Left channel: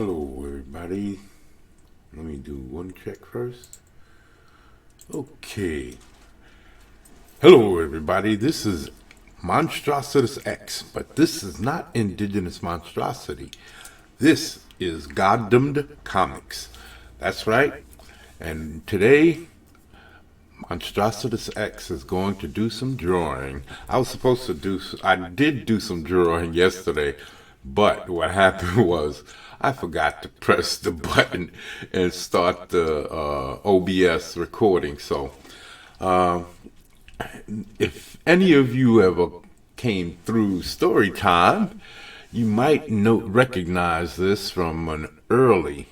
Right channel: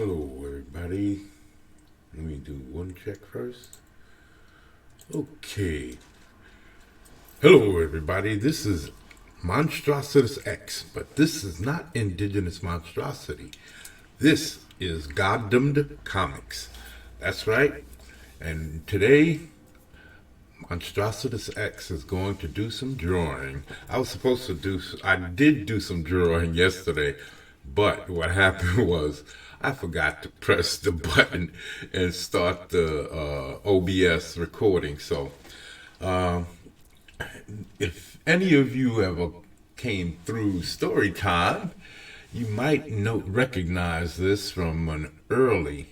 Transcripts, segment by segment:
Hello, everybody. Let me do one check first. Okay. Hello, everybody. This is Monstrostus X, but this is not indigenous monstrosity. This is Goddamned Comics. That's right. And today, Monstrostus X is going to do some drawing. I did do some drawing yesterday, but what happened was I forgot to press the button and start the OBS recording. So, if any of you ever came through story time, you might recognize this from an early.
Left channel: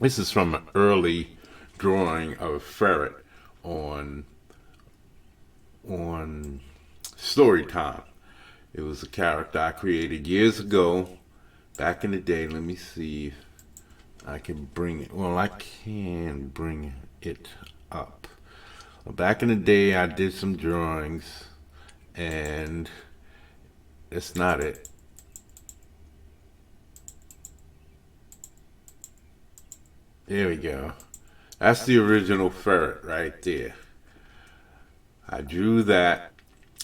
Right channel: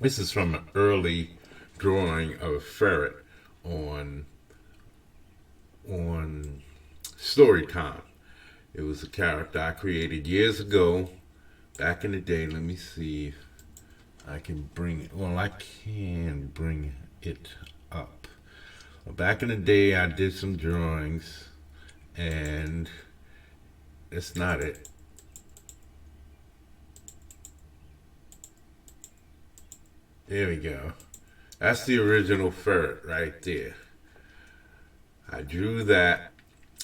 This is from an early drawing of a ferret on story time. It was a character I created years ago, back in the day. Let me see if I can bring it. Well, I can bring it up. Well, back in the day, I did some drawings, and it's not it. There we go. That's the original ferret right there. I drew that.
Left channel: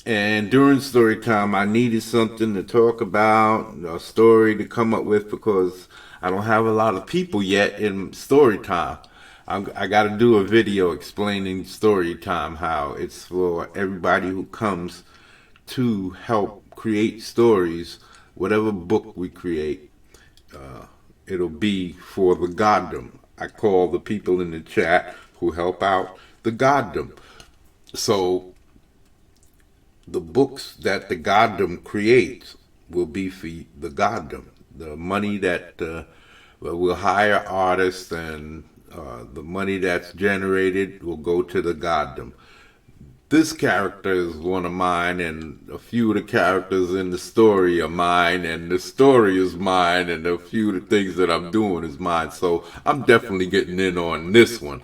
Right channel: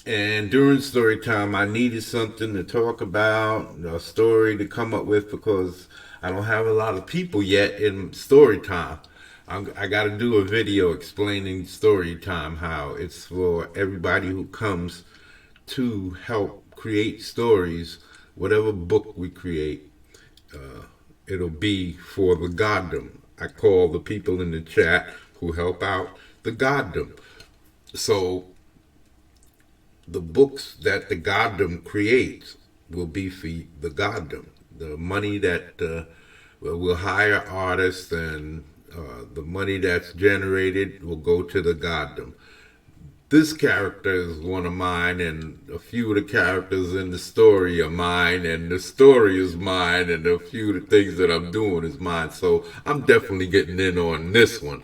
And during story time, I needed something to talk about, a story to come up with, because I don't have a lot of people yet in story time. I got to do a video explaining story time, how it's for everybody who comes to help create stories. Whatever book we create, it'll be for the goddom. I call the people in the chat who help out the goddom. So the books that the goddom creates will be for the goddom. The money that we'll hire artists, and the money that's generated will go to the goddom. This character is one of mine, and a few of the characters in the story are mine, and the story is mine, and a few of the things that I'm doing is mine. So I'm definitely getting in on this one,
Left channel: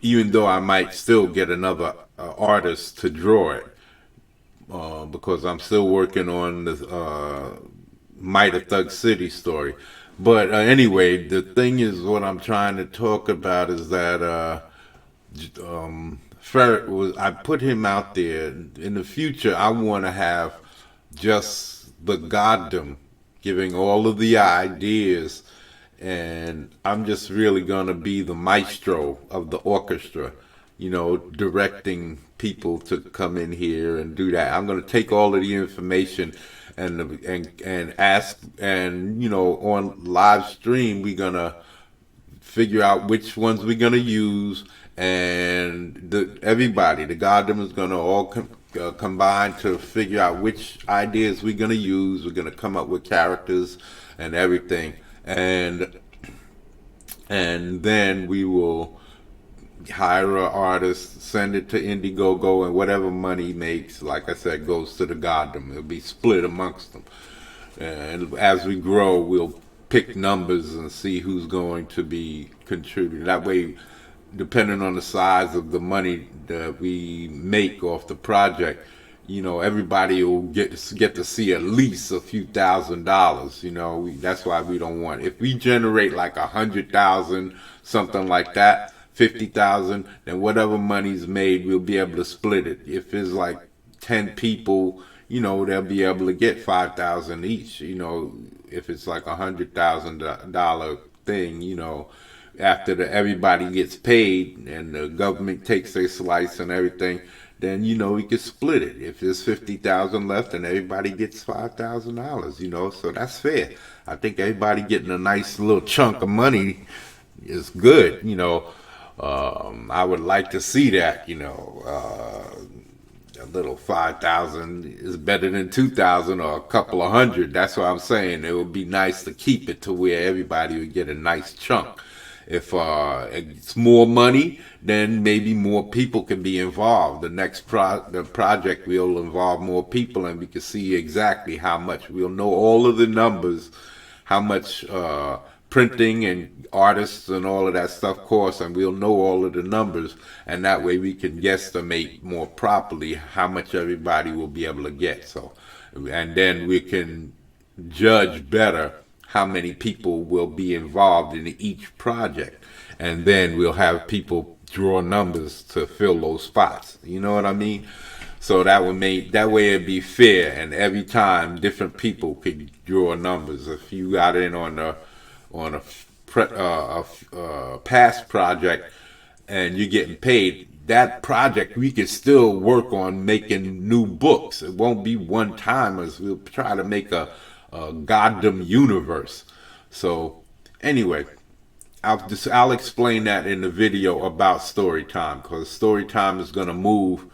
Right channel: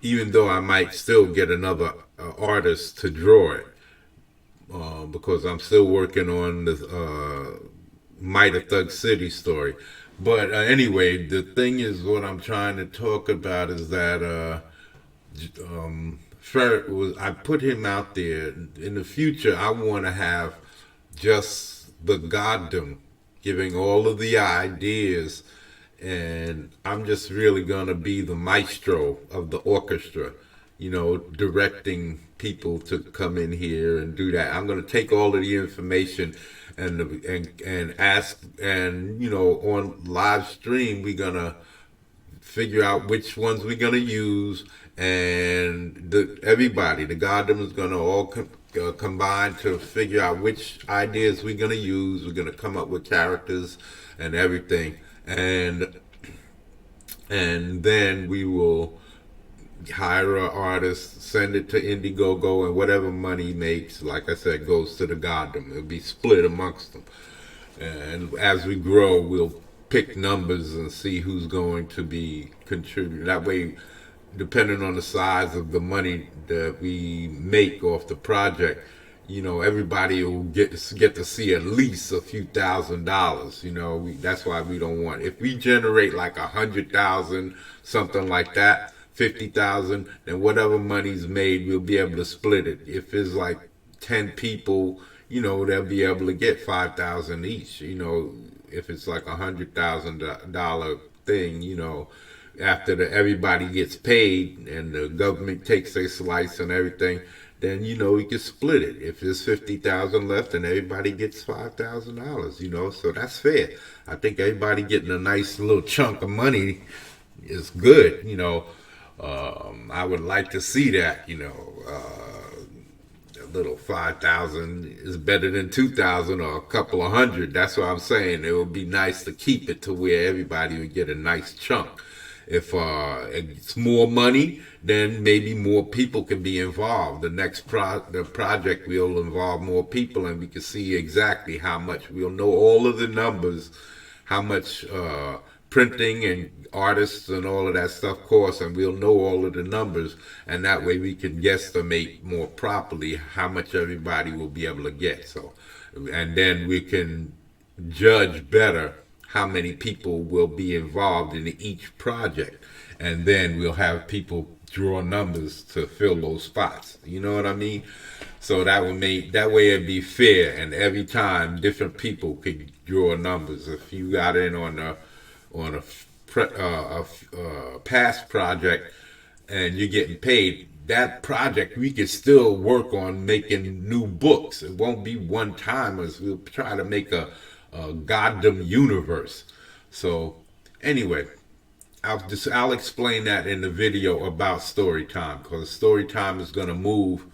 even though I might still get another artist to draw it, because I'm still working on the Might of Thug City story. But anyway, the thing is, what I'm trying to talk about is that Ferret was. I put him out there. In the future, I want to have just the goddom giving all of the ideas, and I'm just really gonna be the maestro of the orchestra, directing people to come in here and do that. I'm gonna take all of the information and ask, and on live stream we're gonna figure out which ones we're gonna use, and everybody, the goddom is gonna all combine to figure out which ideas we're gonna use. We're gonna come up with characters and everything, and then we will hire an artist, send it to Indiegogo, and whatever money makes, like I said, goes to the goddom. It'll be split amongst them. And as we grow, we'll pick numbers and see who's going to be contributing. That way, depending on the size of the money that we make off the project, everybody will get to see at least a few $1,000s. That's why we don't want. If we generate like 100,000, something like that, 50,000, then whatever money's made, we'll be able to split it. If it's like 10 people, they'll be able to get 5,000 each. If it's like $100,000 thing, after everybody gets paid and the government takes their slice and everything, then we can split it. If there's 50,000 left, and everybody gets $5,000, so that's fair. I think everybody getting a nice little chunk of money is good. I would like to see that. A little 5,000 is better than 2,000 or a couple of hundred. That's what I'm saying. It would be nice to keep it to where everybody would get a nice chunk. If it's more money, then maybe more people can be involved. The project will involve more people, and we can see exactly how much. We'll know all of the numbers, how much printing and artists and all of that stuff costs, and we'll know all of the numbers, and that way we can guesstimate more properly how much everybody will be able to get. So, and then we can judge better how many people will be involved in each project. And then we'll have people draw numbers to fill those spots. You know what I mean? So that way it'd be fair, and every time different people could draw numbers. If you got in on a past project and you're getting paid, that project we could still work on making new books. It won't be one timers. We'll try to make a goddamn universe. So anyway, I'll explain that in the video about story time, because story time is gonna move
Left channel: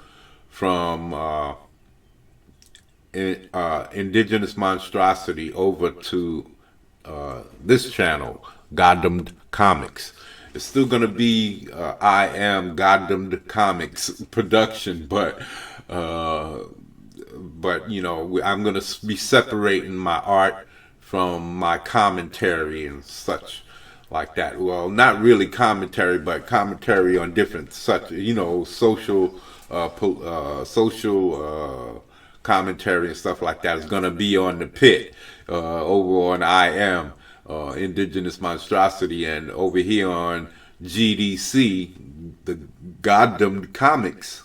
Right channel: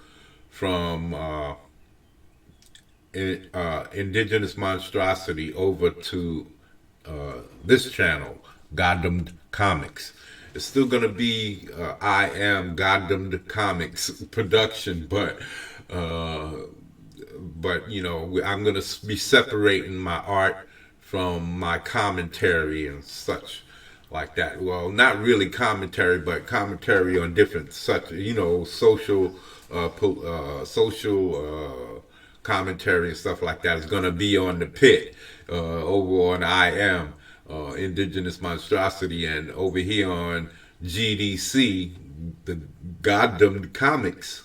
from indigenous monstrosity over to this channel, Goddamned Comics. It's still gonna be I am Goddamned Comics production, but you know, I'm gonna be separating my art from my commentary and such like that. Well, not really commentary, but commentary on different such, you know, commentary and stuff like that is gonna be on the pit over on I am Indigenous Monstrosity, and over here on GDC, the Goddamned Comics,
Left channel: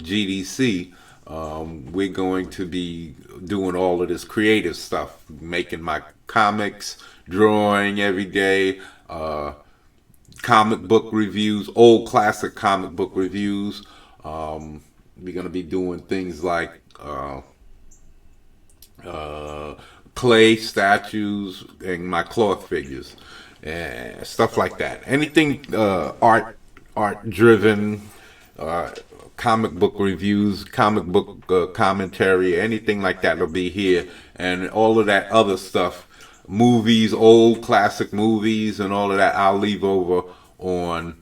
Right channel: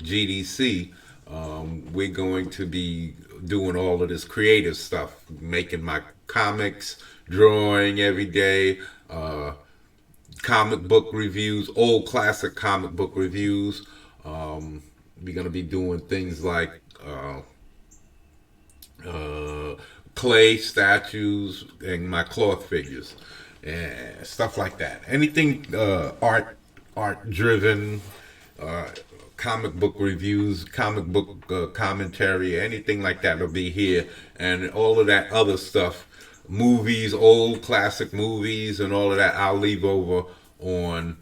GDC. We're going to be doing all of this creative stuff, making my comics, drawing every day, comic book reviews, old classic comic book reviews. We're gonna be doing things like clay statues and my cloth figures and stuff like that. Anything art driven, uh, comic book reviews, comic book commentary, anything like that will be here, and all of that other stuff, movies, old classic movies, and all of that I'll leave over on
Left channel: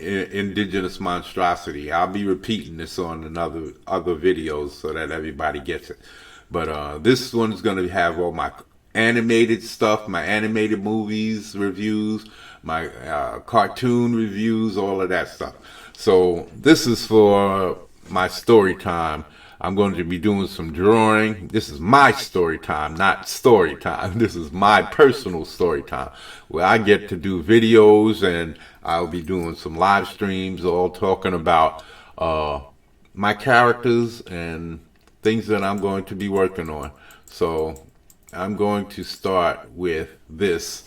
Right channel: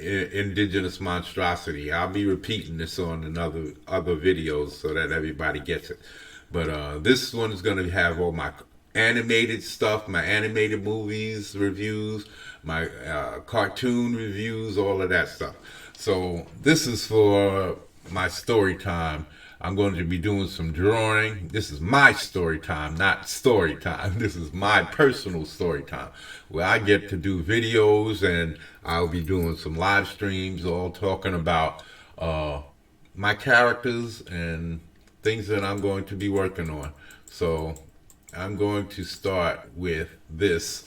Indigenous Monstrosity. I'll be repeating this on other videos so that everybody gets it. But this one's gonna have all my animated stuff, my animated movies reviews, my cartoon reviews, all of that stuff. So this is for my story time. I'm going to be doing some drawing. This is my story time, not story time. This is my personal story time, where I get to do videos, and I'll be doing some live streams, all talking about my characters and things that I'm going to be working on. So I'm going to start with this.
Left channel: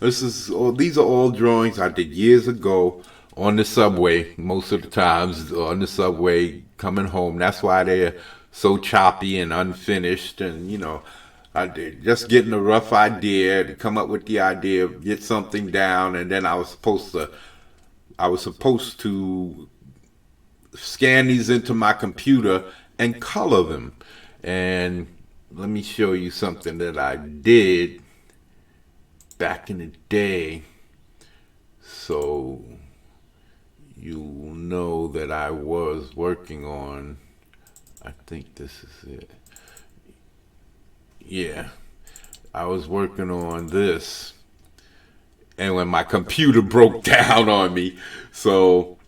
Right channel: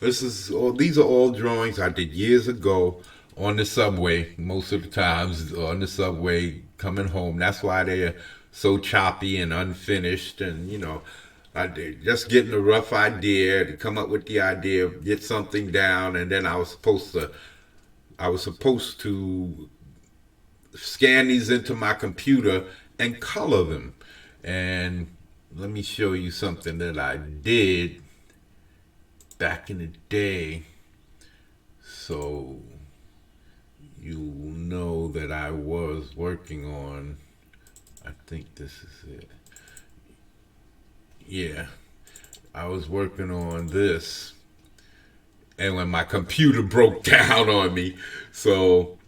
These are all drawings I did years ago on the subway, most of the times on the subway coming home. That's why they're so choppy and unfinished. And you know, I did just getting a rough idea to come up with the idea, get something down, and then I was supposed to scan these into my computer and color them. And let me show you something that I did back in the day, so you know that I was working on, I think this is it. Yeah, I was working on this, and when my computer broke down on me, so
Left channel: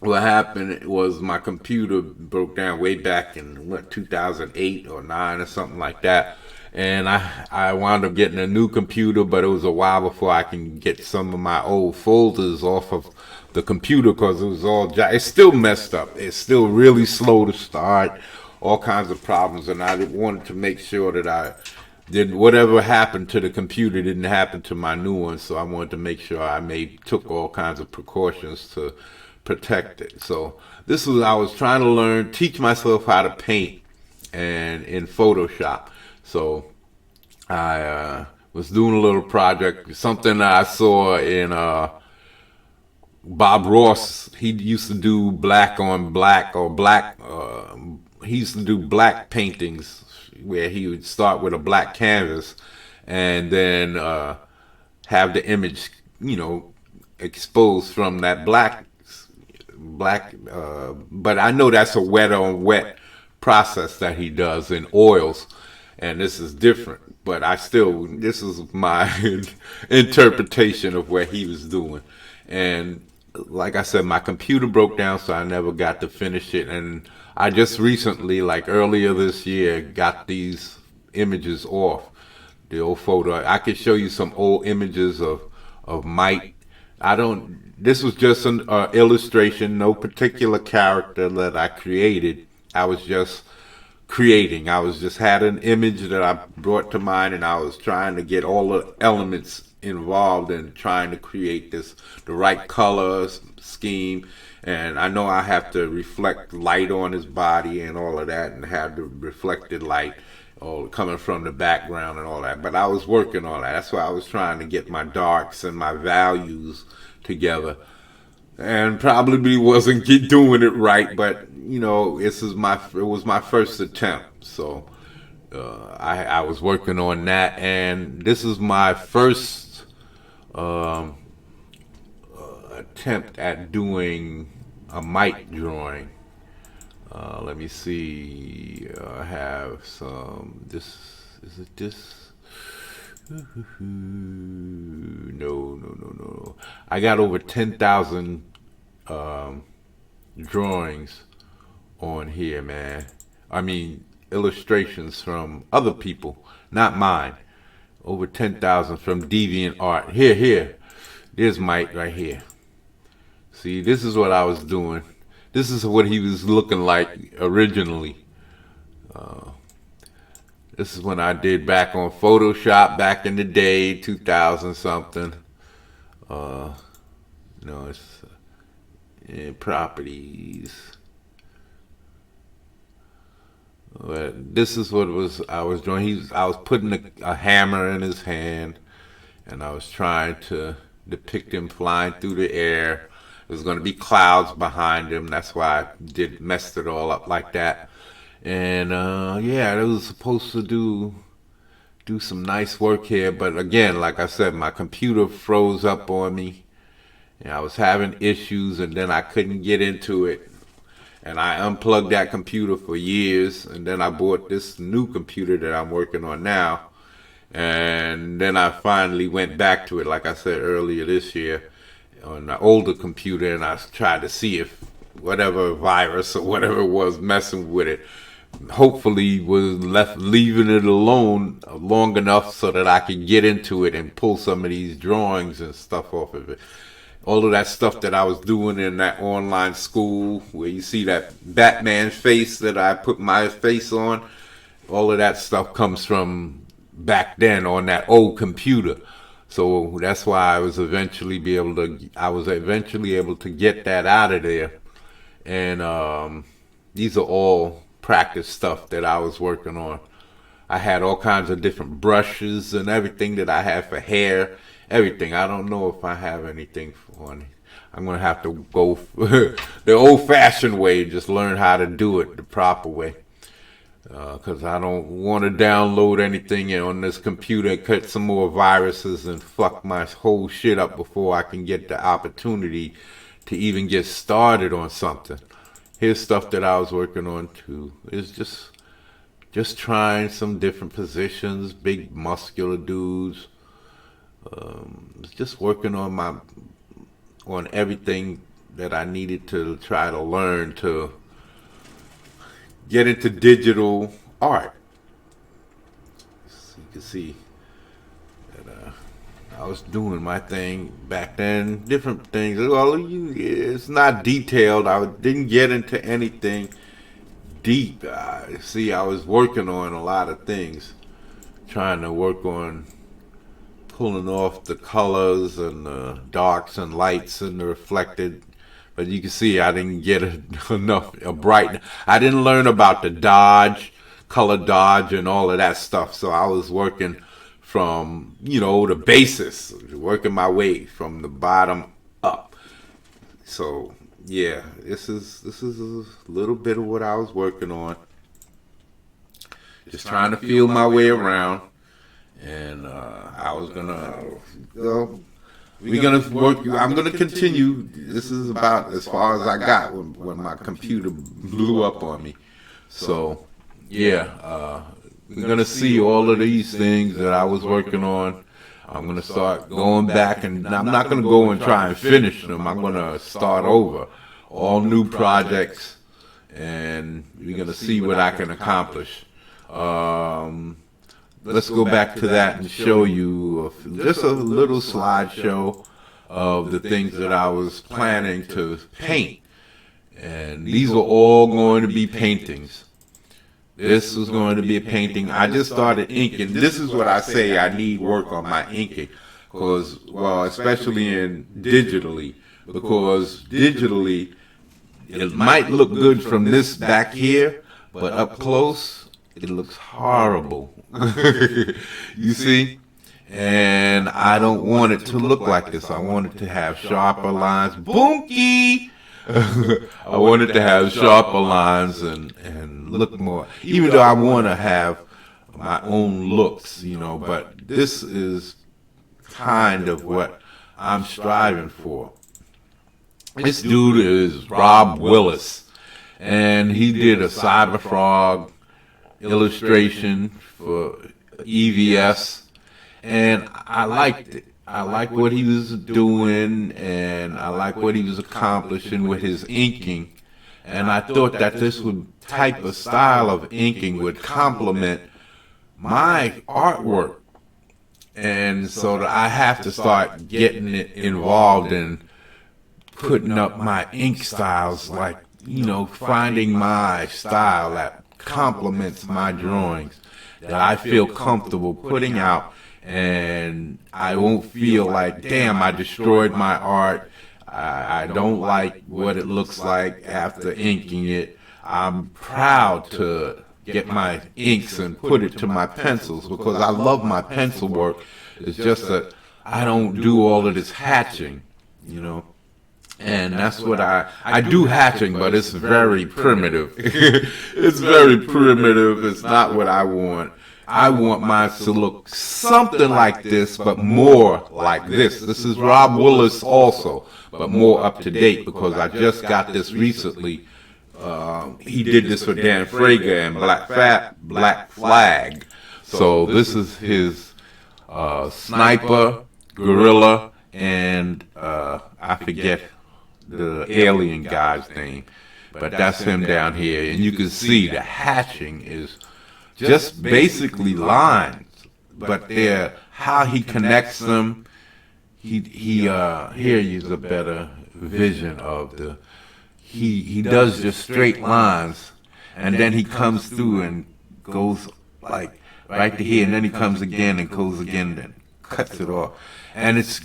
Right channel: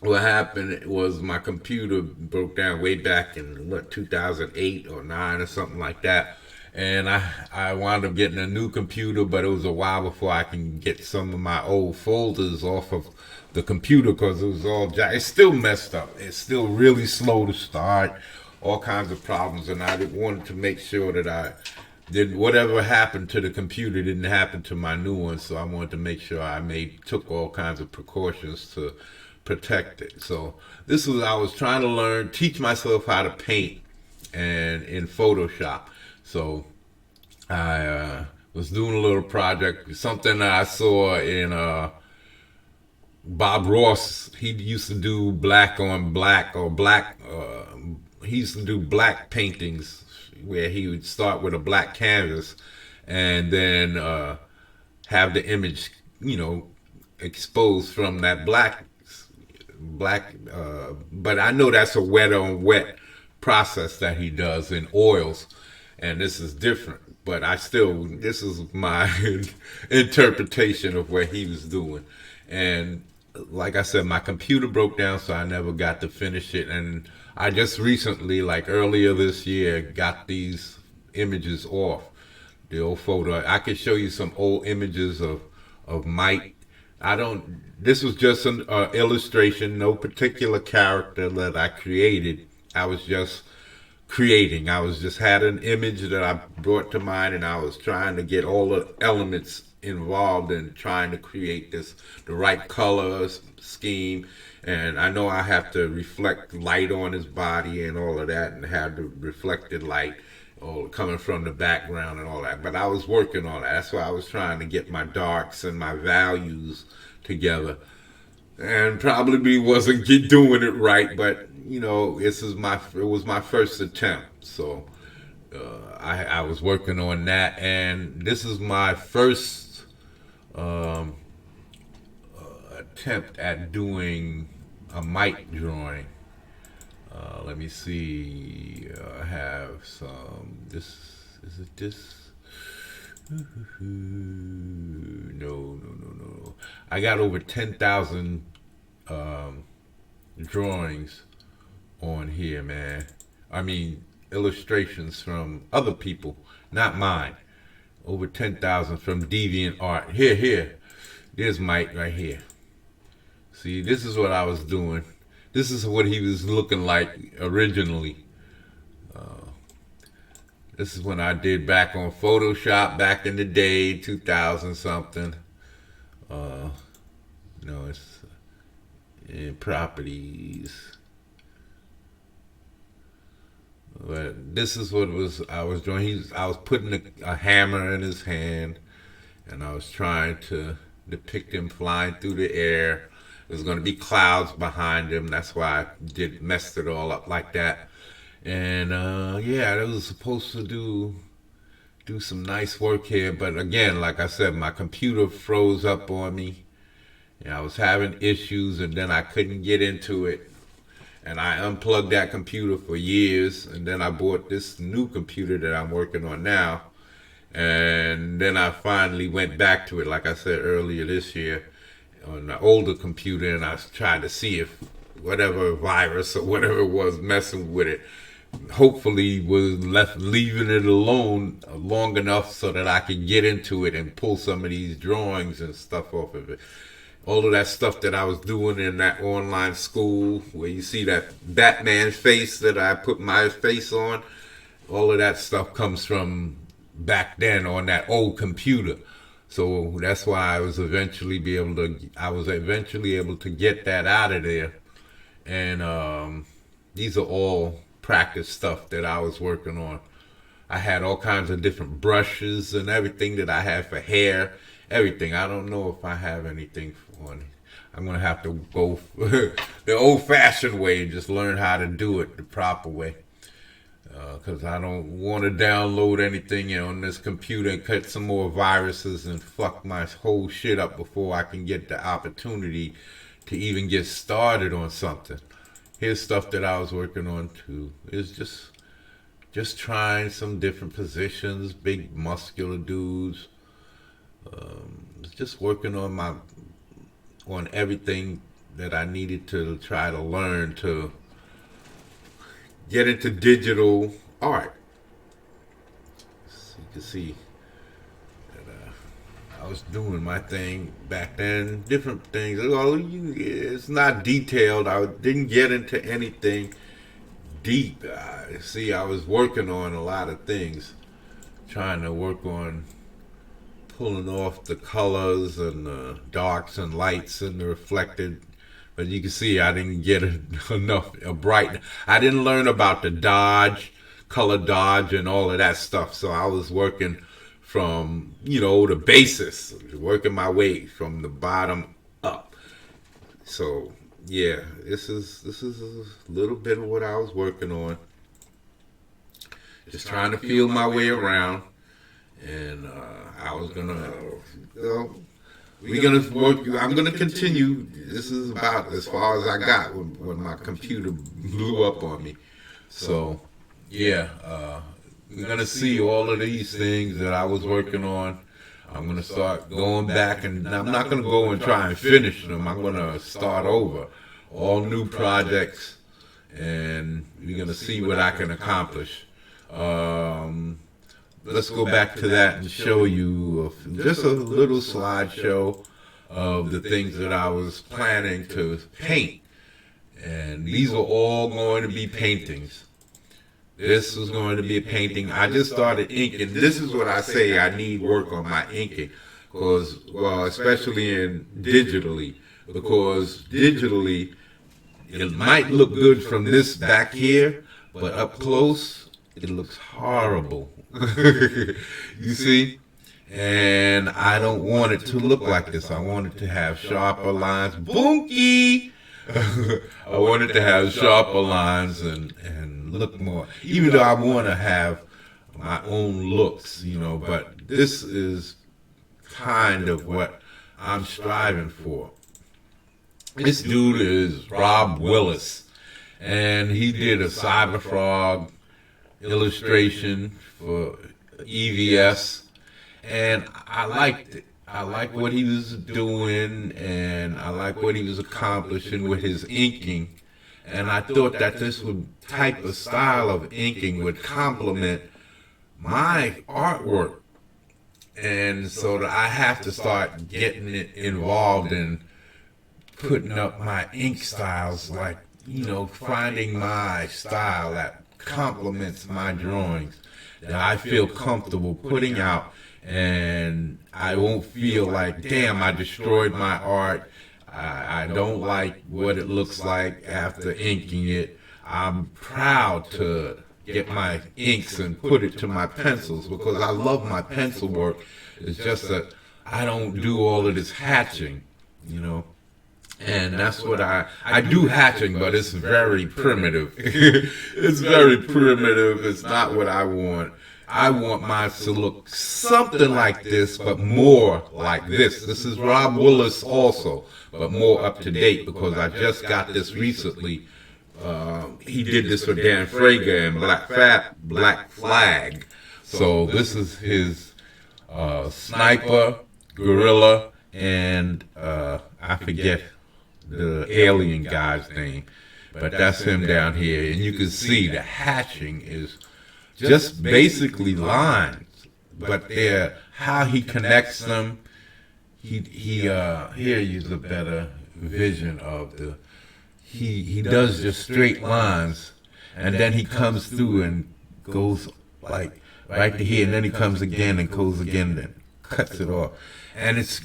what happened was my computer broke down way back in 2008 or 9 or something like that, and I wound up getting a new computer, but it was a while before I can get some of my old folders off of the computer, because it was it's still messed up. It's still really slow to start, all kinds of problems, and I wanted to make sure that I did whatever happened to the computer didn't happen to my new one. So I wanted to make sure took all kinds of precautions to protect it. So I was trying to teach myself how to paint and in Photoshop. So I was doing a little project, something that I saw in Bob Ross. He used to do black on black or black. He used to do black paintings where he would start with a black canvas and then have the image, you know, exposed from that black. But I know that's a wet on wet process that he does in oils, and this is different. But this is my interpretation of what he was doing. And like I said, my computer broke down, so I never got to finish it. And I just recently, like earlier this year, got these images off the old photo. I could show you some old images of Mike. I don't. This was just an illustration, no particular character that I created. I was just creating. I was just had an image that I brought to mind, and I was trying to get all the elements involved in trying to create the right colors scheme. And I know I have to reflect light on his body and all of that, and have the reflected light all coming from the background and all that. But I was working on that. That's why I was trying to get my darks and my values together, and probably wasn't doing it right. But it was my first attempt. So I was working on that, and this is my first um, attempt at doing a mic drawing. Let me see. I have some. This is it. This. No, no, no, no. I got over 10,000 drawings on here, man. I mean, illustrations from other people, not mine. Over 10,000 from Deviant Art. Here. There's Mike right here. See, this is what I was doing. This is what he was looking like originally. This is when I did back on Photoshop back in the day, 2000 something. No, it's in properties. But this is what I was doing. I was putting a hammer in his hand, and I was trying to depict him flying through the air. There's going to be clouds behind him. That's why I messed it all up like that. And yeah, it was supposed to do some nice work here, but again, like I said, my computer froze up on me, and I was having issues, and then I couldn't get into it. And I unplugged that computer for years, and then I bought this new computer that I'm working on now. And then I finally went back to it, like I said earlier this year, on the older computer, and I tried to see if whatever virus or whatever was messing with it, hopefully was leaving it alone long enough so that I could get into it and pull some of these drawings and stuff off of it. All of that stuff that I was doing in that online school where you see that Batman face that I put my face on, all of that stuff comes from back then on that old computer. So that's why I was eventually able to get that out of there. And these are all practice stuff that I was working on. I had all kinds of different brushes and everything that I had for hair, everything. I don't know if I have anything on it. I'm gonna have to go the old-fashioned way and just learn how to do it the proper way. Because I don't want to download anything on this computer, cut some more viruses, and fuck my whole shit up before I can get the opportunity to even get started on something. Here's stuff that I was working on too. It's just trying some different positions, big muscular dudes. Just working on everything that I needed to try to learn to get into digital art. So you can see that I was doing my thing back then, different things. Well, it's not detailed. I didn't get into anything deep. See, I was working on a lot of things, trying to work on pulling off the colors and the darks and lights and the reflected. But you can see I didn't get enough bright. I didn't learn about the dodge, color dodge, and all of that stuff. So I was working from the basis, working my way from the bottom up. So yeah, this is a little bit of what I was working on. Just trying to feel my way around, and I was gonna we're gonna work. I'm gonna continue. This is about as far as I got when my computer blew up on me. So, yeah, we're gonna see all of these things that I was working on. I'm gonna start going back, and I'm not gonna go and try and finish them. I'm gonna start over, all new projects, and we're gonna see what I can accomplish. Let's go back to that and show you just a little slideshow of the things that I was planning to paint. And these are all going to be paintings. This was going to be a painting. I just started inking. This is what I say I need work on my inking. Because, well, especially in digitally. Because digitally, it might look good from this back here, but up close, it looks horrible. You see? And I don't want it to look like this. I want it to have sharper lines. Boonky! I want it to have sharper lines and look more, even though I want to have my own looks, but this is kind of what I'm striving for. This dude is Rob Willis, and he did a Cyberfrog illustration for EVS, and I liked it. I like what he was doing, and I like what he was accomplishing with his inking. And I thought that this type of style of inking would complement my artwork. And so I have to start getting it involved in putting up my ink styles, like, finding my style that complements my drawings, that I feel comfortable putting out. And I won't feel like, damn, I destroyed my art. I don't like what it looks like after inking it. I'm proud to get my inks and put it to my pencils because I love my pencil work. It's just that I don't do all of this hatching, And that's what I do hatching, but it's very primitive. It's very primitive. It's not what I want. I want mine to look something like this, but more like this. This is Rob Willis also, but more up to date because I just got this recently. He did this for Dan Frager and Black Flag. So this is his sniper, gorilla, and I forget the alien guy's name, but that's him down here. And you can see the hatching is just basically lines, but they're how he connects them. Here is a better vision of he does just straight lines, and then he comes through and goes like right to here, and then he comes again and goes again and cuts it off, and it's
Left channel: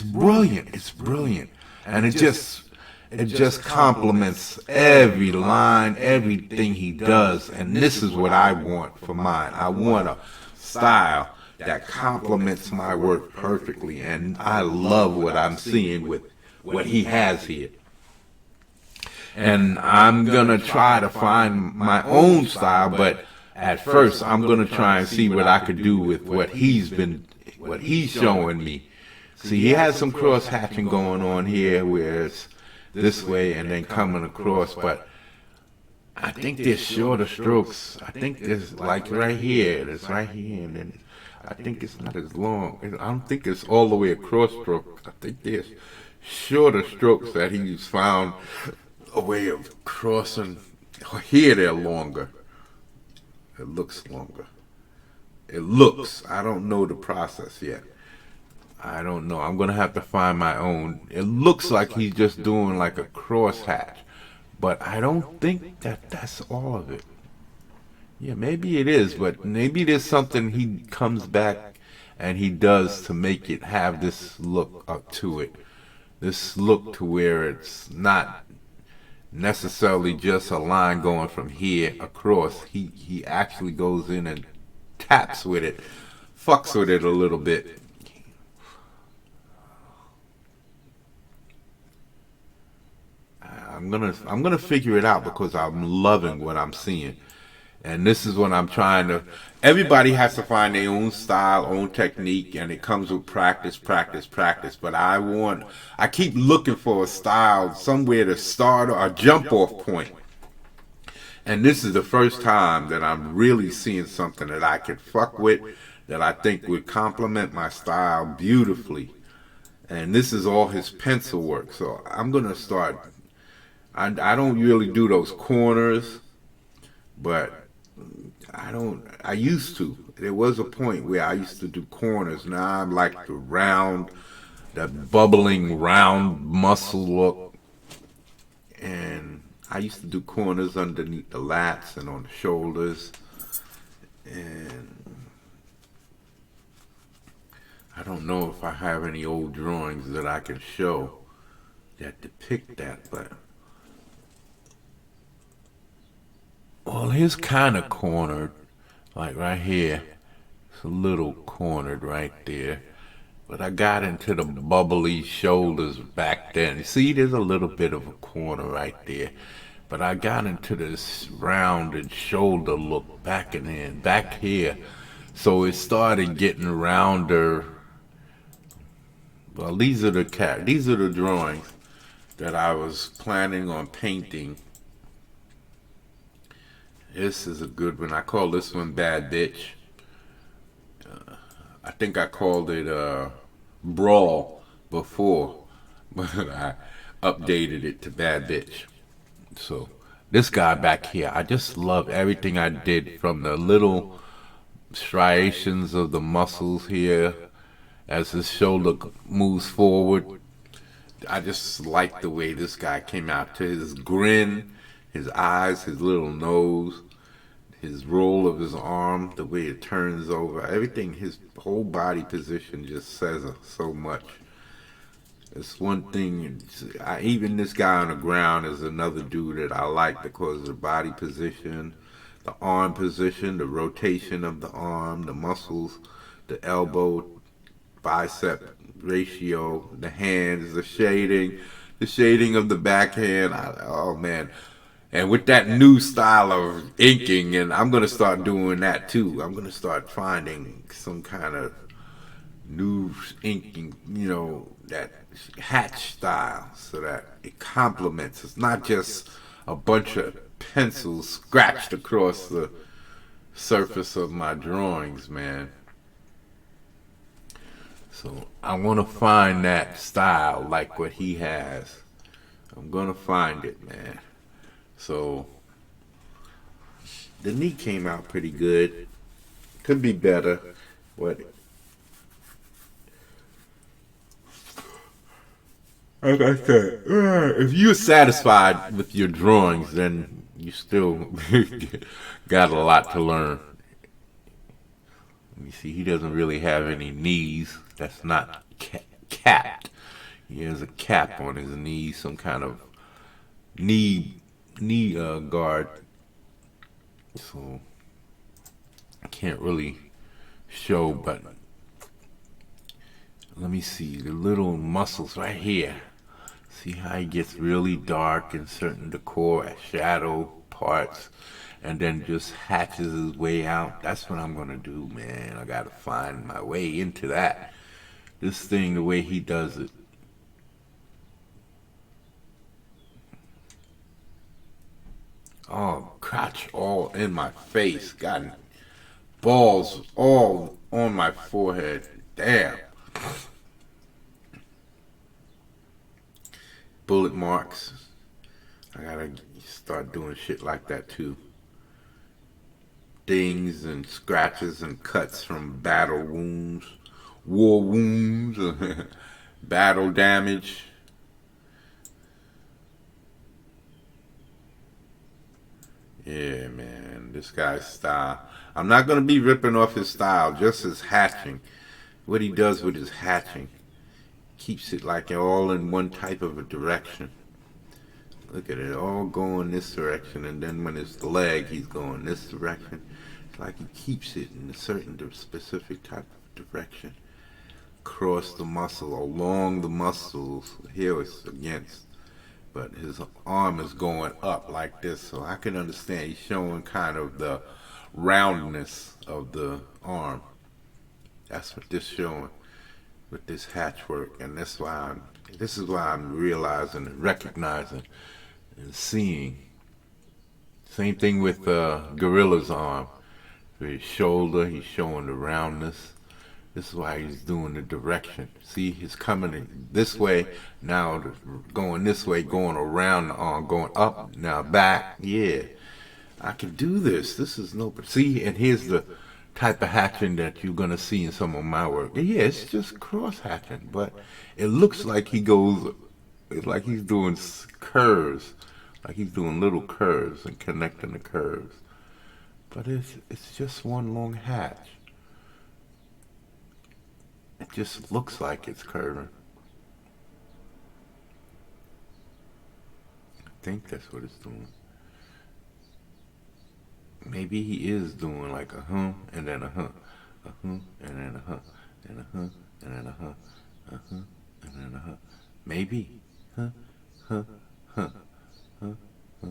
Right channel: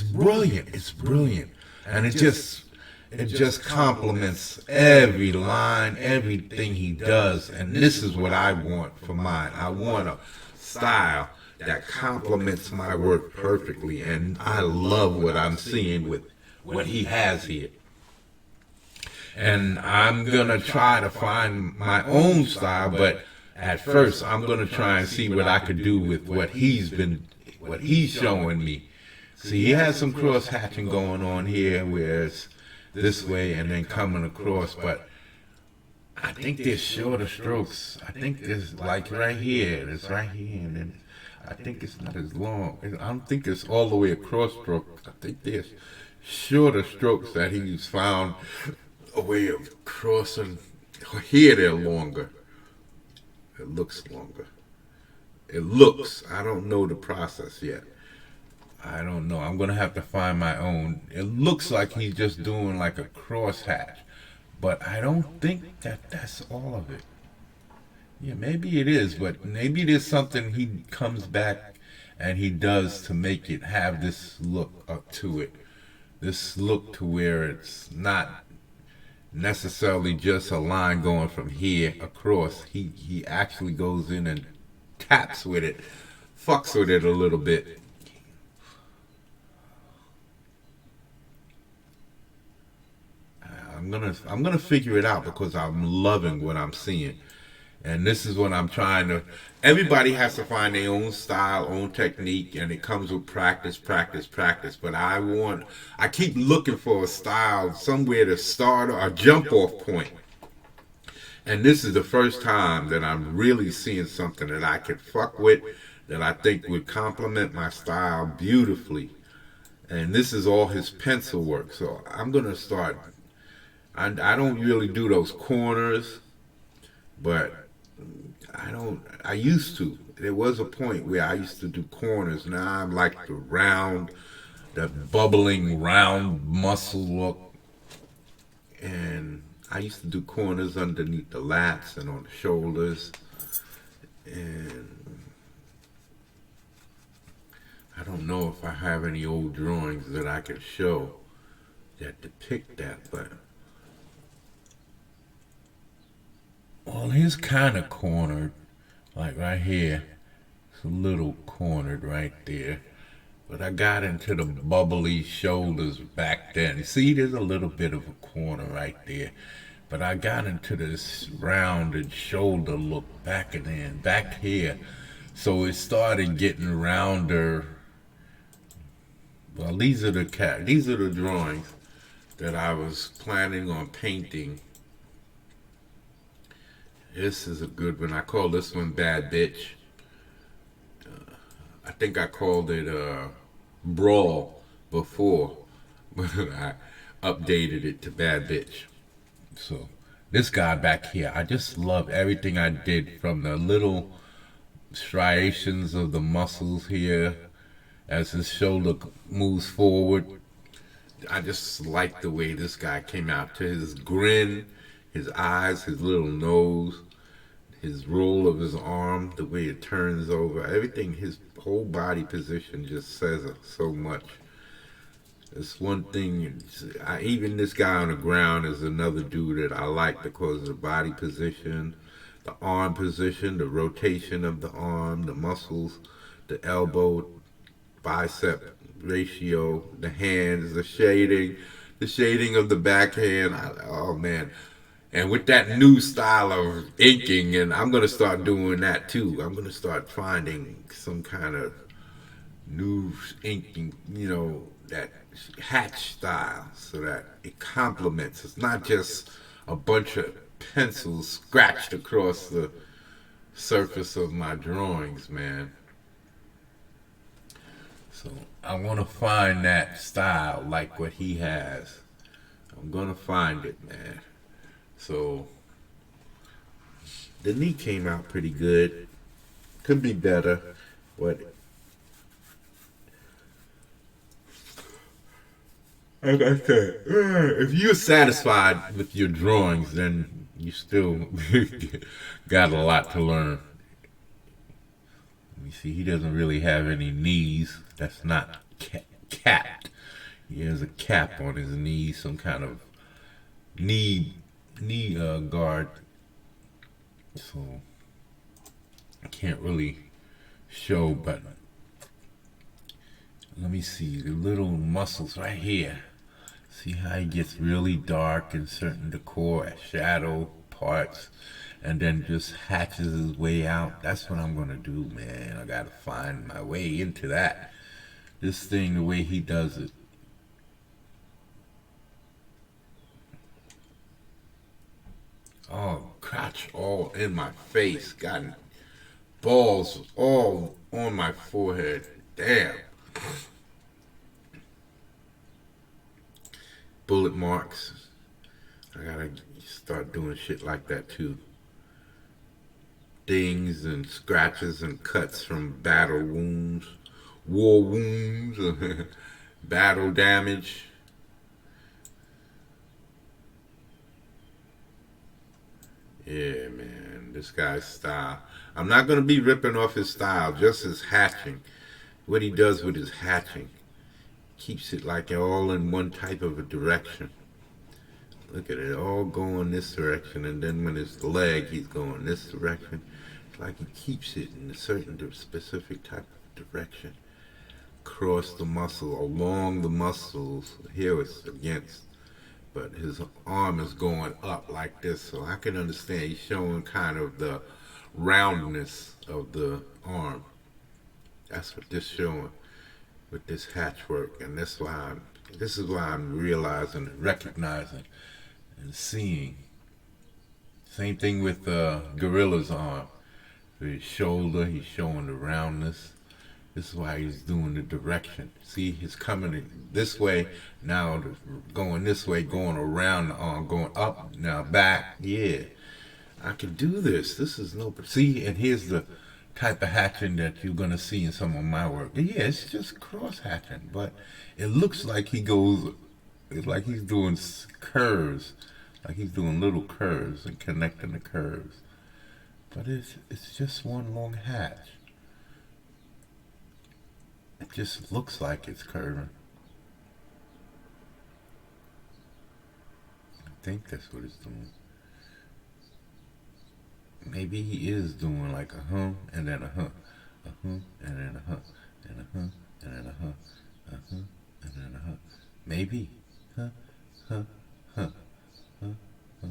brilliant. It's brilliant, and it just complements every line, everything he does. And this is what I want for mine. I want a style that complements my work perfectly. And I love what I'm seeing with what he has here. And I'm going to try to find my own style, but at first I'm going to try and see what I could do with what he's showing me. See, he has some cross-hatching going on here where it's this way and then coming across, but I think there's shorter strokes. I think there's like right here, it's right here, and then I think it's not as long. I don't think it's all the way across stroke. I think there's shorter strokes that he's found a way of crossing. Here they're longer. It looks longer. It looks. I don't know the process yet. I don't know. I'm going to have to find my own. It looks like he's just doing like a crosshatch, but I don't think that that's all of it. Yeah, maybe it is, but maybe there's something he comes back and he does to make it have this look up to it. This look to where it's not necessarily just a line going from here across. He actually goes in and taps with it, fucks with it a little bit. I'm gonna figure it out because I'm loving what I'm seeing, and this is what I'm trying to. Everybody has to find their own style, own technique, and it comes with practice, practice, practice. But I keep looking for a style, somewhere to start or a jump off point. And this is the first time that I'm really seeing something that I could fuck with, that I think would complement my style beautifully. And this is all his pencil work, so I'm gonna start I don't really do those corners, but I used to. There was a point where I used to do corners. Now I'm like the round, that bubbling round muscle look. And I used to do corners underneath the lats and on the shoulders. And I don't know if I have any old drawings that I can show that depict that, but well, here's kind of cornered, like right here. It's a little cornered right there. But I got into the bubbly shoulders back then. You see, there's a little bit of a corner right there. But I got into this rounded shoulder look back here. So it started getting rounder. Well, these are the drawings that I was planning on painting. This is a good one. I call this one Bad Bitch. I think I called it Brawl before, but I updated it to Bad Bitch. So this guy back here, I just love everything I did from the little striations of the muscles here as his shoulder moves forward. I just like the way this guy came out to his grin, his eyes, his little nose, his roll of his arm, the way it turns over, everything, his whole body position just says so much. It's one thing. Even this guy on the ground is another dude that I like because of the body position, the arm position, the rotation of the arm, the muscles, the elbow, bicep ratio, the hands, the shading of the backhand. Oh man. And with that new style of inking, and I'm going to start doing that too. I'm going to start finding some kind of new inking, that hatch style so that it complements. It's not just a bunch of pencils scratched across the surface of my drawings, man. So I want to find that style like what he has. I'm going to find it, man. So the knee came out pretty good. Could be better. What? Like I said, if you're satisfied with your drawings, then you still got a lot to learn. You see, he doesn't really have any knees. That's not capped. He has a cap on his knee, some kind of knee guard. So I can't really show, but let me see the little muscles right here. See how he gets really dark in certain decor shadow parts and then just hatches his way out. That's what I'm gonna do, man. I gotta find my way into that. This thing, the way he does it. Oh, crotch all in my face. Got balls all on my forehead. Damn. Bullet marks. I gotta start doing shit like that too. Dings and scratches and cuts from battle wounds, war wounds, battle damage. Yeah, man, this guy's style. I'm not gonna be ripping off his style, just his hatching. What he does with his hatching keeps it like all in one type of a direction. Look at it, all going this direction, and then when it's leg, he's going this direction. It's like he keeps it in a certain specific type of direction. Across the muscle, along the muscles. Here it's against, but his arm is going up like this, so I can understand he's showing kind of the roundness of the arm. That's what this showing with this hatch work, and this is why I'm realizing and recognizing and seeing. Same thing with Gorilla's arm. For his shoulder, he's showing the roundness. This is why he's doing the direction. See, he's coming in this way, now going this way, going around the arm, going up, now back. Yeah, I can do this. This is no, see, and here's the type of hatching that you're gonna see in some of my work. Yeah, it's just cross hatching, but it looks like he goes, it's like he's doing curves, like he's doing little curves and connecting the curves. But it's just one long hatch. It just looks like it's curving. I think that's what it's doing. Maybe he is doing like a hum and then a hum, a hum and then a hum, and a hum and then a hum, a hum and then a hum. Maybe, huh, huh, huh, huh, huh.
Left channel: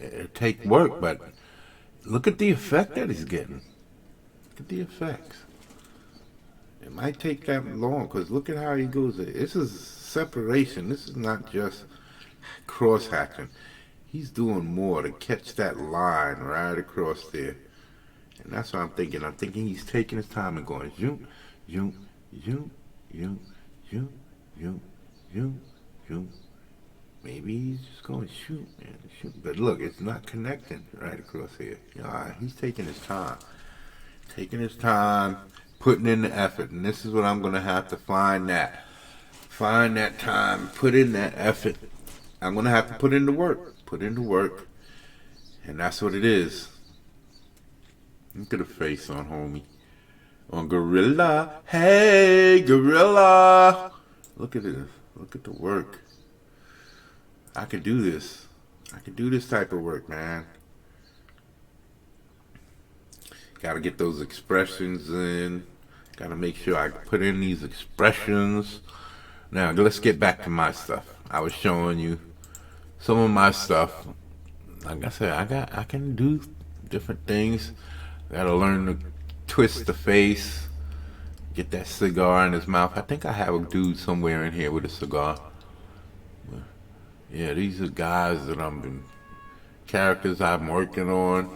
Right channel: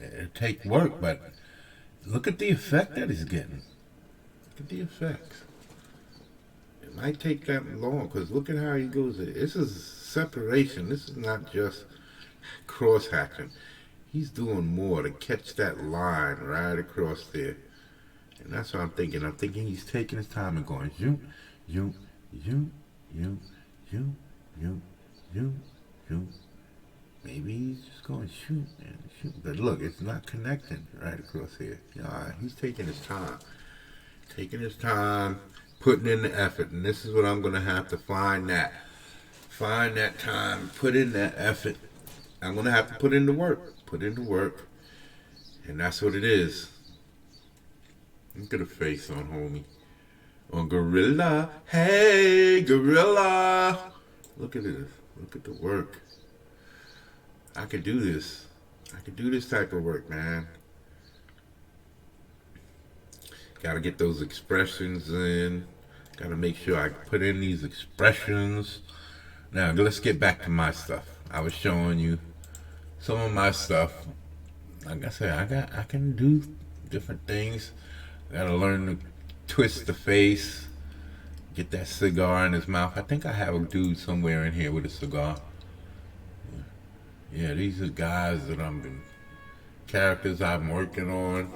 It'll take work, but look at the effect that he's getting. Look at the effects. It might take that long because look at how he goes. This is separation. This is not just cross hatching. He's doing more to catch that line right across there. And that's what I'm thinking. I'm thinking he's taking his time and going, you, you, you, you, you, you, you, you. Maybe he's just going shoot and shoot. But look, it's not connecting right across here. He's taking his time. Taking his time, putting in the effort. And this is what I'm going to have to find that. Find that time, put in that effort. I'm going to have to put in the work. Put in the work. And that's what it is. Look at the face on homie. On Gorilla. Hey, Gorilla. Look at this. Look at the work. I could do this. I could do this type of work, man. Gotta get those expressions in. Gotta make sure I put in these expressions. Now, let's get back to my stuff. I was showing you some of my stuff. Like I said, I can do different things. Gotta learn to twist the face. Get that cigar in his mouth. I think I have a dude somewhere in here with a cigar. Yeah, these are guys that characters I'm working on.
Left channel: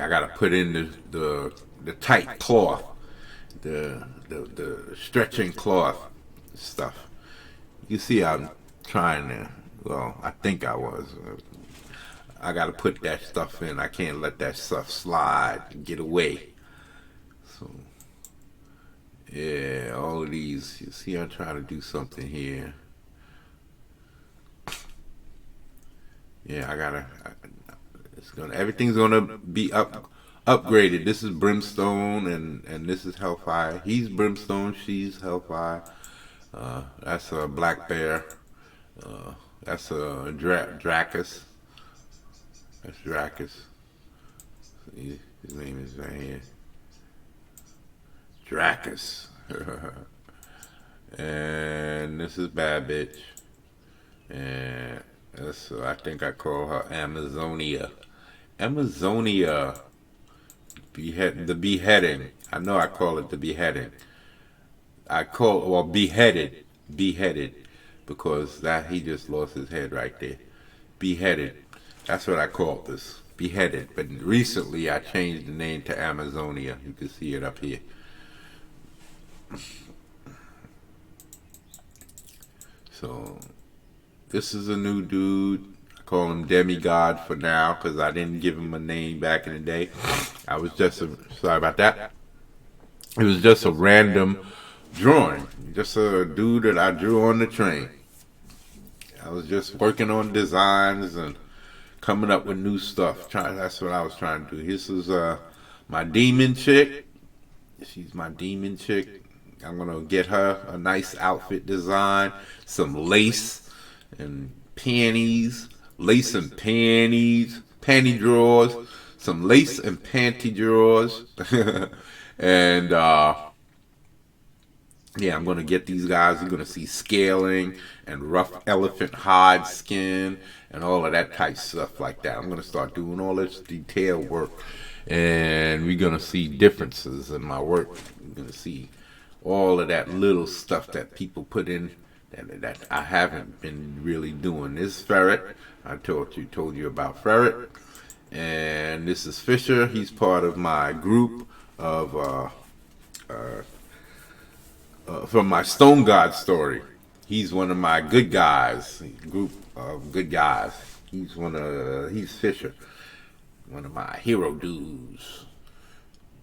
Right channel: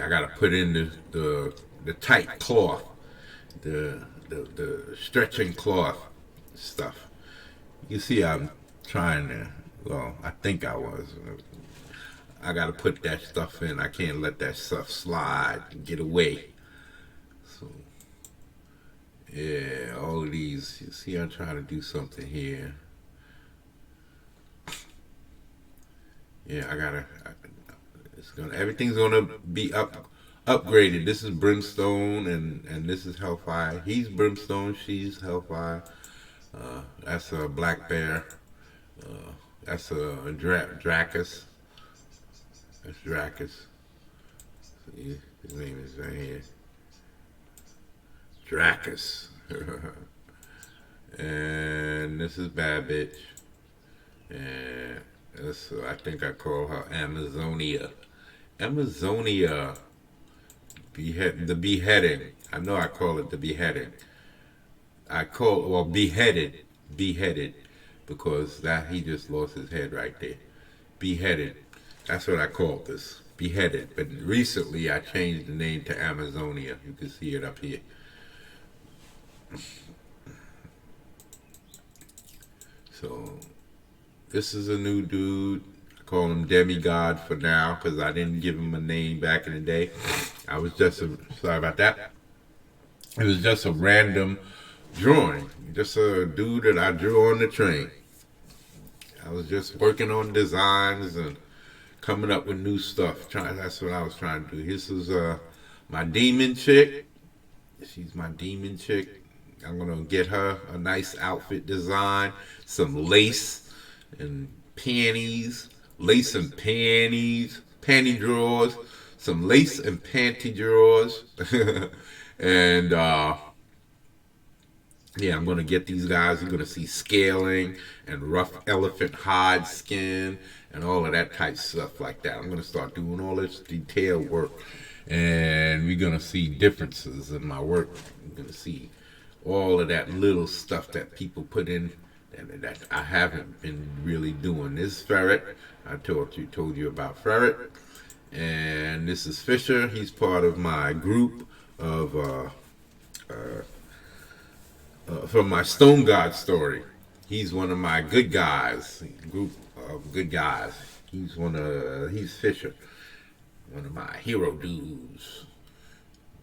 I gotta put in the tight cloth, the stretching cloth stuff. You see, I'm trying to. Well, I think I was. I gotta put that stuff in. I can't let that stuff slide and get away. So, yeah, all of these. You see, I'm trying to do something here. Yeah, everything's gonna be upgraded. This is Brimstone, and this is Hellfire. He's Brimstone, she's Hellfire. That's a Black Bear. That's a Dracus. That's Dracus. His name is right here. Dracus. And this is Bad Bitch. And I think I call her Amazonia. Amazonia. The beheading. I know I call it the beheading. Beheaded. Beheaded. Because he just lost his head right there. Beheaded. That's what I call this. Beheaded. But recently I changed the name to Amazonia. You can see it up here. So, this is a new dude. I call him Demigod for now because I didn't give him a name back in the day. I was sorry about that. It was just a random drawing. Just a dude that I drew on the train. I was just working on designs and coming up with new stuff. That's what I was trying to do. This is my demon chick. She's my demon chick. I'm going to get her a nice outfit design, some lace and panties, lace and panties, panty drawers, some lace and panty drawers. And yeah, I'm going to get these guys. You're going to see scaling and rough elephant hide skin and all of that type stuff like that. I'm going to start doing all this detailed work. And we're going to see differences in my work. We're going to see all of that little stuff that people put in that I haven't been really doing. This ferret, I told you about ferret. And this is Fisher. He's part of my group of from my Stone God story. He's one of my good guys, group of good guys. He's Fisher, one of my hero dudes,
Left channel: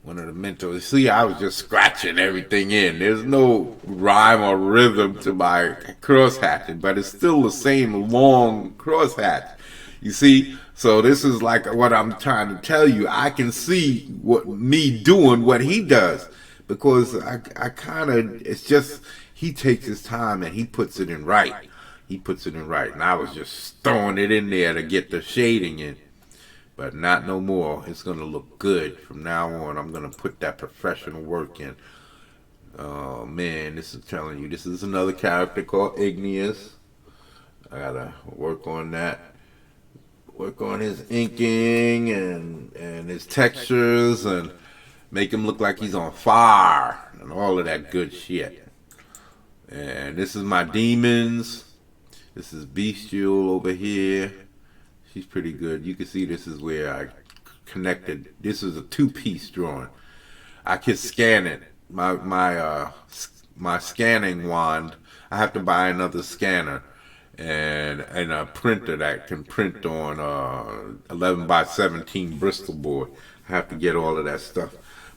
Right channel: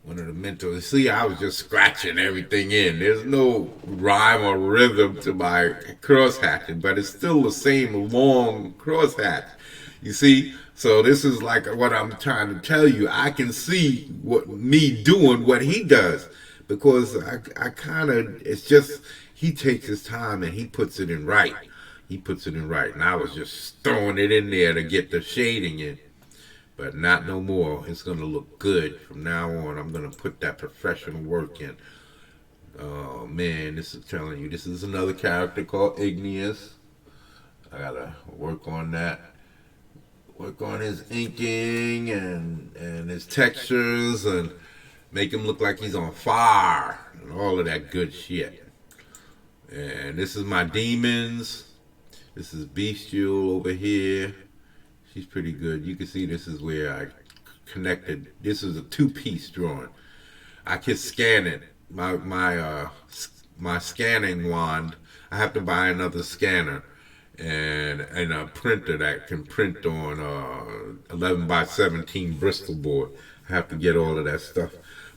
one of the mentors. See, I was just scratching everything in. There's no rhyme or rhythm to my crosshatching, but it's still the same long crosshatch. You see, so this is like what I'm trying to tell you. I can see what me doing what he does because I kind of, it's just, he takes his time and he puts it in right. He puts it in right. And I was just throwing it in there to get the shading in. But not no more. It's going to look good. From now on, I'm going to put that professional work in. Oh, man, this is telling you. This is another character called Igneous. I got to work on that. Work on his inking and his textures and make him look like he's on fire and all of that good shit. And this is my demons. This is Bestial over here. She's pretty good. You can see this is where I connected. This is a two-piece drawing. I can scan it. My scanning wand, I have to buy another scanner and a printer that can print on 11 by 17 Bristol board. I have to get all of that stuff.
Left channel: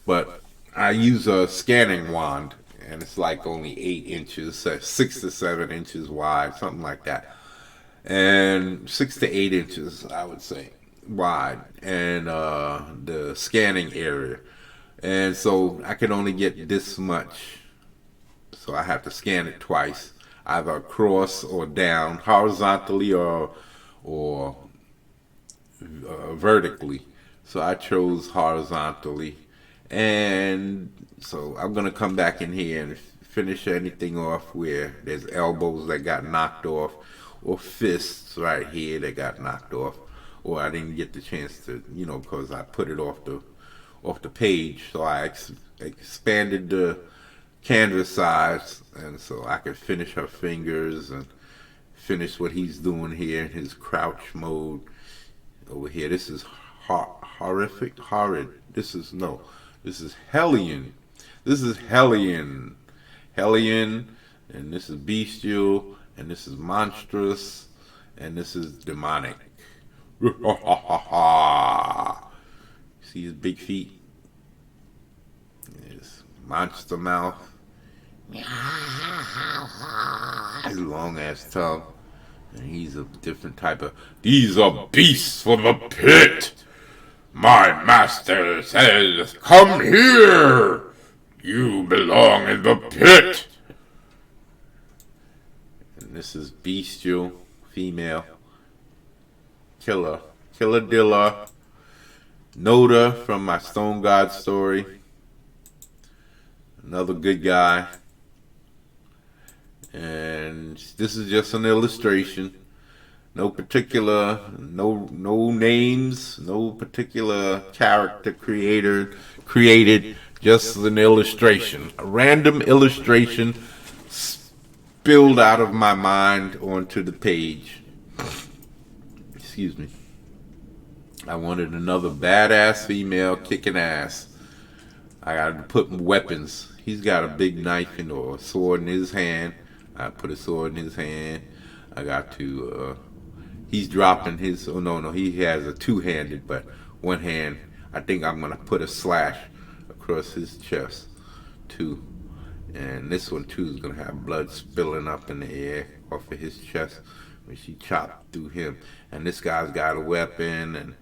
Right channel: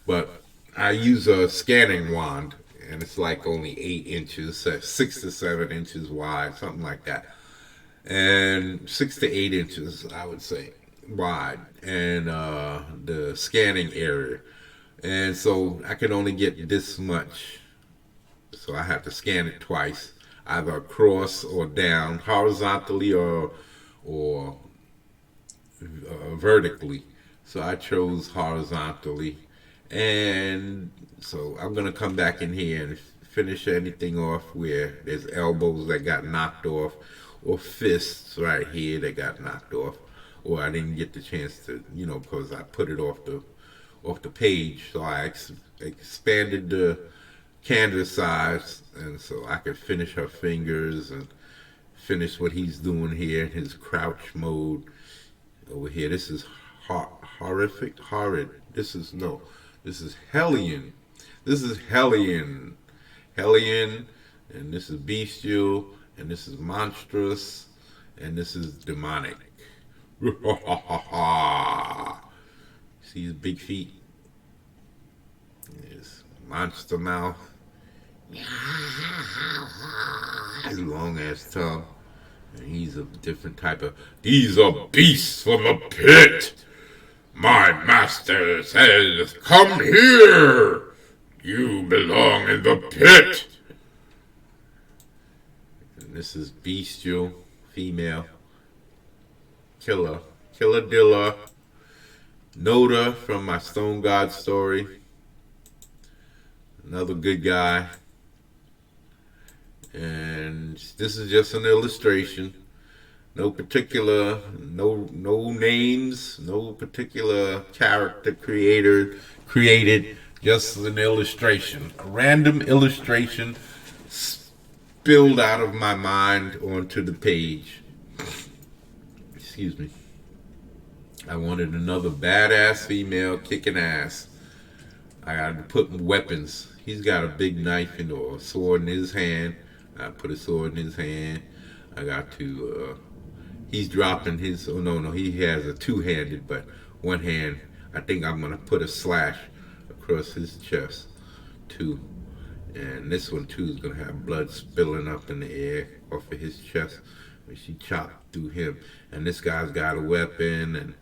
But I use a scanning wand, and it's like only 8 inches, 6 to 7 inches wide, something like that. And 6 to 8 inches, I would say, wide, and the scanning area. And so I can only get this much. So I have to scan it twice, either across or down, horizontally or vertically. So I chose horizontally. And so I'm going to come back in here and finish anything off where there's elbows that got knocked off or fists right here that got knocked off, or I didn't get the chance to, because I put it off the page. So I expanded the canvas size, and so I could finish her fingers and finish what he's doing here in his crouch mode over here. This is horrid. This is Hellion. This is Hellion, and this is Bestial, and this is Monstrous, and this is Demonic. See his big feet? His monster mouth. His long ass tongue. And he's a different type of. These are beasts from the pit. My master says, come here. You belong in the pit. And this is Bestial, female. Killer Dilla. Noda from my Stone God story. Another good guy. And this is just an illustration. No particular, no names, no particular character created, just an illustration. A random illustration spilled out of my mind onto the page. Excuse me. I wanted another badass female kicking ass. I got to put weapons. He's got a big knife or a sword in his hand. I put a sword in his hand. I got to, he's dropping his, he has a two-handed, but one hand, I think I'm going to put a slash across his chest, too. And this one, too, is going to have blood spilling up in the air off of his chest when she chopped through him. And this guy's got a weapon, and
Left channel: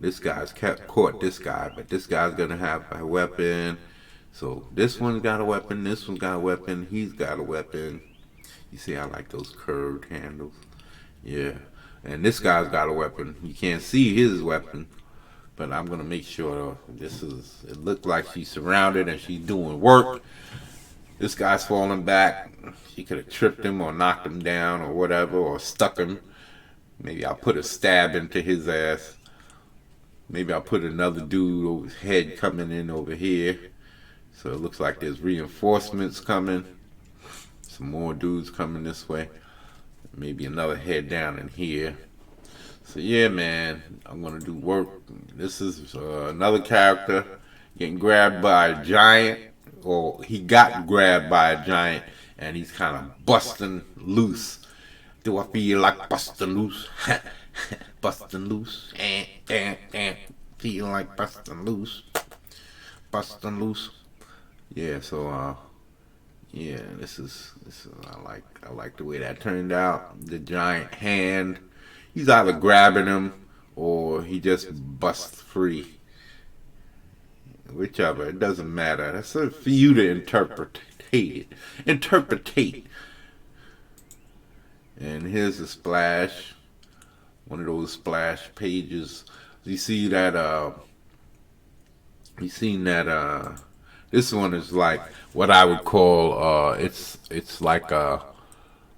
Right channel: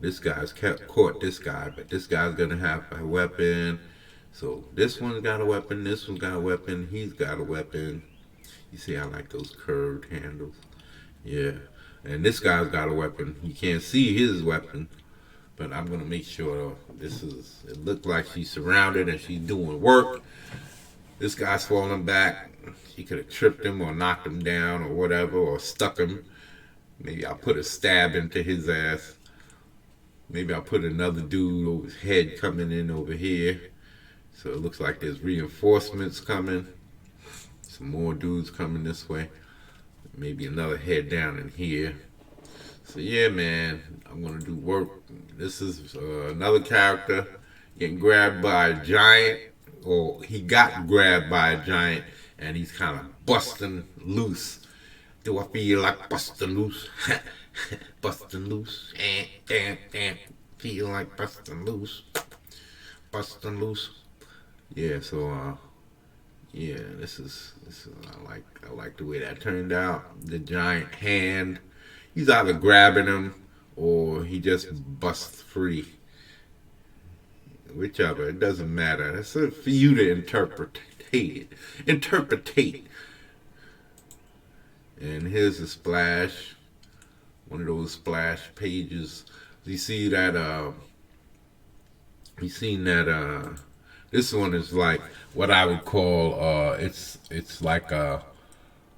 this guy's caught this guy, but this guy's going to have a weapon. So this one's got a weapon, this one's got a weapon, he's got a weapon. You see, I like those curved handles. Yeah. And this guy's got a weapon. You can't see his weapon, but I'm going to make sure it looked like she's surrounded and she's doing work. This guy's falling back. She could have tripped him or knocked him down or whatever, or stuck him. Maybe I'll put a stab into his ass. Maybe I'll put another dude's head coming in over here. So it looks like there's reinforcements coming. Some more dudes coming this way. Maybe another head down in here. So yeah, man, I'm gonna do work This is another character getting grabbed by a giant, or he got grabbed by a giant, and he's kind of busting loose. Do I feel like busting loose? Busting loose. Feel like busting loose. Busting loose. Yeah, so yeah, this is I like the way that turned out. The giant hand. He's either grabbing him or he just busts free. Whichever, it doesn't matter. That's for you to interpretate. Interpretate. And here's a splash. One of those splash pages. You see that you seen that this one is like what I would call it's like a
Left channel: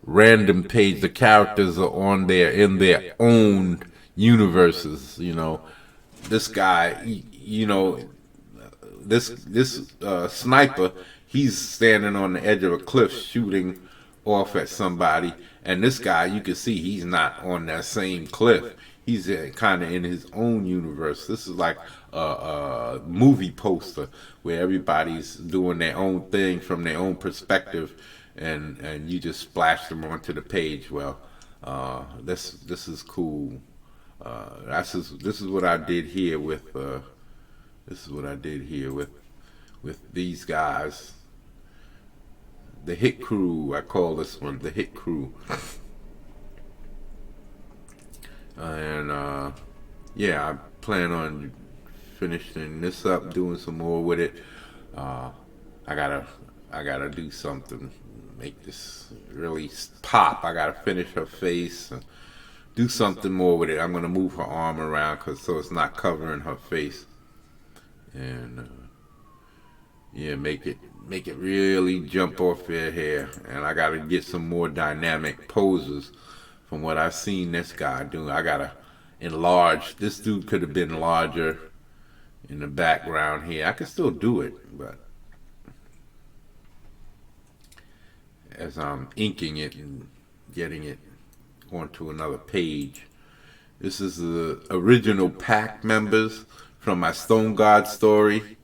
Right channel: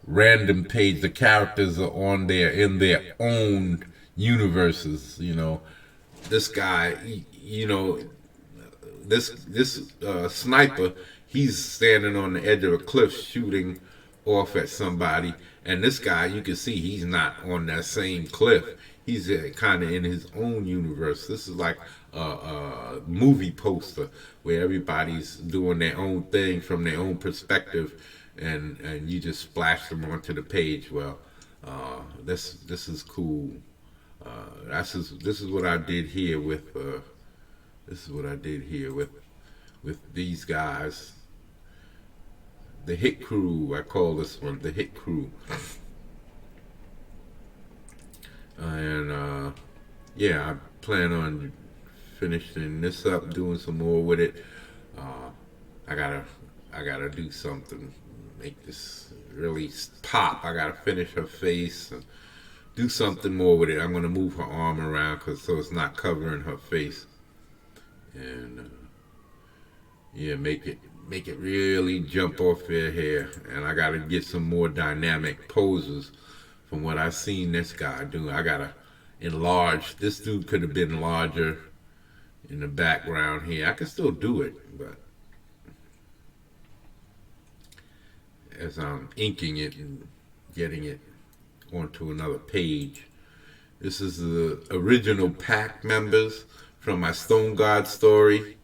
random page. The characters are on there in their own universes, you know. This guy, you know, this sniper, he's standing on the edge of a cliff shooting off at somebody, and this guy, you can see he's not on that same cliff. He's kind of in his own universe. This is like a movie poster where everybody's doing their own thing from their own perspective, and you just splash them onto the page. Well, this is cool. This is what I did here with this is what I did here with these guys. The Hit Crew, I call this one the Hit Crew. And yeah, I plan on finishing this up, doing some more with it. I gotta do something, make this really pop. I gotta finish her face and do something more with it. I'm gonna move her arm around so it's not covering her face, and yeah, make it really jump off your hair. And I gotta get some more dynamic poses from what I've seen this guy do. I gotta enlarge. This dude could have been larger in the background here. I can still do it, but as I'm inking it and getting it onto another page. This is the original pack members from my Stone God story.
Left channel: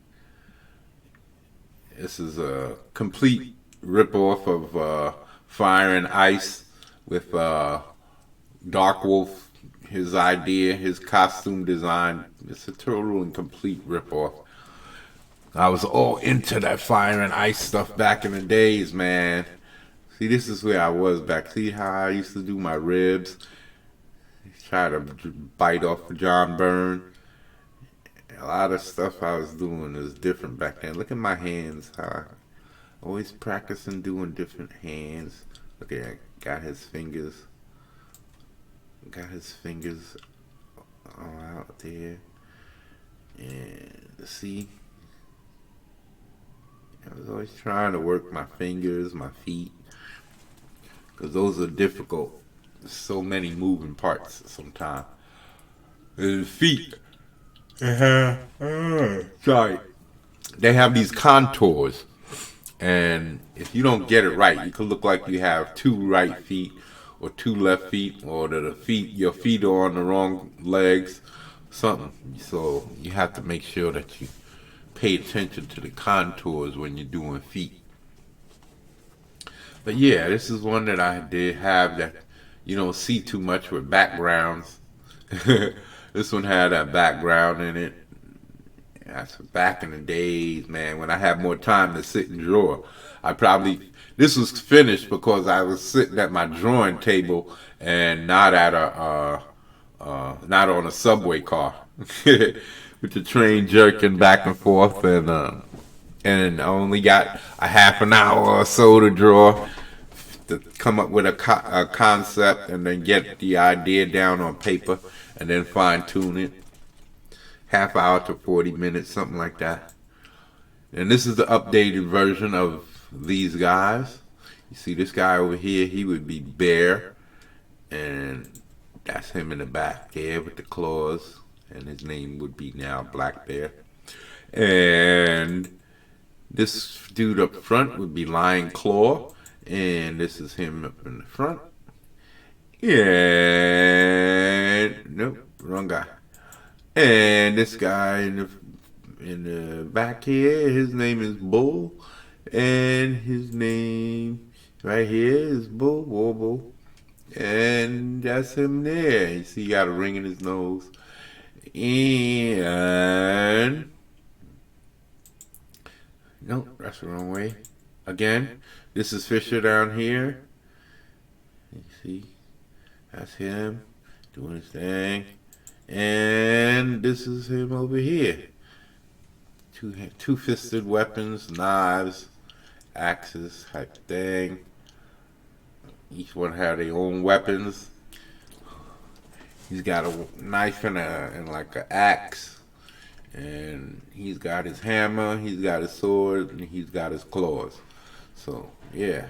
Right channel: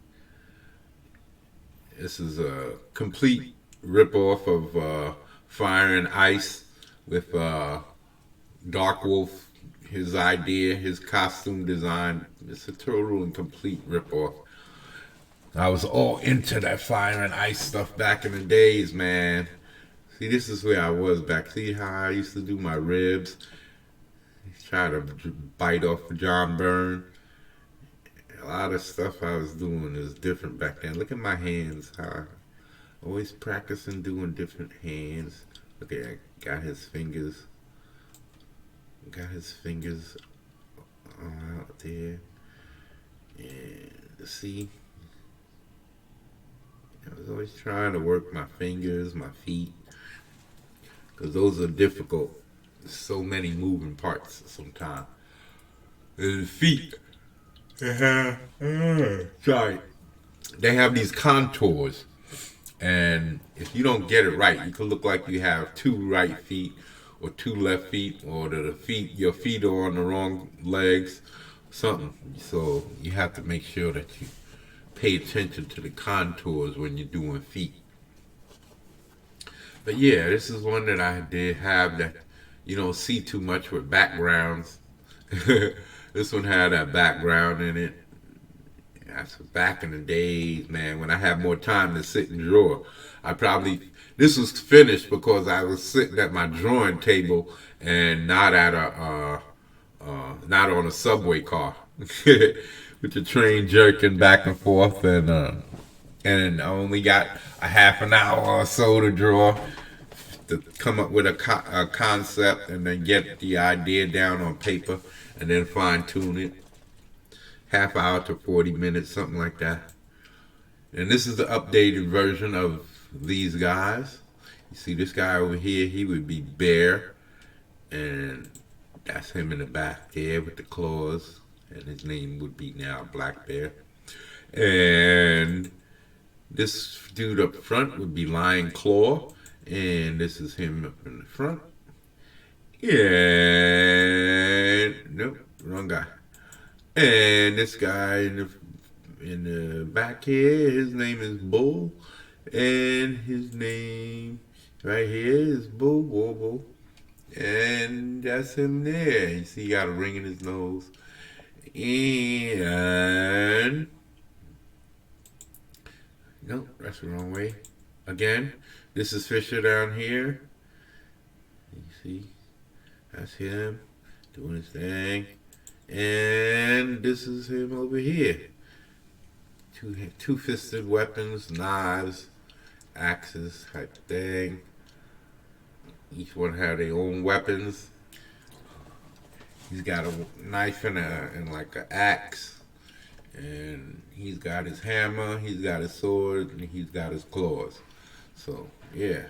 This is a complete ripoff of Fire and Ice with Dark Wolf, his idea, his costume design. It's a total and complete ripoff. I was all into that Fire and Ice stuff back in the days, man. See, this is where I was back. See how I used to do my ribs? Try to bite off John Byrne. A lot of stuff I was doing is different back then. Look at my hands. How I always practicing doing different hands. Look at that. Got his fingers. Got his fingers all out there. And see? I was always trying to work my fingers, my feet. Because those are difficult. There's so many moving parts sometimes. And the feet, sorry, they have these contours. And if you don't get it right, you could look like you have two right feet or two left feet, or your feet are on the wrong legs, something. So you have to make sure that you pay attention to the contours when you're doing feet. But yeah, this is one that I did have that you don't see too much with backgrounds. This one had a background in it. That's back in the days, man, when I had more time to sit and draw. This was finished because I was sitting at my drawing table and not at not on a subway car with the train jerking back and forth, and I only got a half an hour or so to draw, to come up with a concept and then get the idea down on paper and then fine tune it. Half hour to 40 minutes, something like that. And this is the updated version of these guys. You see this guy over here, he would be Bear, and that's him in the back there with the claws, and his name would be now Black Bear. And this dude up front would be Lion Claw, and this is him up in the front. And nope, wrong guy. And this guy in the back here, his name is Bull, and his name right here is Bull, Bull, Bull. And that's him there. You see, he got a ring in his nose. And no, that's the wrong way. Again, this is Fisher down here. You see, that's him doing his thing. And this is him over here. Two-fisted weapons, knives, axes type thing. Each one had their own weapons. He's got a knife and like an axe, and he's got his hammer, he's got his sword, and he's got his claws. So yeah.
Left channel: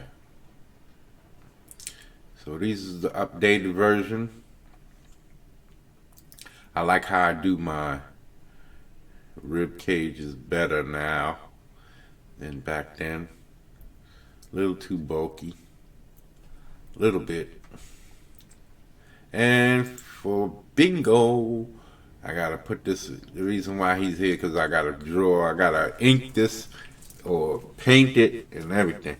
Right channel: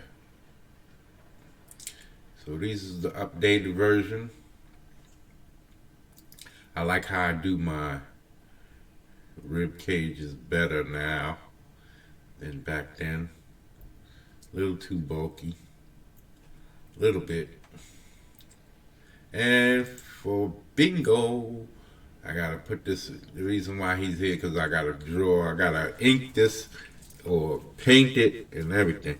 So this is the updated version. I like how I do my rib cage is better now than back then. A little too bulky. Little bit. And for bingo, I gotta put this, the reason why he's here, because I gotta draw, I gotta ink this or paint it and everything.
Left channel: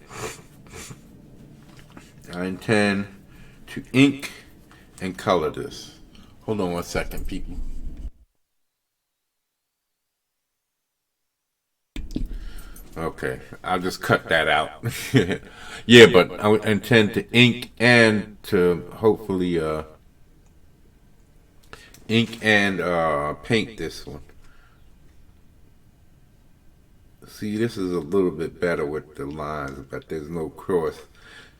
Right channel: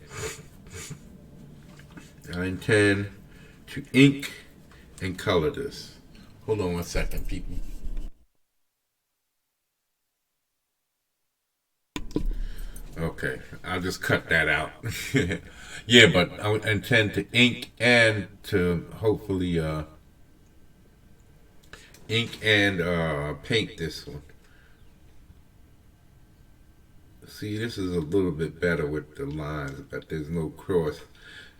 I intend to ink and color this. Hold on 1 second, people. Okay, I'll just cut that out. Yeah, but I intend to ink and to hopefully ink and paint this one. See, this is a little bit better with the lines, but there's no cross.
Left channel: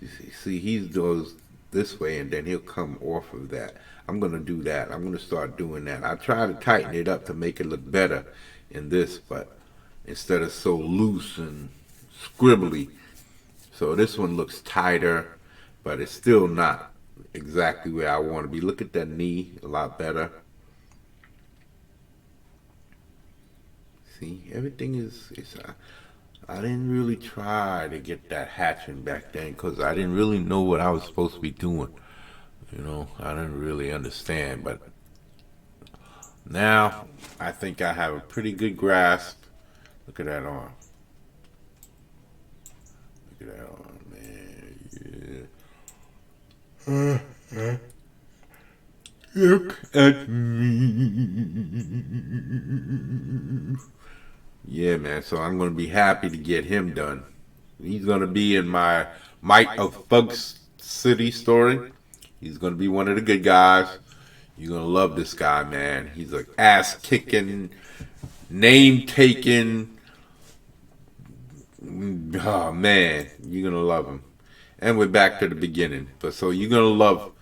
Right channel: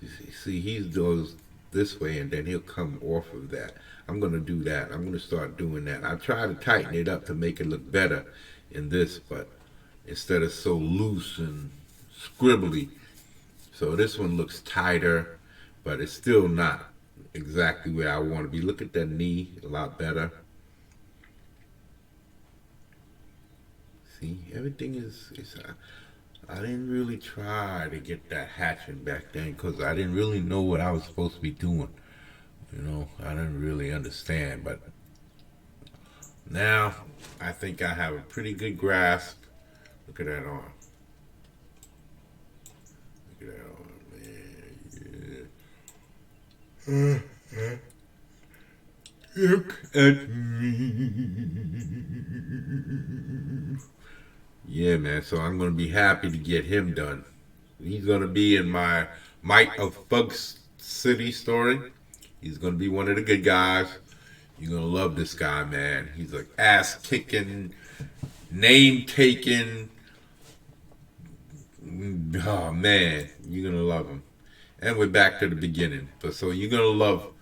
You see, he goes this way and then he'll come off of that. I'm gonna do that. I'm gonna start doing that. I try to tighten it up to make it look better in this, but instead of so loose and scribbly. So this one looks tighter, but it's still not exactly where I want to be. Look at that knee, a lot better. See, everything is I didn't really try to get that hatching back then because I didn't really know what I was supposed to be doing. You know, I didn't really understand, but now I think I have a pretty good grasp. Look at that arm. Look at that arm, man. Yeah. Look at me. Yeah, man. So I'm gonna be happy to get him done. He's gonna be in my Might of Fug City story. He's gonna be one of the good guys. You're gonna love this guy, man. He's an ass kicking, name taking. Oh man, you're gonna love him. And we're back to the beginning. But so you're gonna love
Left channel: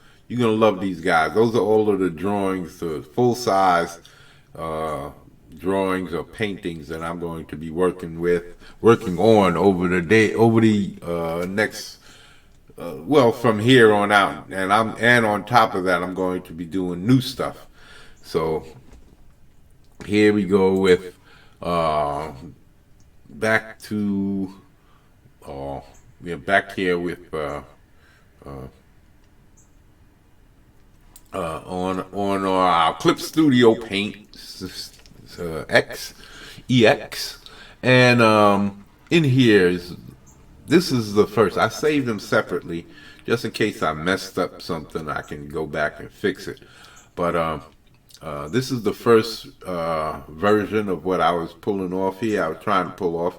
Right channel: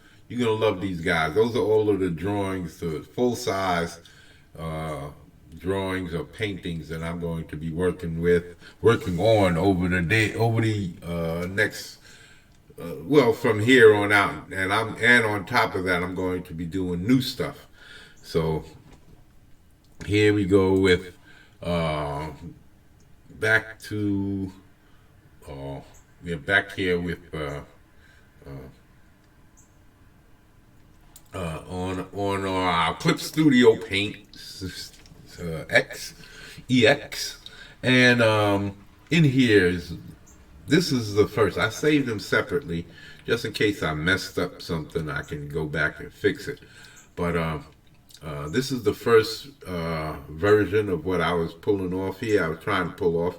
these guys. Those are all of the drawings, the full size drawings or paintings that I'm going to be working on over the next. Well, from here on out, and on top of that, I'm going to be doing new stuff. So here we go with back to back here with on our Clip Studio Paint EX, and in here is. This is the first. I saved them separately, just in case I messed up something. I can go back and fix it. But this is the first version of what I was pulling off here. I was trying to pull off.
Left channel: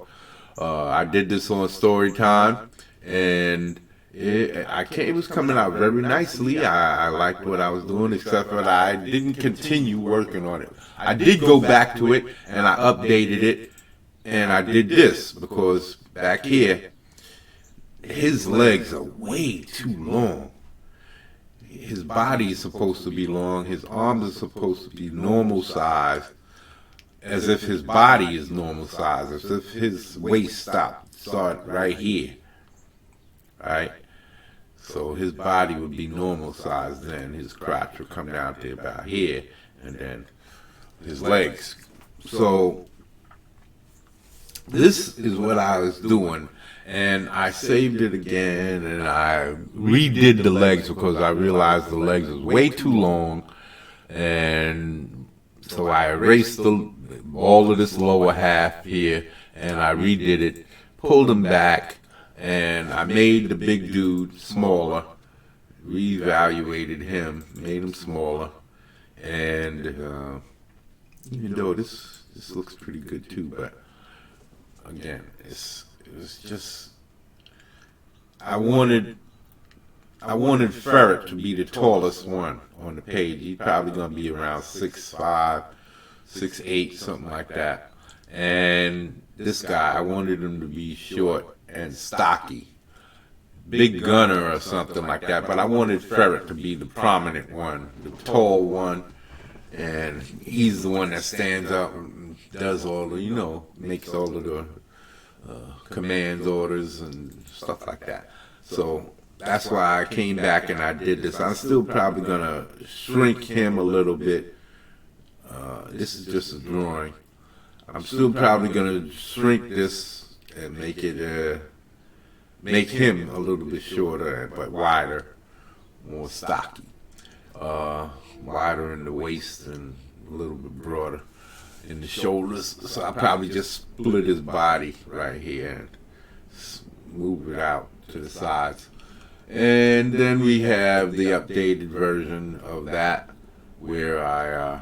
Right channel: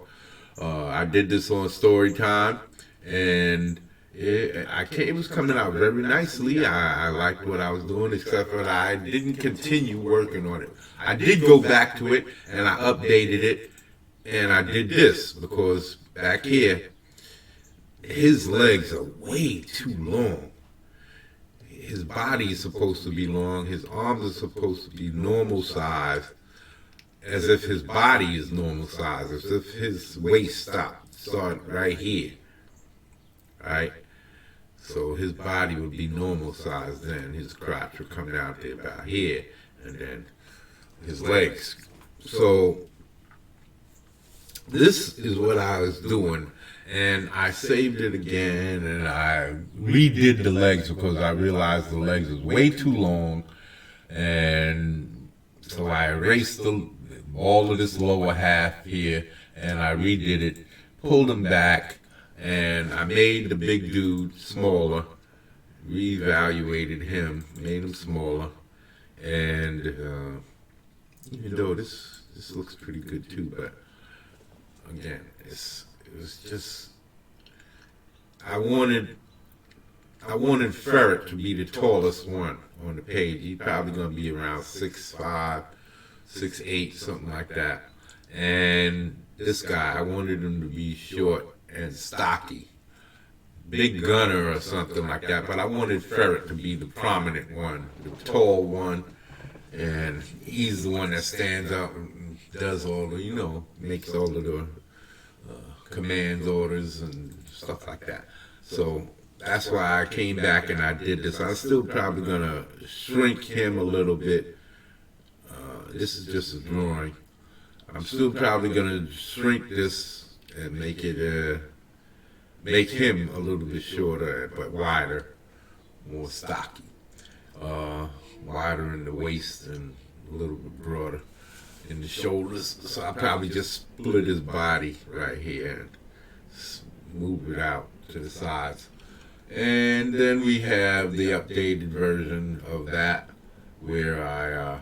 I did this on story time, and it was coming out very nicely. I liked what I was doing, except that I didn't continue working on it. I did go back to it, and I updated it, and I did this because back here, his legs are way too long. His body is supposed to be long. His arms are supposed to be normal size, as if his body is normal size, as if his waist started right here, right? So his body would be normal size then. His crotch would come down to about here, and then his legs. So this is what I was doing. And I saved it again, and I redid the legs because I realized the legs was way too long, and So I erased all of this lower half here, and I redid it, pulled him back, and I made the big dude smaller, reevaluated him, made him smaller, and even though this looks pretty good too, but again, it's just I wanted Ferret to be the tallest one on the page. He's probably gonna be around 6'5", 6'8", something like that. And this guy, I wanted him to be short and stocky, big gunner or something like that. But I wanted Ferret to be the prominent one, the tall one, and he's the one that stands up and does all the, makes all of the commands, orders, and stuff like that. So that's why I came back and I did this. I'm still probably gonna shrink him a little bit. This is just a drawing. I'm still probably gonna shrink this and make him a little bit shorter but wider, more stocky, wider in the waist and a little bit broader in the shoulders. So I probably just split his body right here and move it out to the sides. And then we have the updated version of that, where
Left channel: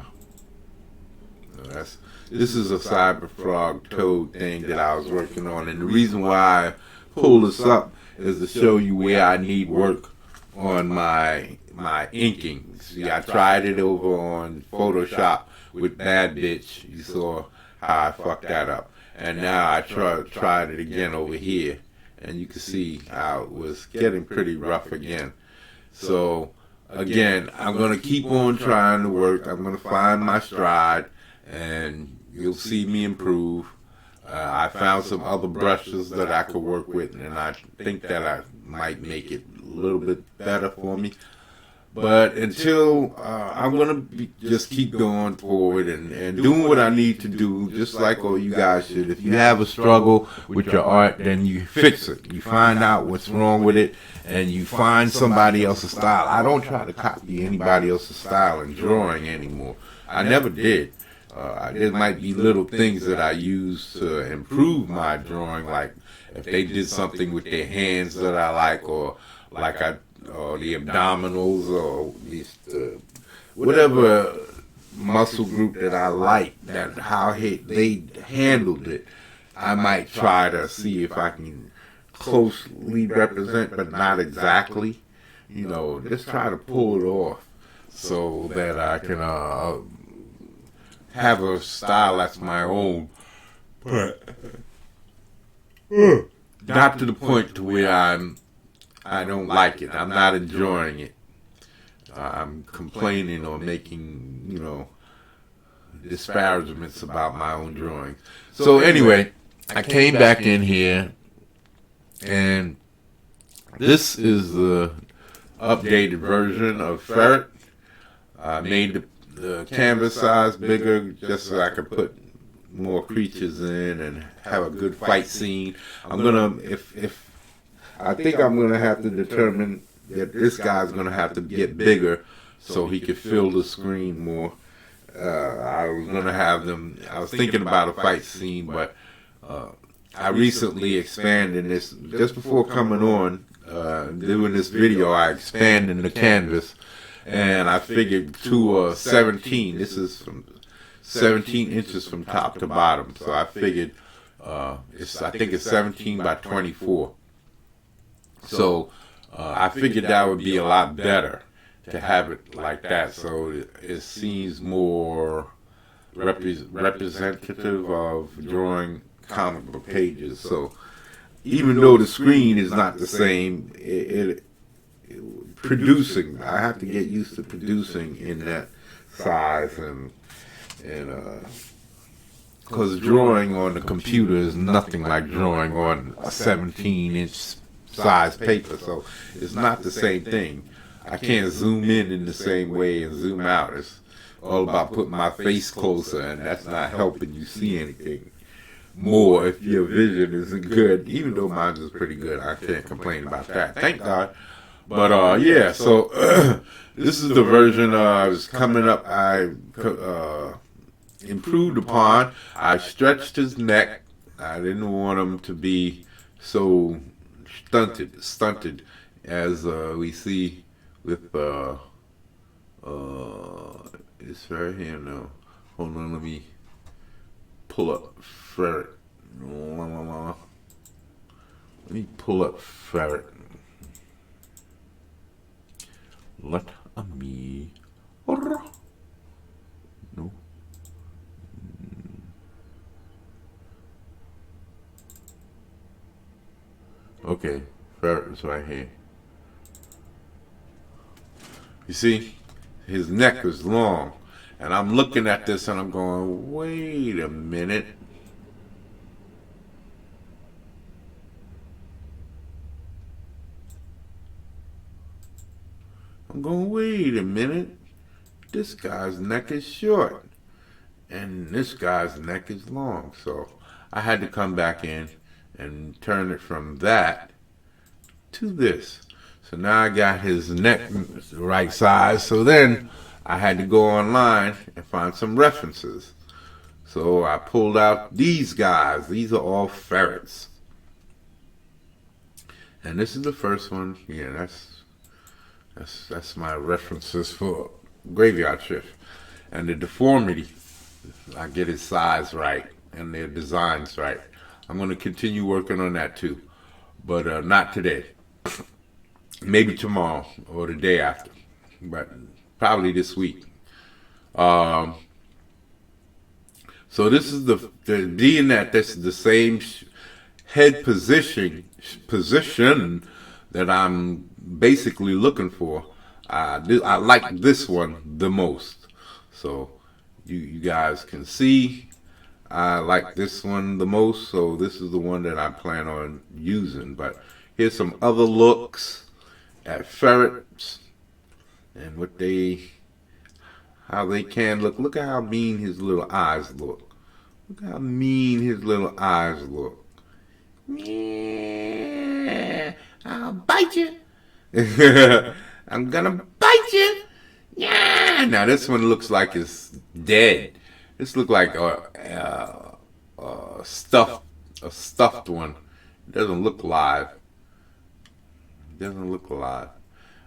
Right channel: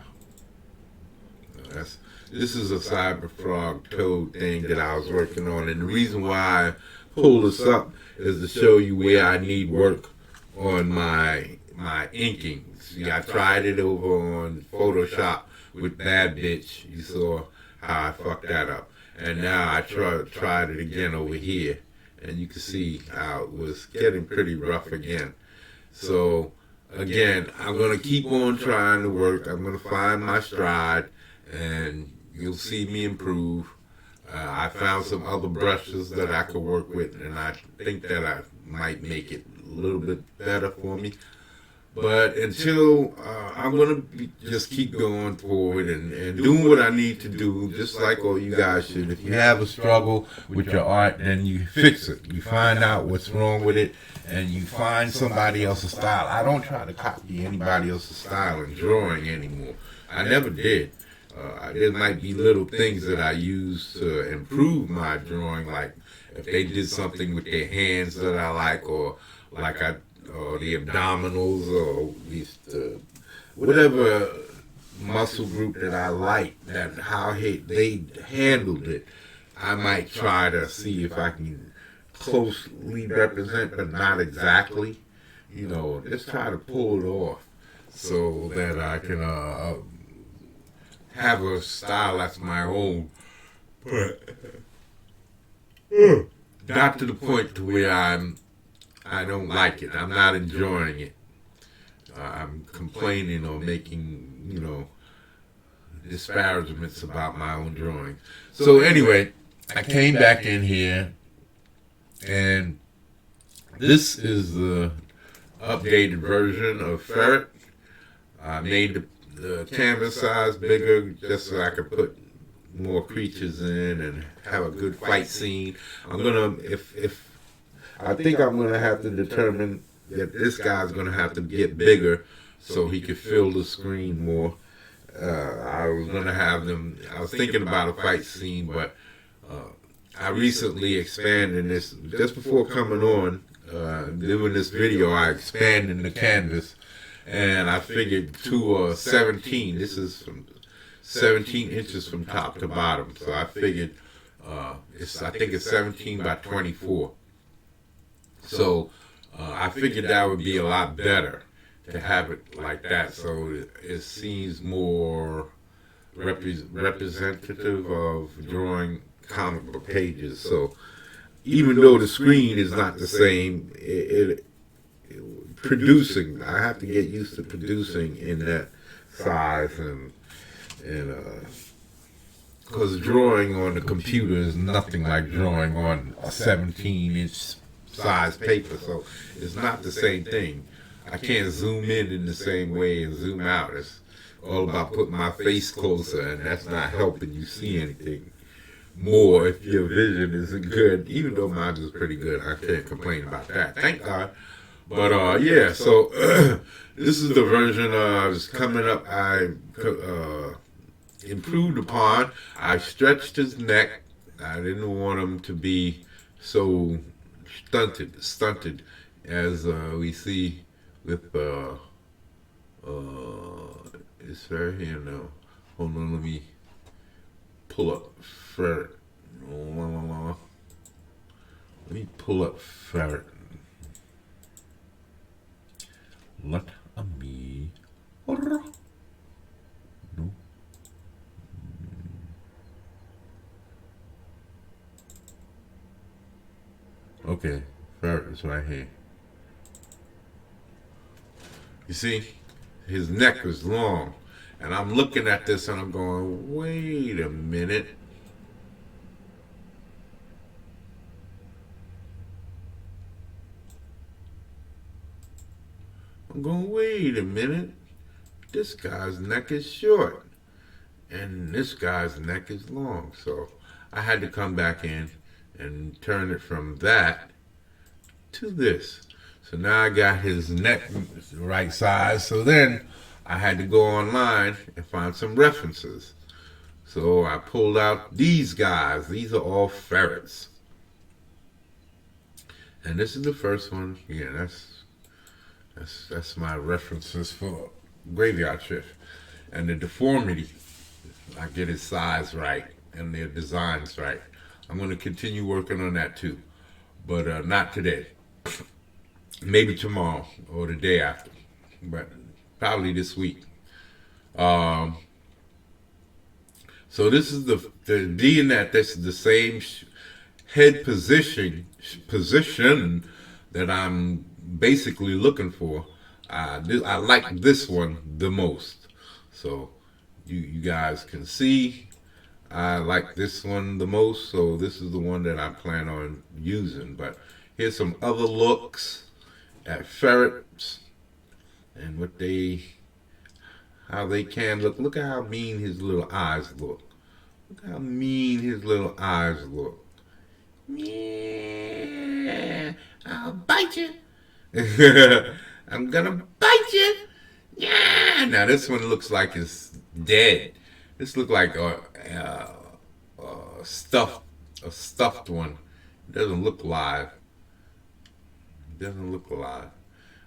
this is a Cyberfrog Toad thing that I was working on, and the reason why I pulled this up is to show you where I need work on my inking. See, I tried it over on Photoshop with Bad Bitch. You saw how I fucked that up, and now I tried it again over here. And you can see how it was getting pretty rough again. So, again, I'm going to keep on trying to work. I'm going to find my stride, and you'll see me improve. I found some other brushes that I could work with, and I think that I might make it a little bit better for me. But until, I'm going to just keep going forward and doing what I need to do, just like all you guys should. If you have a struggle with your art, then you fix it. You find out what's wrong with it, and you find somebody else's style. I don't try to copy anybody else's style in drawing anymore. I never did. There might be little things that I use to improve my drawing, like if they did something with their hands that I like, or the abdominals, or whatever muscle group that I like, that how they handled it, I might try to see if I can closely represent, but not exactly. Just try to pull it off so that I can have a style that's my own, but not to the point to where I don't like it. I'm not enjoying it. I'm complaining or making, disparagements about my own drawing. So anyway, I came back in here, and this is the updated version of Ferret. I made the canvas size bigger just so I could put more creatures in and have a good fight scene. I'm gonna, I think I'm going to have to determine that this guy's going to have to get bigger so he could fill the screen more. I was thinking about a fight scene, but I recently expanded this. Just before coming on, doing this video, I expanded the canvas, and I figured to 17. This is from 17 inches from top to bottom. So I figured, I think it's 17 by 24. So I figured that would be a lot better to have it like that, so it seems more representative of drawing comic book pages. So even though the screen is not the same, producing, I have to get used to producing in that size, and because drawing on the computer is nothing like drawing on a 17-inch size paper, so it's not the same thing. I can't zoom in the same way and zoom out. It's all about putting my face closer, and that's not helping you see anything more if your vision isn't good. Even though mine is pretty good, I can't complain about that, thank God. But yeah, so this is the version that's coming up. I improved upon. I stretched his neck. I didn't want him to be so stunted as we see with it's right here now. Hold on, let me pull up ferret. Let me pull up ferret. Let me. No. Okay, ferret is right here. You see, his neck is long. And I'm looking at this and I'm going, wait a minute. I'm going, wait a minute. This guy's neck is short. And this guy's neck is long. So I had to come back in and turn it from that to this. So now I got his neck the right size. So then I had to go online and find some references. So I pulled out these guys. These are all ferrets. And this is the first one. Yeah, that's my references for graveyard shift. And the deformity, I get his size right and their designs right. I'm going to continue working on that too, but not today. Maybe tomorrow or the day after, but probably this week. So this is the being that this is the same head position that I'm basically looking for. I like this one the most. So you guys can see I like this one the most. So this is the one that I plan on using. But here's some other looks at ferrets and how they can look. Look at how mean his little eyes look. Look how mean his little eyes look. Yeah, I'll bite you. I'm gonna bite you. Yeah. Now this one looks like it's dead. This looks like a stuffed one. It doesn't look live. It doesn't look alive.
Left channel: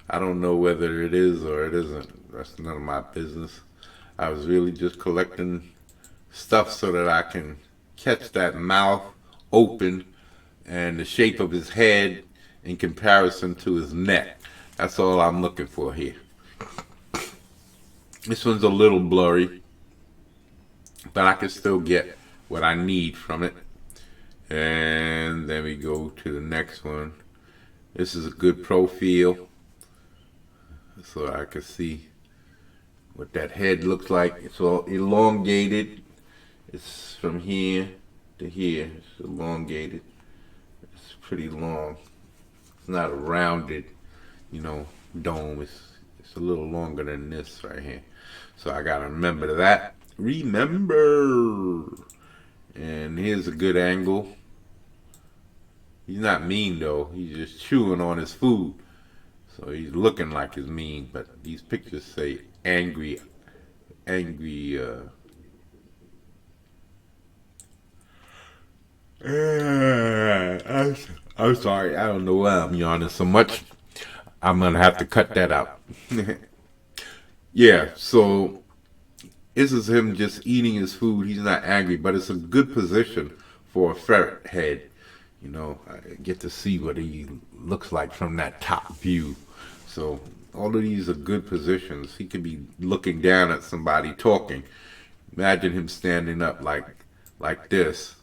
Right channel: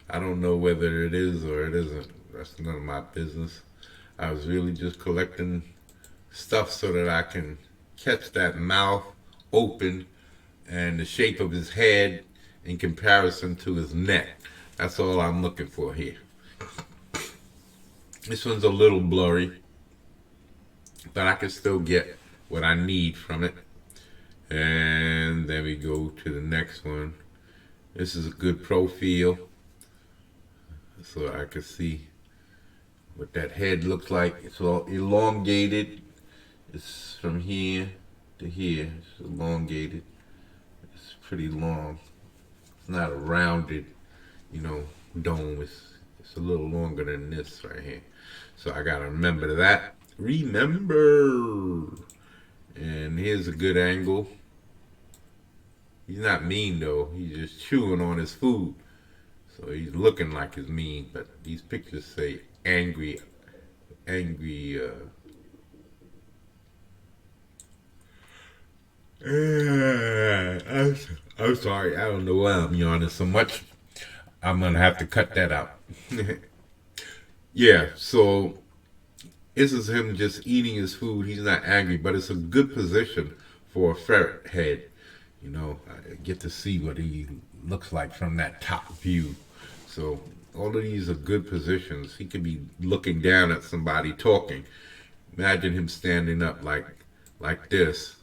I don't know whether it is or it isn't. That's none of my business. I was really just collecting stuff so that I can catch that mouth open and the shape of his head in comparison to his neck. That's all I'm looking for here. This one's a little blurry, but I can still get what I need from it. And then we go to the next one. This is a good profile, so I can see what that head looks like. It's all elongated. It's from here to here. It's elongated. It's pretty long. It's not a rounded, dome. It's a little longer than this right here. So I gotta remember that. Remember. And here's a good angle. He's not mean though. He's just chewing on his food. So he's looking like he's mean, but these pictures say angry. I'm sorry. I don't know why I'm yawning so much. I'm gonna have to cut that out. Yeah. So this is him just eating his food. He's not angry, but it's a good position for a ferret head. I get to see what he looks like from that top view. So all of these are good positions. He could be looking down at somebody talking. Imagine him standing up like this,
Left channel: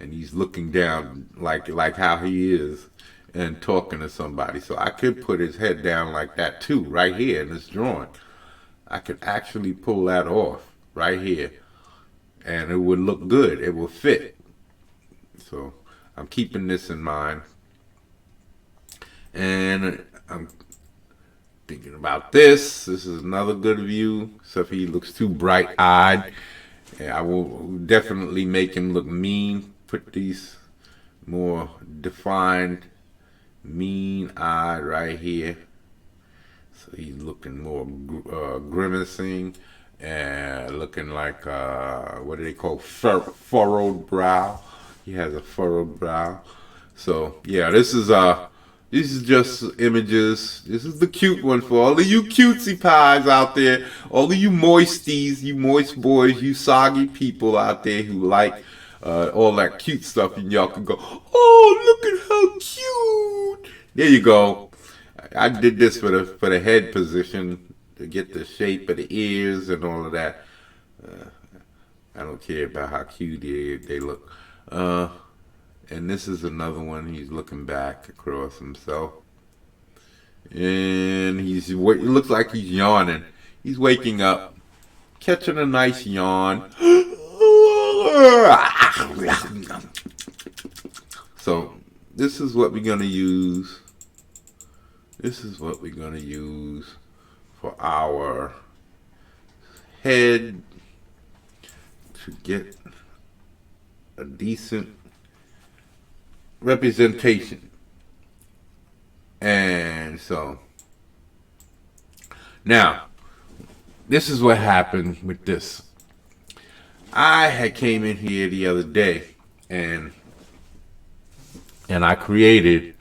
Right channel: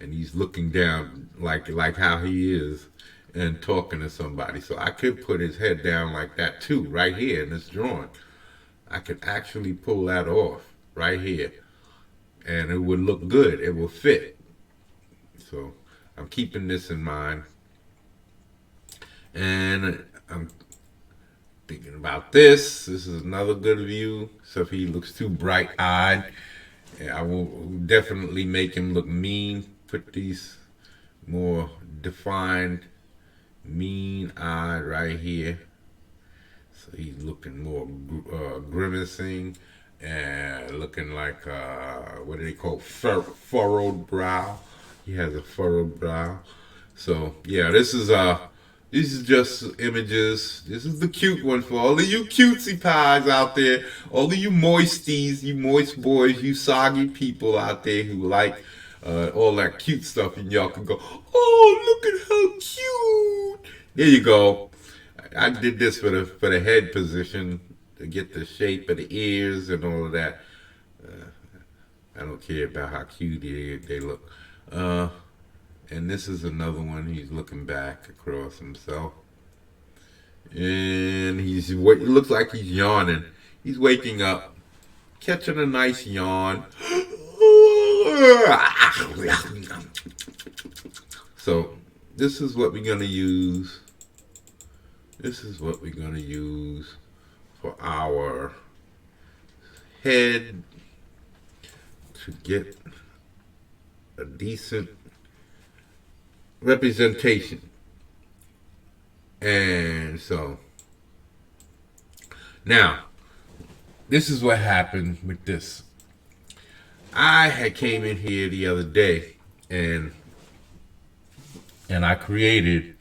and he's looking down like how he is and talking to somebody. So I could put his head down like that too, right here in this drawing. I could actually pull that off right here, and it would look good. It will fit. So I'm keeping this in mind, and I'm thinking about this. This is another good view. So if he looks too bright-eyed, I will definitely make him look mean. Put these more defined, mean eye right here. So he's looking more grimacing and looking like, what do they call, furrowed brow. He has a furrowed brow. So yeah, this is just images. This is the cute one for all of you cutesy pies out there, all of you moisties, you moist boys, you soggy people out there who like all that cute stuff, and y'all can go, oh, look at how cute. There you go. I did this for the head position to get the shape of the ears and all of that. I don't care about how cute they look. And this is another one. He's looking back across himself, and it looks like he's yawning. He's waking up, catching a nice yawn. So this is what we're gonna use. This is what we're gonna use for our head to get a decent representation. And so now this is what happened with this. I had came in here the other day and I created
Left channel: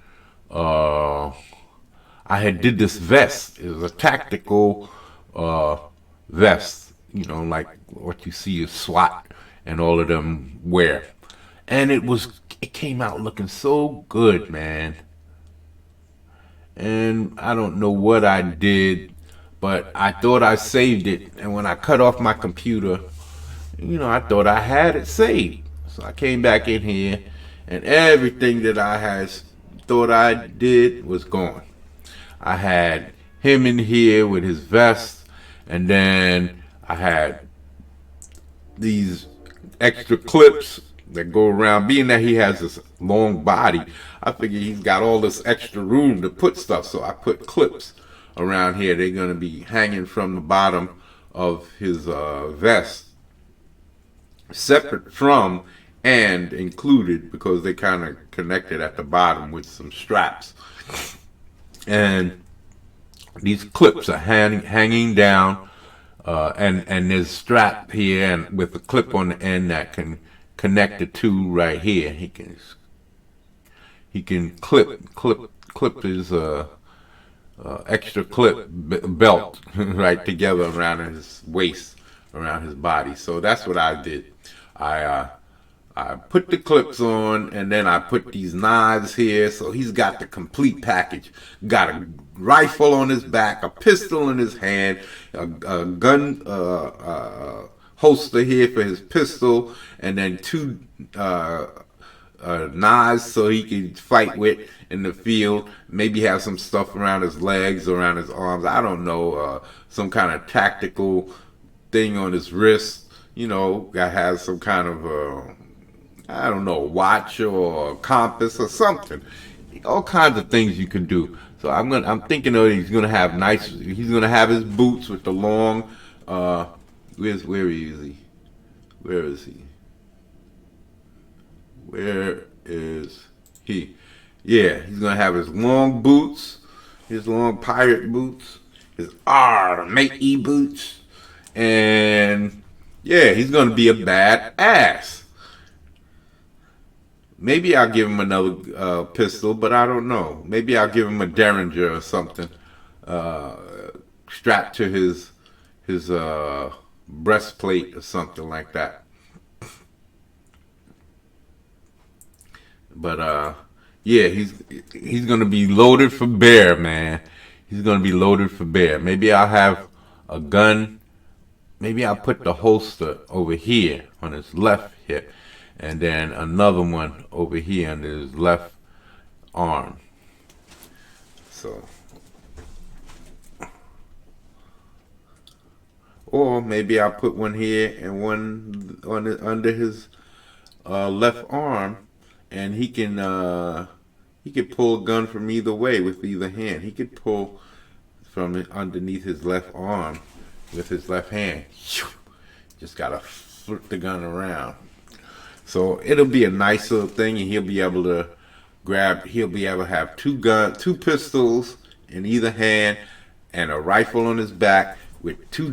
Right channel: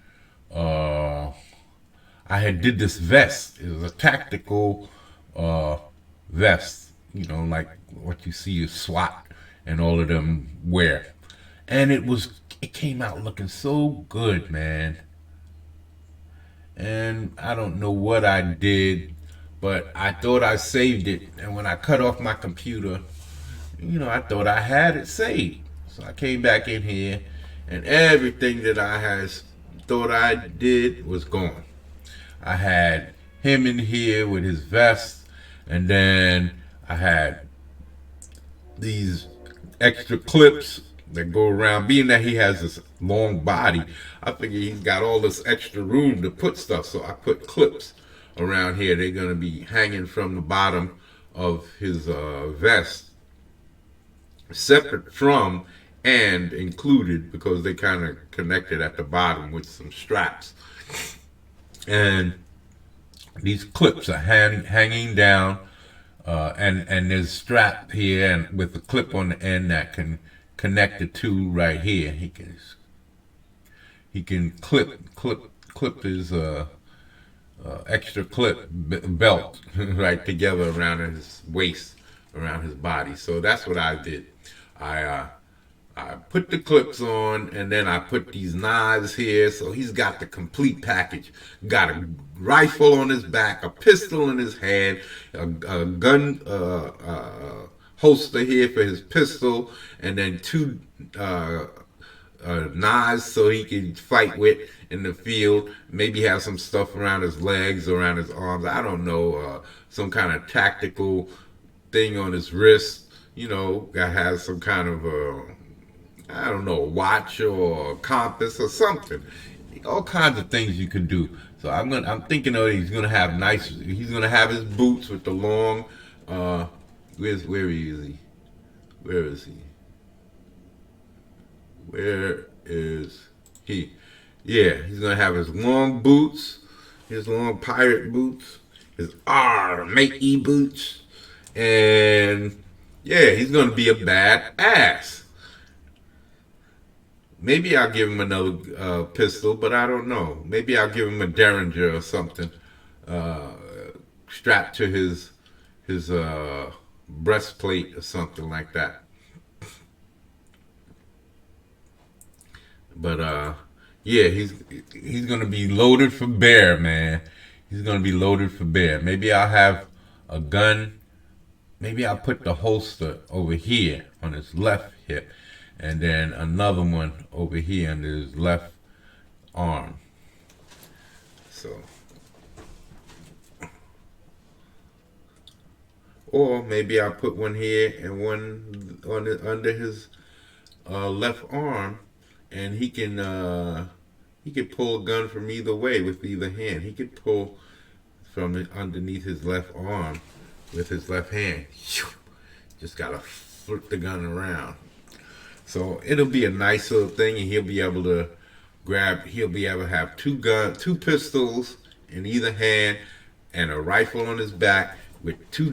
I had did this vest. It was a tactical vest, you know, like what you see is SWAT and all of them wear. And it came out looking so good, man. And I don't know what I did, but I thought I saved it. And when I cut off my computer, you know, I thought I had it saved. So I came back in here, and everything that I had thought I did was gone. I had him in here with his vest, and then I had these extra clips that go around. Being that he has this long body, I figured he's got all this extra room to put stuff, so I put clips around here. They're going to be hanging from the bottom of his vest, separate from and included, because they kind of connected at the bottom with some straps. And these clips are hanging down, and there's a strap here and with a clip on the end that can connect the two right here. He can clip his extra clip belt right together around his waist, around his body. So that's what I did. I put the clips on, and then I put these knives here, so he's got the complete package. Got a rifle on his back, a pistol in his hand, a gun holster here for his pistol, and then two knives so he can fight with in the field. Maybe have some stuff around his legs, around his arms. I don't know, some kind of tactical thing on his wrist. You know, that has some kind of I don't know, watch or compass or something. All kinds of things you can do. So I'm thinking that he's gonna have his boots with the long where is he? Where is he? Yeah, he's gonna have his long boots, his long pirate boots, his matey boots, and yeah, he's gonna be a bad ass. Maybe I'll give him another pistol, but I don't know. Maybe I'll give him a Derringer or something strapped to his breastplate or something like that. But yeah, he's gonna be loaded for bear, man. He's gonna be loaded for bear. Maybe I'll have a gun. Maybe I'll put the holster over here on his left hip, and then another one over here on his left arm. So, or maybe I'll put one here and one under his left arm, and he can pull a gun from either way with either hand. He could pull from underneath his left arm with his left hand. Just gotta flip the gun around. So it'll be a nice little thing, and he'll be able to have two pistols in either hand, and a rifle on his back, with two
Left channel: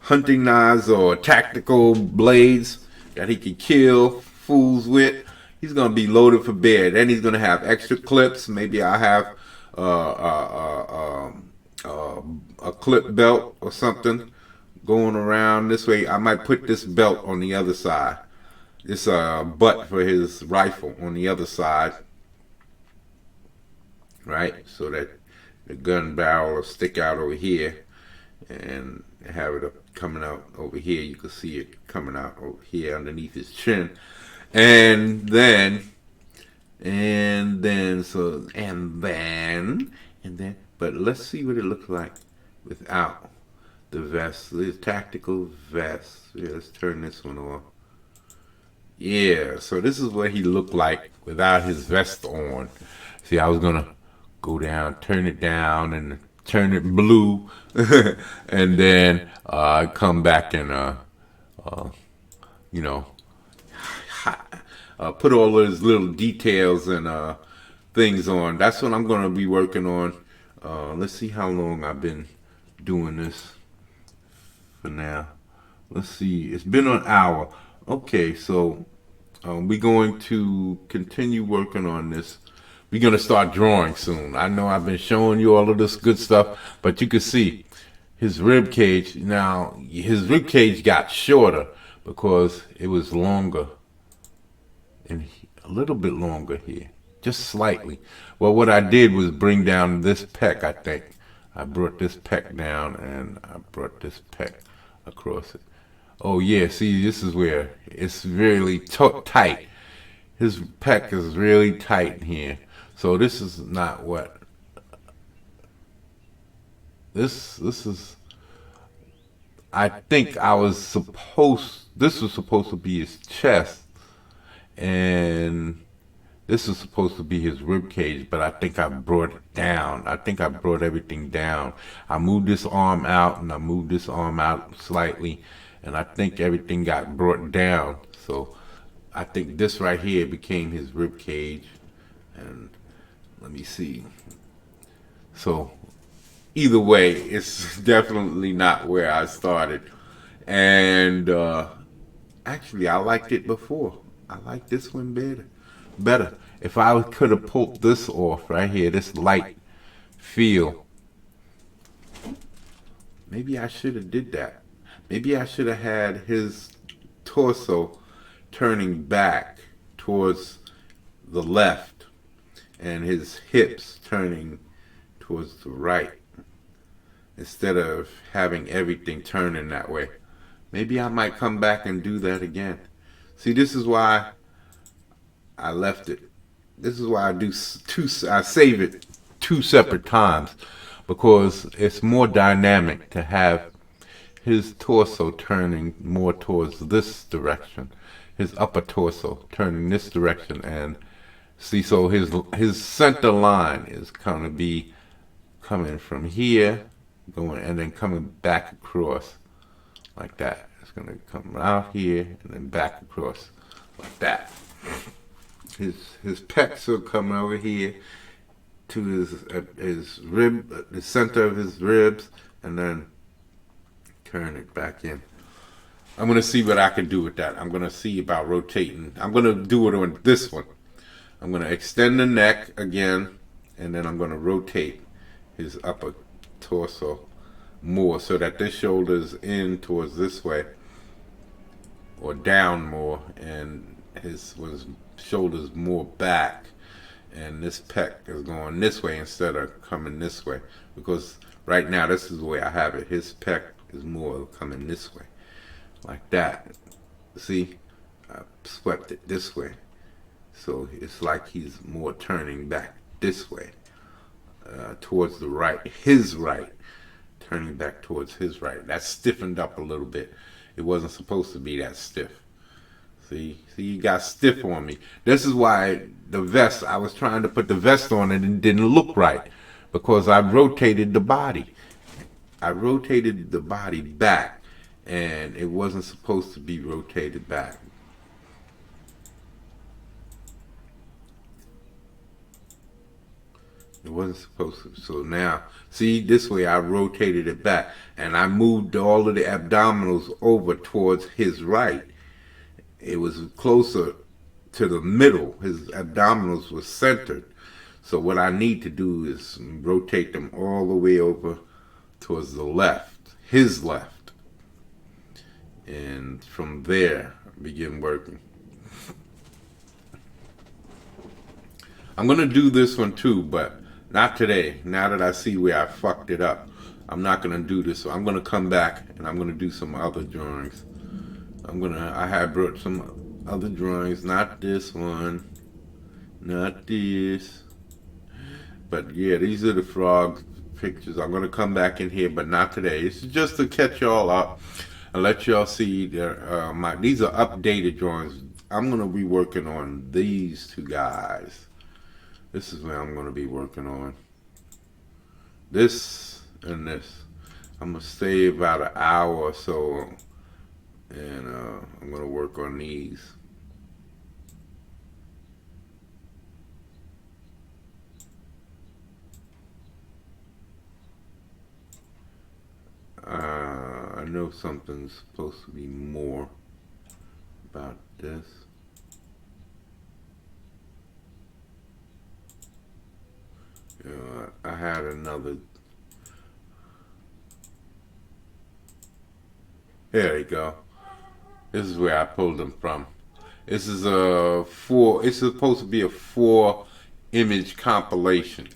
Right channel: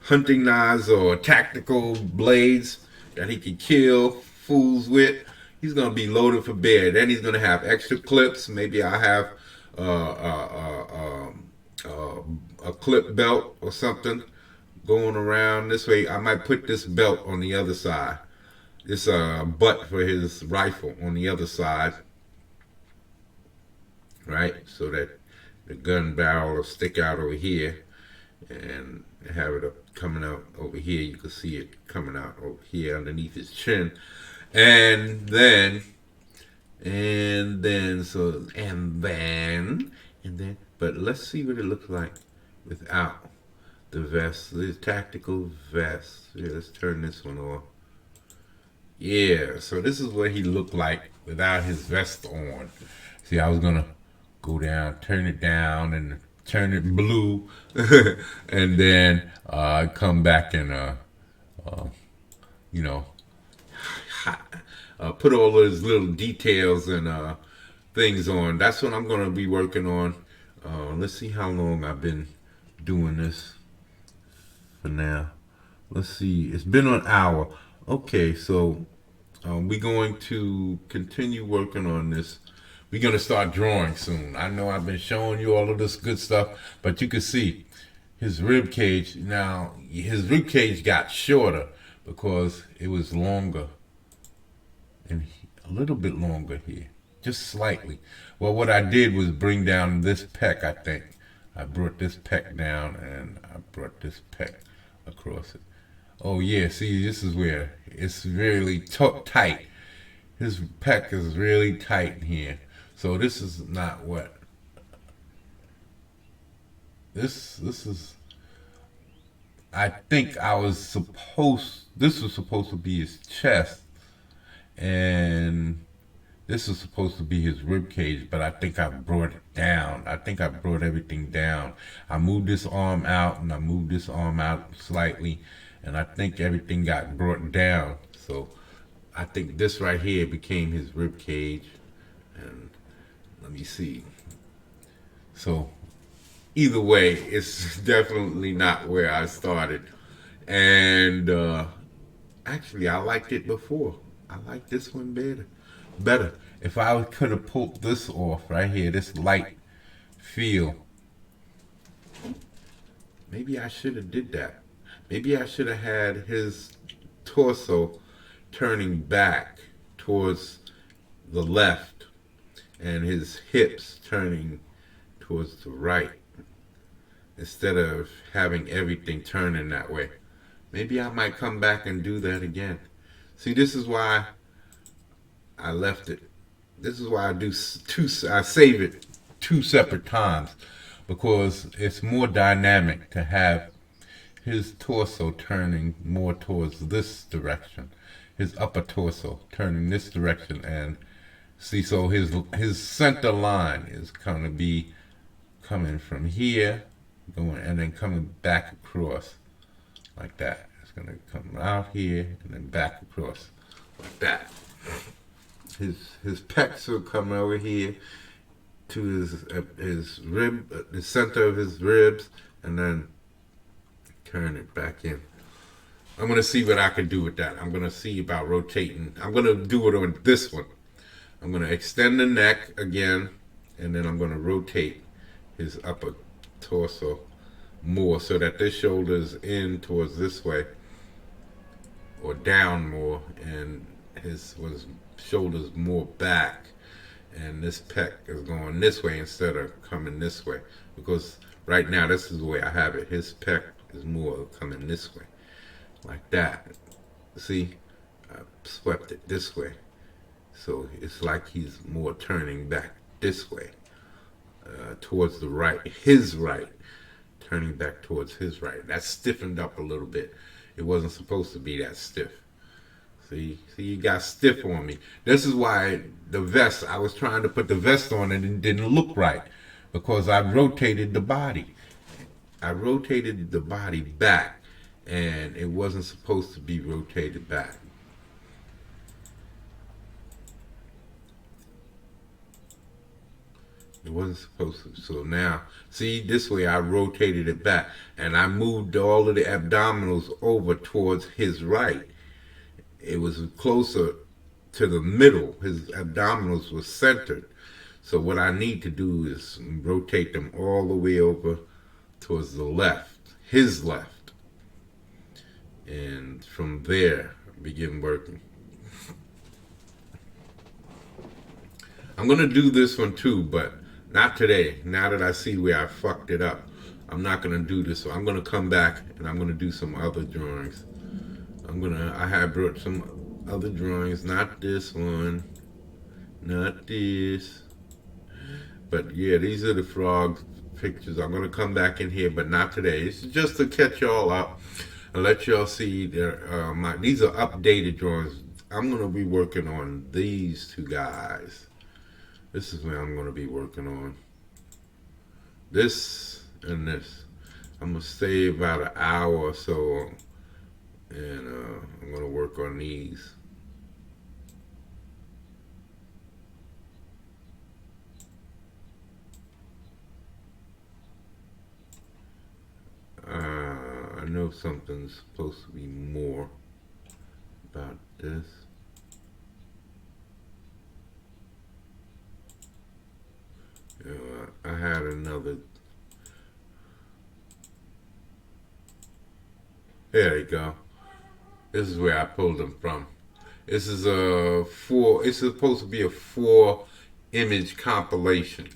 hunting knives or tactical blades that he can kill fools with. He's gonna be loaded for bear. Then he's gonna have extra clips. Maybe I have uh, uh, uh, a clip belt or something going around this way. I might put this belt on the other side. It's a butt for his rifle on the other side, right? So that the gun barrel will stick out over here and have it coming out over here. You can see it coming out over here underneath his chin. And then, but let's see what it looks like without the vest. This tactical vest. Yeah, let's turn this one off. Yeah, so this is what he looked like without his vest on. See, I was gonna go down, turn it down, and turn it blue, and then come back and you know, put all those little details and things on. That's what I'm gonna be working on. Let's see how long I've been doing this for now. Let's see, it's been an hour. Okay, so we're going to continue working on this. We're going to start drawing soon. I know I've been showing you all of this good stuff, but you can see his rib cage. Now, his rib cage got shorter because it was longer, and a little bit longer here, just slightly. Well, what I did was bring down this pec, I think. I brought this pec down, and I brought this pec across it. Oh yeah, see, this is where it's really tight. His pec is really tight here. So this is not what, this is, I think this was supposed to be his chest, and this is supposed to be his rib cage, but I think I brought it down. I think I brought everything down. I moved this arm out, and I moved this arm out slightly, and I think everything got brought down. So I think this right here became his rib cage. And let me see. So either way, it's definitely not where I started. And actually, I liked it before. I like this one better. If I could have pulled this off right here, this light feel, maybe I should have did that. Maybe I should have had his torso turning back towards the left and his hips turning towards the right instead of having everything turning that way. Maybe I might come back and do that again. See, this is why I left it. This is why I save it two separate times, because it's more dynamic to have his torso turning more towards this direction, his upper torso turning this direction, and see, so his center line is gonna be coming from here, going and then coming back across like that. It's gonna come out here and then back across like that. His pecs will come over here to his rib, the center of his ribs, and then turn it back in. I'm gonna see what I can do with that. I'm gonna see about rotating. I'm gonna do it on this one. I'm gonna extend the neck again, and then I'm gonna rotate his upper torso more so that this shoulder is in towards this way, or down more, and his shoulders more back, and this pec is going this way instead of coming this way, because right now this is the way I have it. His pec is more coming this way, like that. See, I swept it this way, so it's like he's more turning back this way, towards the right, his right, turning back towards his right. That's stiffened up a little bit. It wasn't supposed to be that stiff. See, you got stiff on me. This is why the vest, I was trying to put the vest on and it didn't look right, because I rotated the body. I rotated the body back, and it wasn't supposed to be rotated back. It wasn't supposed to. So now, see, this way I rotated it back and I moved all of the abdominals over towards his right. It was closer to the middle. His abdominals were centered. So what I need to do is rotate them all the way over towards the left, his left. And from there, begin working. I'm going to do this one too, but not today. Now that I see where I fucked it up, I'm not going to do this. So I'm going to come back and I'm going to do some other drawings. I have brought some other drawings, not this one, not this. But yeah, these are the frog pictures. I'm going to come back in here, but not today. It's just to catch y'all up and let y'all see these are updated drawings. I'm going to be working on these two guys. This is where I'm going to be working on. This and this. I'm going to stay about an hour or so, and I'm going to work on these. I know something's supposed to be more about this. I had another. There you go. This is where I pulled them from. This is it's supposed to be a 4-image compilation.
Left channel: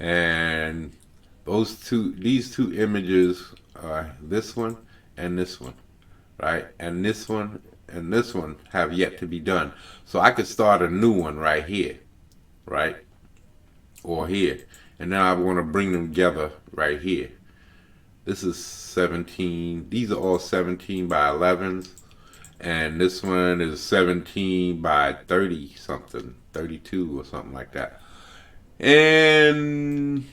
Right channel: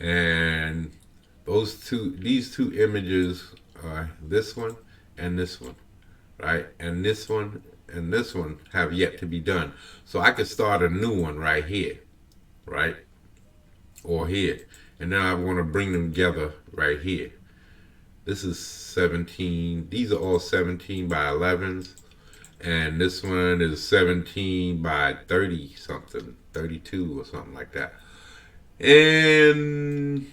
And these two images are this one and this one, right? And this one and this one have yet to be done. So I could start a new one right here, right? Or here. And then I want to bring them together right here. This is 17. These are all 17 by 11s. And this one is 17 by 30 something, 32 or something like that. And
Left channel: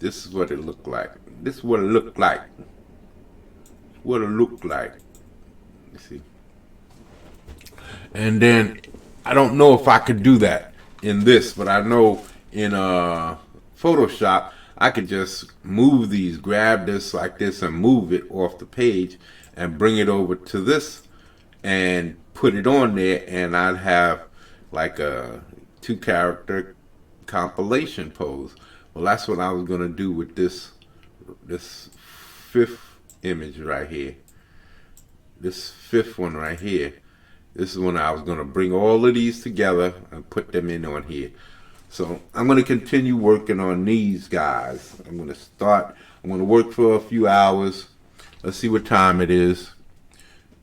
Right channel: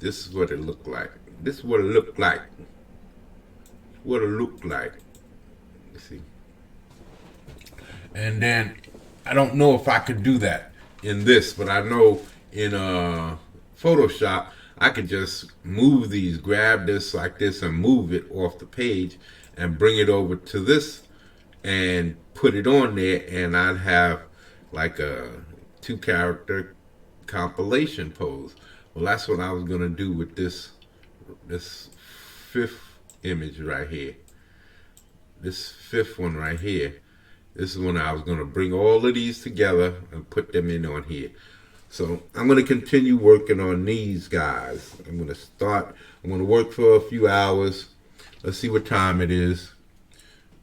this is what it looked like. This is what it looked like. What it looked like. You see? And then I don't know if I could do that in this, but I know in Photoshop I could just move these, grab this like this and move it off the page and bring it over to this and put it on there, and I'd have like a 2-character compilation pose. Well, that's what I was going to do with this 5th image right here. This 5th one right here. This is when I was going to bring all of these together and put them in on here. So I'm going to continue working on these guys. I'm going to work for a few hours. Let's see what time it is.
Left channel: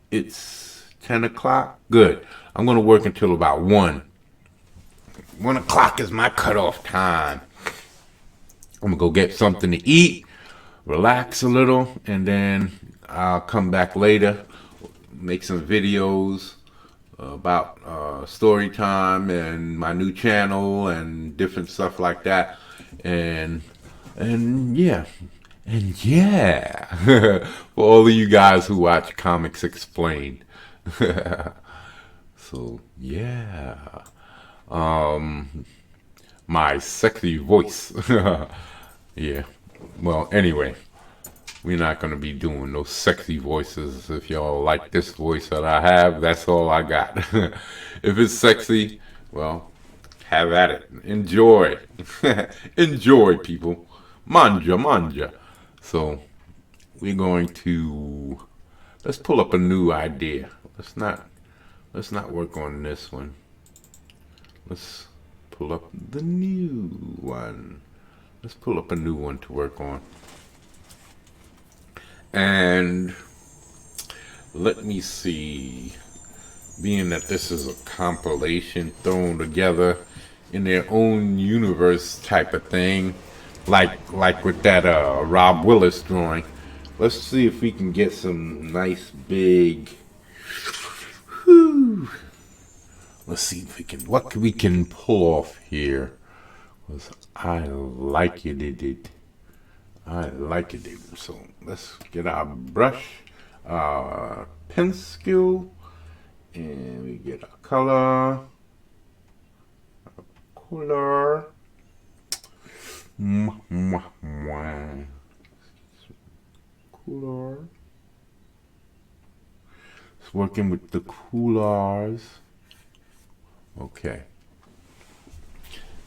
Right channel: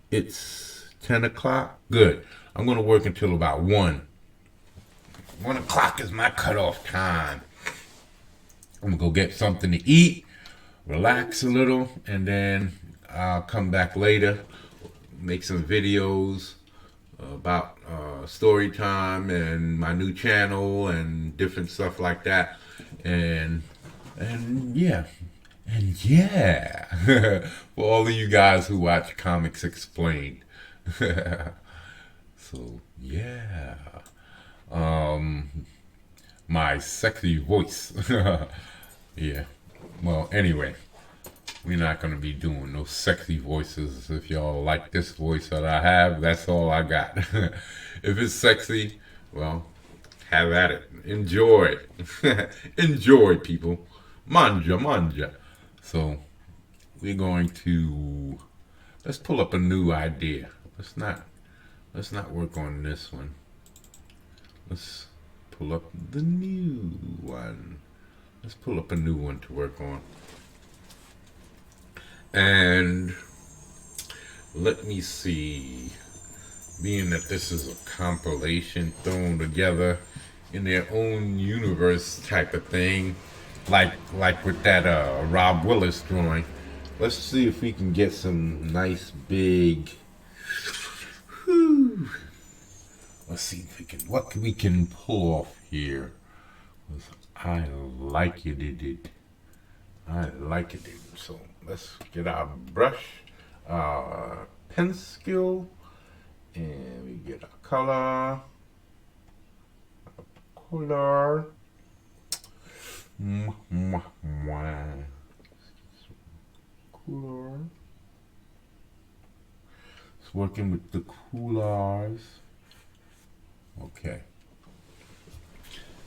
It's 10 o'clock. Good. I'm going to work until about 1. 1 o'clock is my cutoff time. I'm going to go get something to eat, relax a little, and then I'll come back later, make some videos about story time and my new channel and different stuff like that. And yeah. For all of you guys who watch Comics Explained. So yeah. My sexy voice. Yeah. Well, anyway, we're not going to be doing those sexy voices. If y'all like this voice that I have, that's all I got. If it's sexy, well, have at it. Enjoy. Enjoy, people. Manja. So, we're going to, let's pull up a new idea. Let's not work on this one. Let's pull up the new one. Let's pull up a new one to work on. And let me see, being that this is a compilation thrown together in their own universe type of thing, like with that Rob Willis drawing, let's see if we can get some nice big, whew. Let's see if we can pull off here. I like it. So let's get our brush, pencil, and we get a color. Coolers. It's working with the coolers. Okay.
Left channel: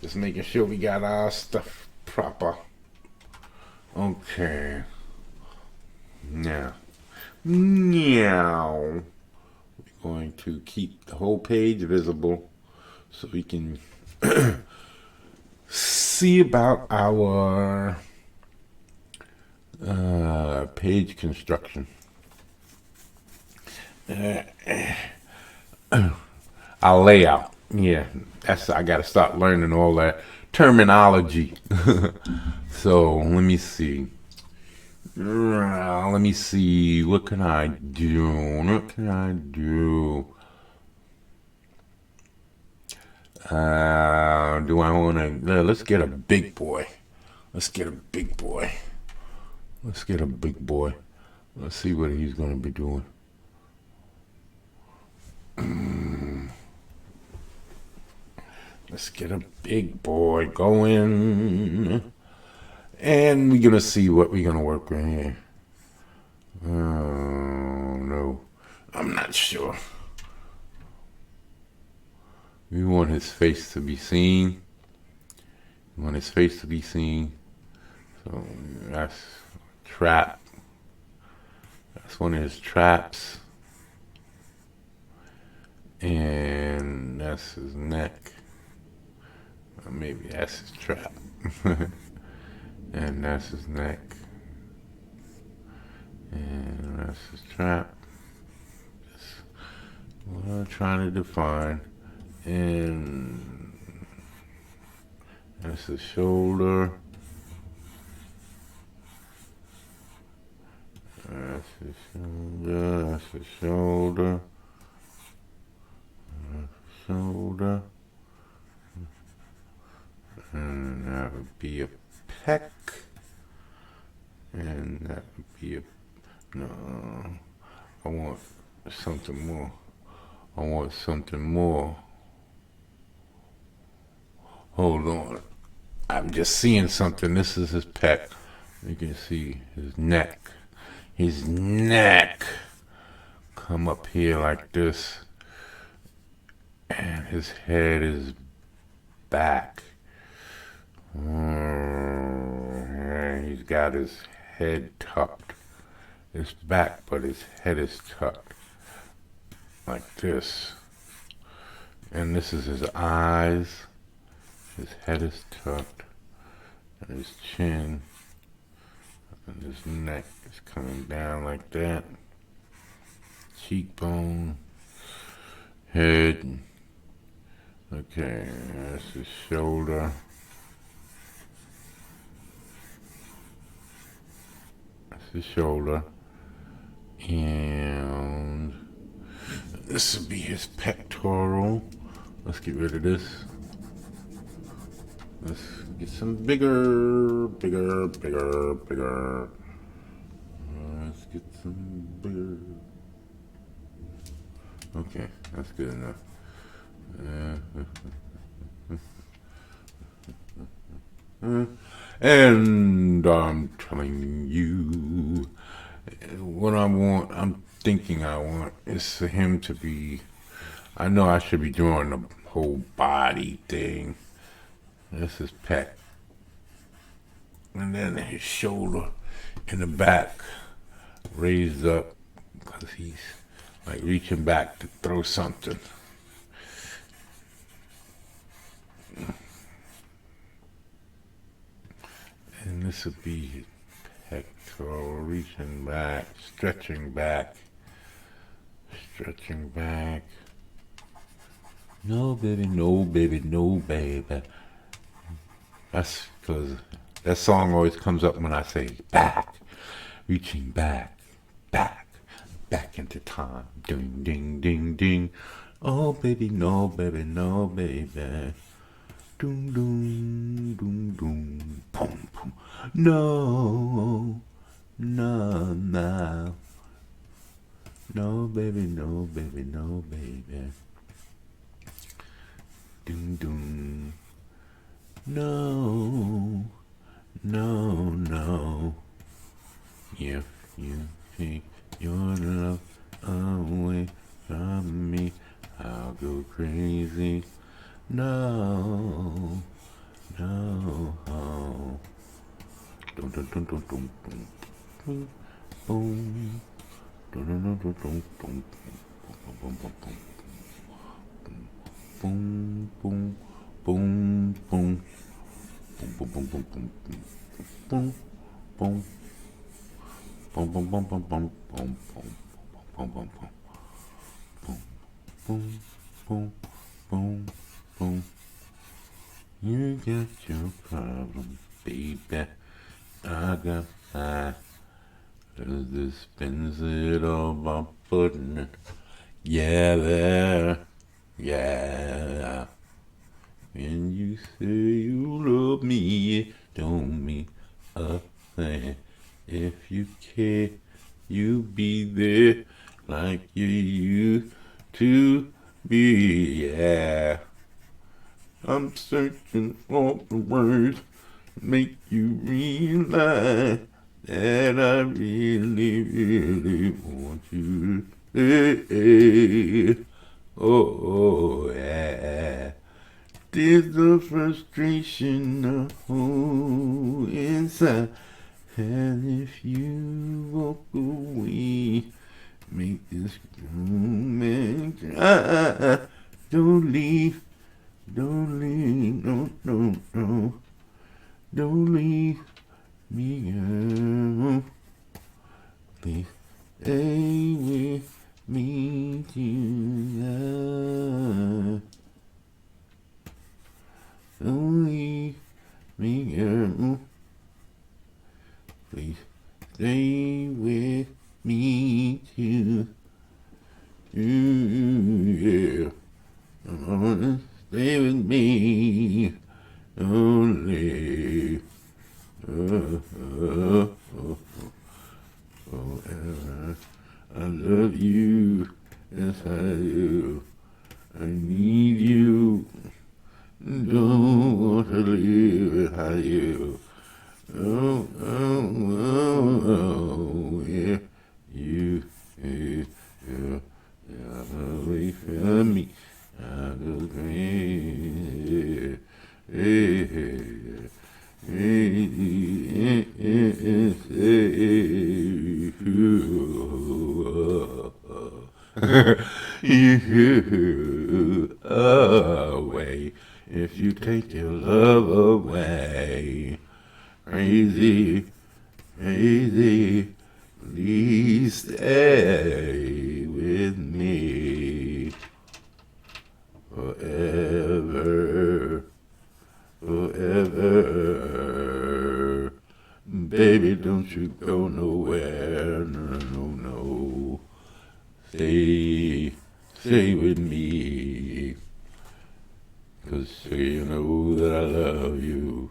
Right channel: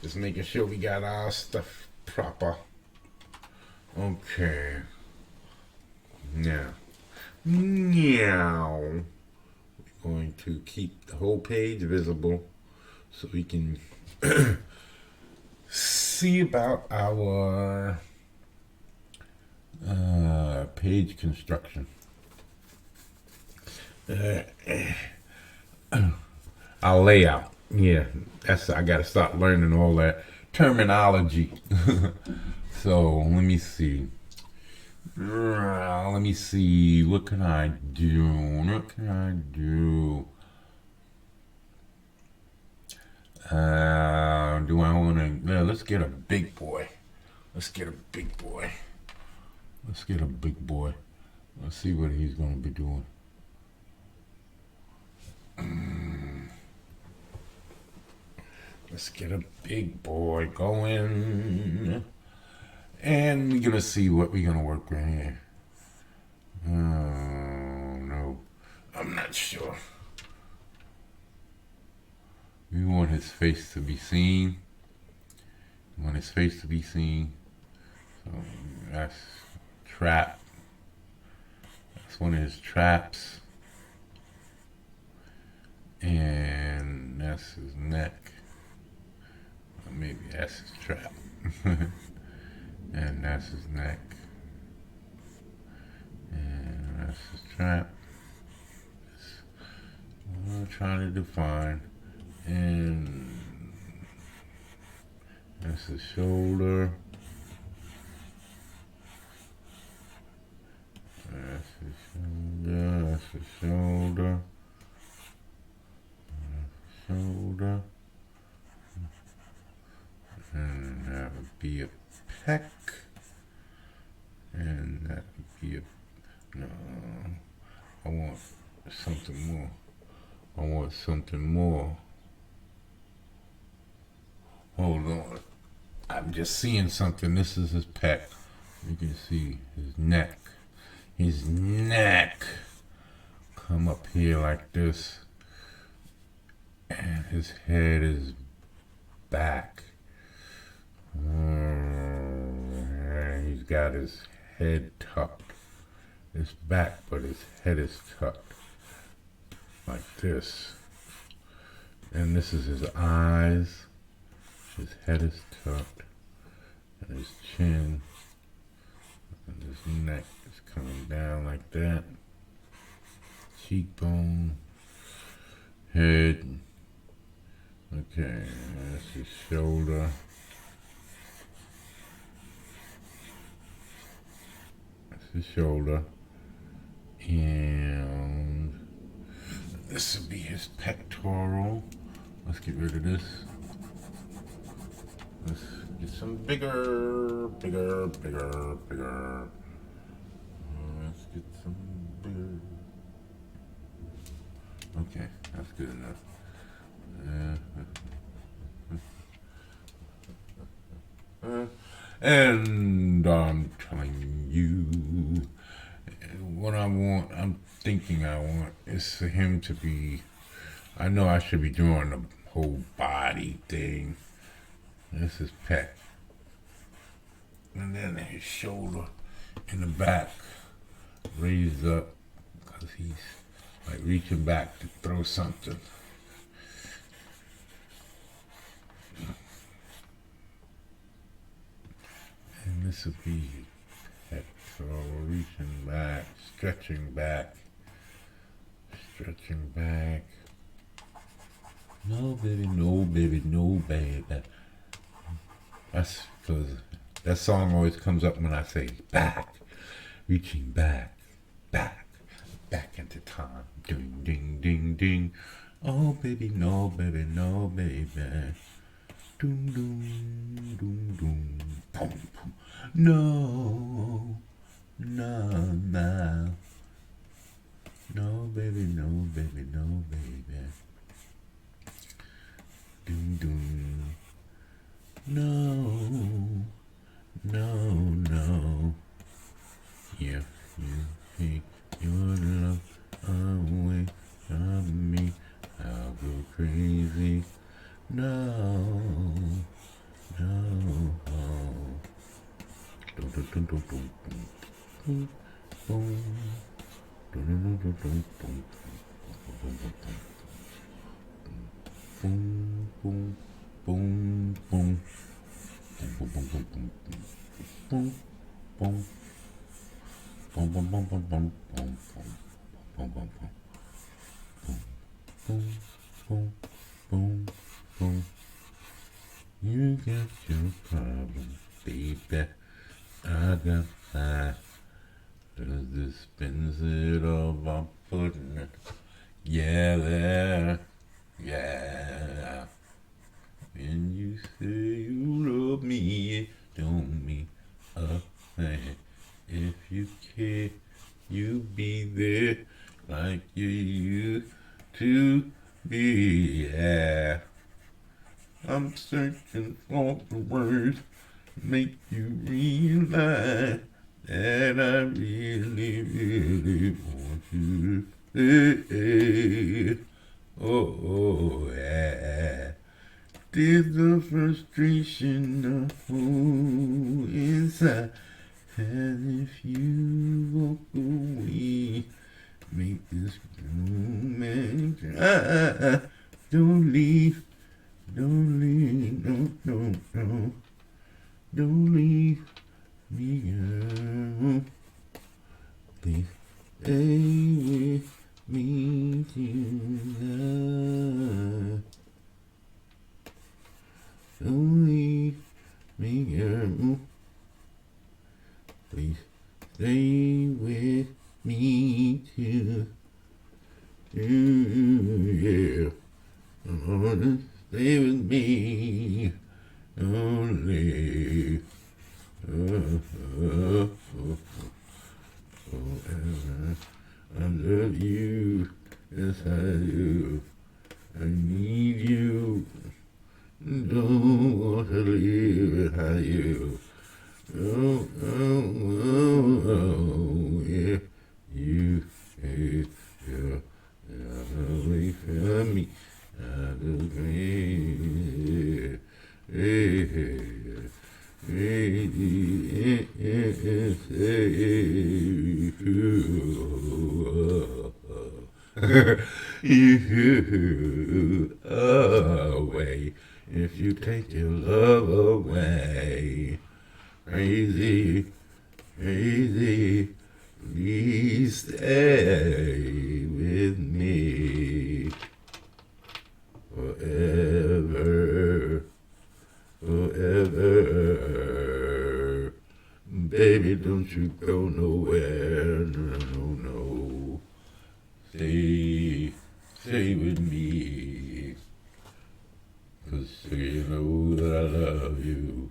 Just making sure we got our stuff proper. Okay. Now. Now. We're going to keep the whole page visible so we can see about our page construction. Our layout. Yeah, I gotta start learning all that terminology. So let me see. Let me see. What can I do? What can I do? Do I want to? Let's get a big boy. Let's get a big boy. Let's get a big boy. Let's see what he's going to be doing. Let's get a big boy going. And we're going to see what we're going to work with here. Oh, no. I'm not sure. We want his face to be seen. We want his face to be seen. So that's trap. That's one of his traps. And that's his neck. Or maybe that's his trap. And that's his neck. And that's his trap. That's what I'm trying to define. And that's his shoulder. That's his shoulder. That's his shoulder. Shoulder. And that would be a pec. And that would be a... No. I want something more. I want something more. Hold on. I'm just seeing something. This is his pec. You can see his neck. His neck. Come up here like this. And his head is back. And he's got his head tucked. It's back, but his head is tucked. Like this. And this is his eyes. His head is tucked. And his chin. And his neck is coming down like that. Cheekbone. Head. Okay, that's his shoulder. That's his shoulder. And this will be his pectoral. Let's get rid of this. Let's get some bigger. Let's get some bigger. Okay, that's good enough. And I'm telling you, what I want, I'm thinking I want, is for him to be, I know I should be drawing the whole body thing. This is pec. And then his shoulder in the back raised up because he's like reaching back to throw something. And this would be pectoral, reaching back, stretching back. No, baby, no, baby, no, baby. That's because that song always comes up when I say back, reaching back, back into time. Ding, ding, ding, ding. Oh, baby, no, baby, no, baby. Doom, doom, doom, doom. Boom, boom. No, no. No, baby, no, baby, no, baby. Doom, doom. No, No, no. If you take your love away from me, I'll go crazy. No, no. Dum, dum, dum, dum, dum, dum. Boom. Dum, dum, dum, dum, dum, dum. Boom, boom, boom, boom. Boom, boom, boom, boom, boom, boom. Boom, boom, boom, boom, boom, boom, boom, boom, boom, boom, boom, boom, boom. You got your problem, baby. I got mine. Cause this spins it all by putting it. Yeah, there. Yeah. When you say you love me, it don't mean a thing. If you care, you be there like you used to be. Yeah. I'm searching for the words to make you realize that I really, really want you to stay. Oh, yeah. There's the frustration I hold inside. As if you walk away, make this moment. Don't leave, don't leave, no, no, no. Don't leave me alone. Please stay with me tonight. Don't leave me alone. Please stay with me too. Yeah. Stay with me. Don't leave. I love you. Yes, I do. I need you. Don't want to live without you. Oh, oh, oh, oh, yeah. You, yeah, yeah, yeah, wait for me. I go crazy. You away if you take your love away. Crazy, crazy, please stay with me forever, forever. Baby, don't you go nowhere, no, no, no. Stay, stay with me, 'cause you know that I love you.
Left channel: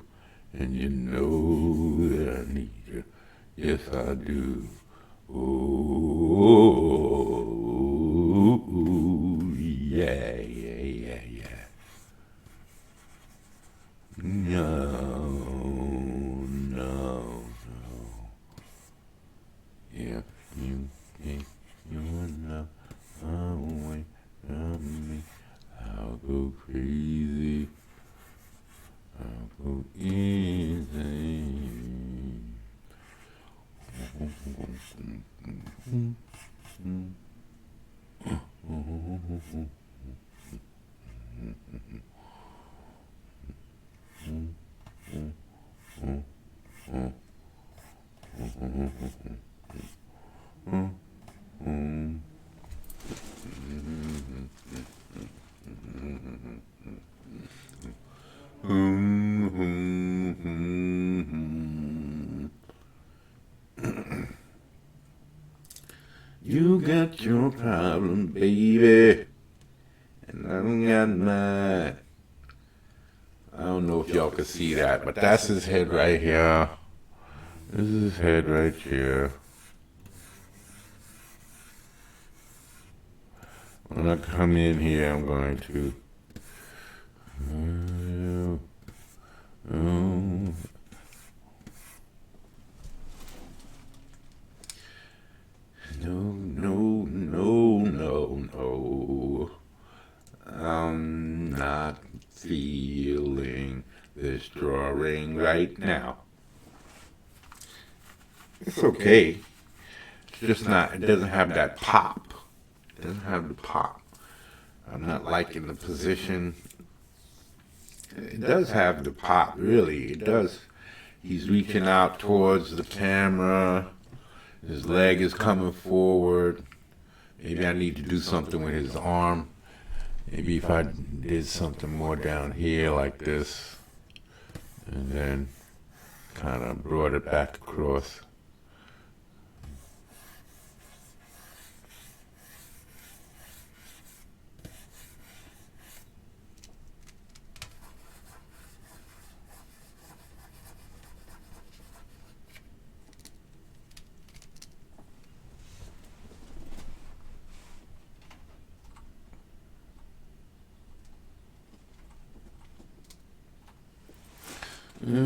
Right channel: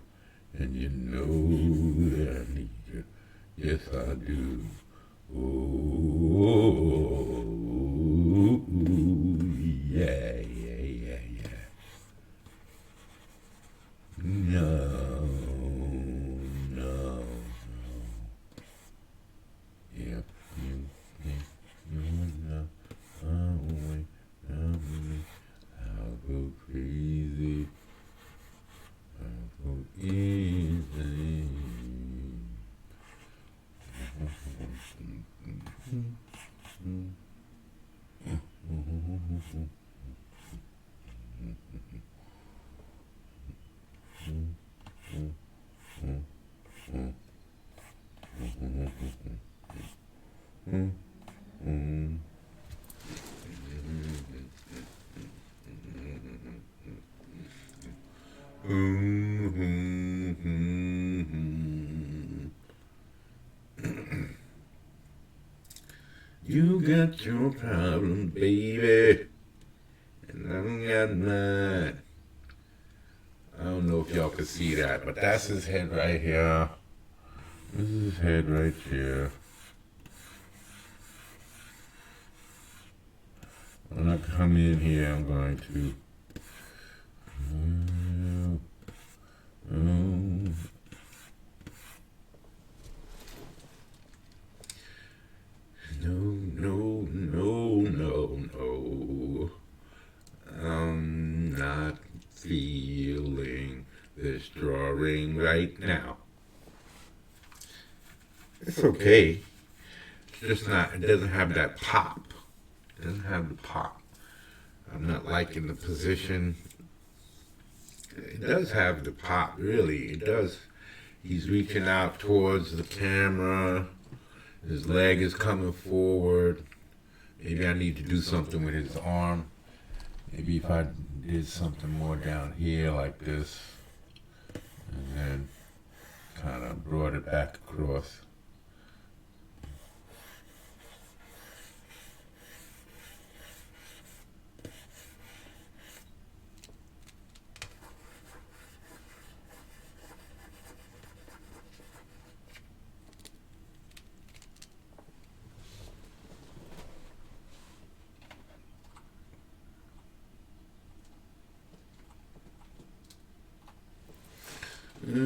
And you know that I need you. Yes, I do. Oh, yeah, yeah, yeah, yeah. No, no, no. Yeah, yeah, you're not away from me. I'll go crazy. I'll go insane. You got your problem, baby, and I don't got mine. I don't know if y'all can see that, but that's his head right here. This is his head right here. When I come in here, I'm going to. okay. It's just not, it doesn't have that pop. It doesn't have the pop. I'm not liking the position. It does have the pop, really. It does. He's reaching out towards the camera. His leg is coming forward. Maybe I need to do something with his arm. Maybe if I did something more down here like this, and then kind of brought it back across.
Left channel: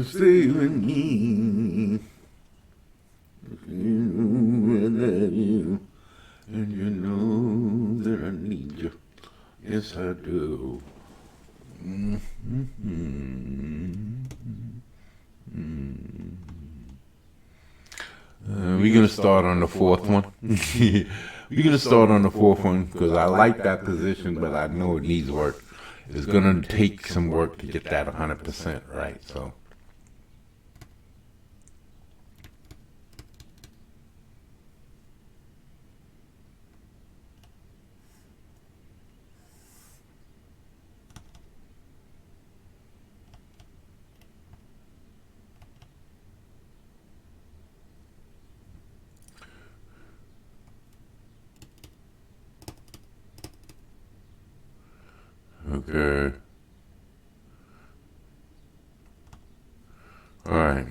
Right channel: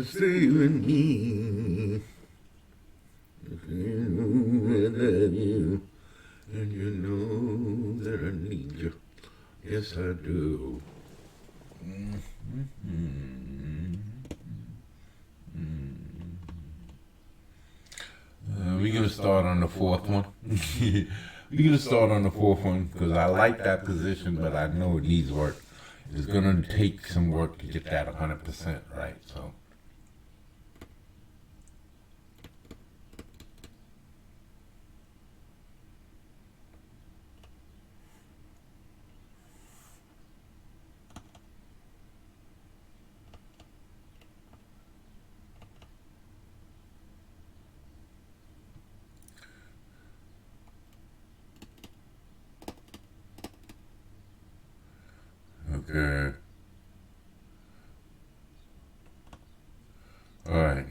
Stay with me. You know I love you, and you know that I need you. Yes, I do. We're gonna start on the fourth one. We're gonna start on the fourth one because I like that position, but I know it needs work. It's gonna take some work to get that 100% right. So. Okay. All right.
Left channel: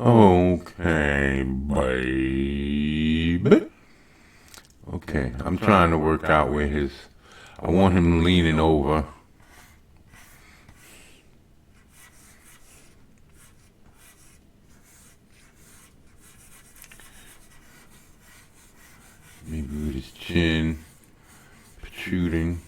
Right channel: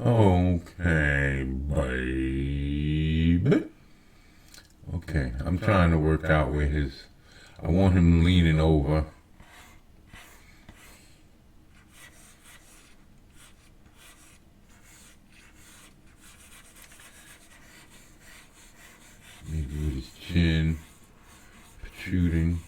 Okay, baby. Okay, I'm trying to work out where his. I want him leaning over. Maybe with his chin protruding.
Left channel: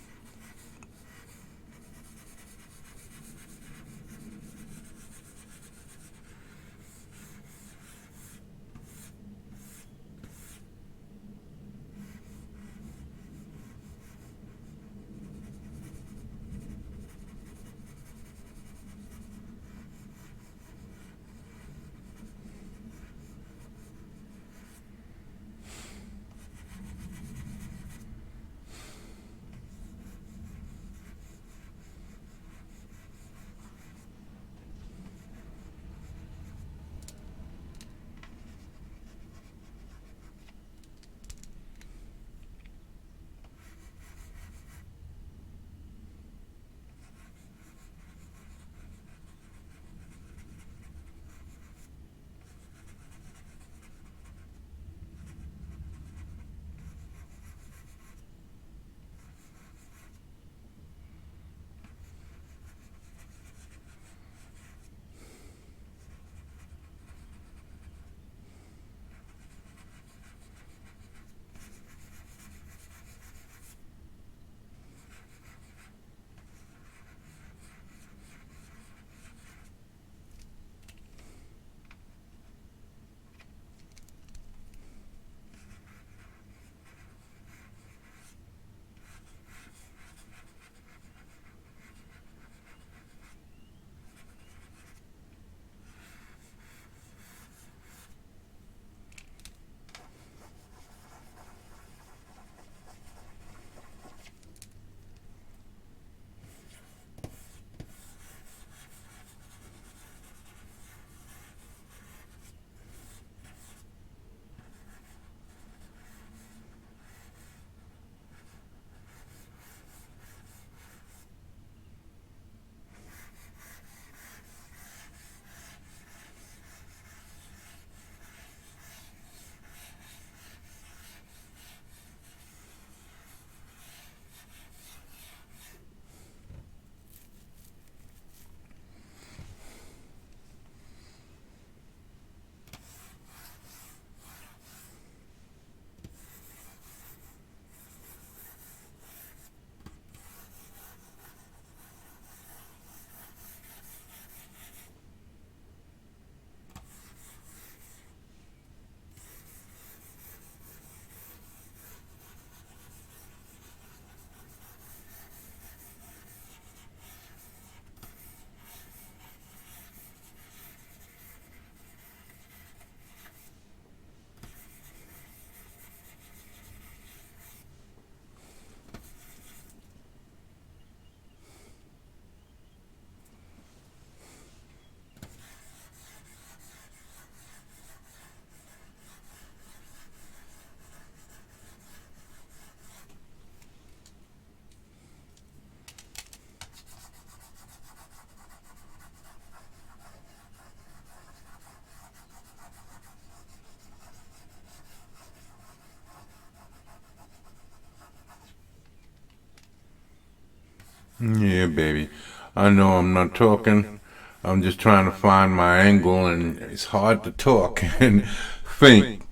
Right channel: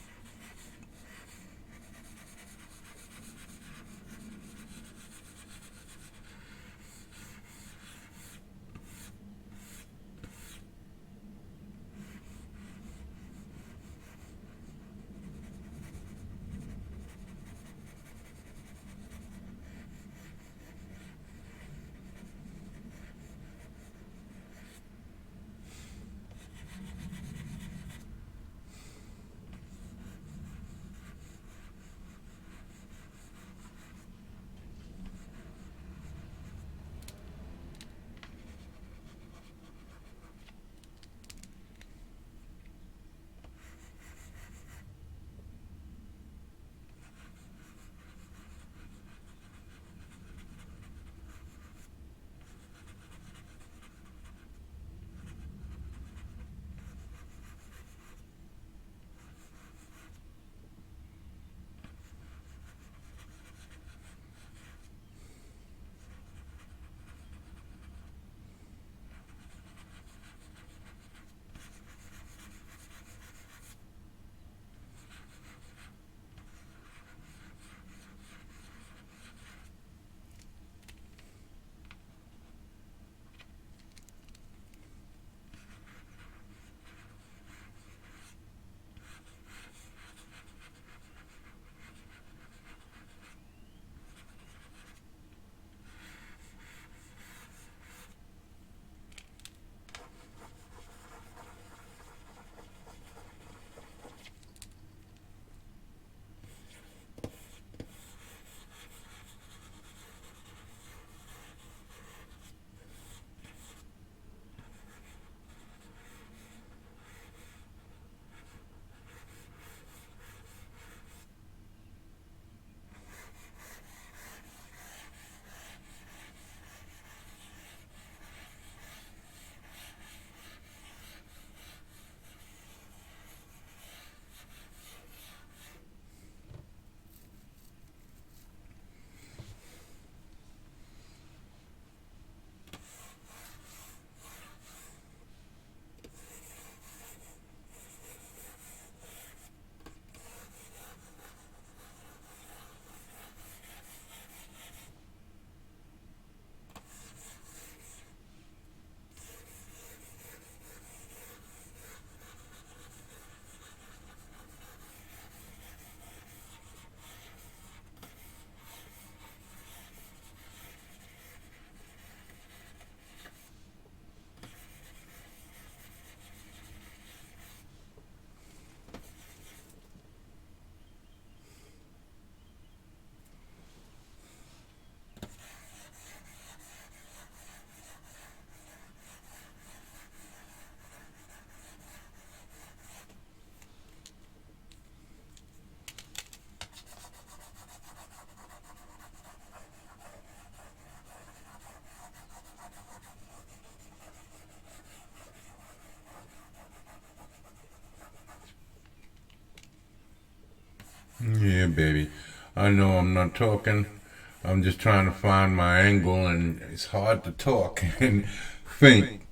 I know I'm not talking. I'm just trying to find my angle, and it's hard to talk and think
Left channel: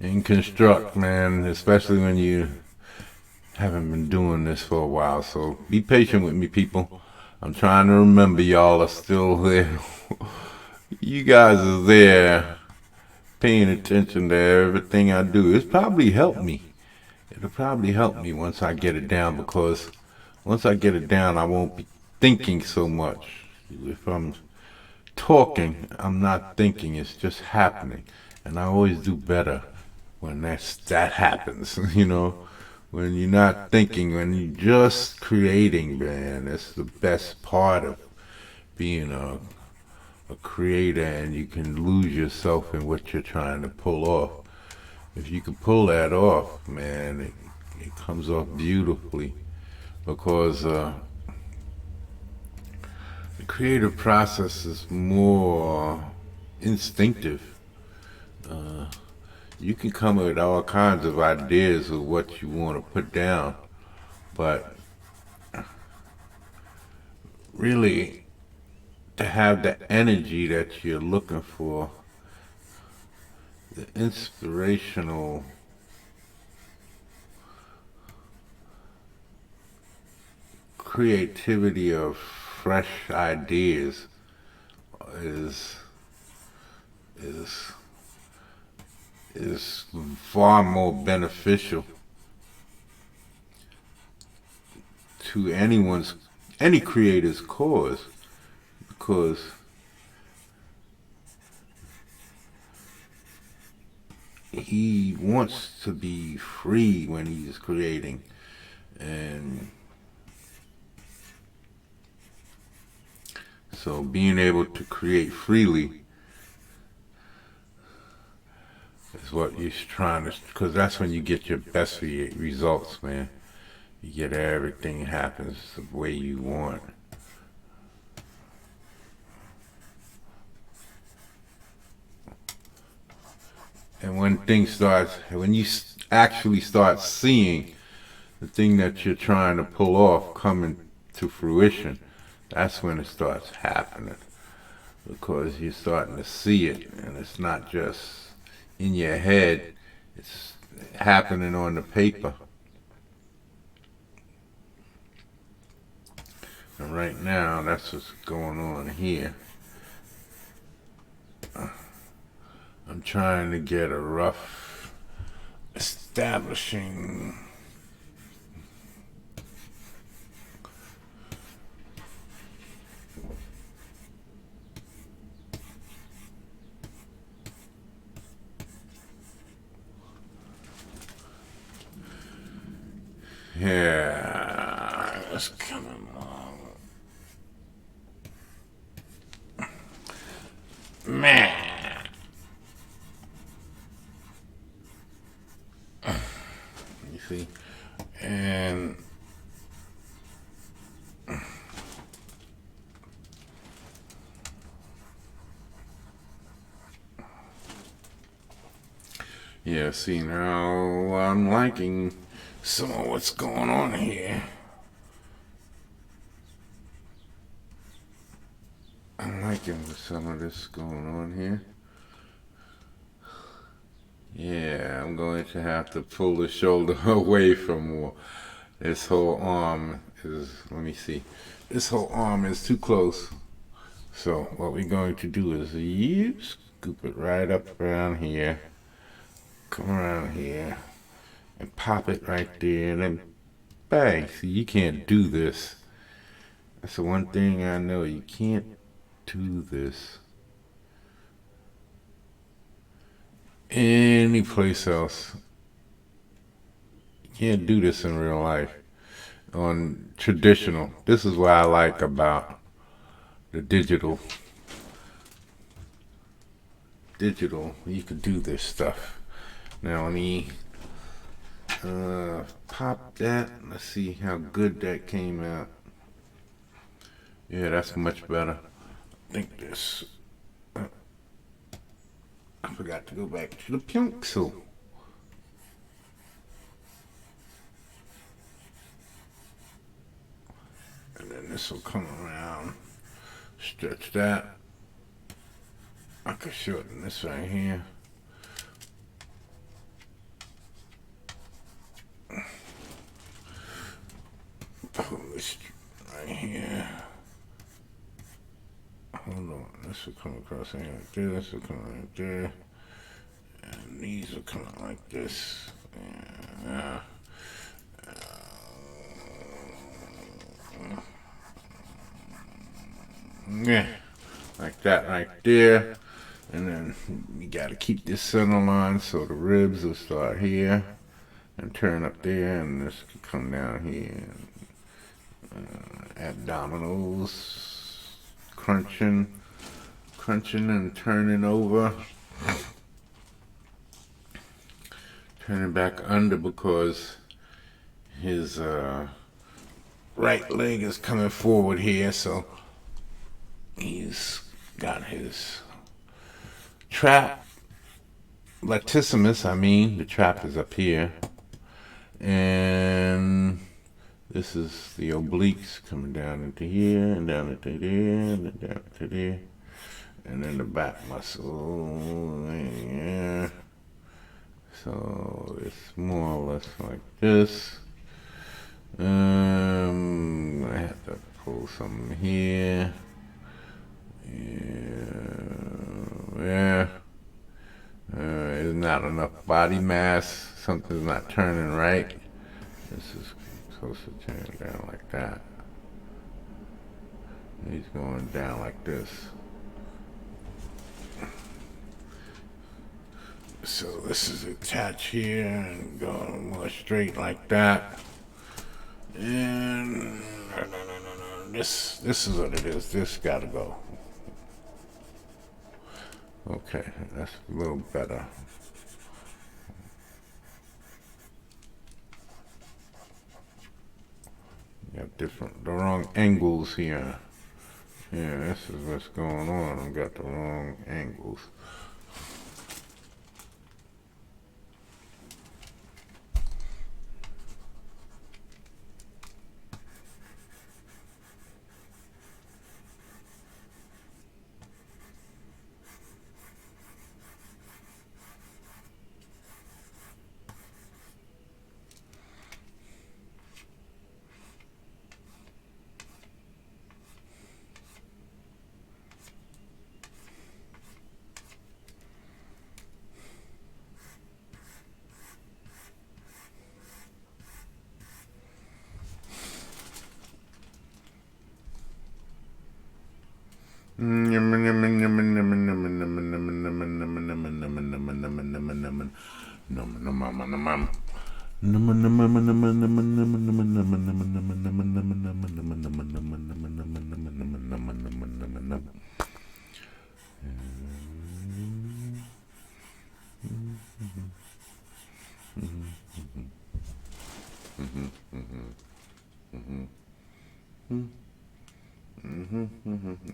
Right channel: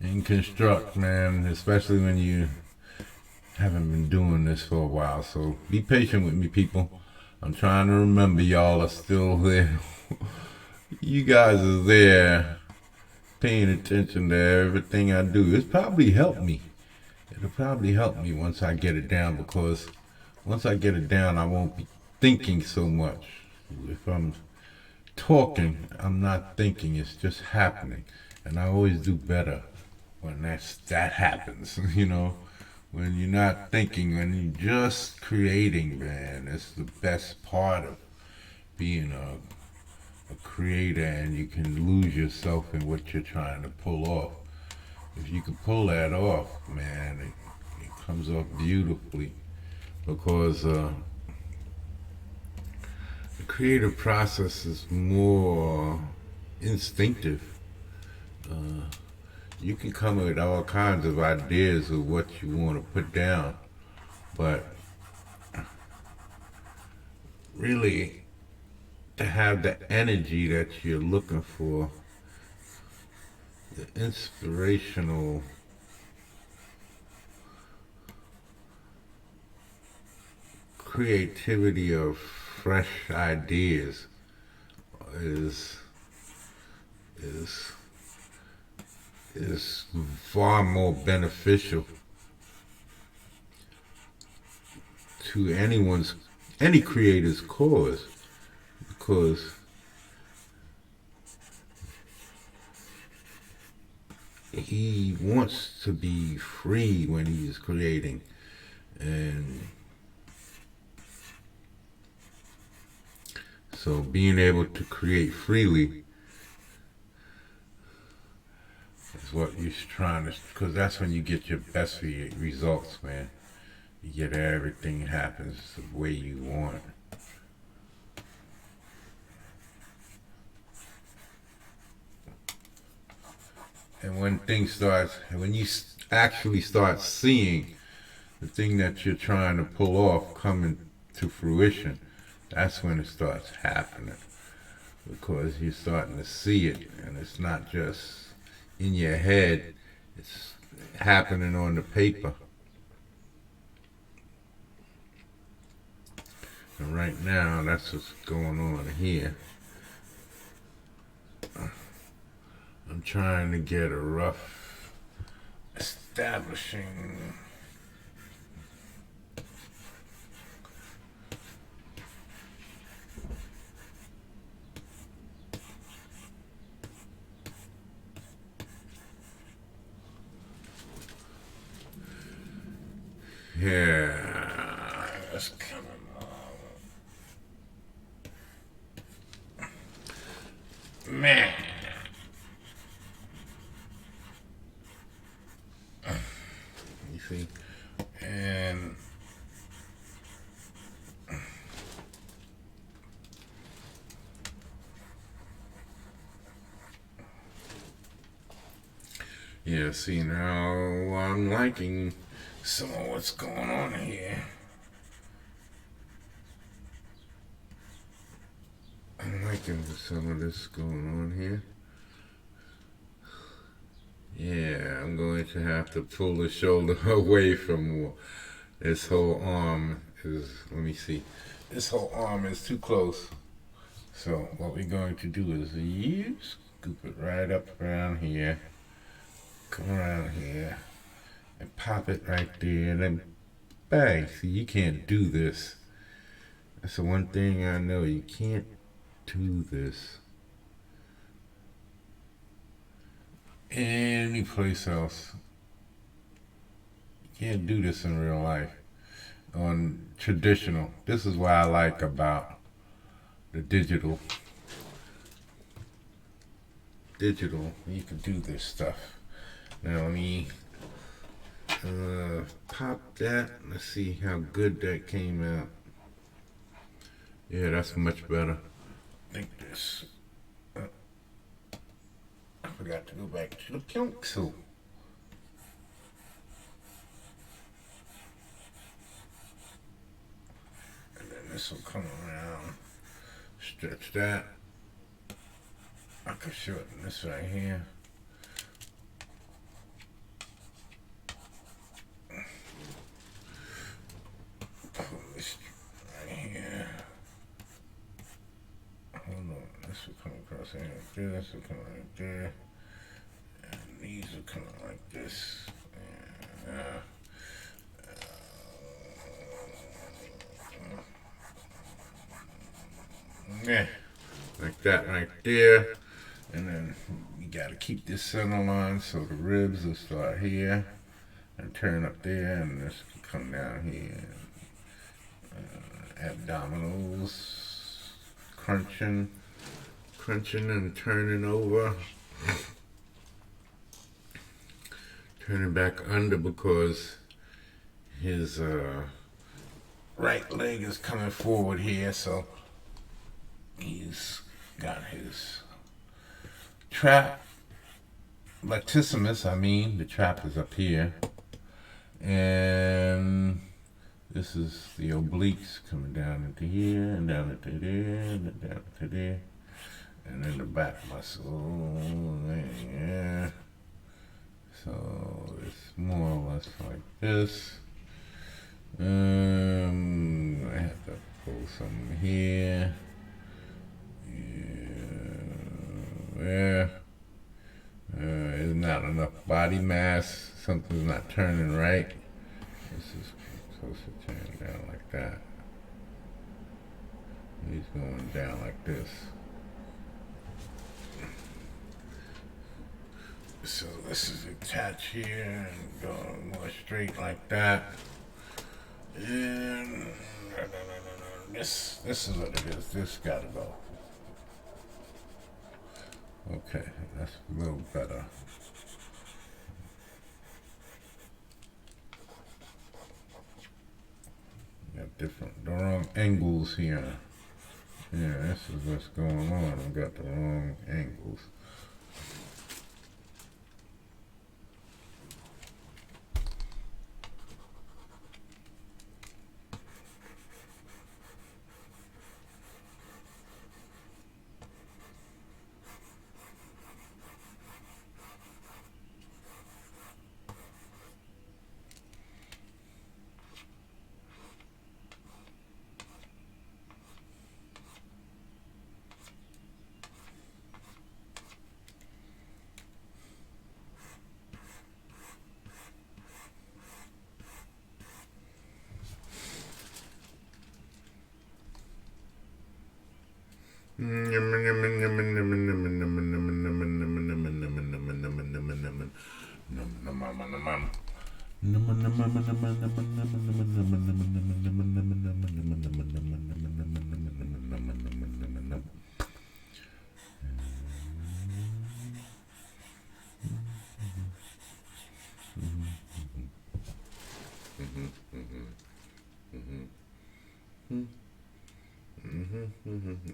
and construct, man, especially when you haven't been doing this for a while. So be patient with me, people. I'm trying to remember y'all are still there. You guys are there paying attention to everything I do. It's probably helped me. It'll probably help me once I get it down, because once I get it down, I won't be thinking so much. If I'm talking, I'm not thinking, it's just happening. And I always do better when that happens, you know. When you're not thinking, when you're just creating, man, that's the best part of being a creator, and you can lose yourself in what you're trying to pull off. If you can pull that off, man, it comes off beautifully, because the creative process is more instinctive. You can come up with all kinds of ideas of what you want to put down, but really, to have the energy that you're looking for, the inspirational creativity of fresh ideas is is is far more beneficial to any creator's cause, because he wants to be free when he's creating, and so being able to create freely is what he's trying to, because that's when you get your best results, man. You get everything happens the way you want. And when you actually start seeing the thing that you're trying to pull off coming to fruition, that's when it starts happening. Because you're starting to see it, and it's not just in your head, it's happening on the paper. And right now, that's what's going on here. I'm trying to get a rough establishing yeah, that's coming along. Man. You see? And yeah, see, now I'm liking some of what's going on here. I'm liking some of this going on here. Yeah, I'm going to have to pull the shoulder away from this whole arm. Let me see. This whole arm is too close. So what we're going to do is scoop it right up around here. Come around here and pop it right there, and then bang. See, you can't do this. That's the one thing I know. You can't do this any place else. You can't do this in real life. On traditional. This is what I like about the digital. Digital, you can do this stuff. Now let me pop that. Let's see how good that came out. Yeah, that's much better. I think this. I forgot to go back to the pencil. And then this will come around. stretch that. I could shorten this right here. Pull this right here. Hold on, this will come across here like this, this will come right there. And these will come out like this. Yeah, like that right there. And then you gotta keep this center line so the ribs will start here and turn up there, and this can come down here. Abdominals, crunching and turning over. Turning back under because his right leg is coming forward here, so he's got his trap latissimus, the trap is up here, and this is the obliques coming down into here and down into there and down into there, and then the back muscle, yeah. So it's more or less like this. I have to pull something here. Yeah. There's not enough body mass. Something's not turning right. This is supposed to turn down like that. He's going down like this. So this is attached here and going more straight like that. And this is what it is. This gotta go. Okay, that's a little better. Got the wrong angles here. Yeah, this is what's going on. I got the wrong angles.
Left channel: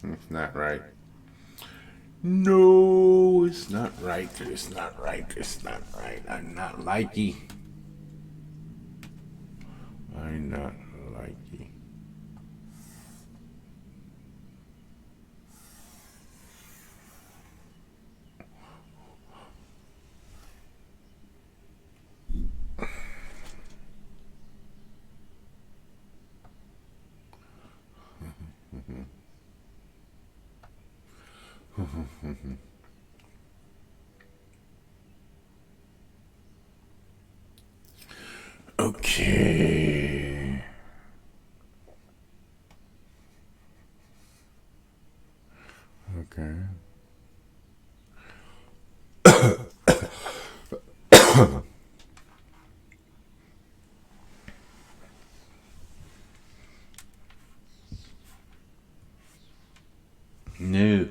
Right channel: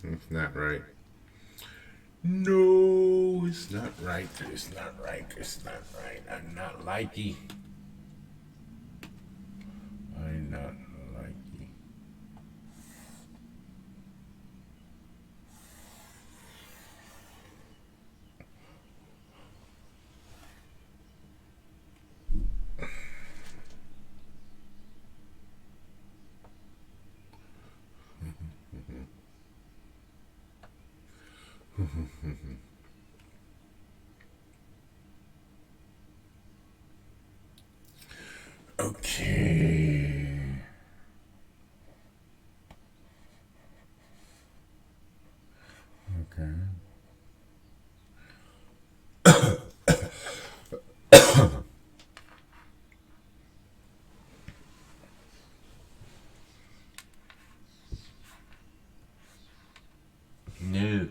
It's not right. No, it's not right. It's not right. It's not right. I'm not likey. I'm not likey. Okay. Okay. No.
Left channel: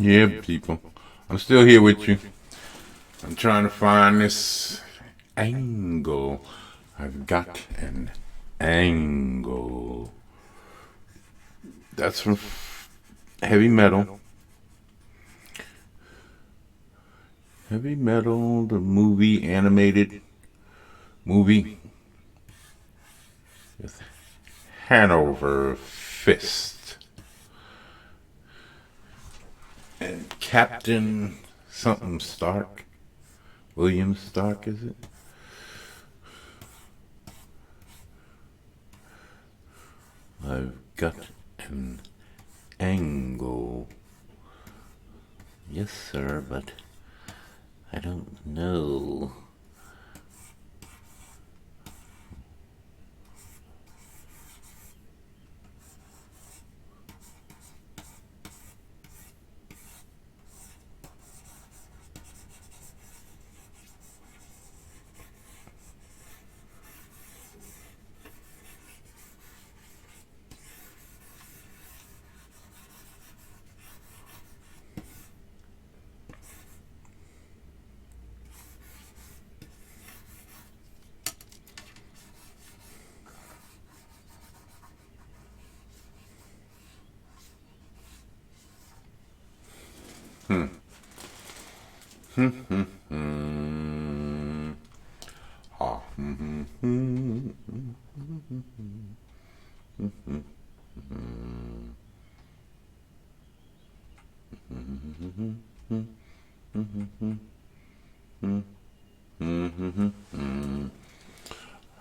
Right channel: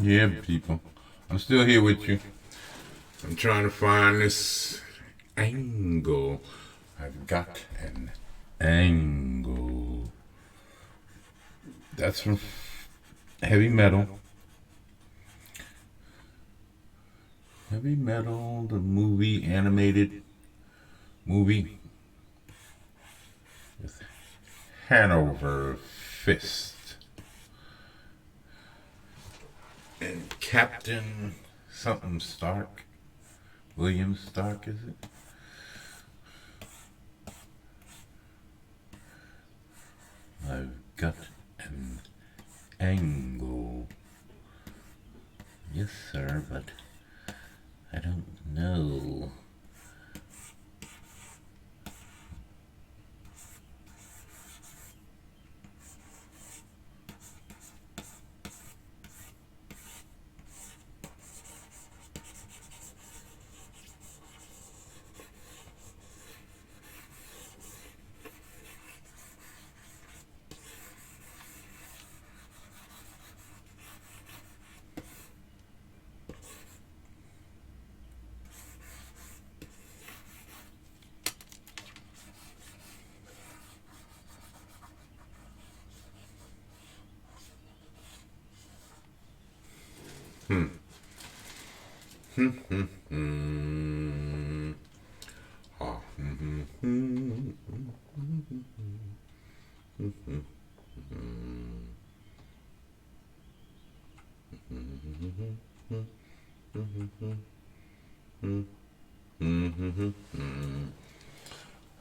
Yeah, people. I'm still here with you. I'm trying to find this angle. I've got an angle. That's from heavy metal. Heavy metal, the movie, animated movie with Hanover Fist. And Captain something Stark. William Stark, is it? I've got an angle. Yes, sir, but I don't know.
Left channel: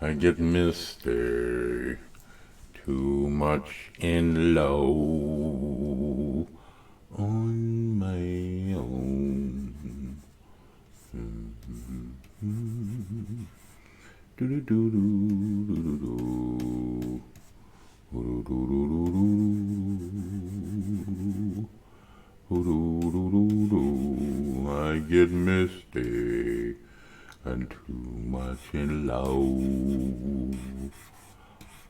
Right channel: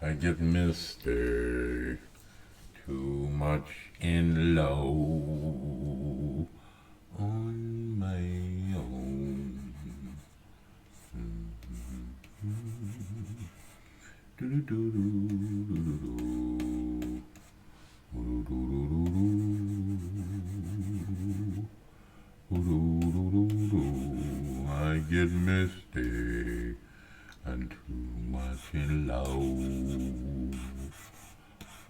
I get Mr. Too much in love on my own. I get misty and too much in love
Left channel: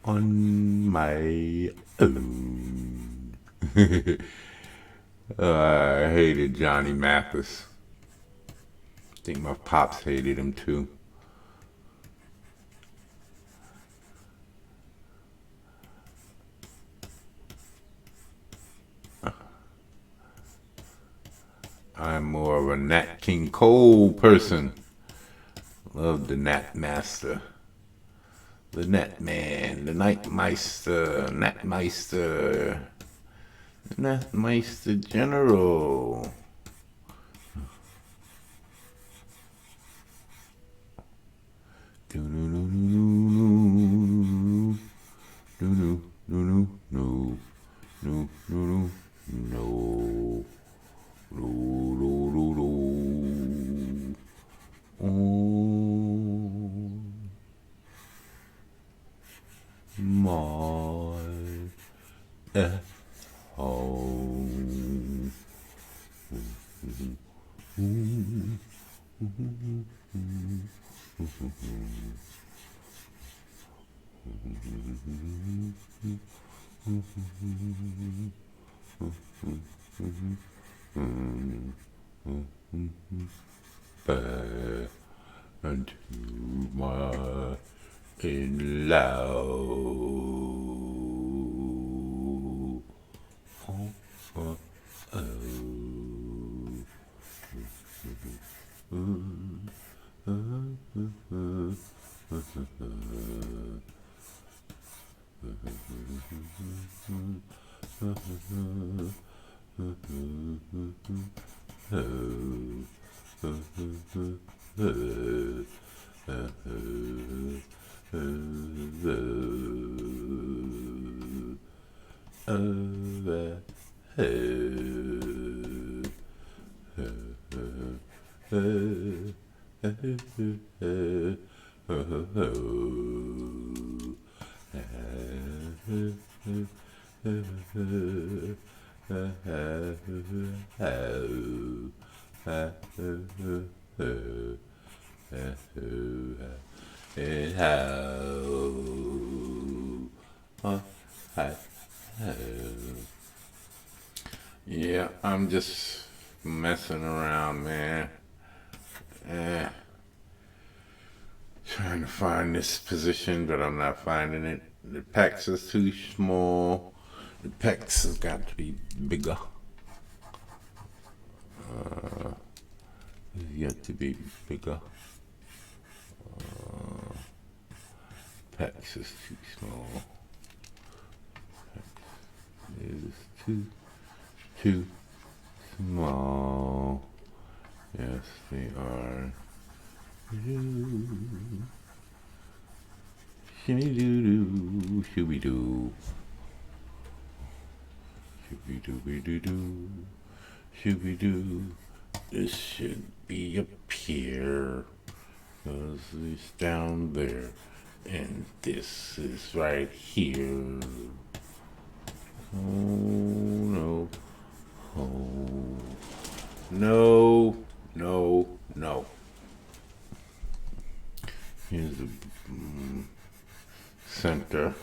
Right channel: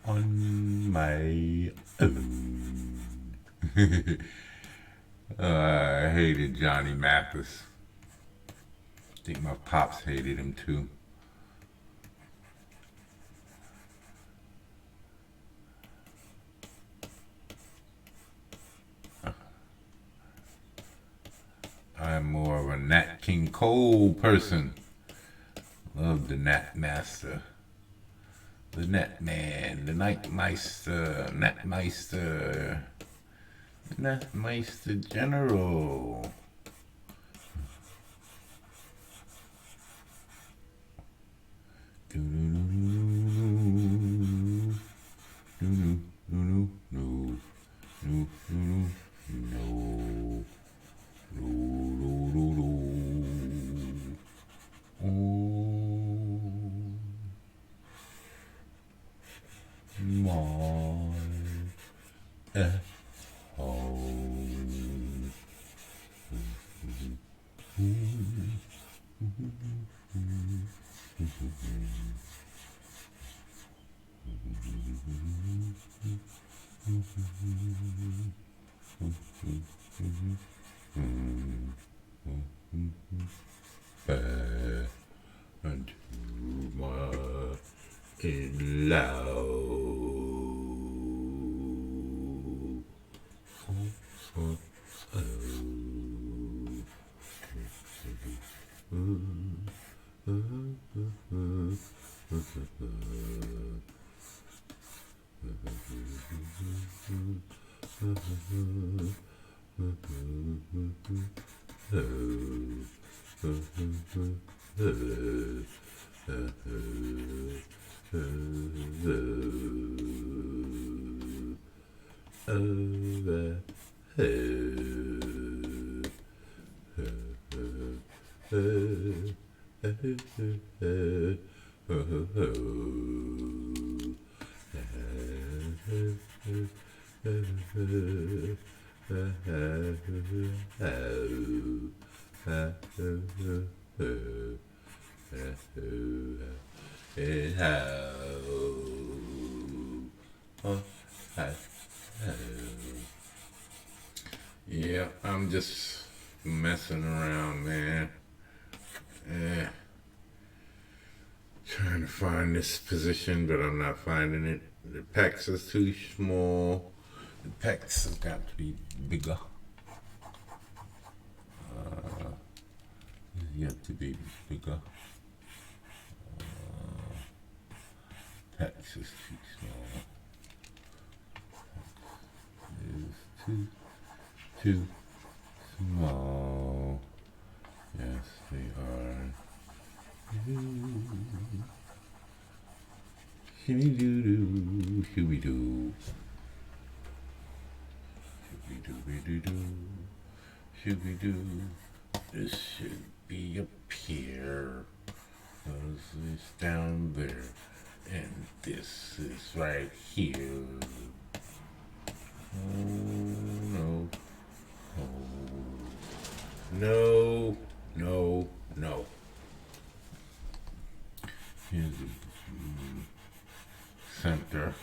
on my own. I hated Johnny Mathis. I think my pops hated him too. I'm more of a Nat King Cole person. Love the Nat Master. The Nat Man, the Nightmeister, Natmeister, Natmeister General. And too much in love. Yeah, I'm just find this position, but I'm not finding it. The pecs is too small. The pecs has got to be bigger. Yet to be bigger. Pecs is too small. It's too small. Yes, they are. Shooby-doo-doo, shooby-doo. Shooby-doo-be-doo-doo, shooby-doo. This should be up here. This is down there. And this is right here. Oh, no. Oh. No, no, no. Here's the center.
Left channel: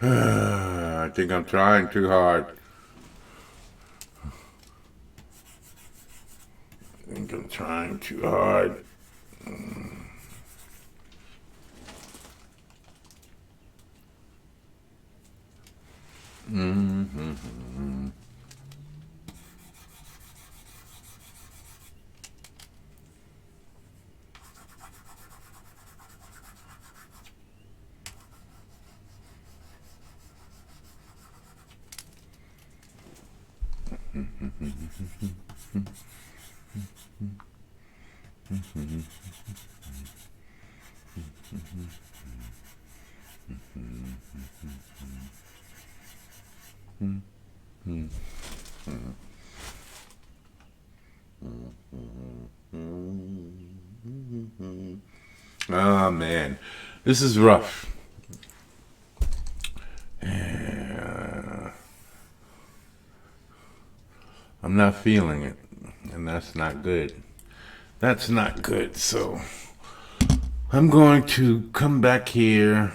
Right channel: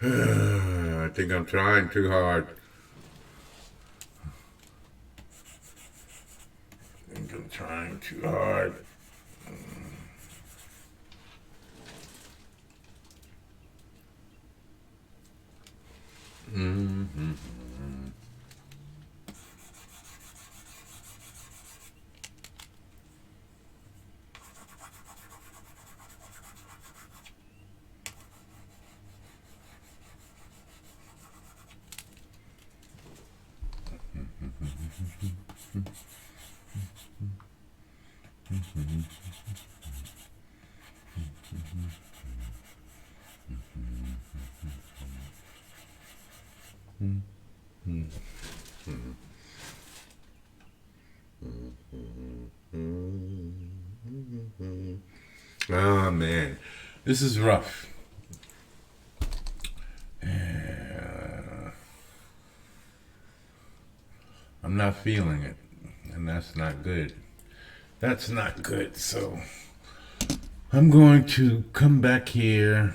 I think I'm trying too hard. I think I'm trying too hard. Mm-hmm. Oh man, this is rough. I'm not feeling it, and that's not good. That's not good, so I'm going to come back here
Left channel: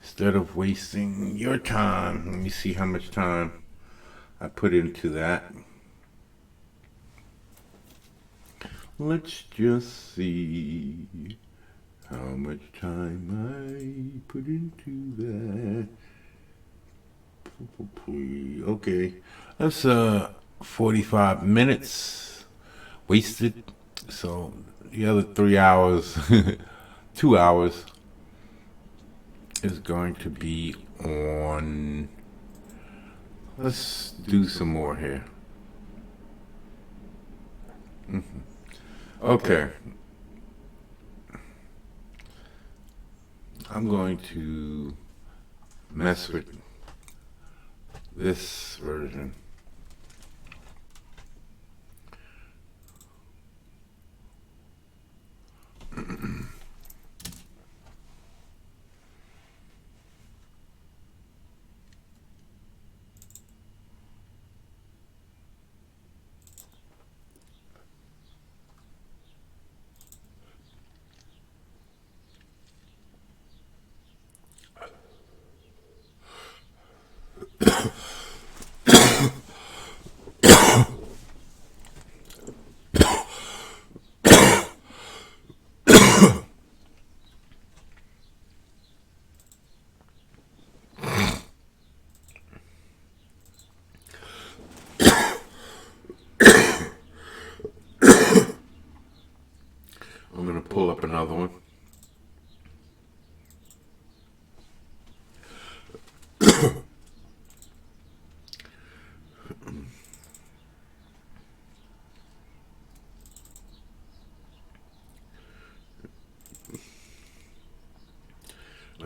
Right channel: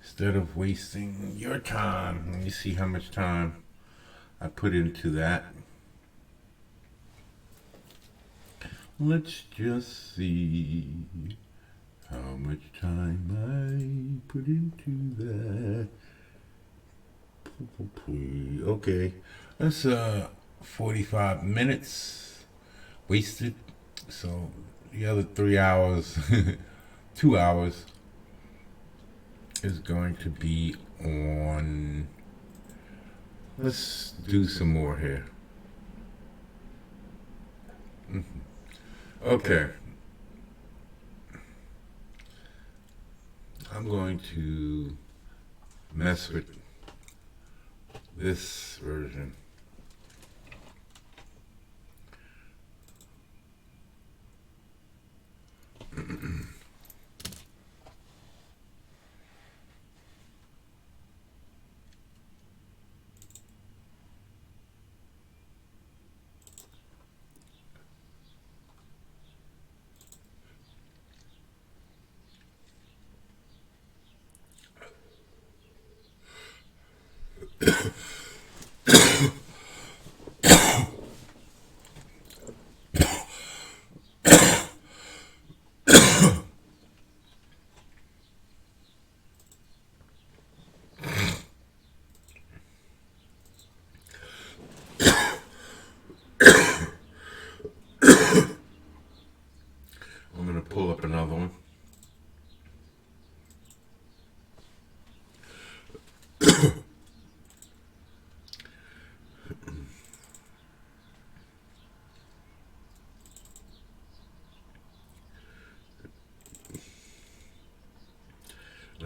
instead of wasting your time. Let me see how much time I put into that. Let's just see how much time I put into that. Okay, that's 45 minutes wasted. So the other 3 hours, 2 hours is going to be on. Let's do some more here. Okay. I'm going to mess with this version. I'm going to pull up another one.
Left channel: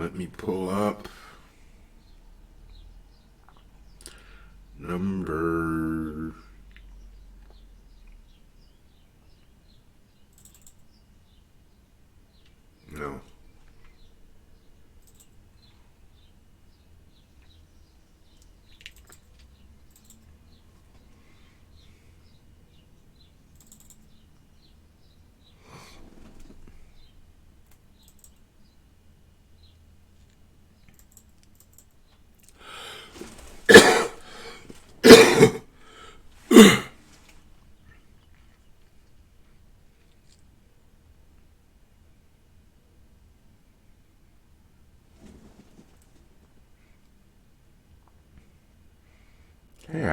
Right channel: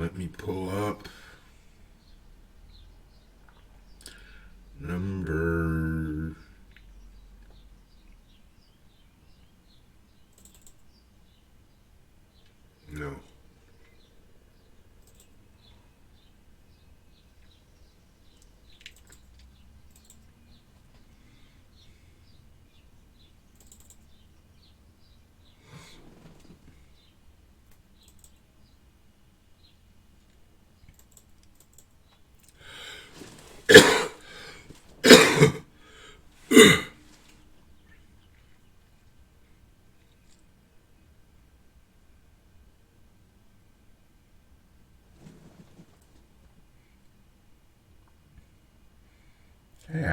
Let me pull up number. No.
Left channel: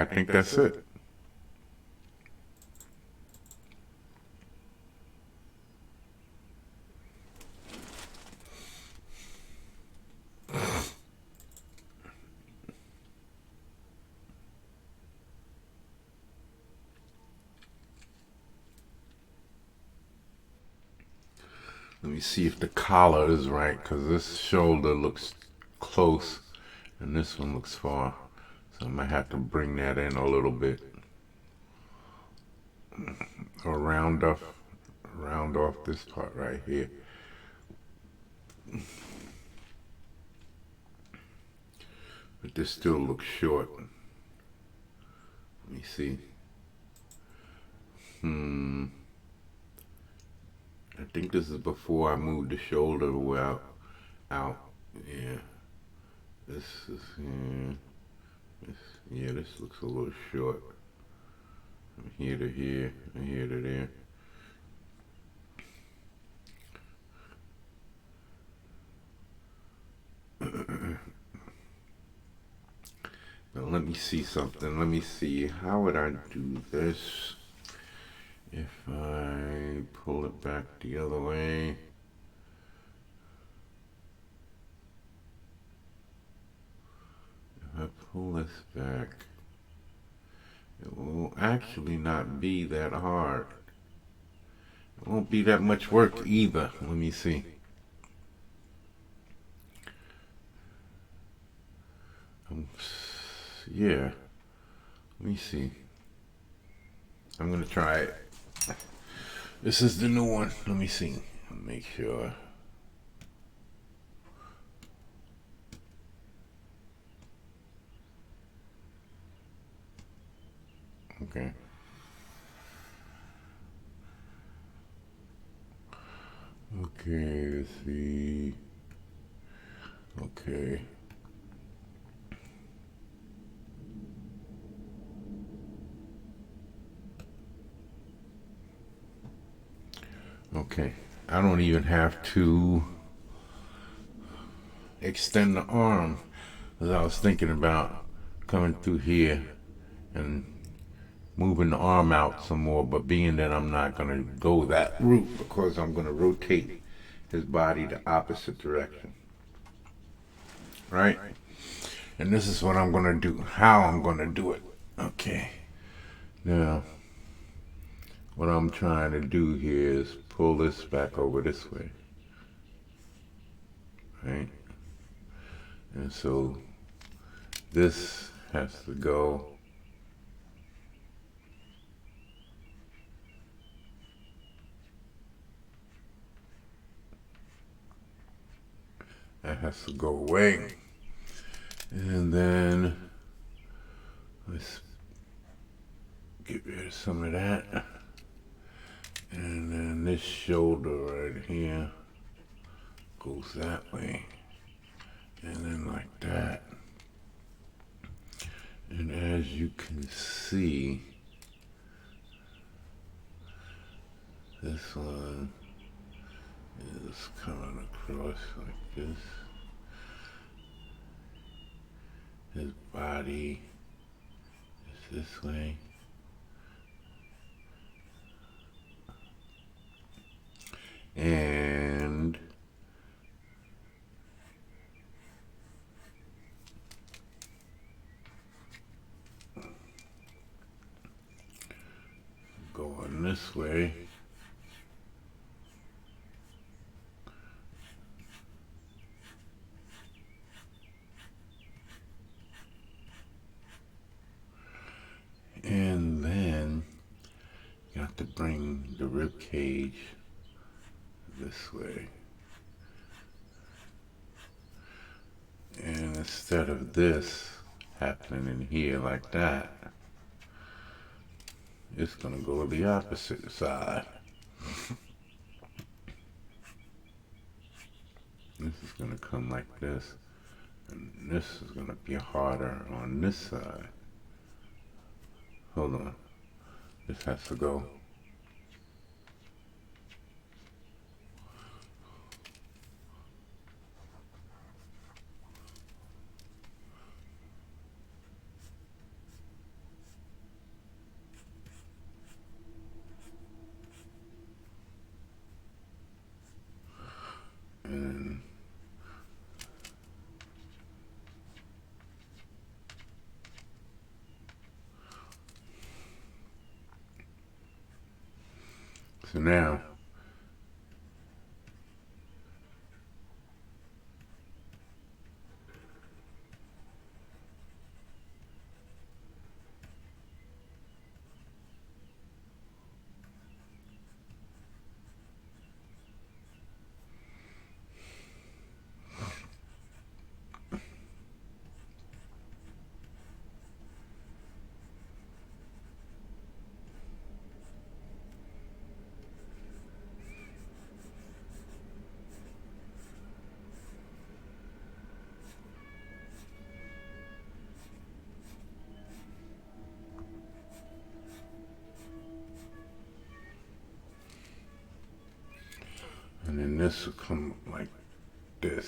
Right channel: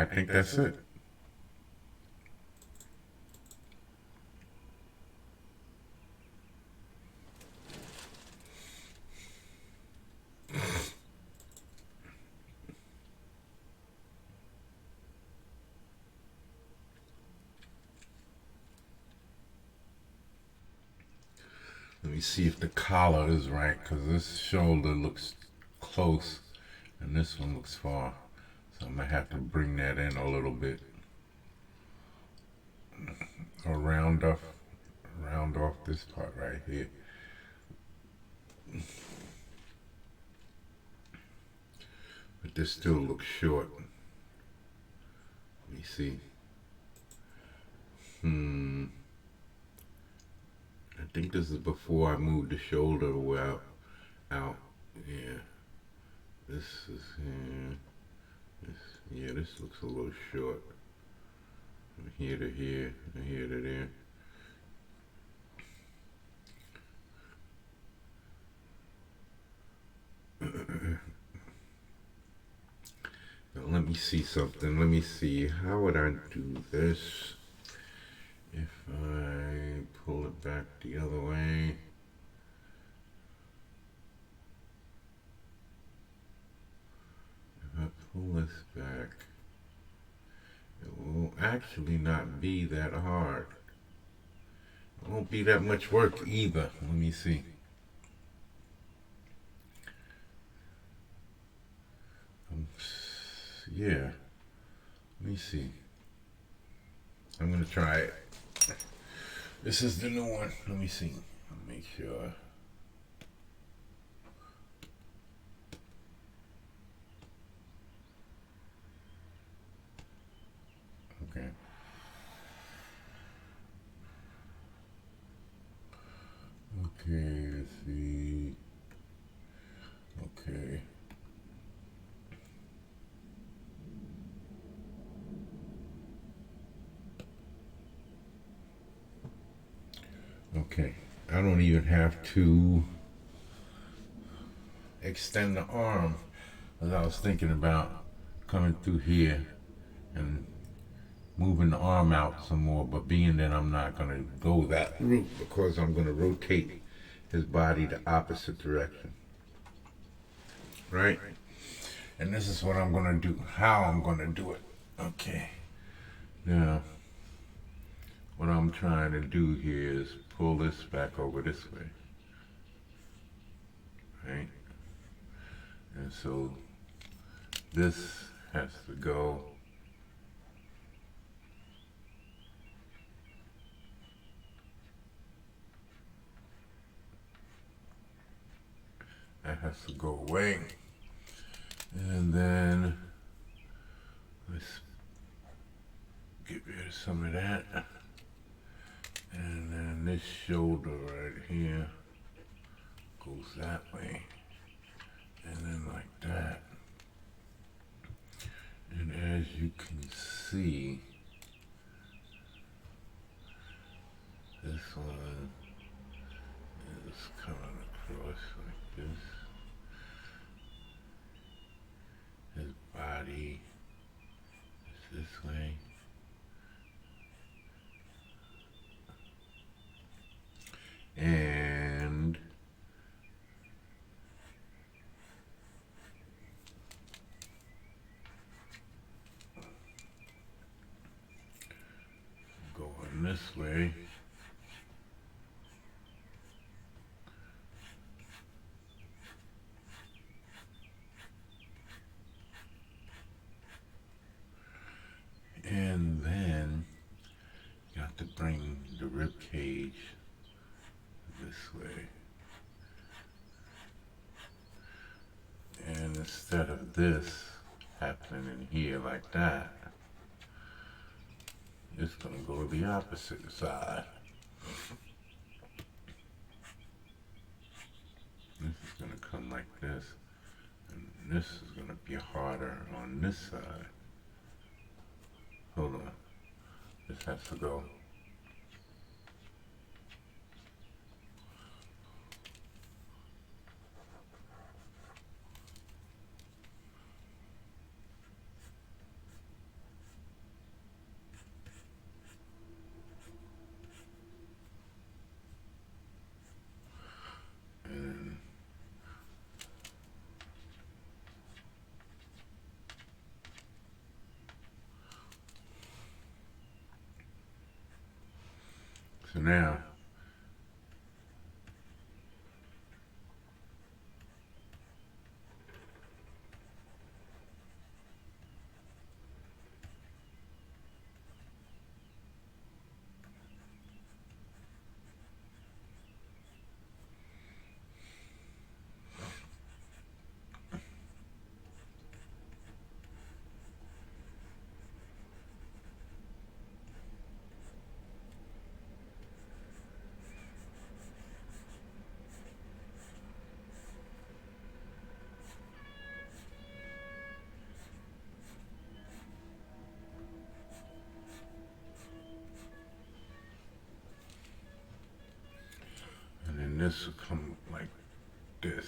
I think that's it. Let me see if the collar is right, because this shoulder looks close and this one looks far. So I might have to bring that in a little bit. Or round off this part right here. But this still looks short. Let me see. I think this is before I moved the shoulder well out. Yeah. This is this looks a little short. From here to here, and here to there. Now let me see something. Let me see. How would I do this if I pull it back the other way? If I pull this back, it will actually not be that hard. It won't be that much work either. Let me see. Yeah. Let me see. I'm gonna try it. This is the new one. Let me see. Make sure. Okay. Okay, let's see. Okay. Okay. I don't even have to extend the arm, as I was thinking about coming through here and moving the arm out some more, but being that I'm not going to go that route because I'm going to rotate his body the opposite direction. Right? And this is what I'm going to do, how I'm going to do it. Okay. Now, what I'm trying to do here is pull this back over this way. Right? And so this has to go that has to go away. And then let's get rid of some of that. And then this shoulder right here goes that way. And then like that. And as you can see, this one is coming across like this. His body is this way. And going this way. And then you have to bring the rib cage this way. And instead of this happening in here like that, it's gonna go the opposite side. This is gonna come like this, and this is gonna be harder on this side. Hold on, this has to go. So now, and then this will come like this.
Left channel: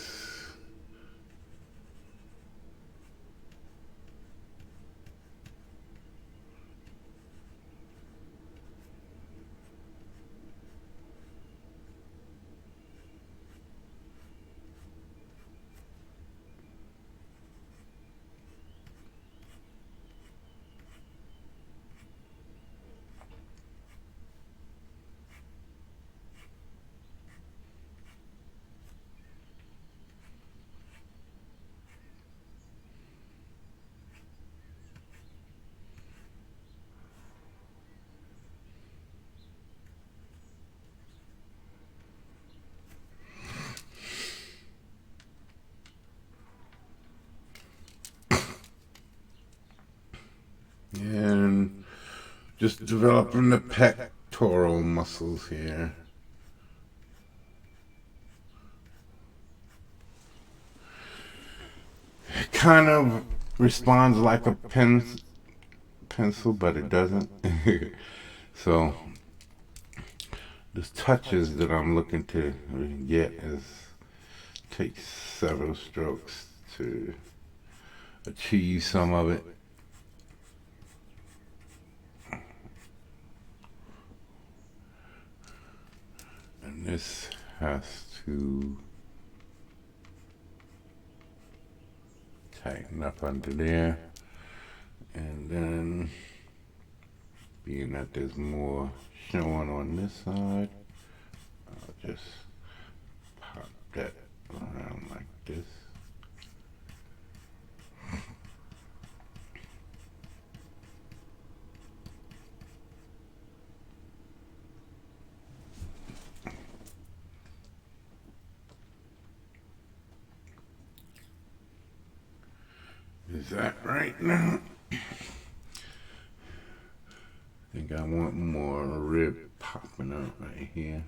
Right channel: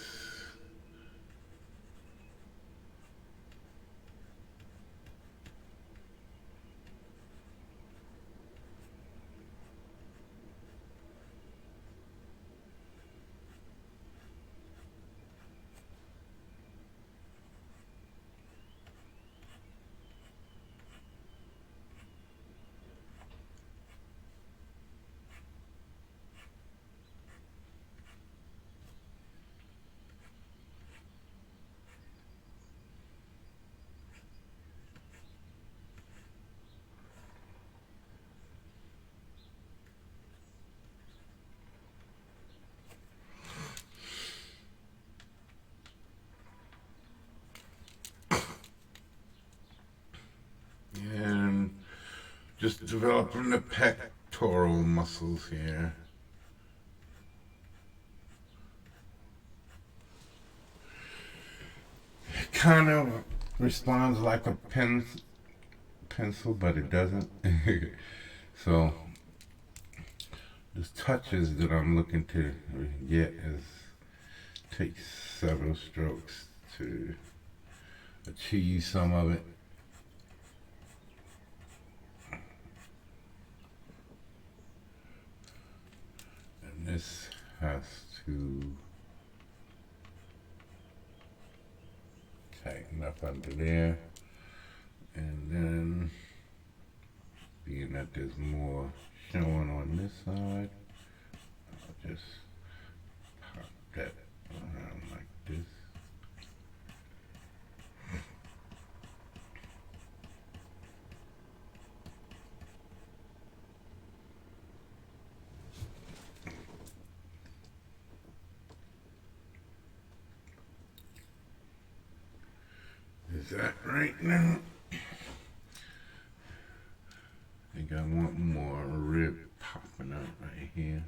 And just developing the pectoral muscles here. It kind of responds like a pencil, but it doesn't. So the touches that I'm looking to get is take several strokes to achieve some of it. And this has to tighten up under there. And then, being that there's more showing on this side, I'll just pop that around like this. Is that right now? I think I want more rib popping up right here.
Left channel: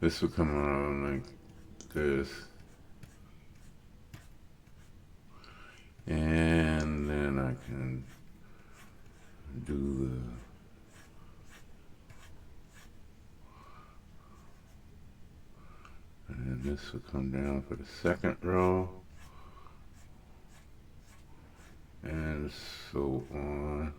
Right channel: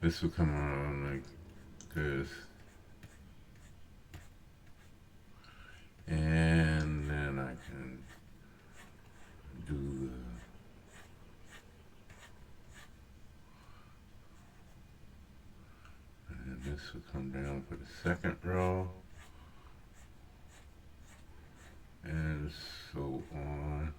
This will come around like this. And then I can do and then this will come down for the second row. And so on.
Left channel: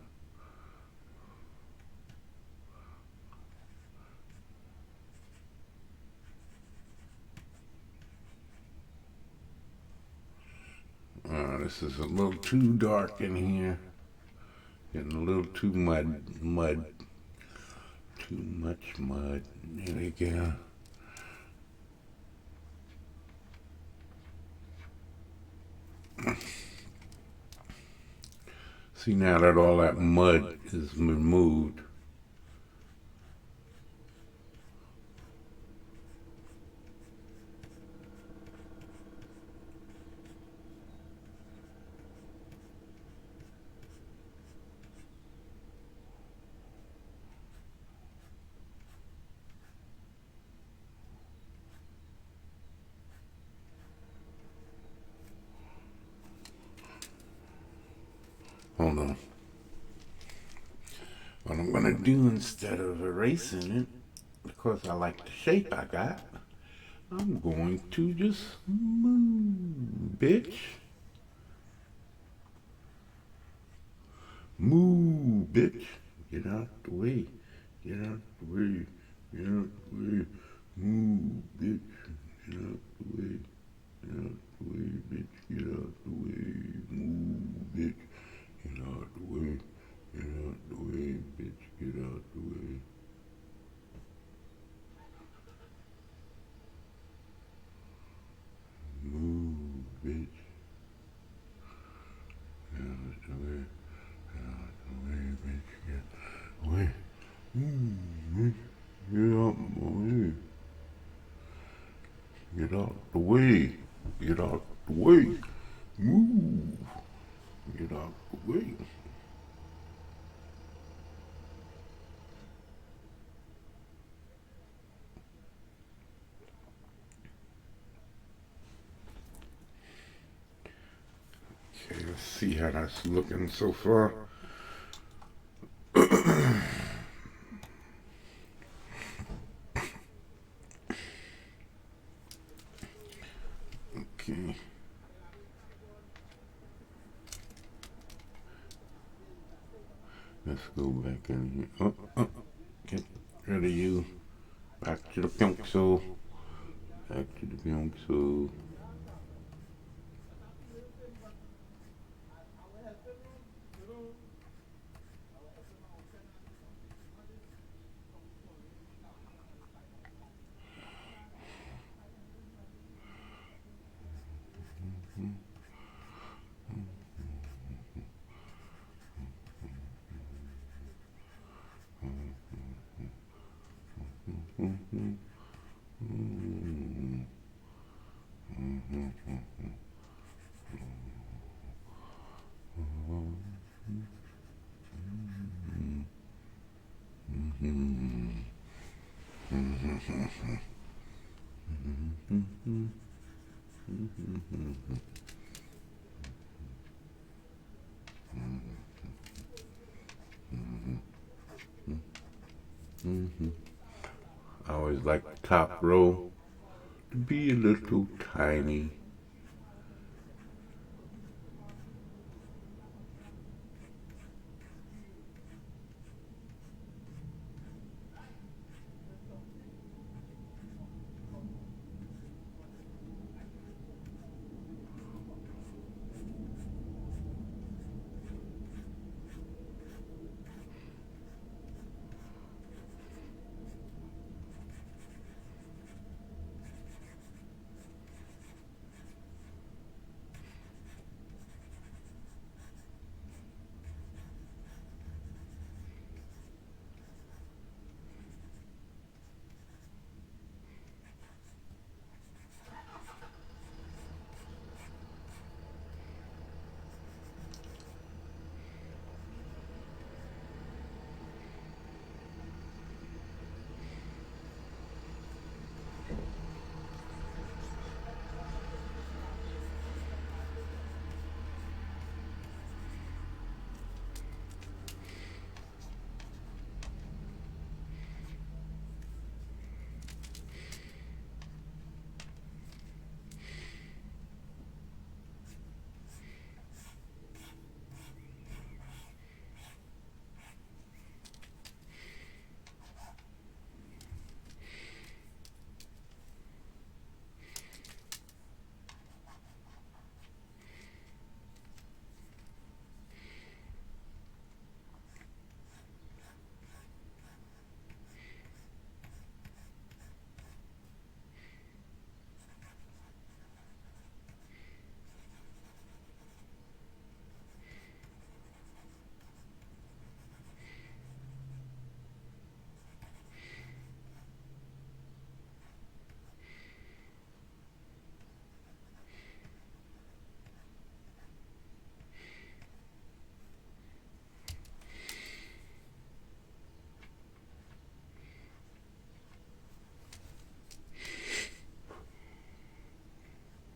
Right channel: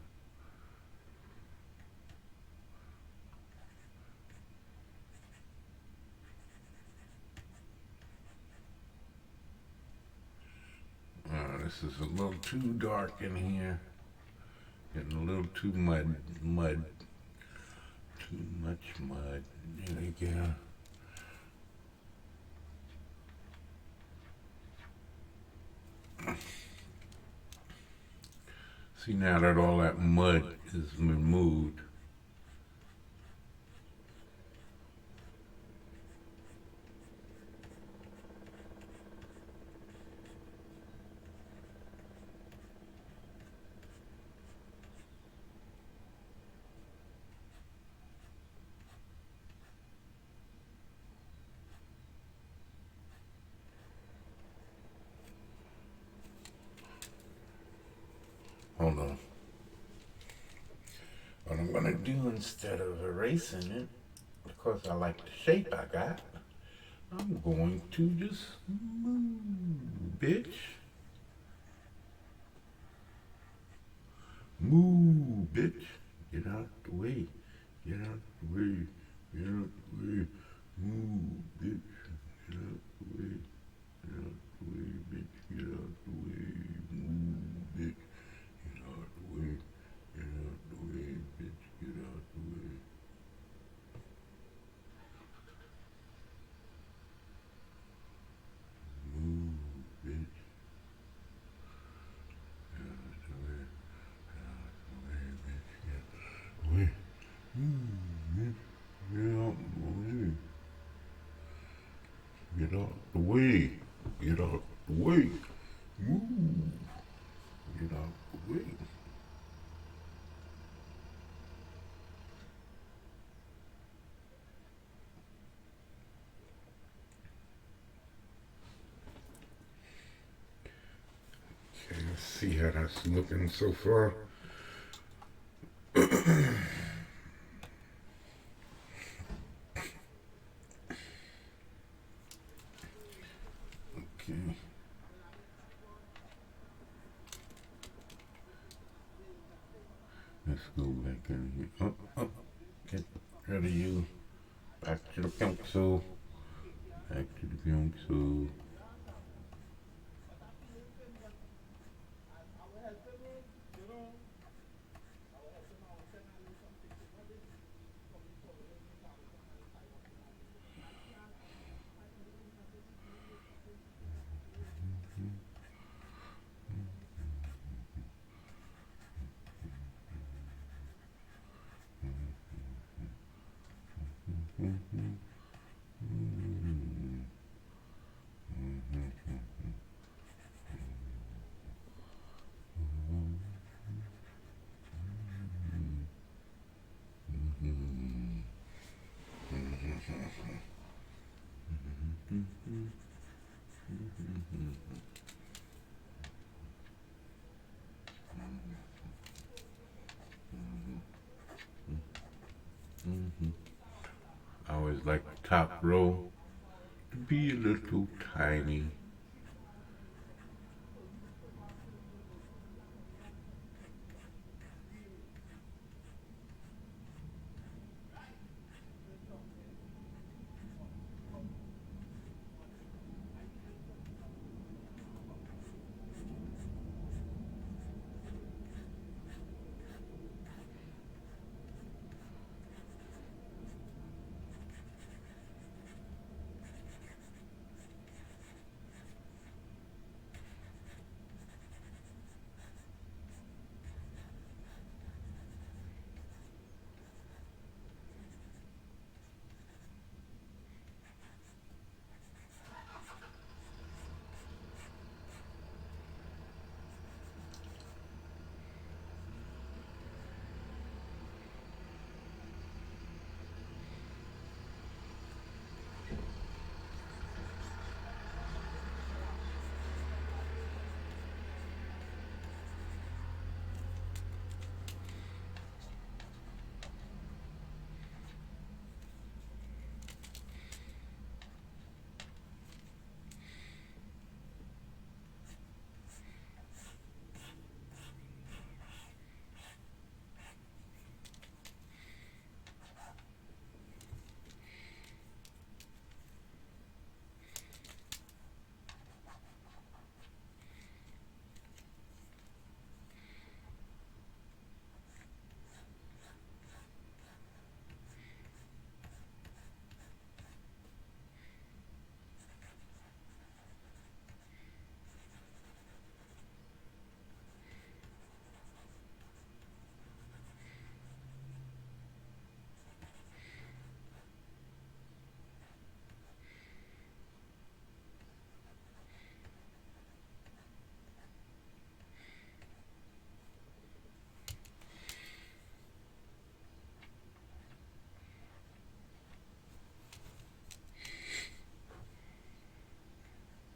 This is a little too dark in here. Getting a little too mud. Too much mud. There we go. See, now that all that mud is removed, hold on. What I'm gonna do instead of erasing it, because I like the shape I got, I'm going to just move, bitch. Move, bitch. Get out the way. Get out the way. Get out the way. Move, bitch. Get out the way. Get out the way, bitch. Get out the way. Move, bitch. Get out the way. Get out the way, bitch. Get out the way. Move, bitch. Get out the way. Get out the way, bitch. Get out the way. Move, bitch. Get out the way. Get out the way. Get out the way. Move. Get out the way. Okay, let's see how that's looking so far. Okay. Let's go back in here. Get rid of you. Back to the pencil. Back to the pencil. I always like the top row to be a little tiny.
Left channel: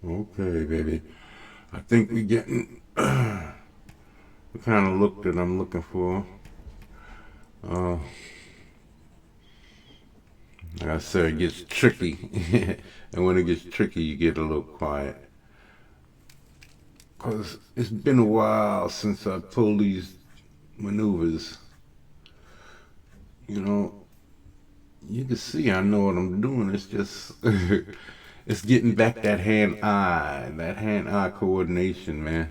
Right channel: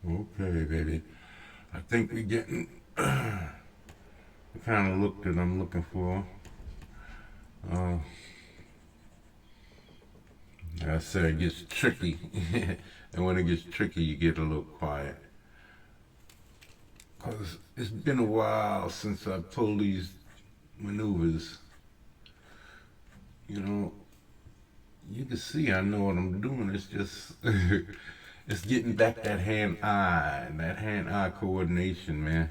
Okay, baby. I think we're getting the kind of look that I'm looking for. Like I said, it gets tricky. And when it gets tricky, you get a little quiet. Because it's been a while since I pulled these maneuvers. You know, You can see I know what I'm doing. It's just it's getting back that hand eye coordination, man.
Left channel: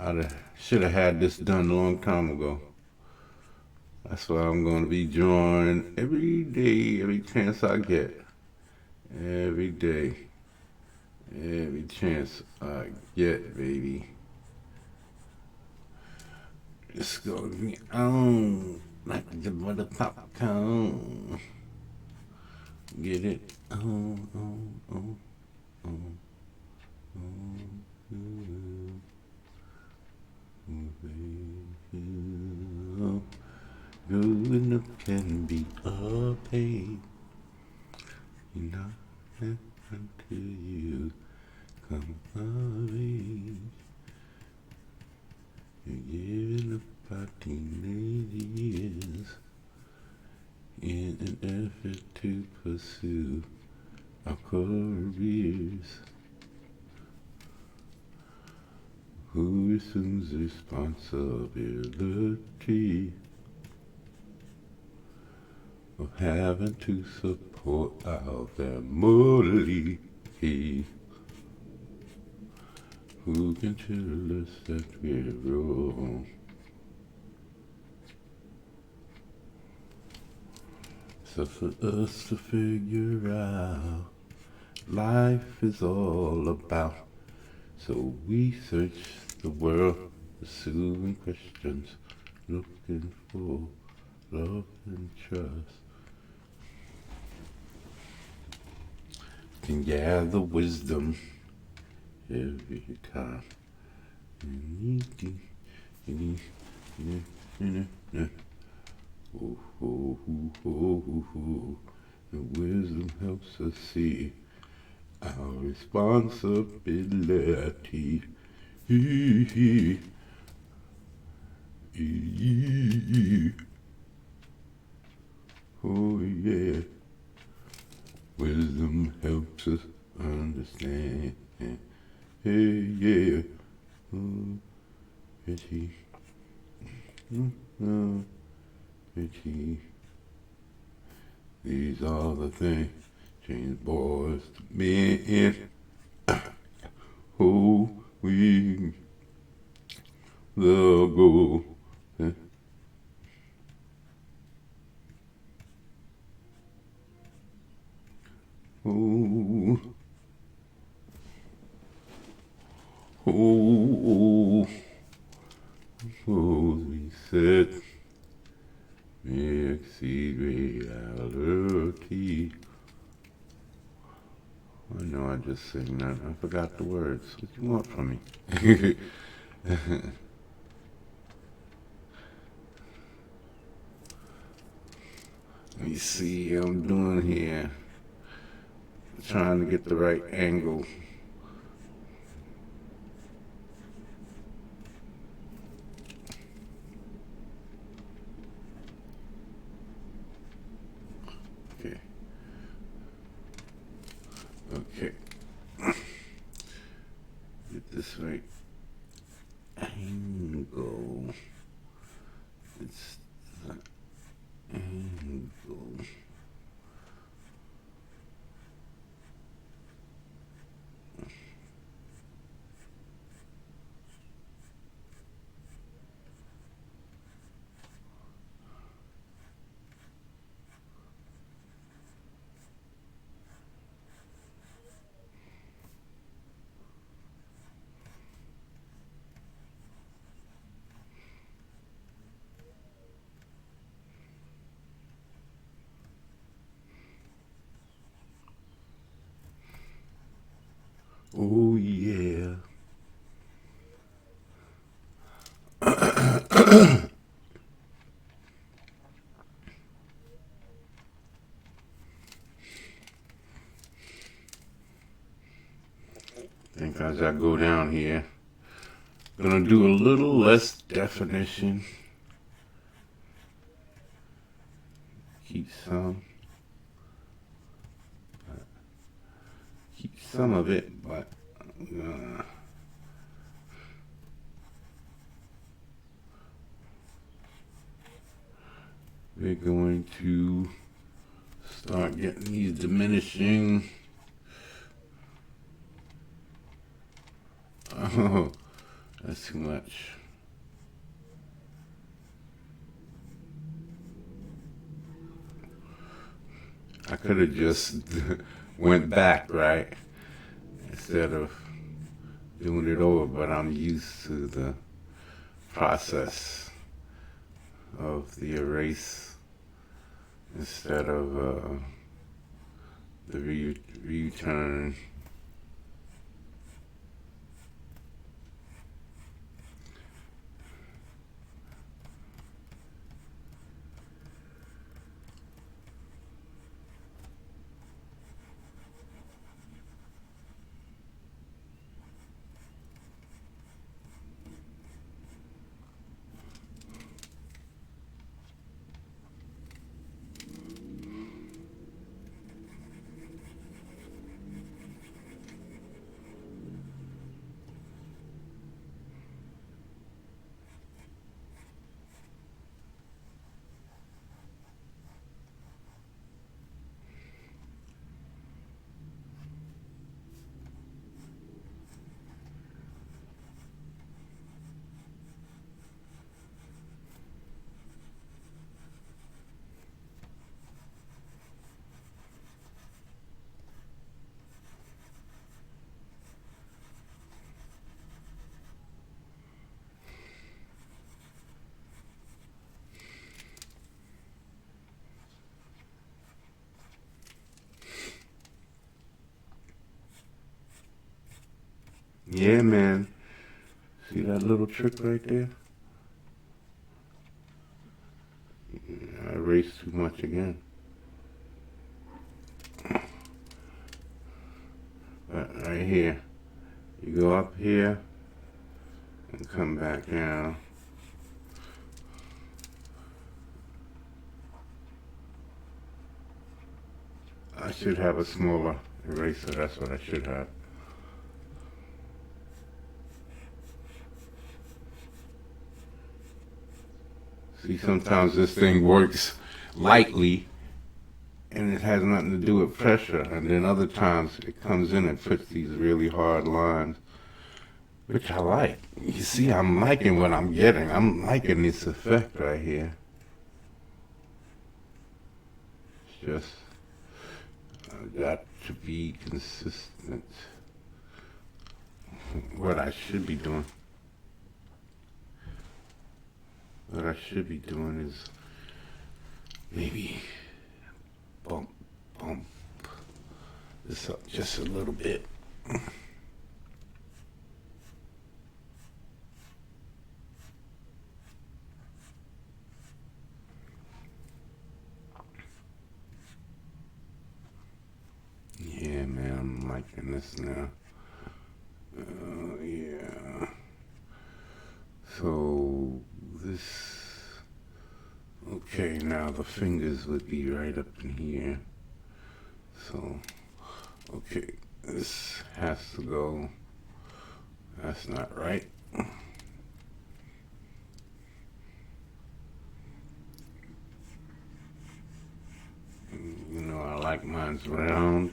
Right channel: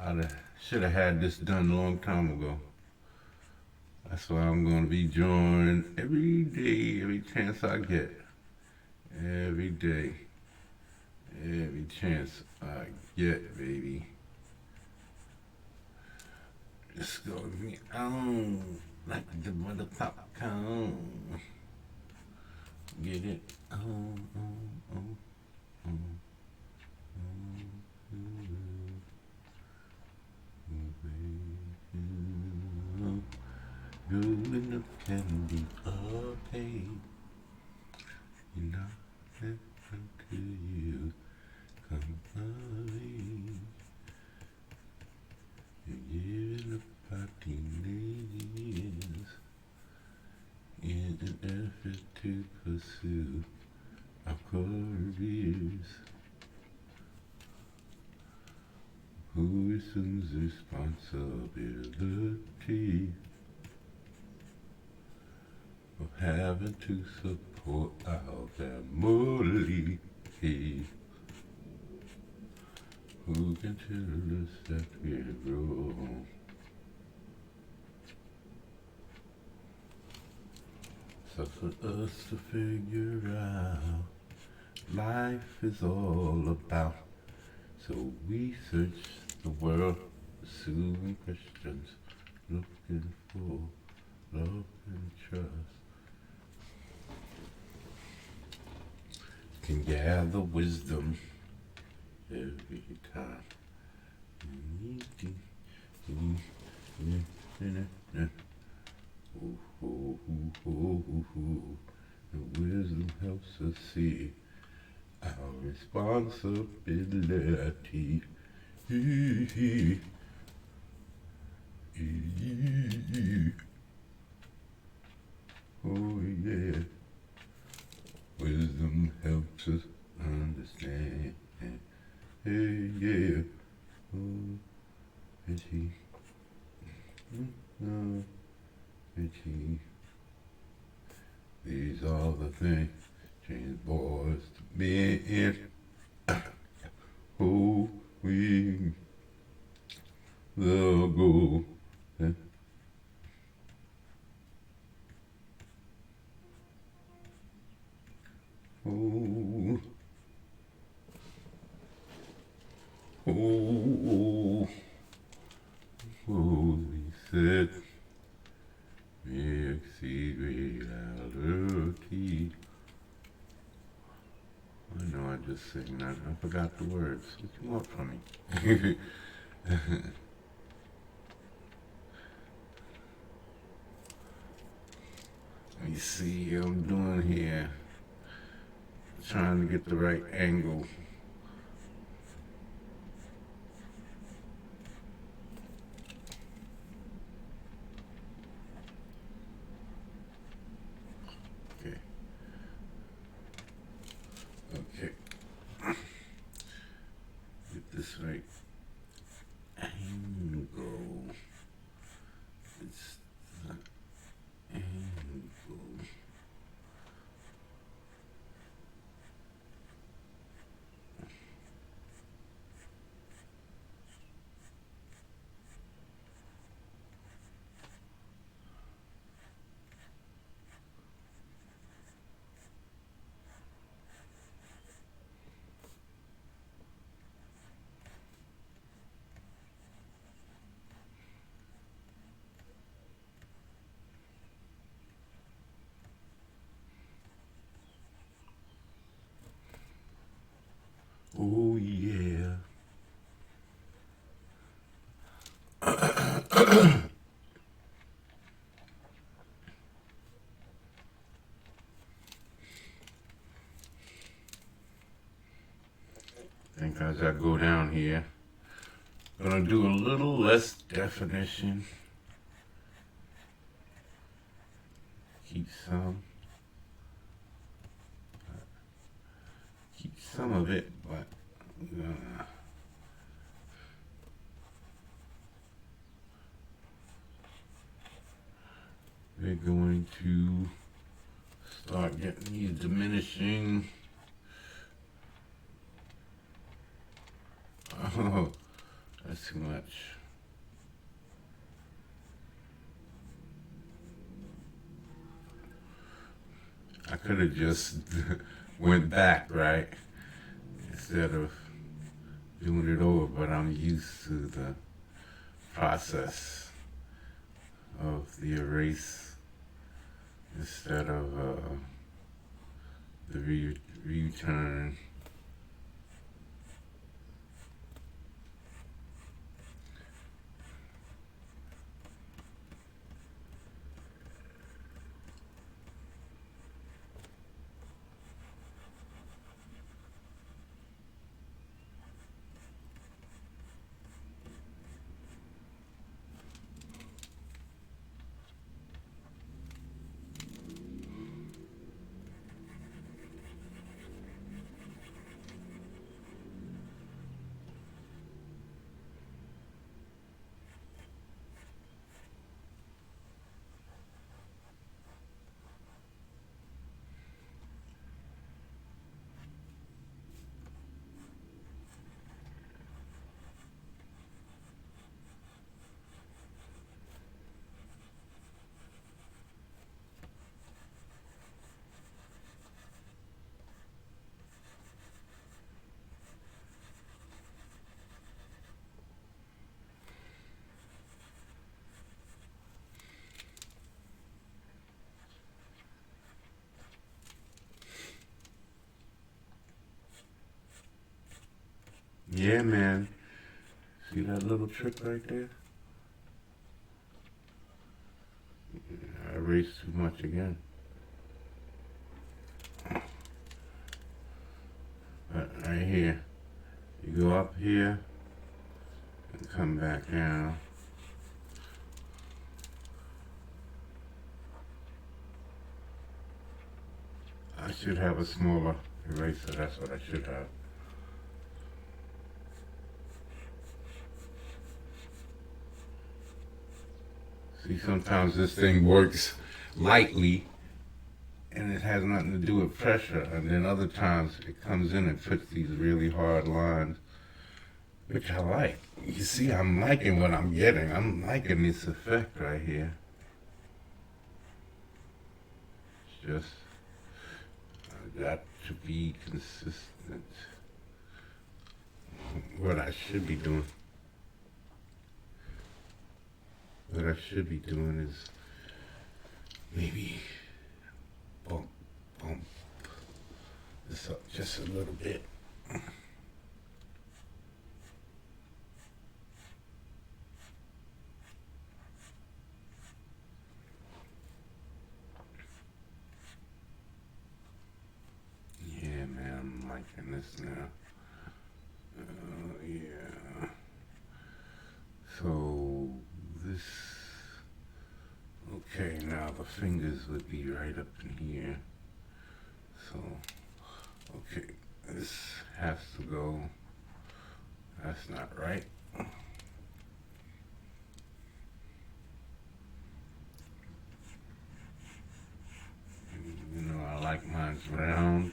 I should have had this done a long time ago. That's why I'm going to be drawing every day, every chance I get. Every day, every chance I get, baby. It's going to be on like the mother popcorn. Get it on. Good enough can be a pain. Nothing until you come early. You're giving up our teenage years in an effort to pursue our careers. Who assumes responsibility of having to support our family? Who can tell us that we're wrong? So for us to figure out life is all about. So we search the world, pursuing questions, looking for love and trust. Can gather wisdom every time. The wisdom helps us see our responsibility. Oh yeah, wisdom helps us understand. Hey yeah, oh, itchy, oh, itchy. These are the things change boys to men. Oh, we the go. Oh, oh, oh, we said, exceed reality. I know I just sang that. I forgot the words. What you want from me? Let me see what I'm doing here. Trying to get the right angle. Okay. Okay. Get this right angle. It's the angle. Oh yeah. I think as I go down here, gonna do a little less definition. Keep some of it, but we're going to Start getting these diminishing. Oh, that's too much. I could have just went back, right? Instead of doing it over, but I'm used to the process of the erase instead of the return. Yeah, man. See that little trick right there? I erased too much again. Right here. You go up here and come back down. I should have a smaller eraser. That's what I should have. See, sometimes this thing works lightly and it has nothing to do with pressure, and then other times it comes in and puts these really hard lines, which I like. You see, I'm liking what I'm getting. I'm liking this effect right here. It's just got to be consistent. What I should be doing. What I should be doing is maybe bump this up just a little bit. Yeah, man, I'm liking this now. Yeah. So this, okay, now the fingers would be right up in here. So, okay, this has to go. That's not right. You know, I like mine's round.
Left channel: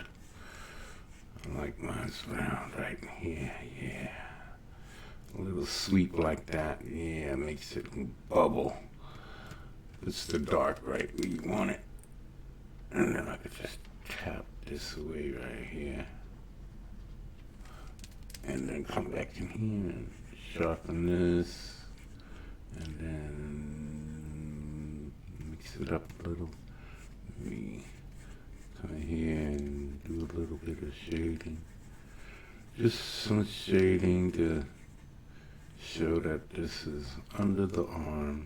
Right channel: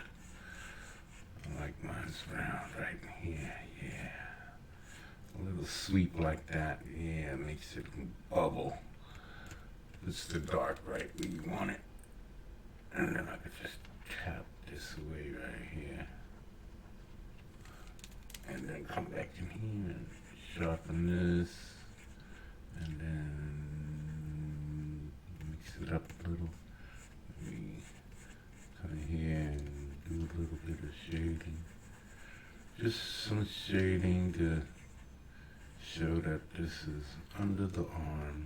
I like mine's round right here, yeah. A little sweep like that, yeah, makes it bubble. It's the dark right where you want it. And then I could just tap this away right here. And then come back in here and sharpen this. And then mix it up a little. Maybe come here and do a little bit of shading. Just some shading to show that this is under the arm.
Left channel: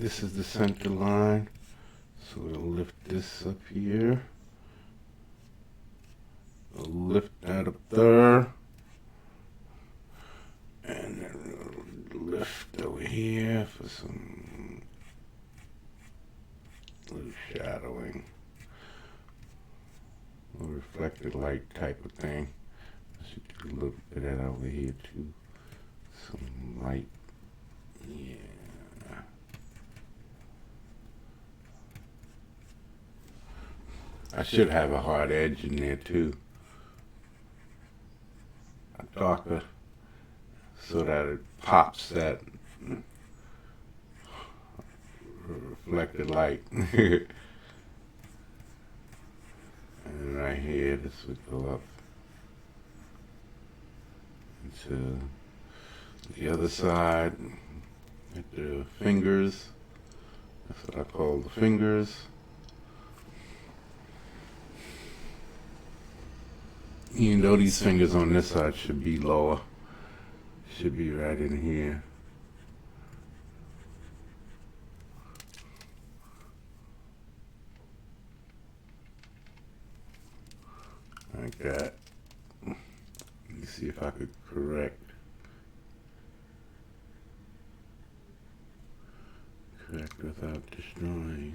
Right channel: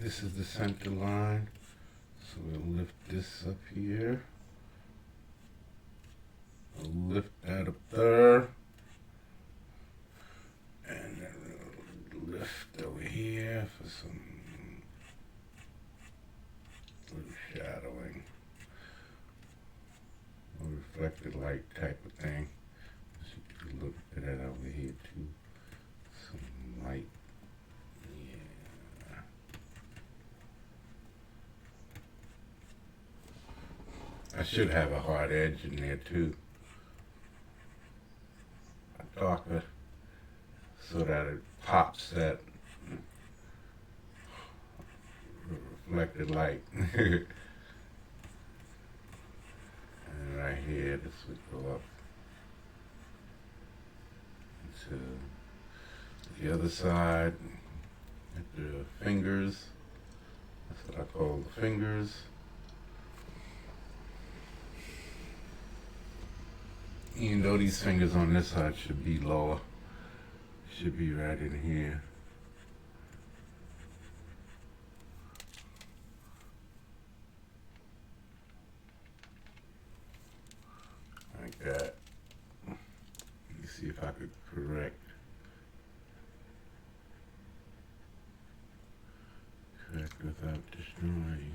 This is the center line. So we'll lift this up here. We'll lift that up there. And then we'll lift over here for some little shadowing. A reflected light type of thing. So you can look at that over here too. Some light. Yeah. I should have a hard edge in there too. A darker, so that it pops that reflected light. And right here, this would go up into the other side with the fingers. That's what I call the fingers. Even though these fingers on this side should be lower, should be right in here. Like that. Let me see if I could correct without destroying.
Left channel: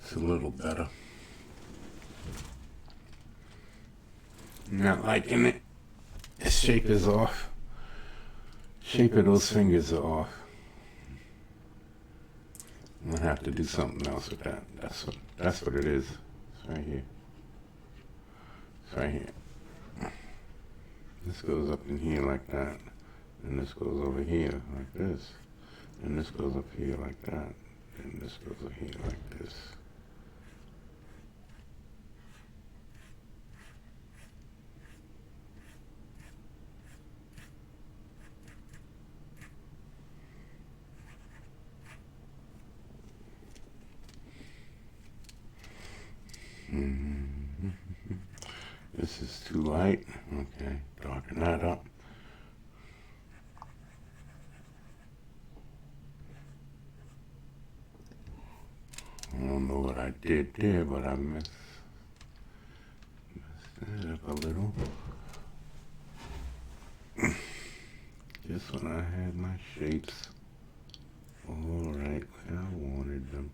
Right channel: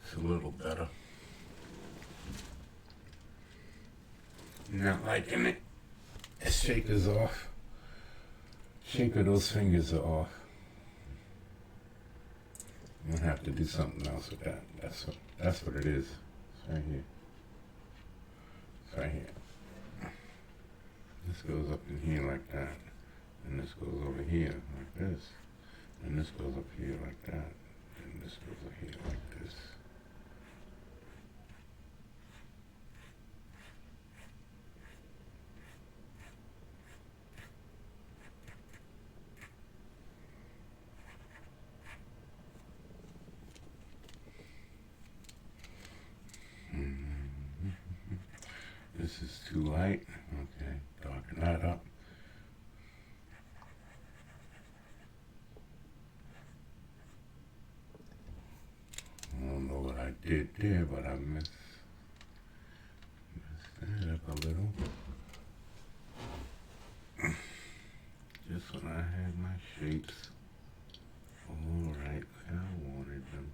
It's a little better. Not liking it. The shape is off. Shape of those fingers are off. I'm gonna have to do something else with that. That's what it is. It's right here. It's right here. This goes up in here like that. And this goes over here like this. And this goes up here like that. And this goes up here like this. This is too light. Okay, darken that up. I don't know what I did there, but I messed that up a little. Just when I had my shapes all right where I wanted them.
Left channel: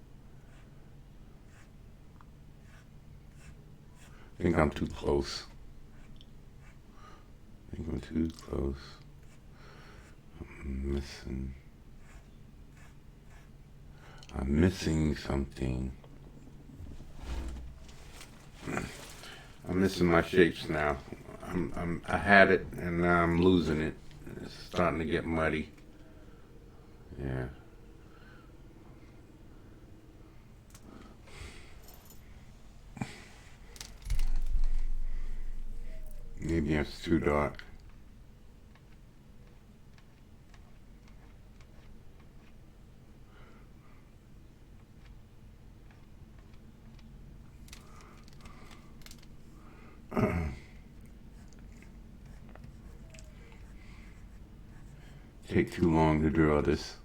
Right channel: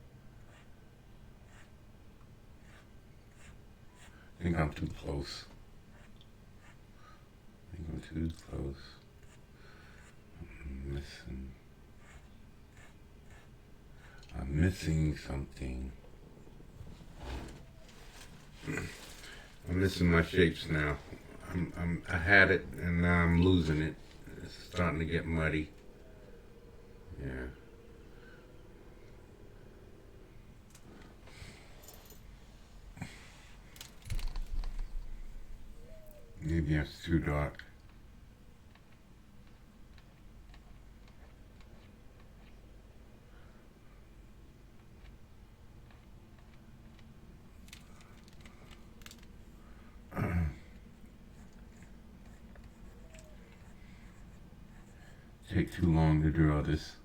I think I'm too close. I think I'm too close. I'm missing something. I'm missing my shapes now. I had it and now I'm losing it. It's starting to get muddy. Yeah. Maybe it's too dark. Take too long to draw this.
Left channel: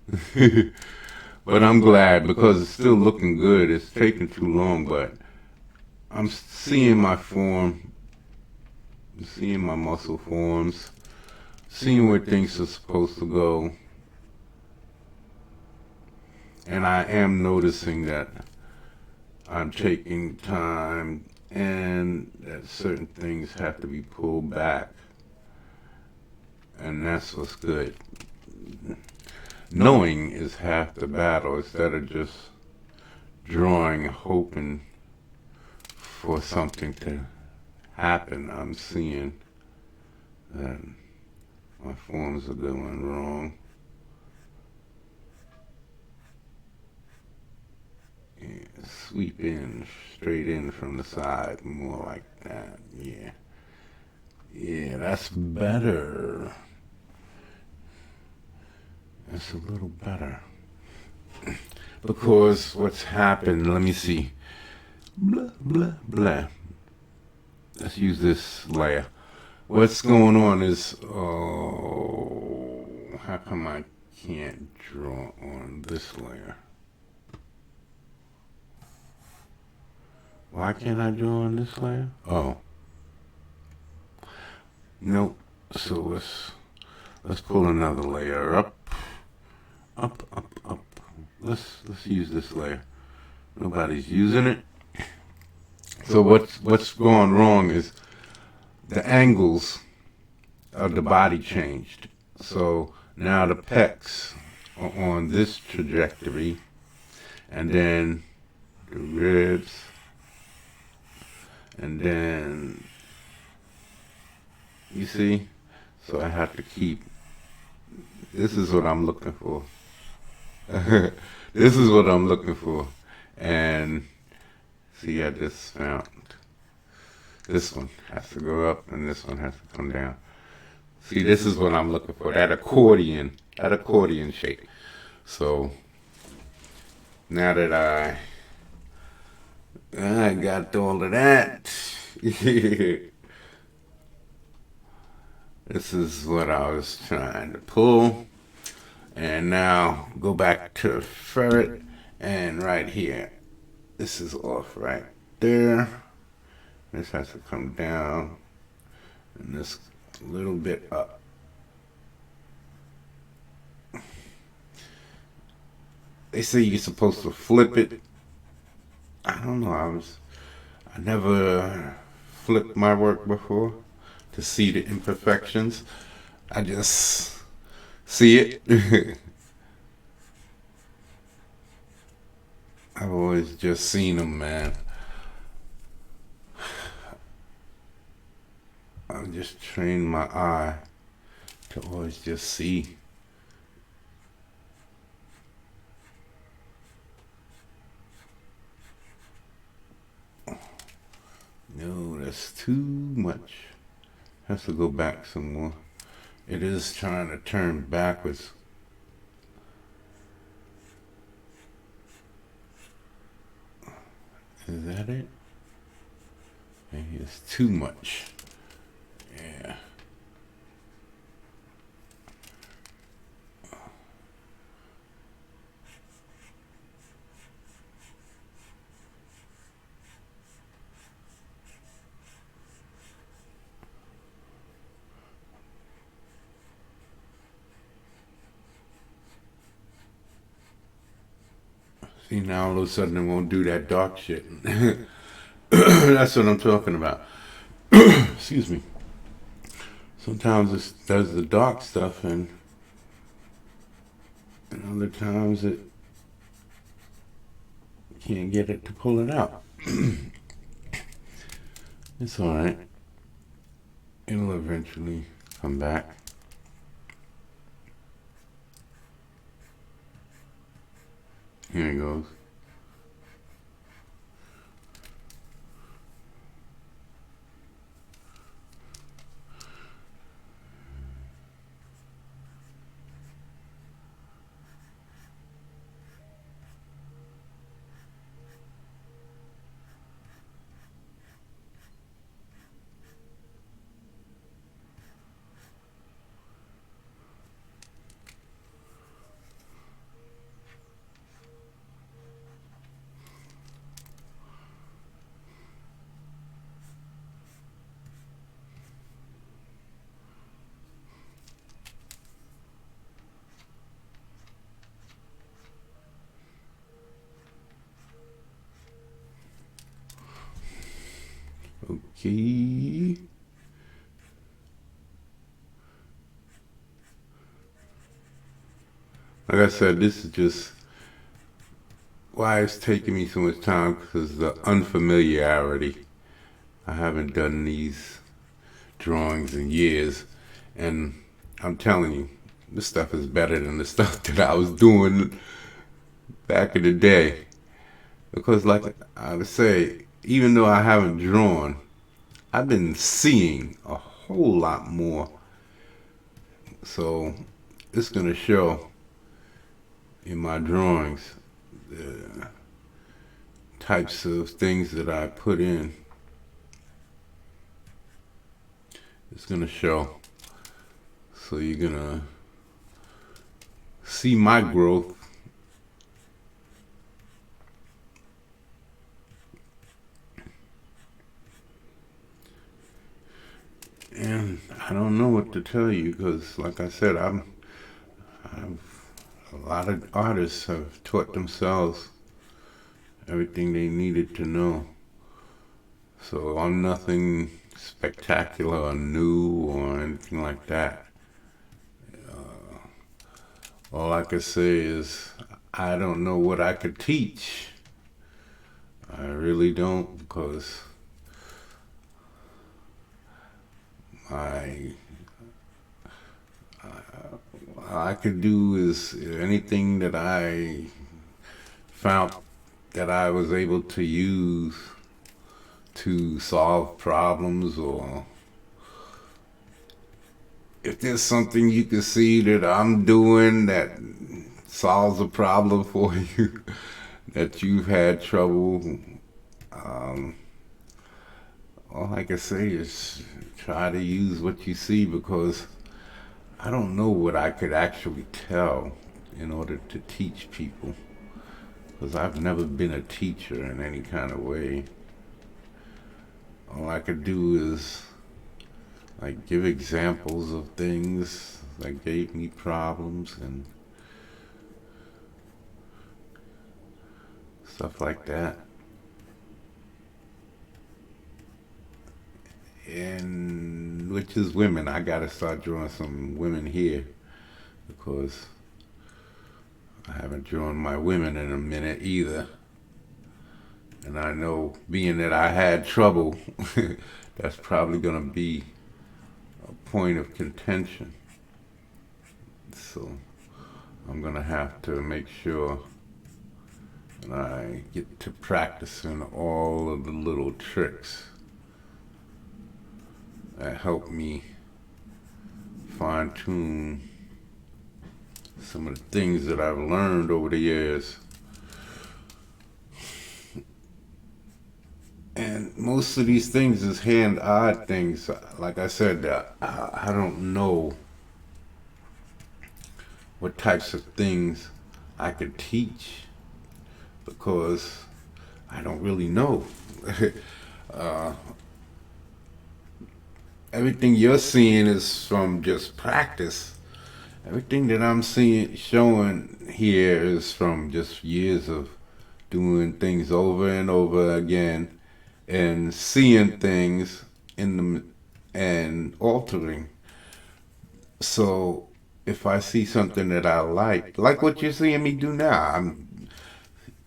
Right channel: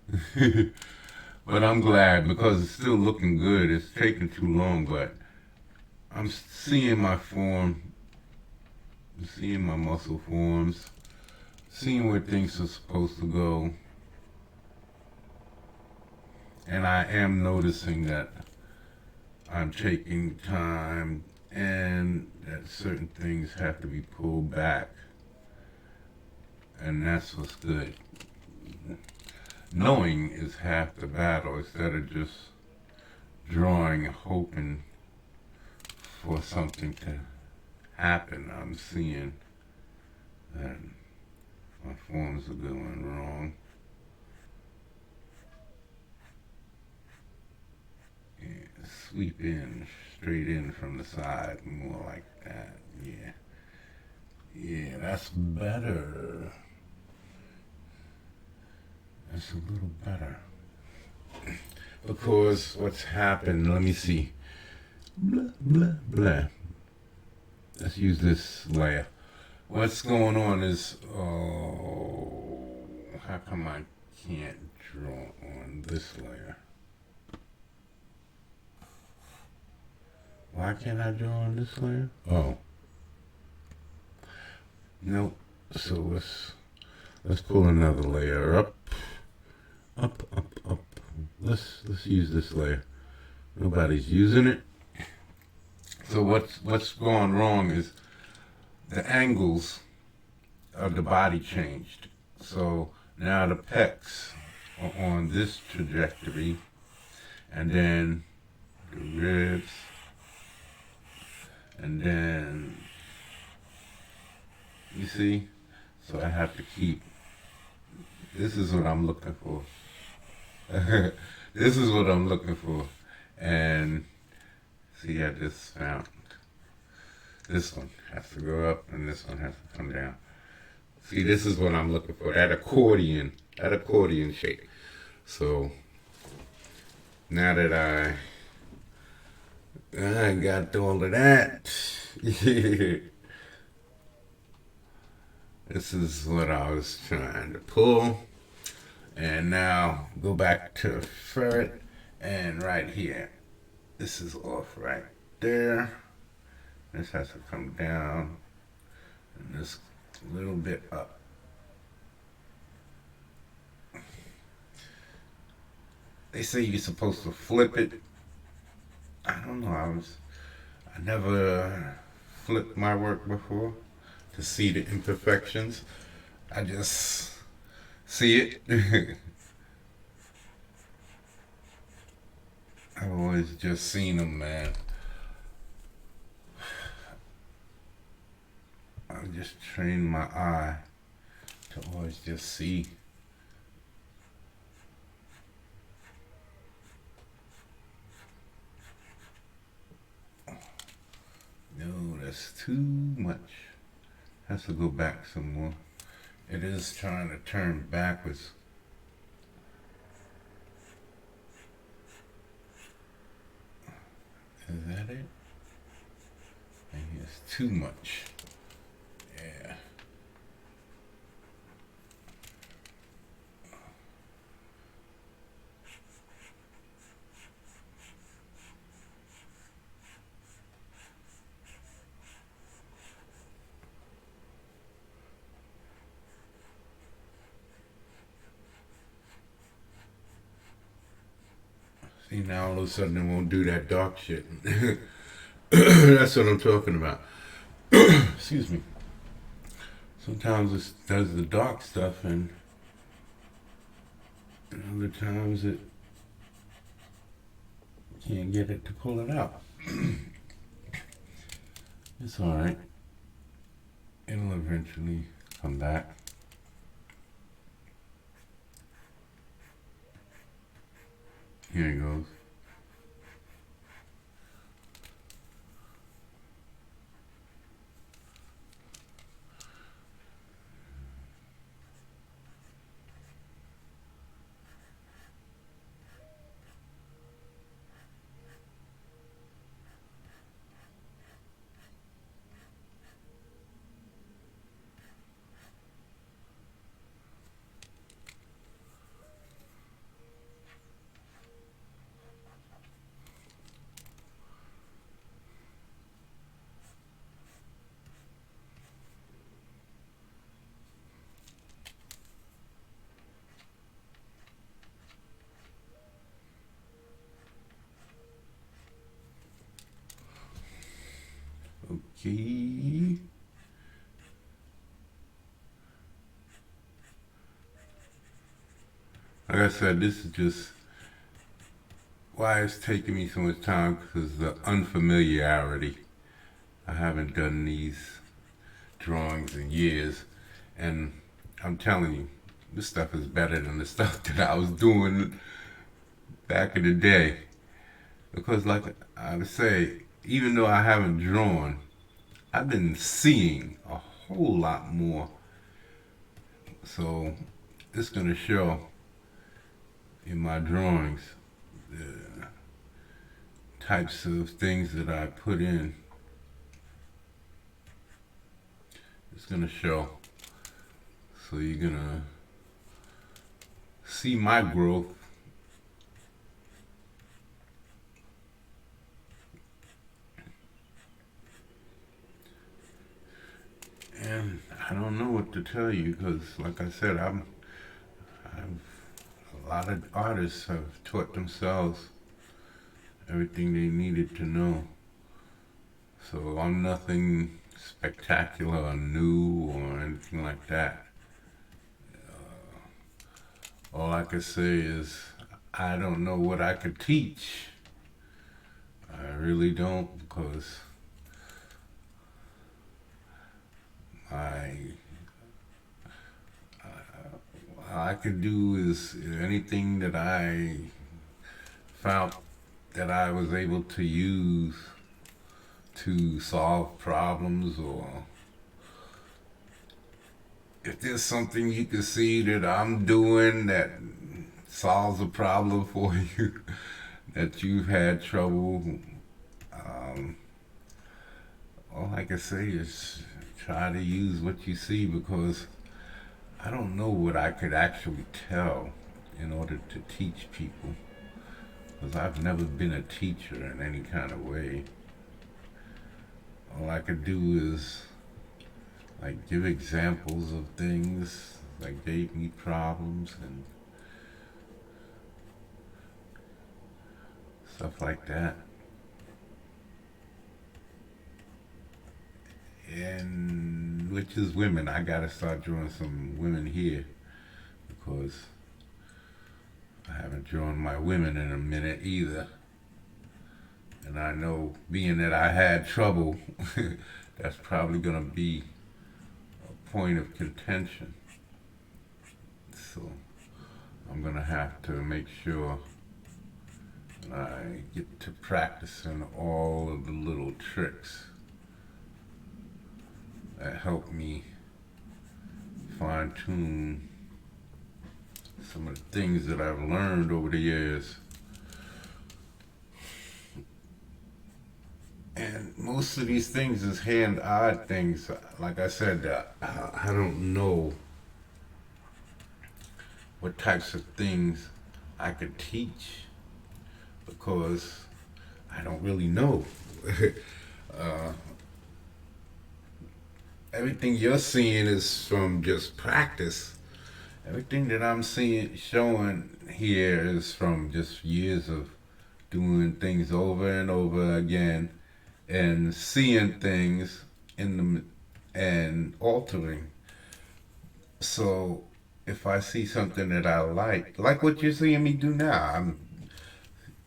But I'm glad because it's still looking good. It's taking too long, but I'm seeing my form, seeing my muscle forms, seeing where things are supposed to go. And I am noticing that I'm taking time and that certain things have to be pulled back. And that's what's good. Knowing is half the battle instead of just drawing, hoping for something to happen. I'm seeing that my forms are going wrong. Yeah, sweep in, straight in from the side, more like that. Yeah. Yeah, that's better. That's a little better. Because what's happened, let me see. Blah, blah, blah. let's use this layer. What's going on is, how come I can't draw on this layer? Why can't I draw on this layer? Oh, nope. So let's pull another layer up, up. Let's use this layer. Nobody's using it. So what's going wrong is the angles of the body changed. So now the pecs are on this trajectory, and then the ribs, and then, you see? So I have to keep, this is what I'm looking for. This is what I'm looking for. And see, I just found this one has to go up and this one has to come down. See, this is what I'm looking for, that accordion shape. So now that I got all of that, this is what I was trying to pull. And now go back to ferret, and right here, this is off right there. This has to come down, and this little bit up. They say you're supposed to flip it. I don't know, I never flipped my work before to see the imperfections. I just see it. I've always just seen them, man. I just trained my eye to always just see. No, that's too much. Has to go back some more. It is trying to turn backwards. Is that it? Maybe it's too much. Yeah. See, now all of a sudden it won't do that dark shit. That's what I'm talking about. Excuse me. Sometimes it does the dark stuff, and other times it can't get it to pull it out. It's alright. It'll eventually come back. Here it goes. Okay. Like I said, this is just why it's taking me so much time, because the unfamiliarity. I haven't done these drawings in years, and I'm telling you, this stuff is better than the stuff that I was doing back in the day. Because like I would say, even though I haven't drawn, I've been seeing a whole lot more. So it's gonna show in my drawings the types of things that I put in. It's gonna show. So you're gonna see my growth. And I don't know what to tell you because, like I said, a lot of artists have taught themselves everything they needed to know. So I'm nothing spectacular or new or anything like that. All I could say is I don't know what I could teach. I really don't because I all I could do is anything that I found that I was able to use to solve problems, or if there's something you can see that I'm doing that solves a problem for you that you've had trouble, um, all I can say is try to use what you see because I don't know what I could actually tell in order to teach people because I've never been a teacher in any kind of way. All I could do is like give examples of things that gave me problems and stuff like that. And which is women. I gotta start drawing some women here because I haven't drawn my women in a minute either. And I know being that I had trouble, that's probably gonna be a point of contention. So I'm gonna have to make sure that I get to practicing all of the little tricks that help me fine tune some of the things that I've learned over the years. And most of these things is hand-eye things. Like I said, I don't know what types of things I could teach because I don't really know. uh, Everything you're seeing is from just practice. Everything that I'm seeing, showing here is from just years of doing things over and over again and seeing things in them and altering. So if I see something that I like what you're seeing me do now, I'm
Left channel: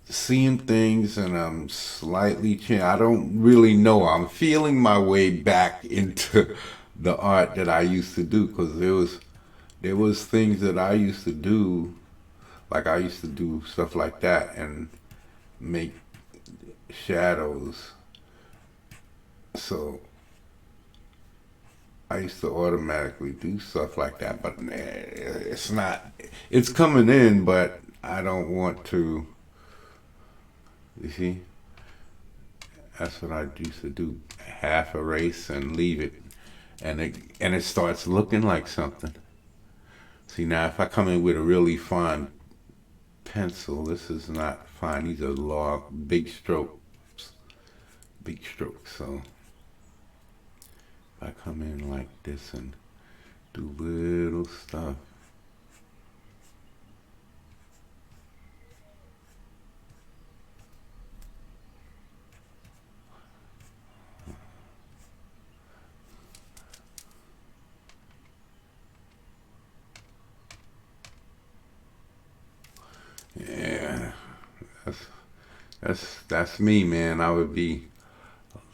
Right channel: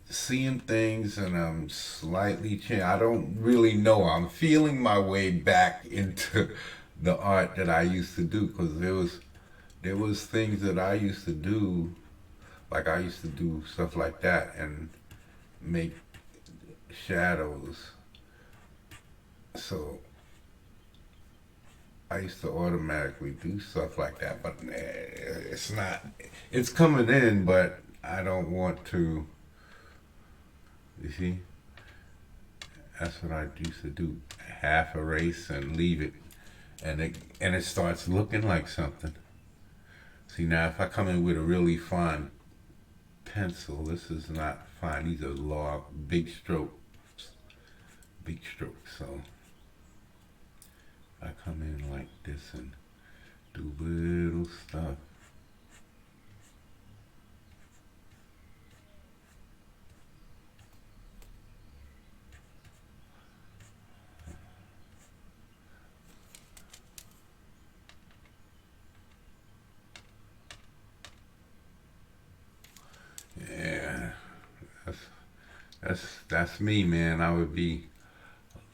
seeing things and I'm slightly changing. I don't really know. I'm feeling my way back into the art that I used to do because there was things that I used to do, like I used to do stuff like that and make shadows. So I used to automatically do stuff like that, but it's not. It's coming in, but I don't want to. You see, that's what I used to do. Half erase and leave it, and it starts looking like something. See now, if I come in with a really fine pencil, this is not fine. These are long, big strokes. So if I come in like this and do little stuff. Yeah, that's that's me, man. I would be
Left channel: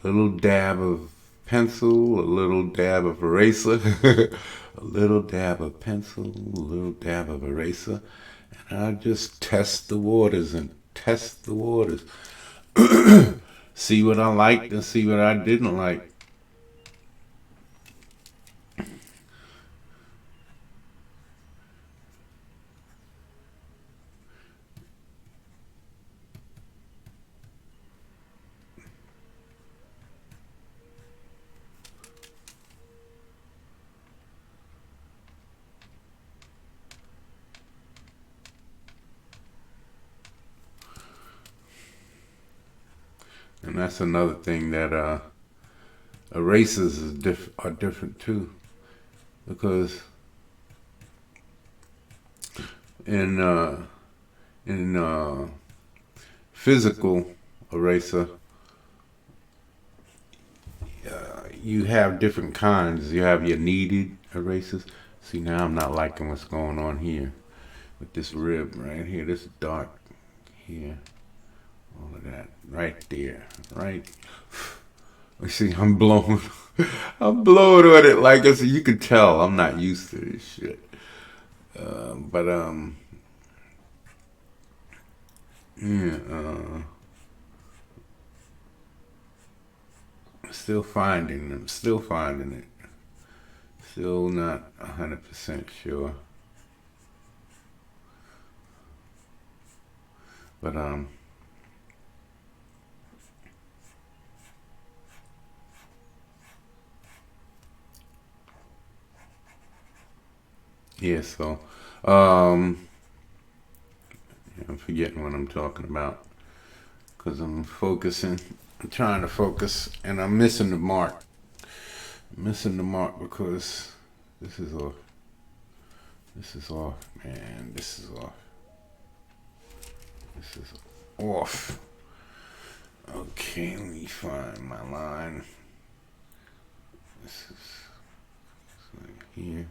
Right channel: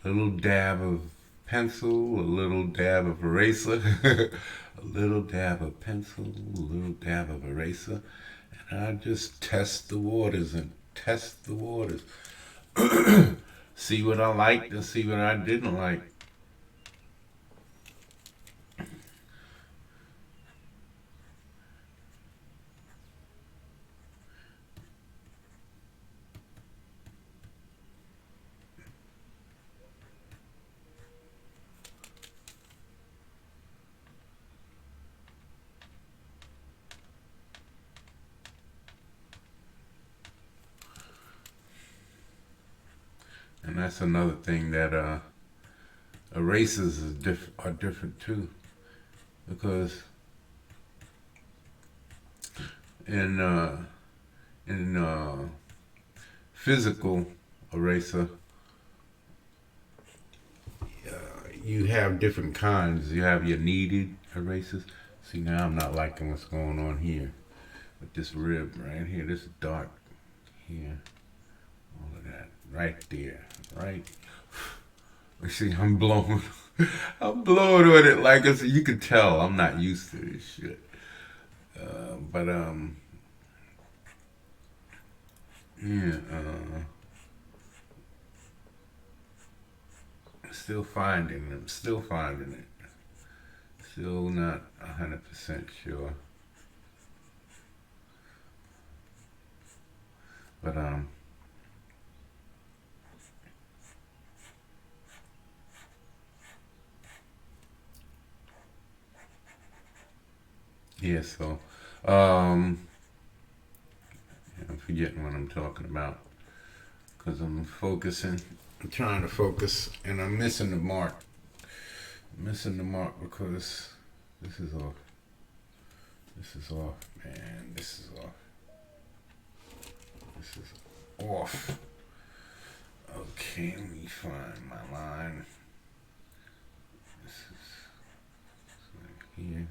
a little dab of pencil, a little dab of eraser, a little dab of pencil, a little dab of eraser, and I just test the waters and test the waters. See what I liked and see what I didn't like. And that's another thing that erasers are different too, because in physical eraser, you have different kinds. You have your kneaded erasers. See, now I'm not liking what's going on here with this rib right here. This dark here. All of that right there. Right. You see, I'm blowing. I'm blowing with it like I said. You can tell I'm not used to this shit. But yeah. Still finding them. Still finding it. Still not 100% sure. But yeah. So I'm forgetting what I'm talking about because I'm focusing. I'm trying to focus, and I'm missing the mark. Missing the mark because this is off. This is off, man. This is off. This is off. Okay, let me find my line. This is like here.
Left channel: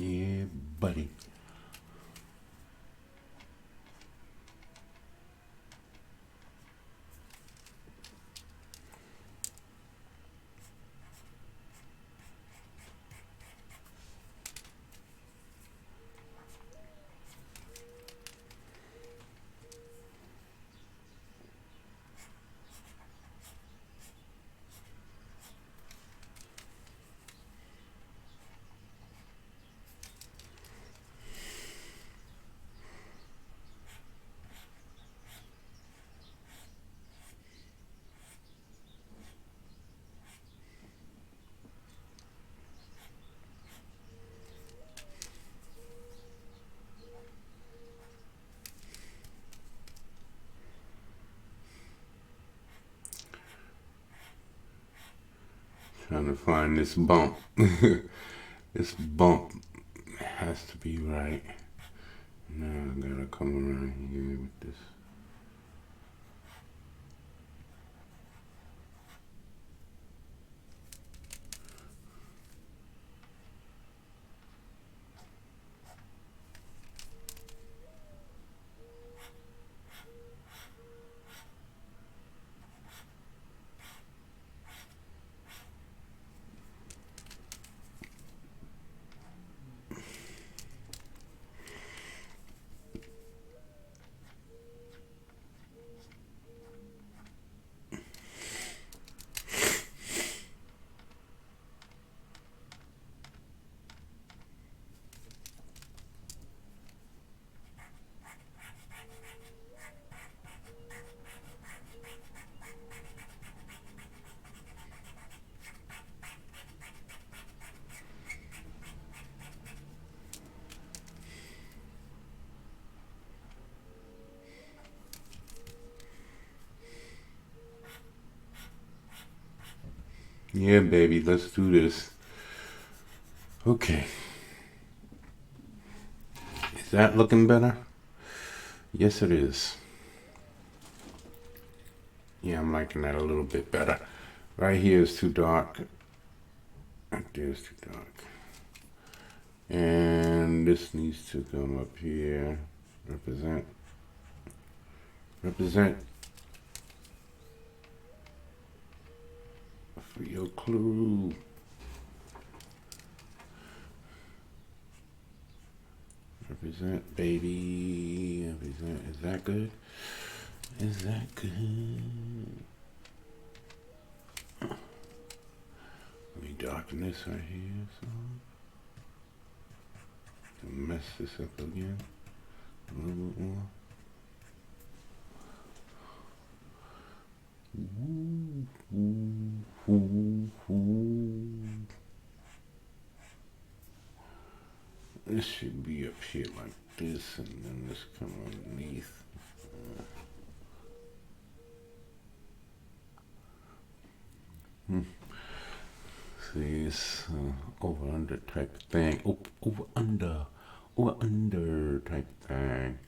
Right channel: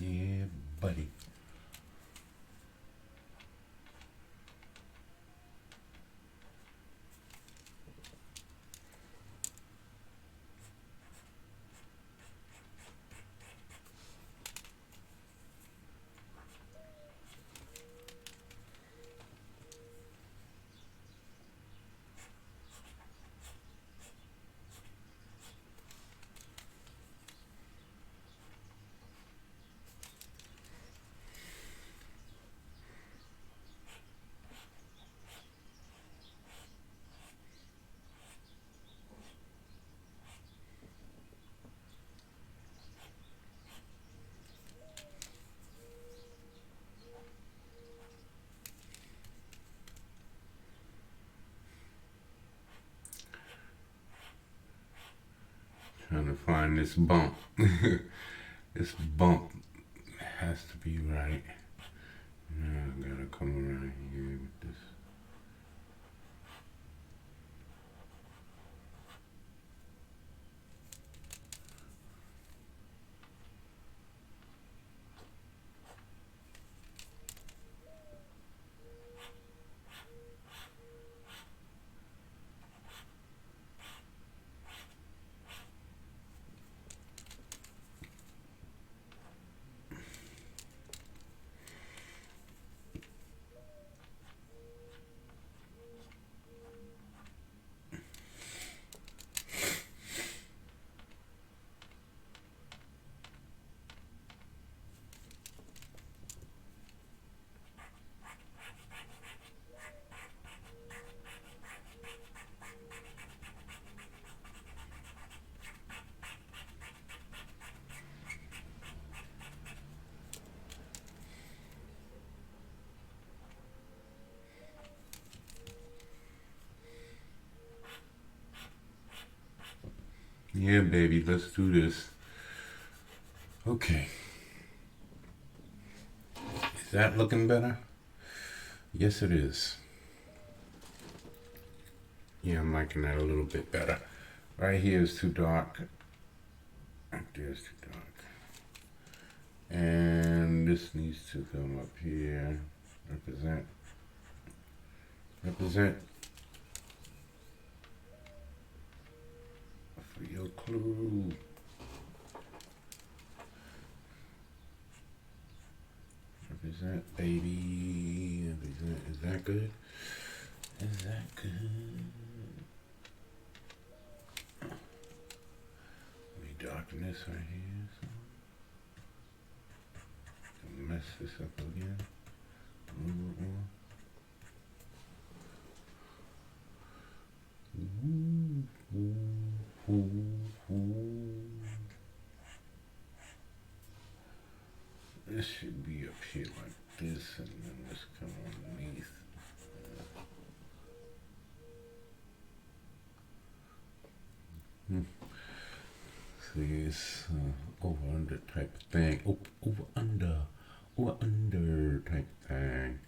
Yeah, buddy. Trying to find this bump. This bump has to be right. Now I gotta come around here with this. Yeah, baby, let's do this. Okay. Is that looking better? Yes, it is. Yeah, I'm liking that a little bit better. Right here is too dark. Right there is too dark. And this needs to come up here. Represent. Represent. for your clue. Represent, baby. Represent. Is that good? Is that good? Let me darken this right here. So. To mess this up again. A little bit more. This should be up here like this, and then this come underneath. See, it's over under type thing. Over under type thing.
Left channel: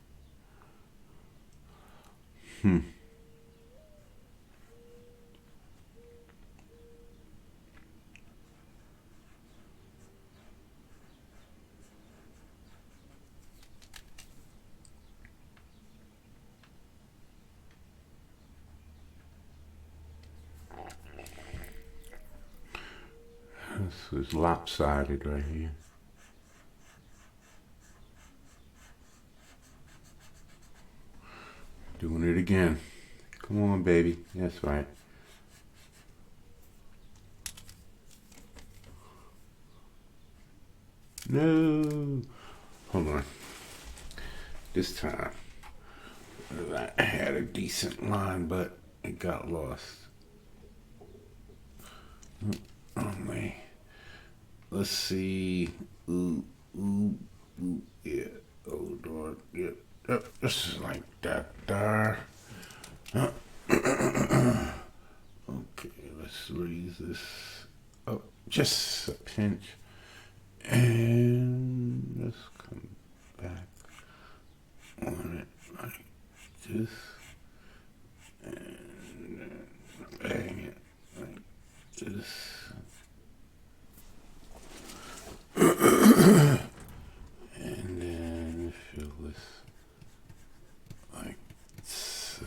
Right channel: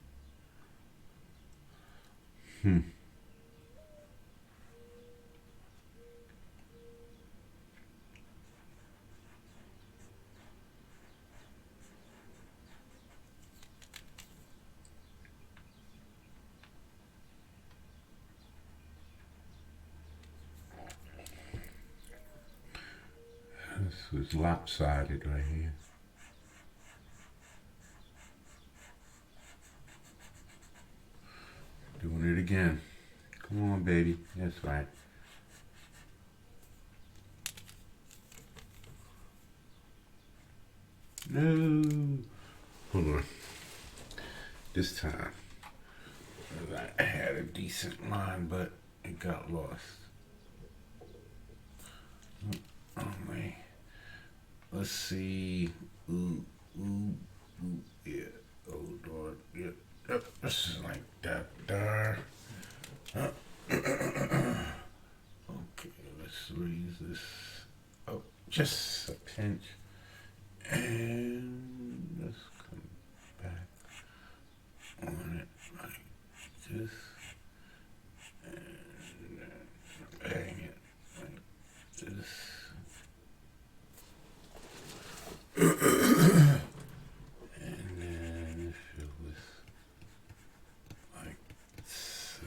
It's lopsided right here. Doing it again. Come on, baby. That's right. No. Hold on. This time, I had a decent line, but it got lost. Oh, man. Let's see. Ooh, yeah. Oh, Lord. Yeah. This is like that there. Okay, let's raise this up just a pinch. And let's come back on it like this. And bang it like this. And then fill this like so.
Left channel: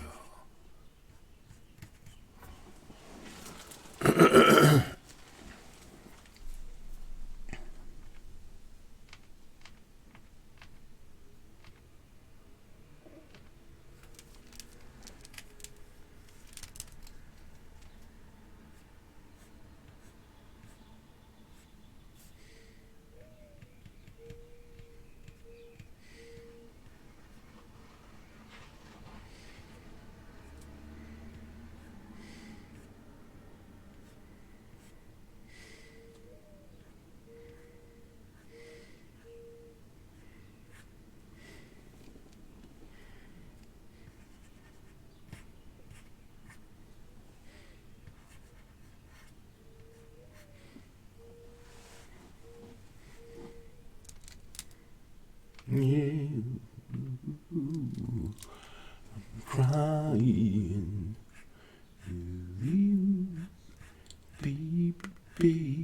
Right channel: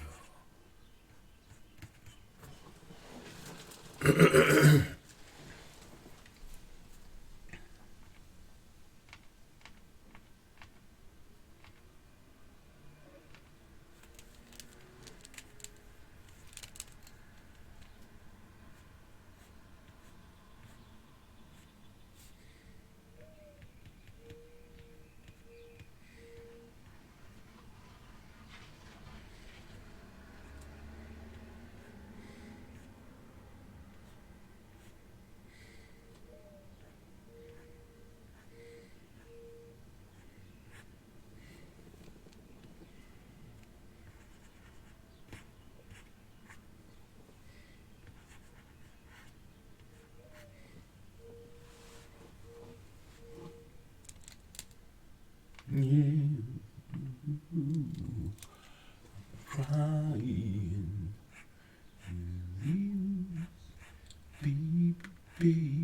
Yeah, crying with you, baby.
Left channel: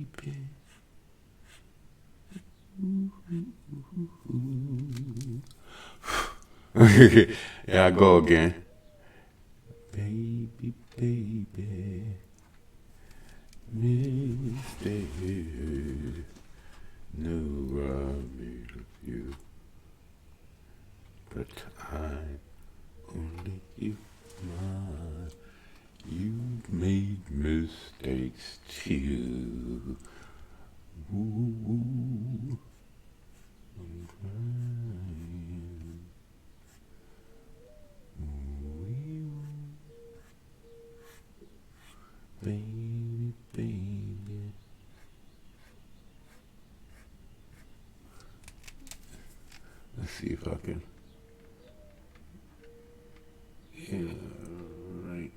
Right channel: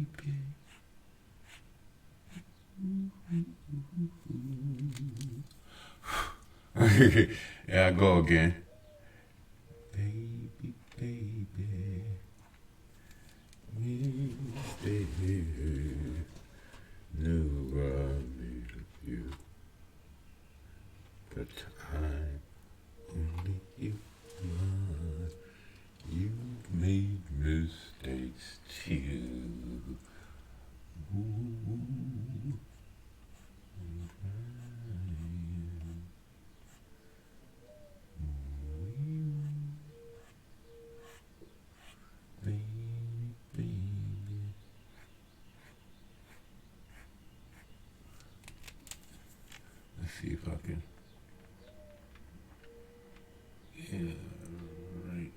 Yeah, I go again. Baby, baby, stay here. No, I need you, but I'm only you. You've made mistakes too. Ooh. Baby. Let's see if I can. Yeah, right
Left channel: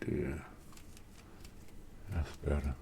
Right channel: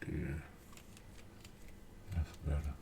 there. That's better.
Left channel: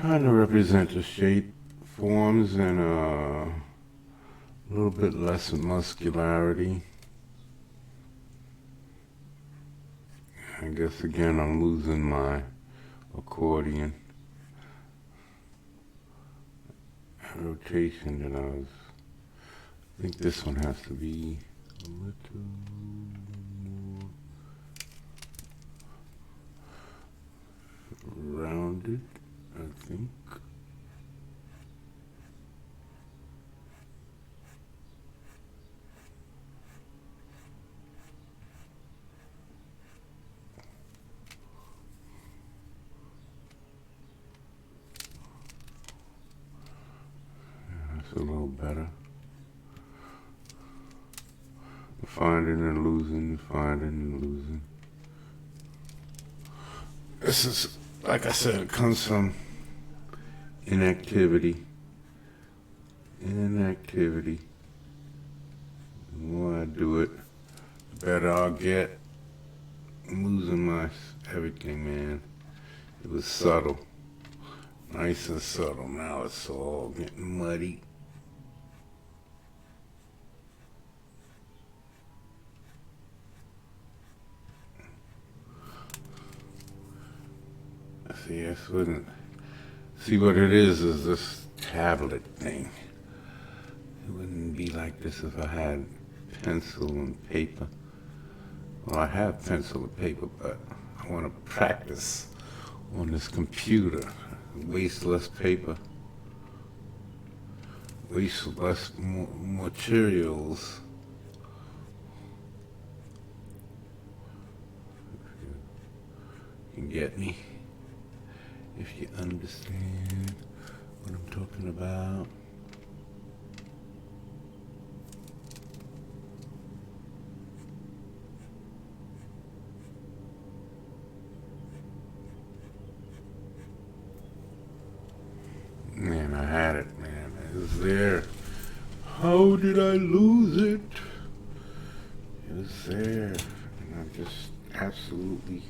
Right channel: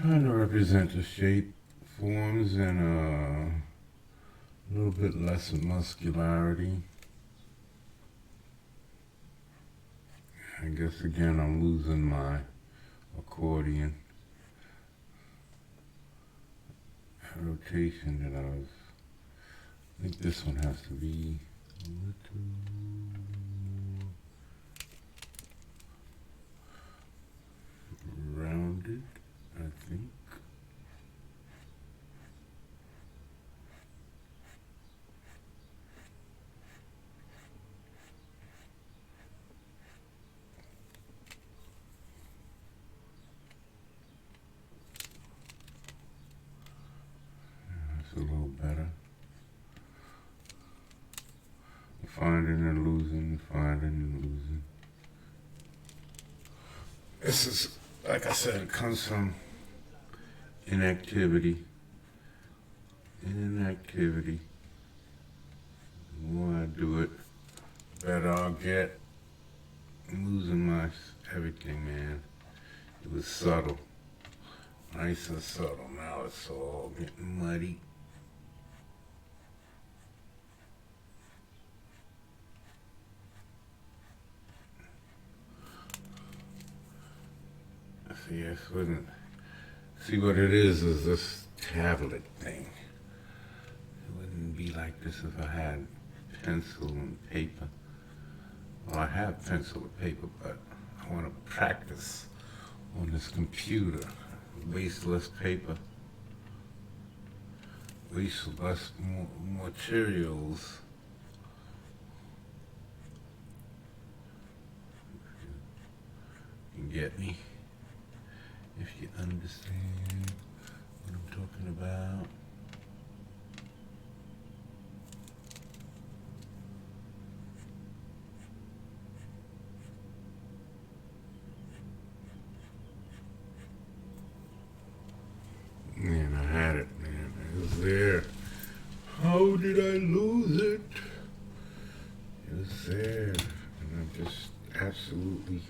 trying to represent the shape, forms, and a little bit less muscularity. I guess again I'm losing my accordion rotation that I think this one has to be a little more rounded, I think. That's a little better. Finding and losing, finding and losing. This is, like I said, it comes from inactivity. Inactivity. The more I do it, the better I'll get. I'm losing my everything, man. It was subtle. Nice and subtle. Now it's all getting muddy. See what it is this tablet thing. It wouldn't be like this if I had pencil and paper. Well, I have pencil and paper, but I want to practice on this computer. Waste less paper. Waste less materials. You can get me if you understand what I'm talking about. Man, I had it, man. It was there. How did I lose it? It was there. And I just absolutely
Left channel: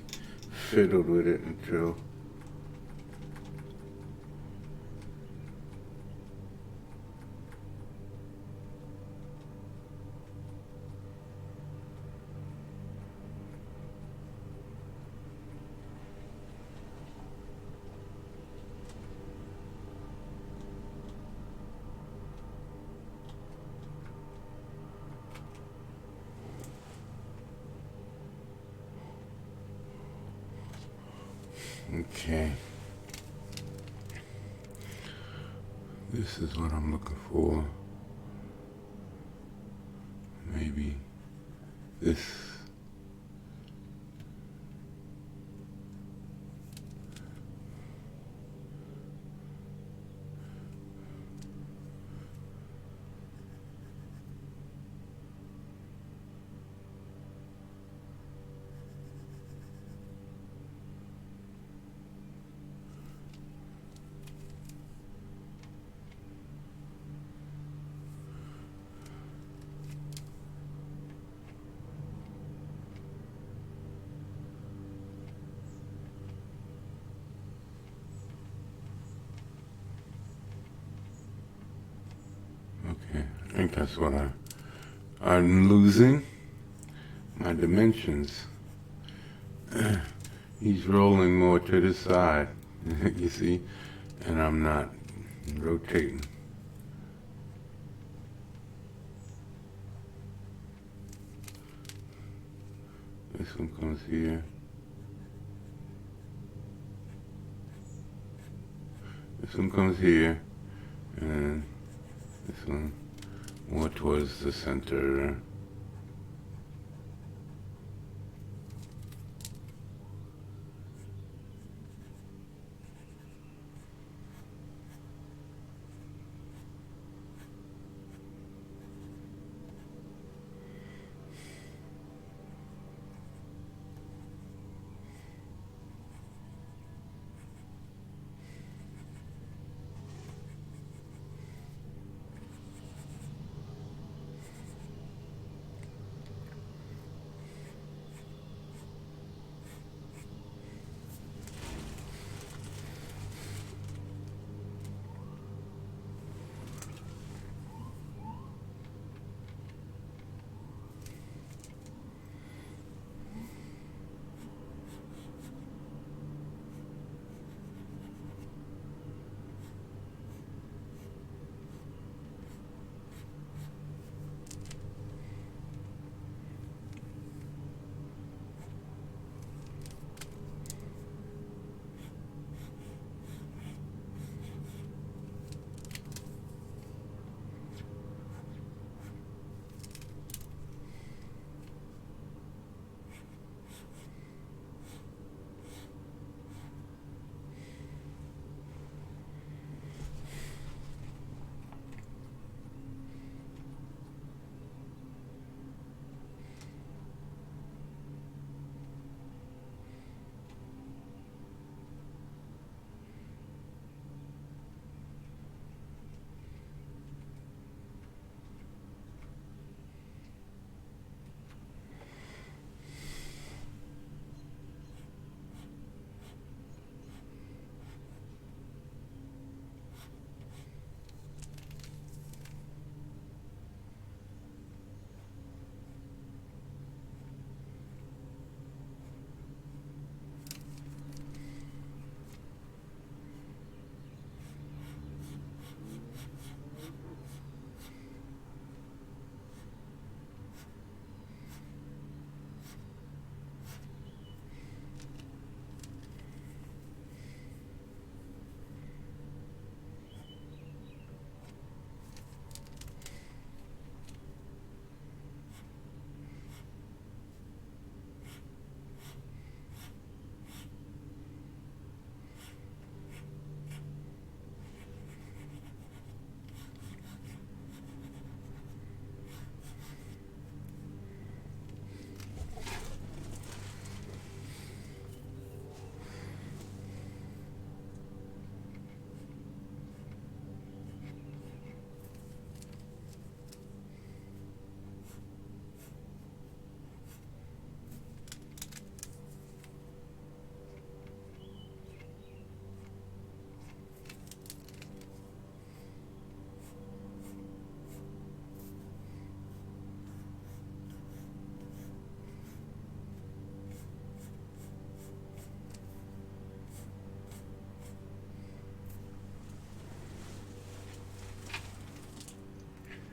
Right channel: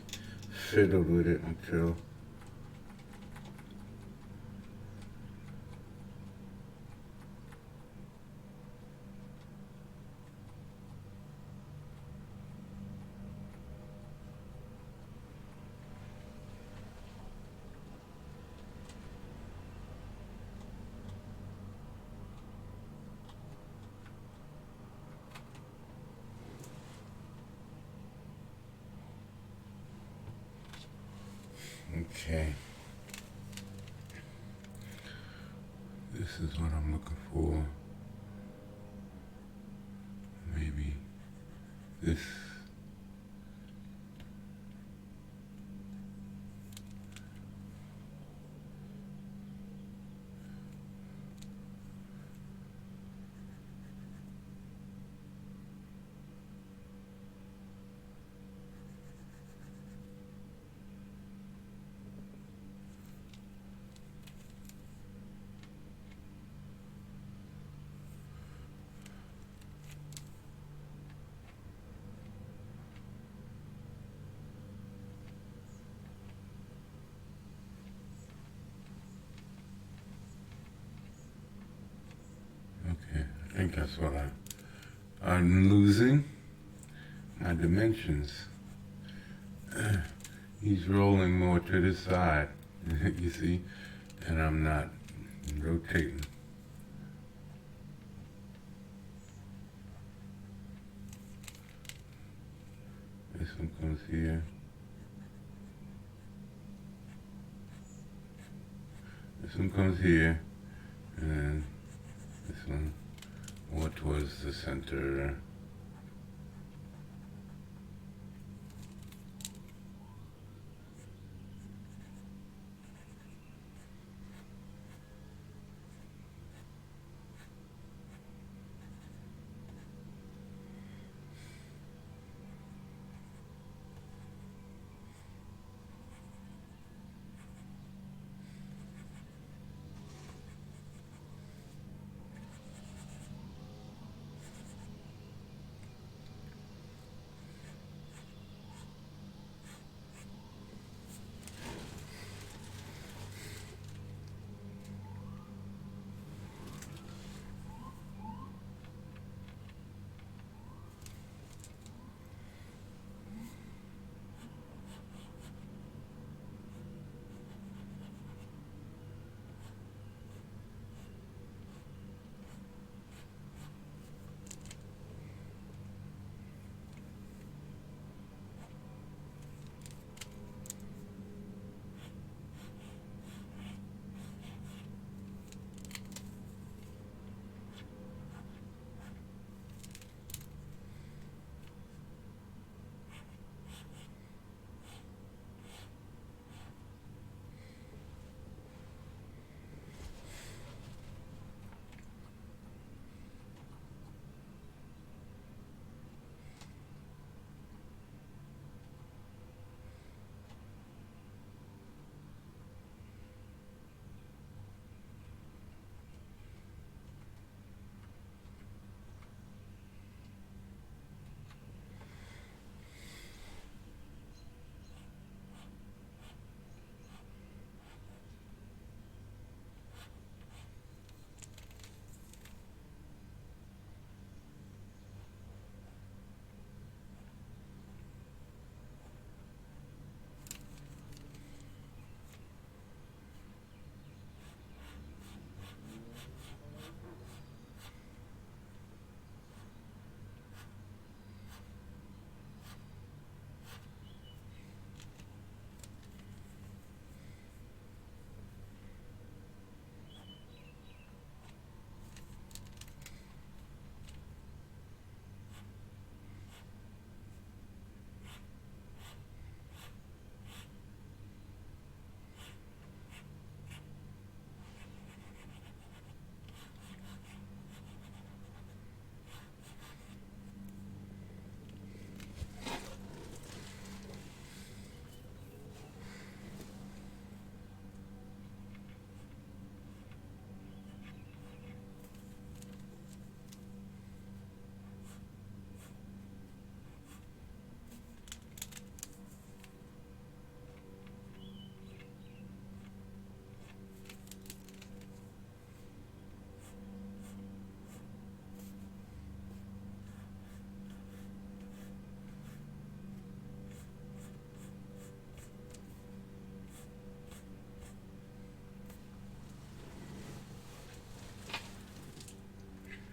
fiddled with it until okay. This is what I'm looking for. Maybe this. I think that's what I'm losing my dimensions. He's rolling more to the side, you see, and I'm not rotating. This one comes here. This one comes here, and this one more towards the center.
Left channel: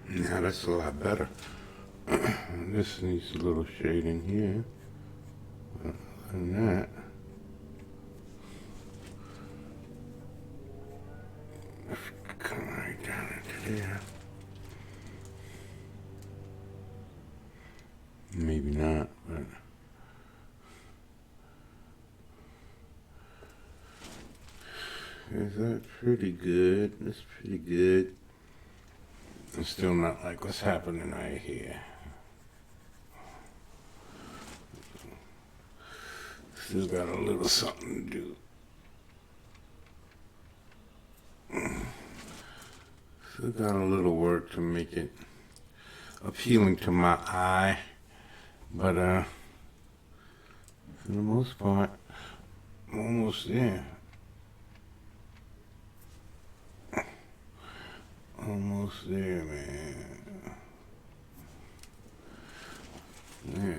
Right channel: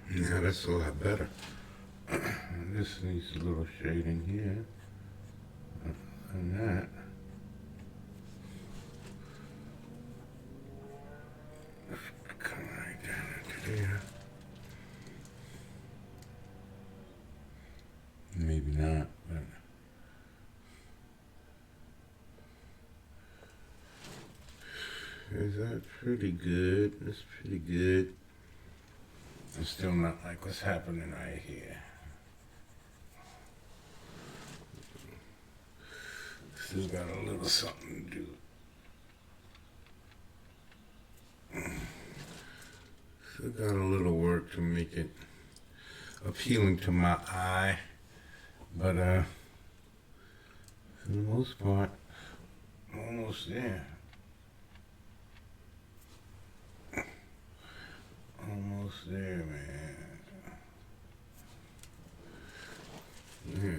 Now that's a lot better. This needs a little shading here. And that. Come right down into there. Maybe not, but is that pretty good? That's pretty good. It's still not like what's happening right here. Still got a little something to do. Still got a little work to make it appealing to my eye. But for the most part, I'm almost there. Almost there, man. Yeah.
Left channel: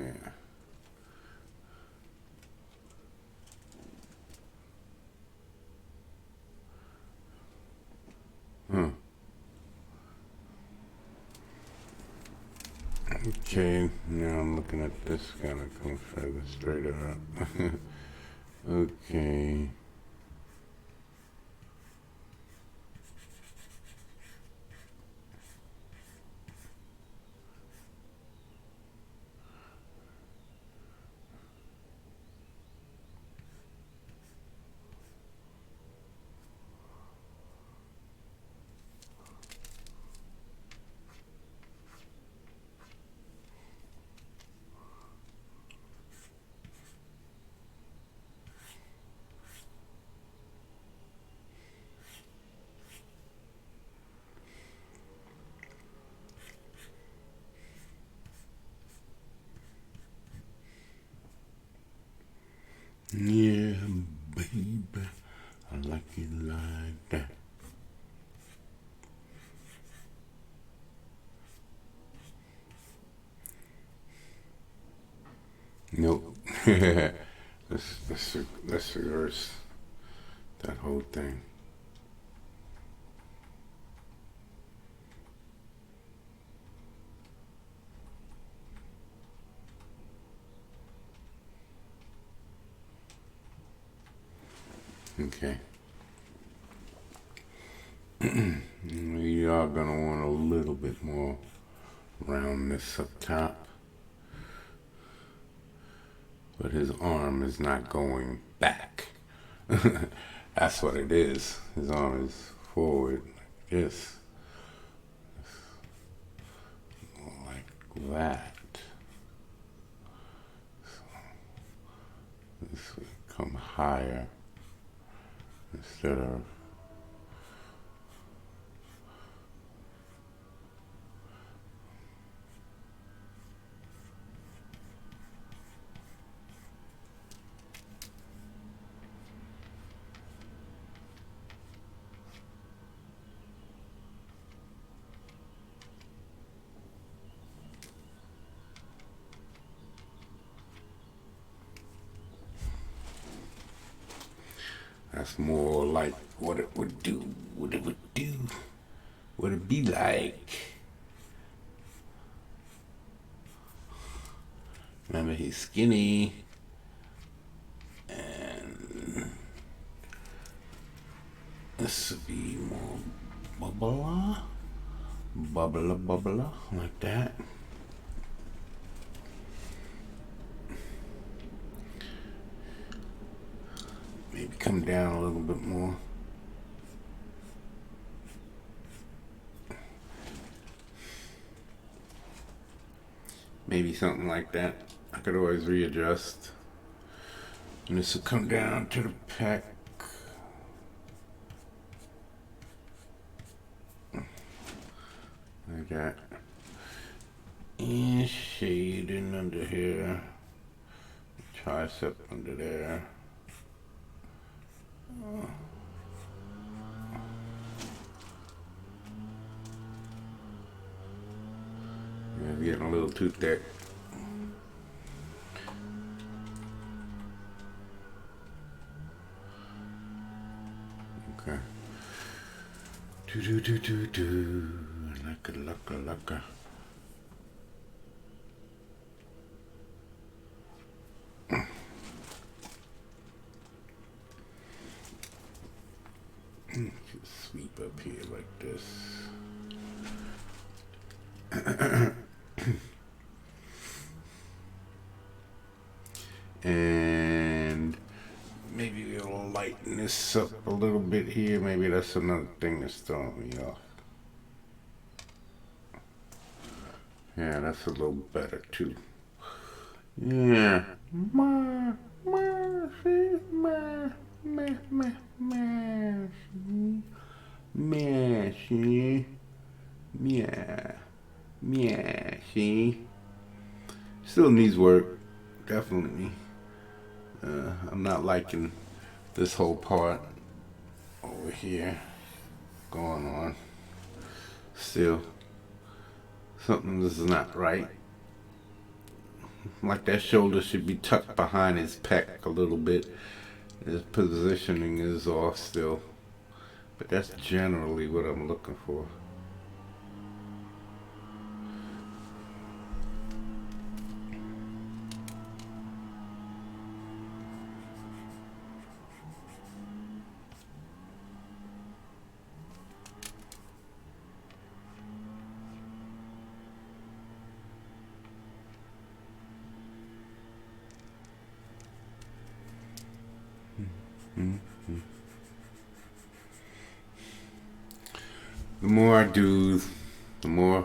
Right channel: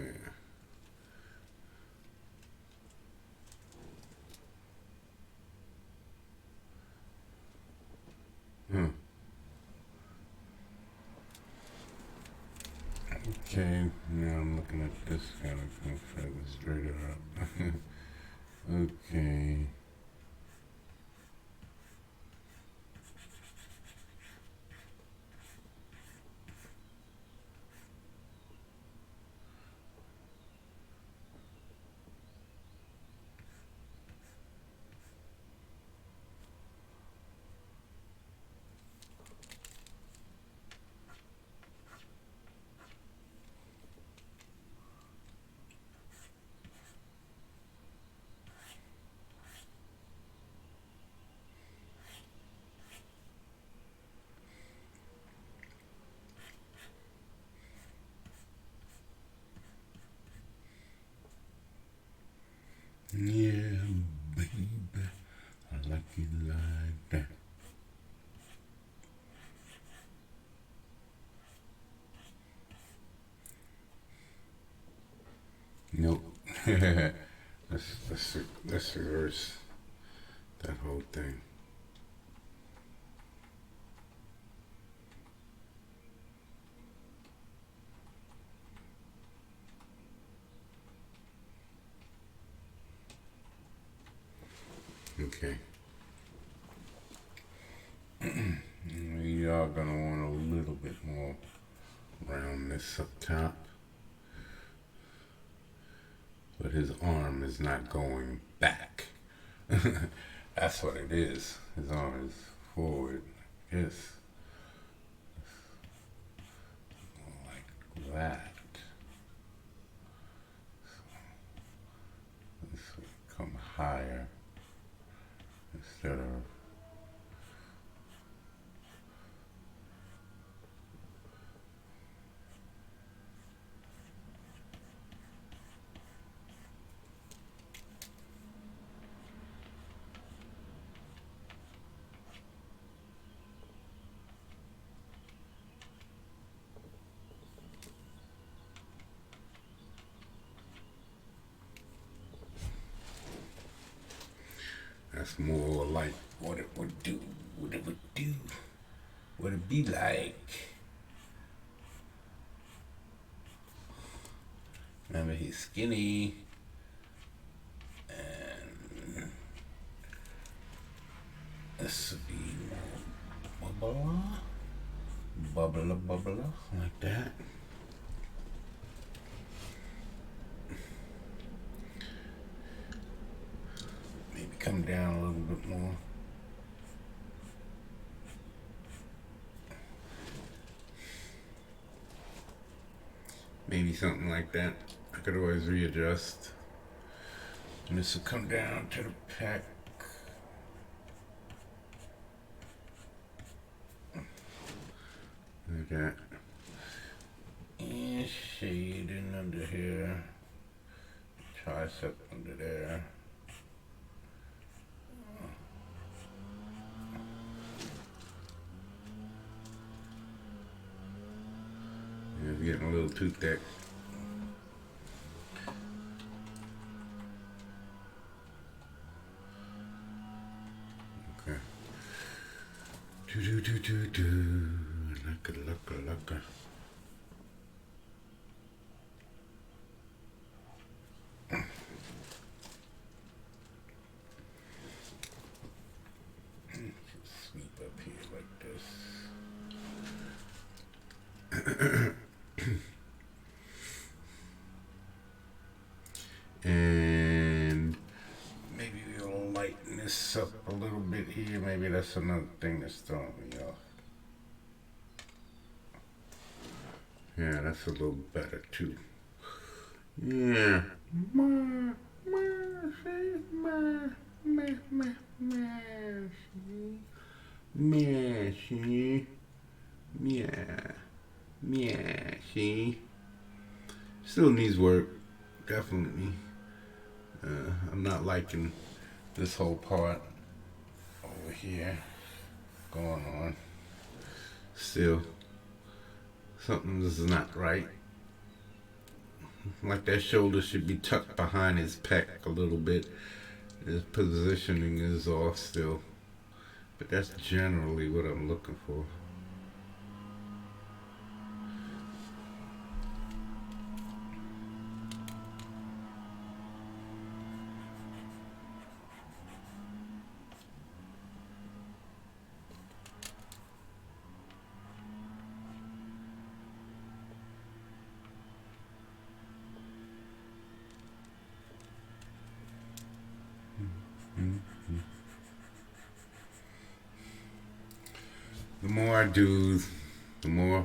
Okay, now I'm looking at this kind of come further straight up. Okay. Yeah, baby, I like it like that. Nope. let's reverse that whole thing. Okay. We are gonna want a little bit more roundness up top. But his arm is not going back. That's what it is. His arm is forward like this. Like that. So this would come higher instead of that's more like what it would do, what it would do, what it be like. Remember, he's skinny, and this would be more bubbler, like that. Maybe come down a little bit more. Maybe something like that. I could always readjust. And this will come down to the pec. Like that. And shading under here. Tricep under there. Yeah, getting a little too thick. Okay. Do. Like And maybe we'll lighten this up a little bit here. Maybe that's another thing that's throwing me off. Yeah, that's a little better too. Yeah. See. Still needs work, definitely. I'm not liking this whole part over here going on. Still, something is not right. Like that shoulder should be tucked behind his pec a little bit. His positioning is off still. But that's generally what I'm looking for. The more I do, the more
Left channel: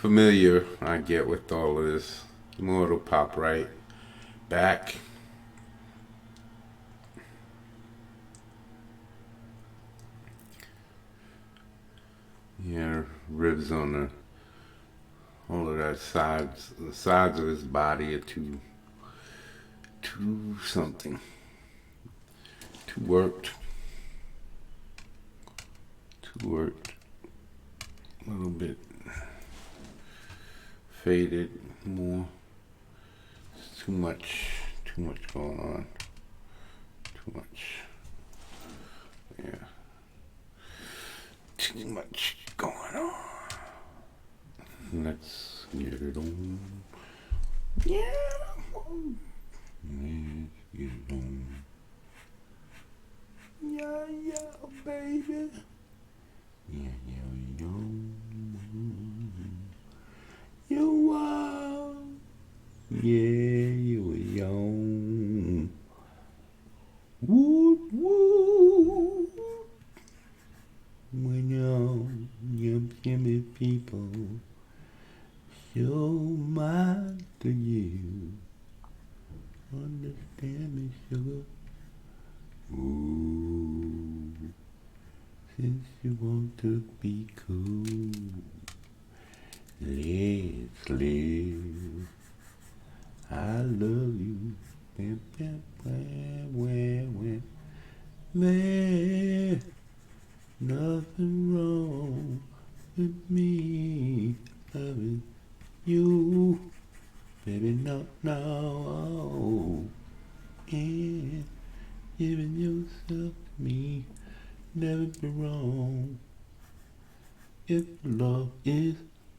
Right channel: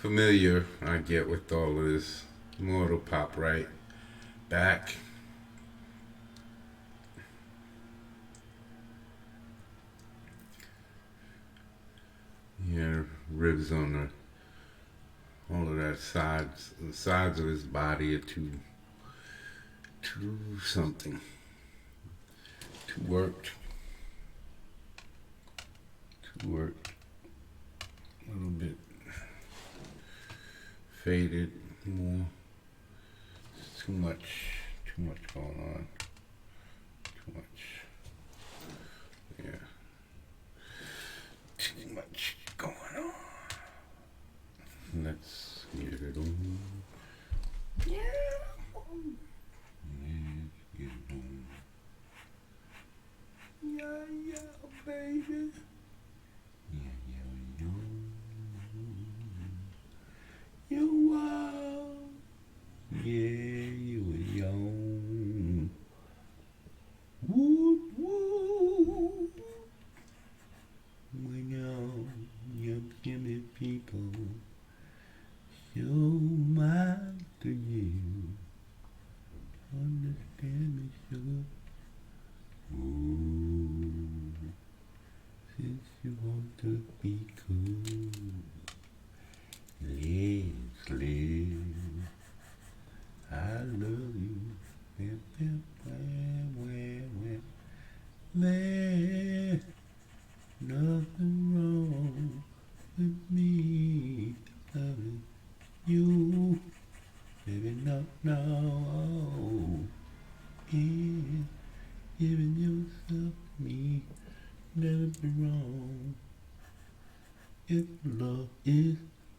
familiar I get with all of this, the more it'll pop right back. Yeah, ribs on all of that the sides of his body are too something, too worked, a little bit faded, more, too much going on, too much, yeah, too much going on. Let's get it on. Yeah. Get it on. Yeah, baby. Yeah. You are. Yeah, you young. Woo. When young skinny people show my to you. Understand me, sugar. Ooh, since you want to be cool, let's live. I love you. There's nothing wrong with me loving you. Baby, no. And giving yourself me, never be wrong. If love is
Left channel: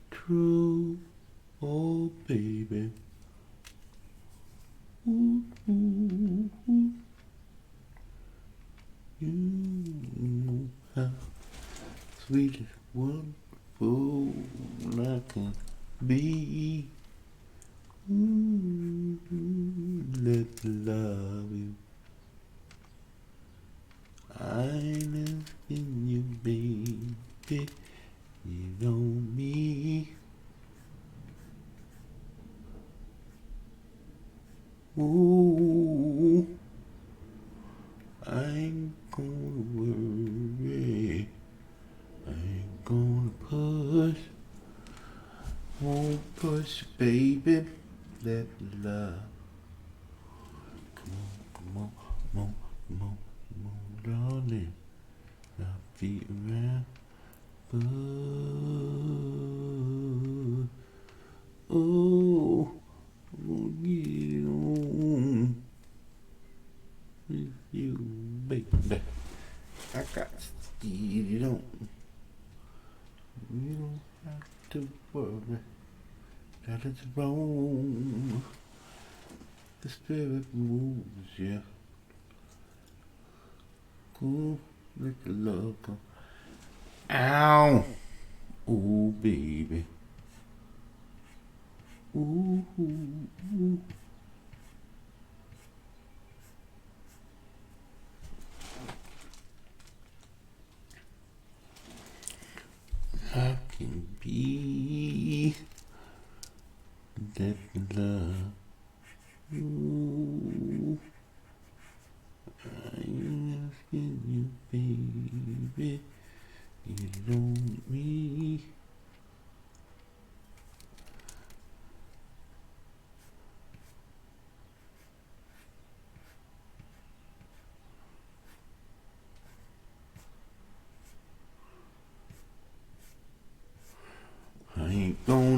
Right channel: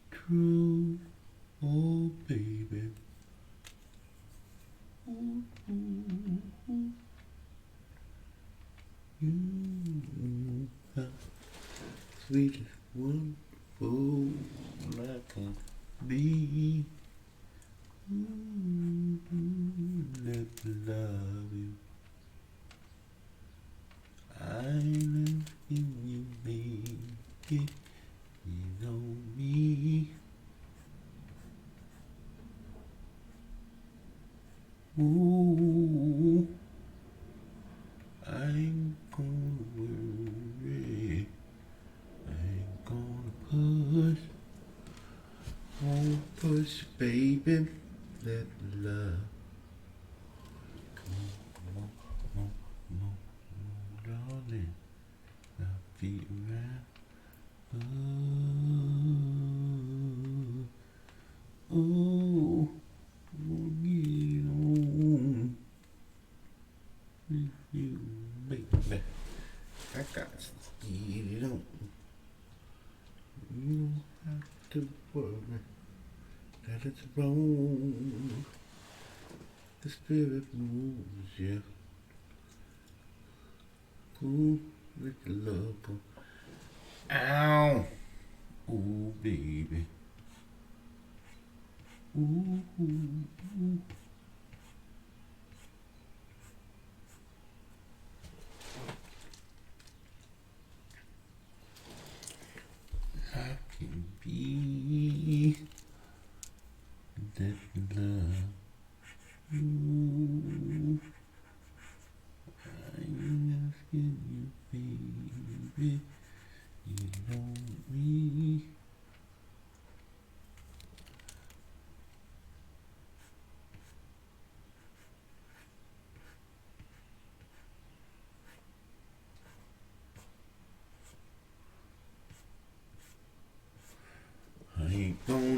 true, oh baby. Ooh. You know how sweet and wonderful I can be. Let's love you. I live in you, baby. You know me. Ooh, I ain't gonna worry. I ain't gonna won't push, baby. That love. Come on, darling. I'll be around. Oh, we'll get it on with you, baby. I got to get it on. You don't have to worry that it's wrong. The spirit moves, yeah. Cool, let the love go. Ow! Ooh, baby. Ooh.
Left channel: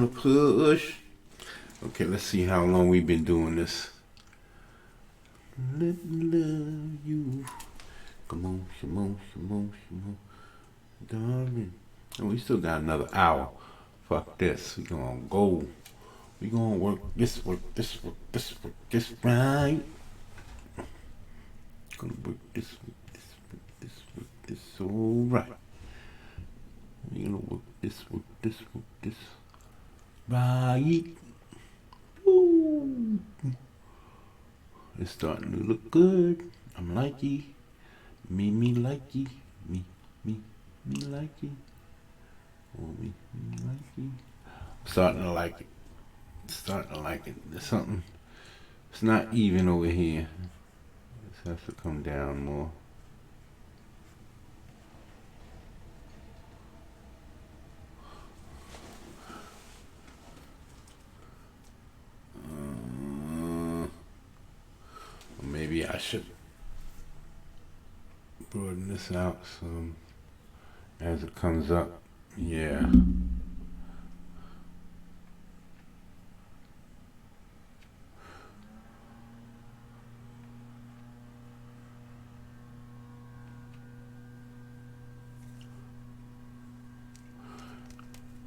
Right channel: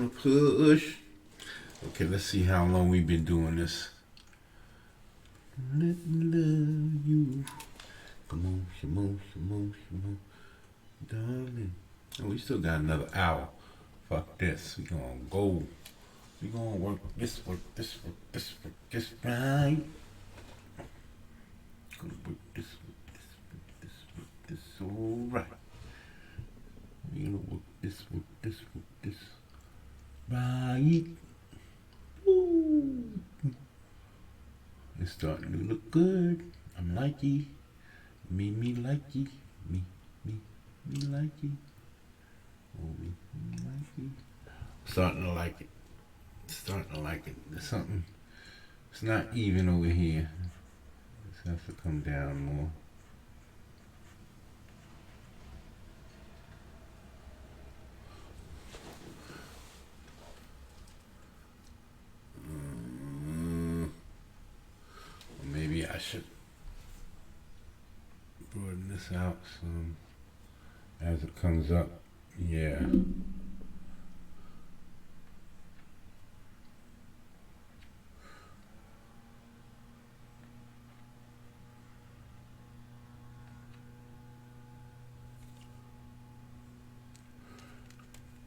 gonna push. Okay, let's see how long we've been doing this. Let me love you. Come on, come on, come on, come on, darling. Oh, we still got another hour. Fuck this. We gonna go. We gonna work this right. Gonna work this, all right. We gonna work this, right. Ooh. It's starting to look good. I'm likey. Me likey. Me likey. Oh, me likey. Starting to like it. Starting to like it. There's something. It's not even over here. This has to come down more. Maybe I should broaden this out some as it comes up. Yeah.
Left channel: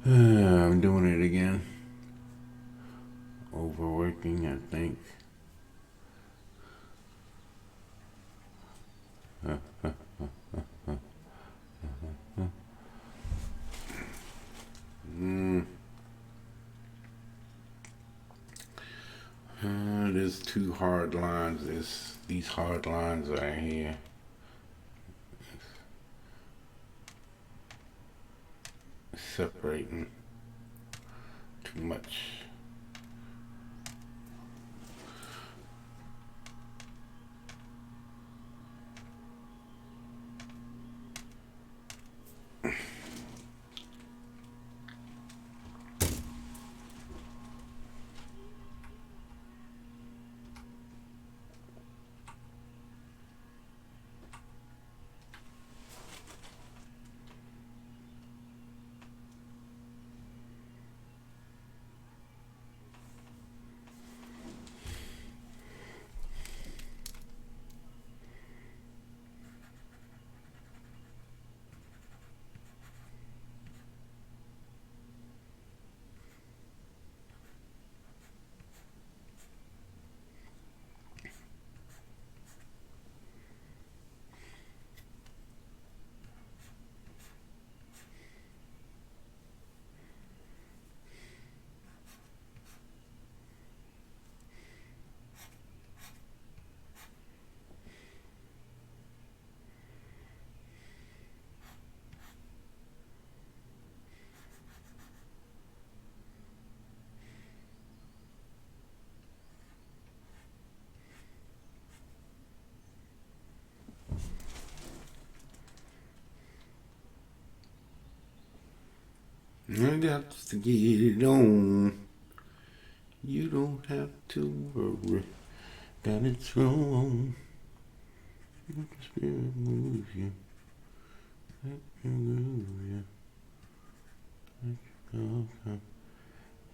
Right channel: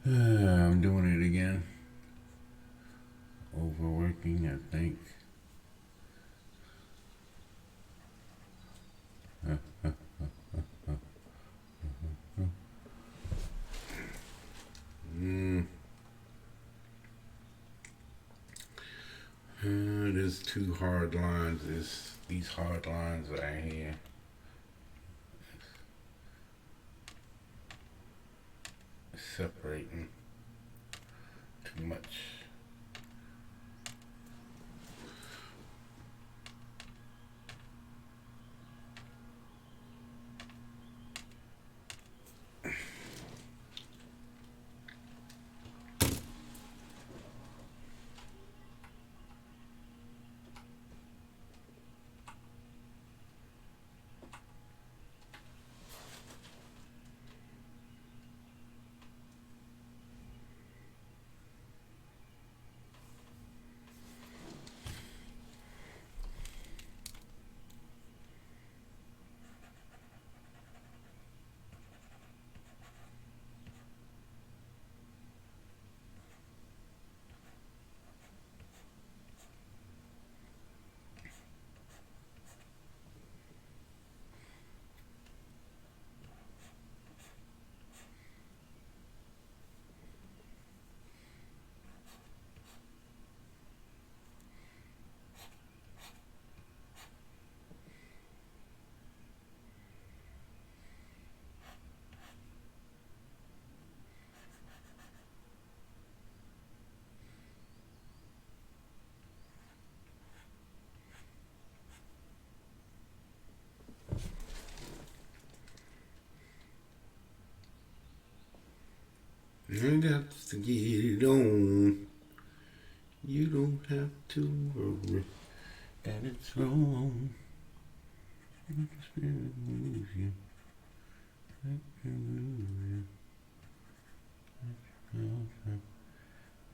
I'm doing it again. Overworking, I think. There's two hard lines. There's these hard lines right here. Separating too much. I got to get it on. You don't have to worry that it's wrong. You can move you.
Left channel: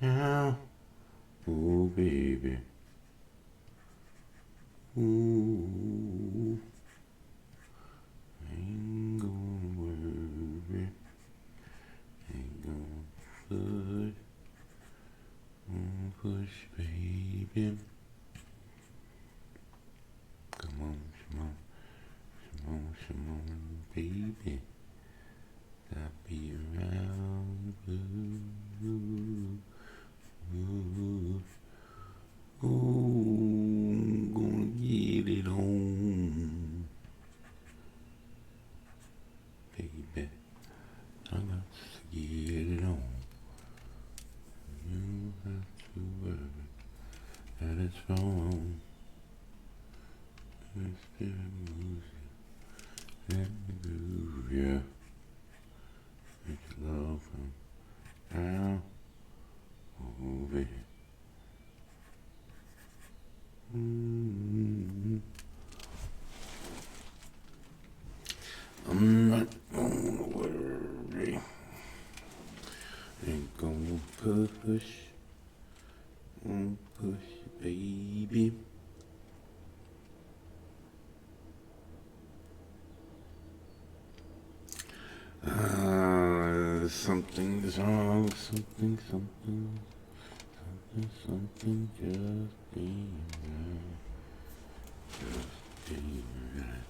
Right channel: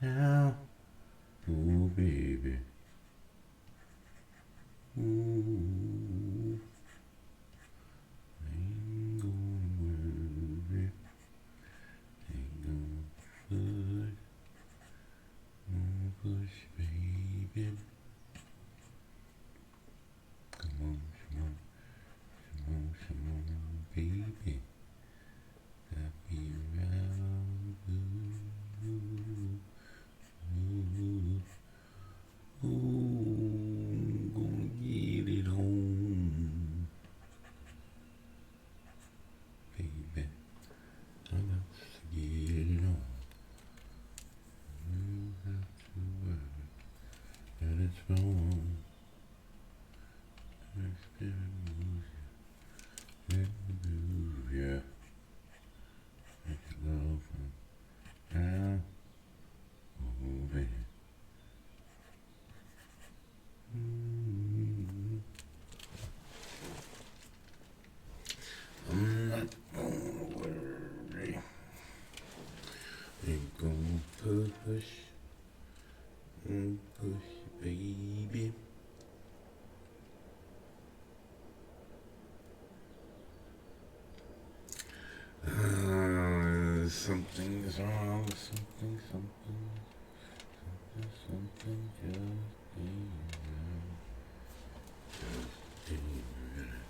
Now, oh baby. Ooh. Ain't gonna worry. Ain't gonna push, baby. Come on, baby. Got me around. Oh, I'm gonna get it on, baby. I got to get it on. You have to worry that push and push, baby. Something's wrong, something, something just ain't right.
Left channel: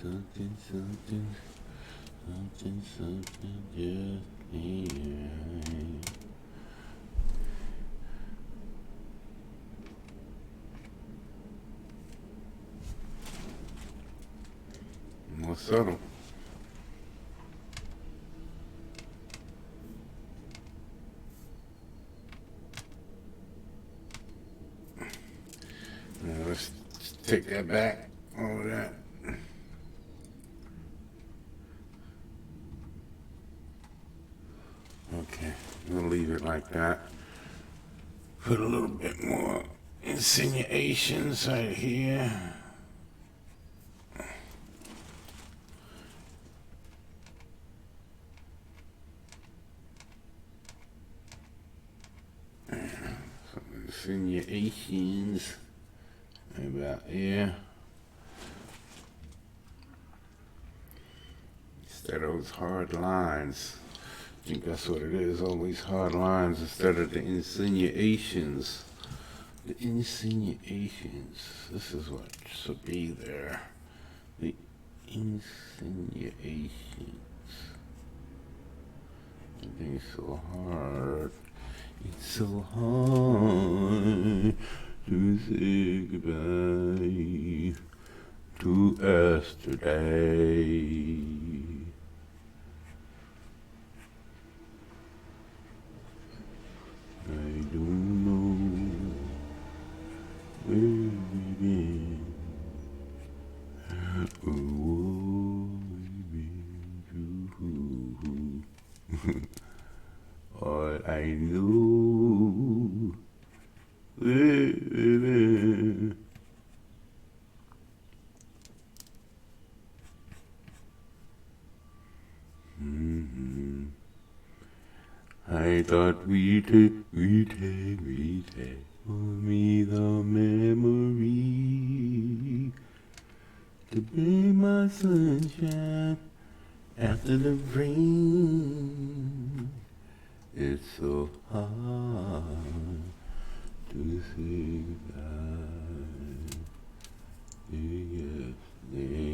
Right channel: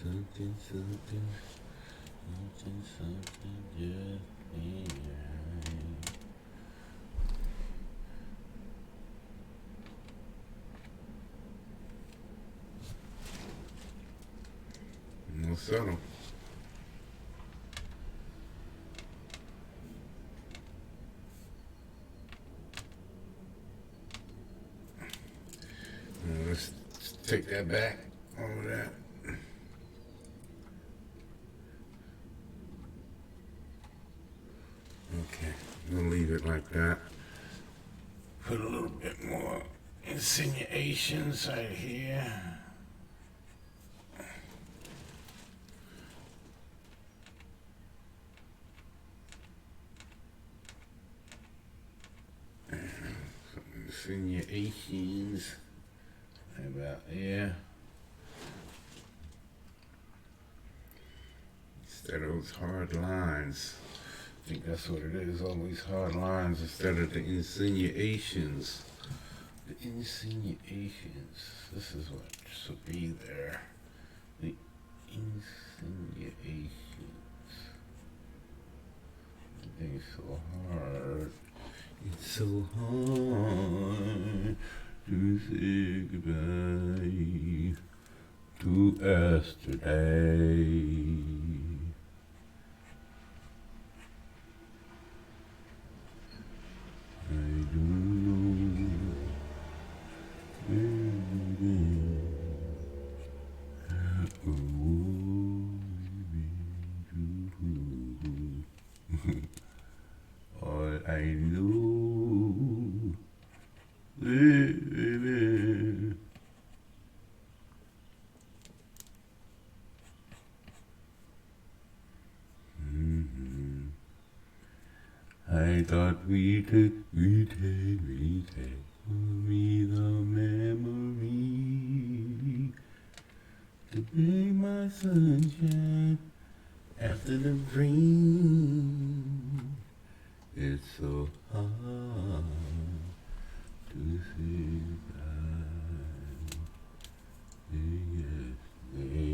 Something, something, something just ain't right. More subtle. Let's take that back. All of that. Okay, we'll leave it like that. Put a little bit more insinuations right here. Insinuations. About here. Instead of those hard lines. I think that's what it is, all these hard lines instead of the insinuations. The insinuations. This is what should be there. The insinuations. It's so hard. It's so hard to say goodbye to yesterday. I don't know where we've been or what we've been through. All I know, baby. I thought we'd take for me the memory to be my sunshine after the rain. It's so hard to say goodbye to yesterday.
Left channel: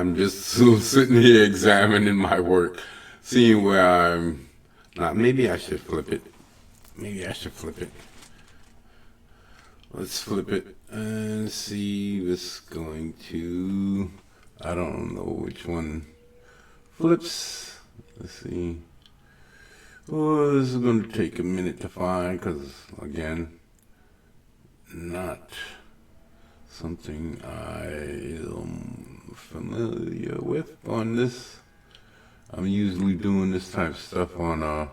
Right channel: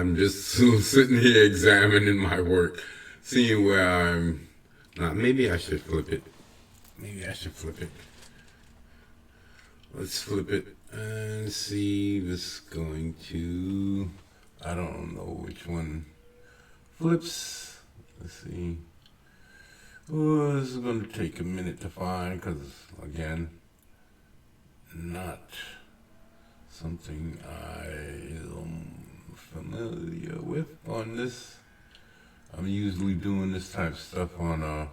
I'm just sitting here examining my work, seeing where I'm. Maybe I should flip it. Maybe I should flip it. Let's flip it and see what's going to. I don't know which one flips. Let's see. Oh, this is going to take a minute to find because, again, not something I am familiar with on this. I'm usually doing this type of stuff on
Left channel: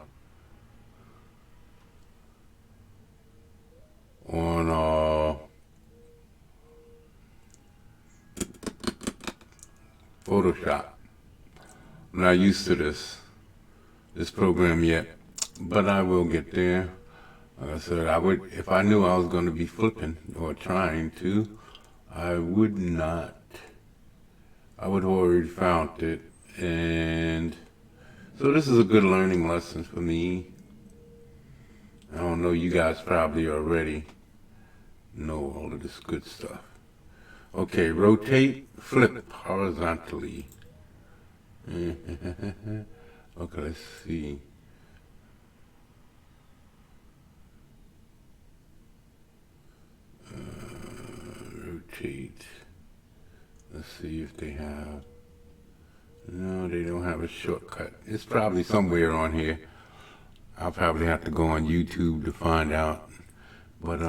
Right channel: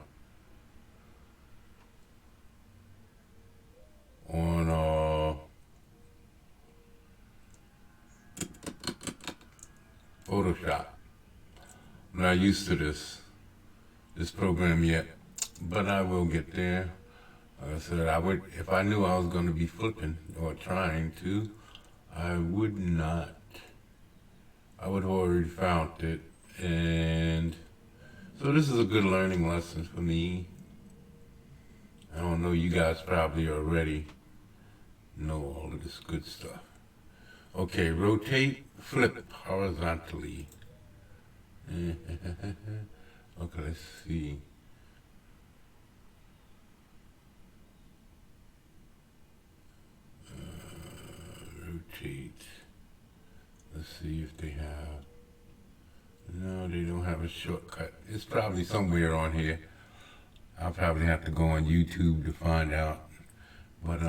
Photoshop. I'm not used to this program yet, but I will get there. Like I said, I would, if I knew I was going to be flipping or trying to, I would not. I would have already found it, and so this is a good learning lesson for me. I don't know, you guys probably already know all of this good stuff. Okay, rotate, flip horizontally. Okay, let's see. Rotate. Let's see if they have. No, they don't have a shortcut. It's probably somewhere on here. I'll probably have to go on YouTube to find out. But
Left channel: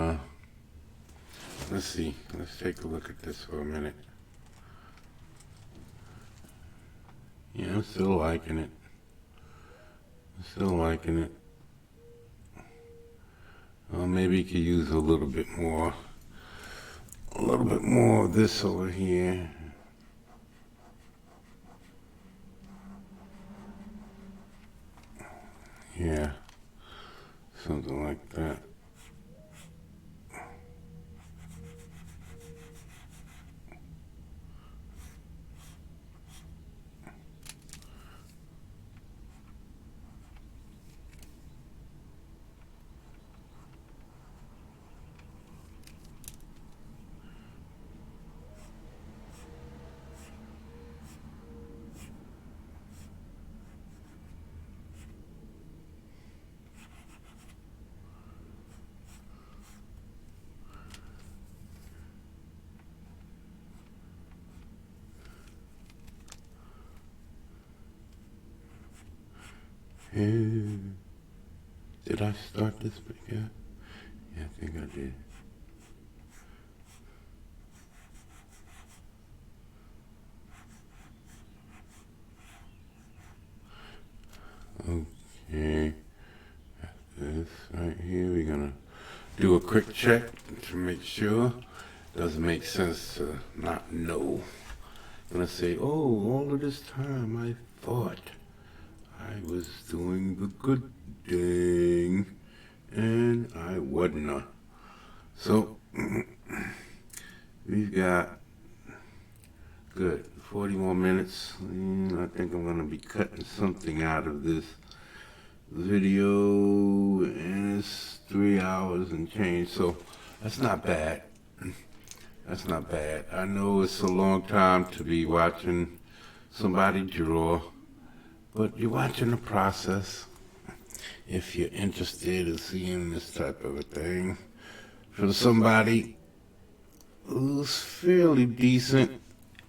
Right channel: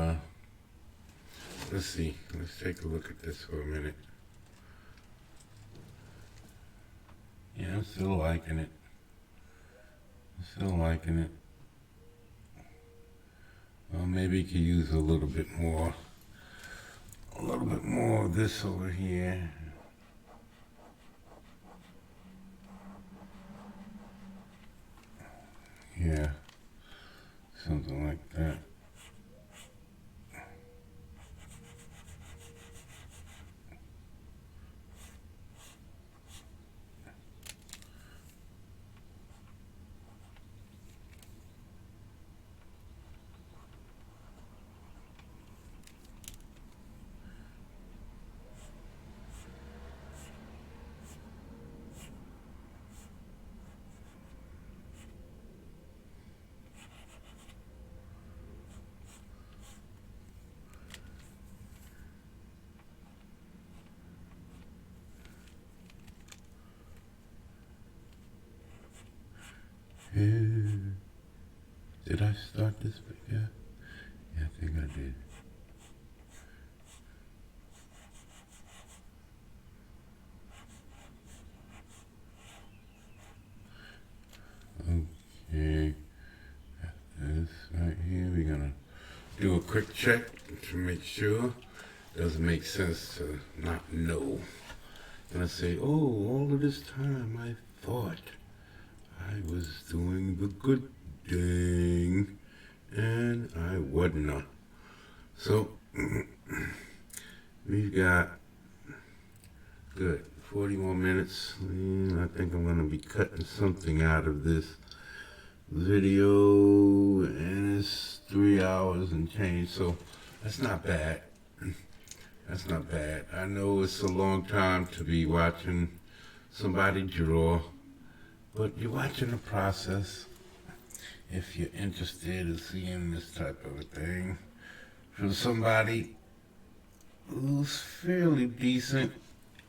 let's see. Let's take a look at this for a minute. Yeah, I'm still liking it. Still liking it. Well, maybe you could use a little bit more of this over here. Yeah, something like that. Did I start this video? Yeah, I think I did. Okay, this right here, we're gonna do a quick check to make sure. Doesn't make sense to not know. I'm gonna say, oh, all of this time I thought I was doing the good thing, and I wasn't. So, we've got, good, 40 more minutes. I think I'm gonna be cutting something out of this video, and it's 3 hours and change, so that's not bad. That's not bad. I know it's a long time to be watching somebody draw, but you're watching the process. If you're interested in seeing this type of a thing from somebody who's fairly decent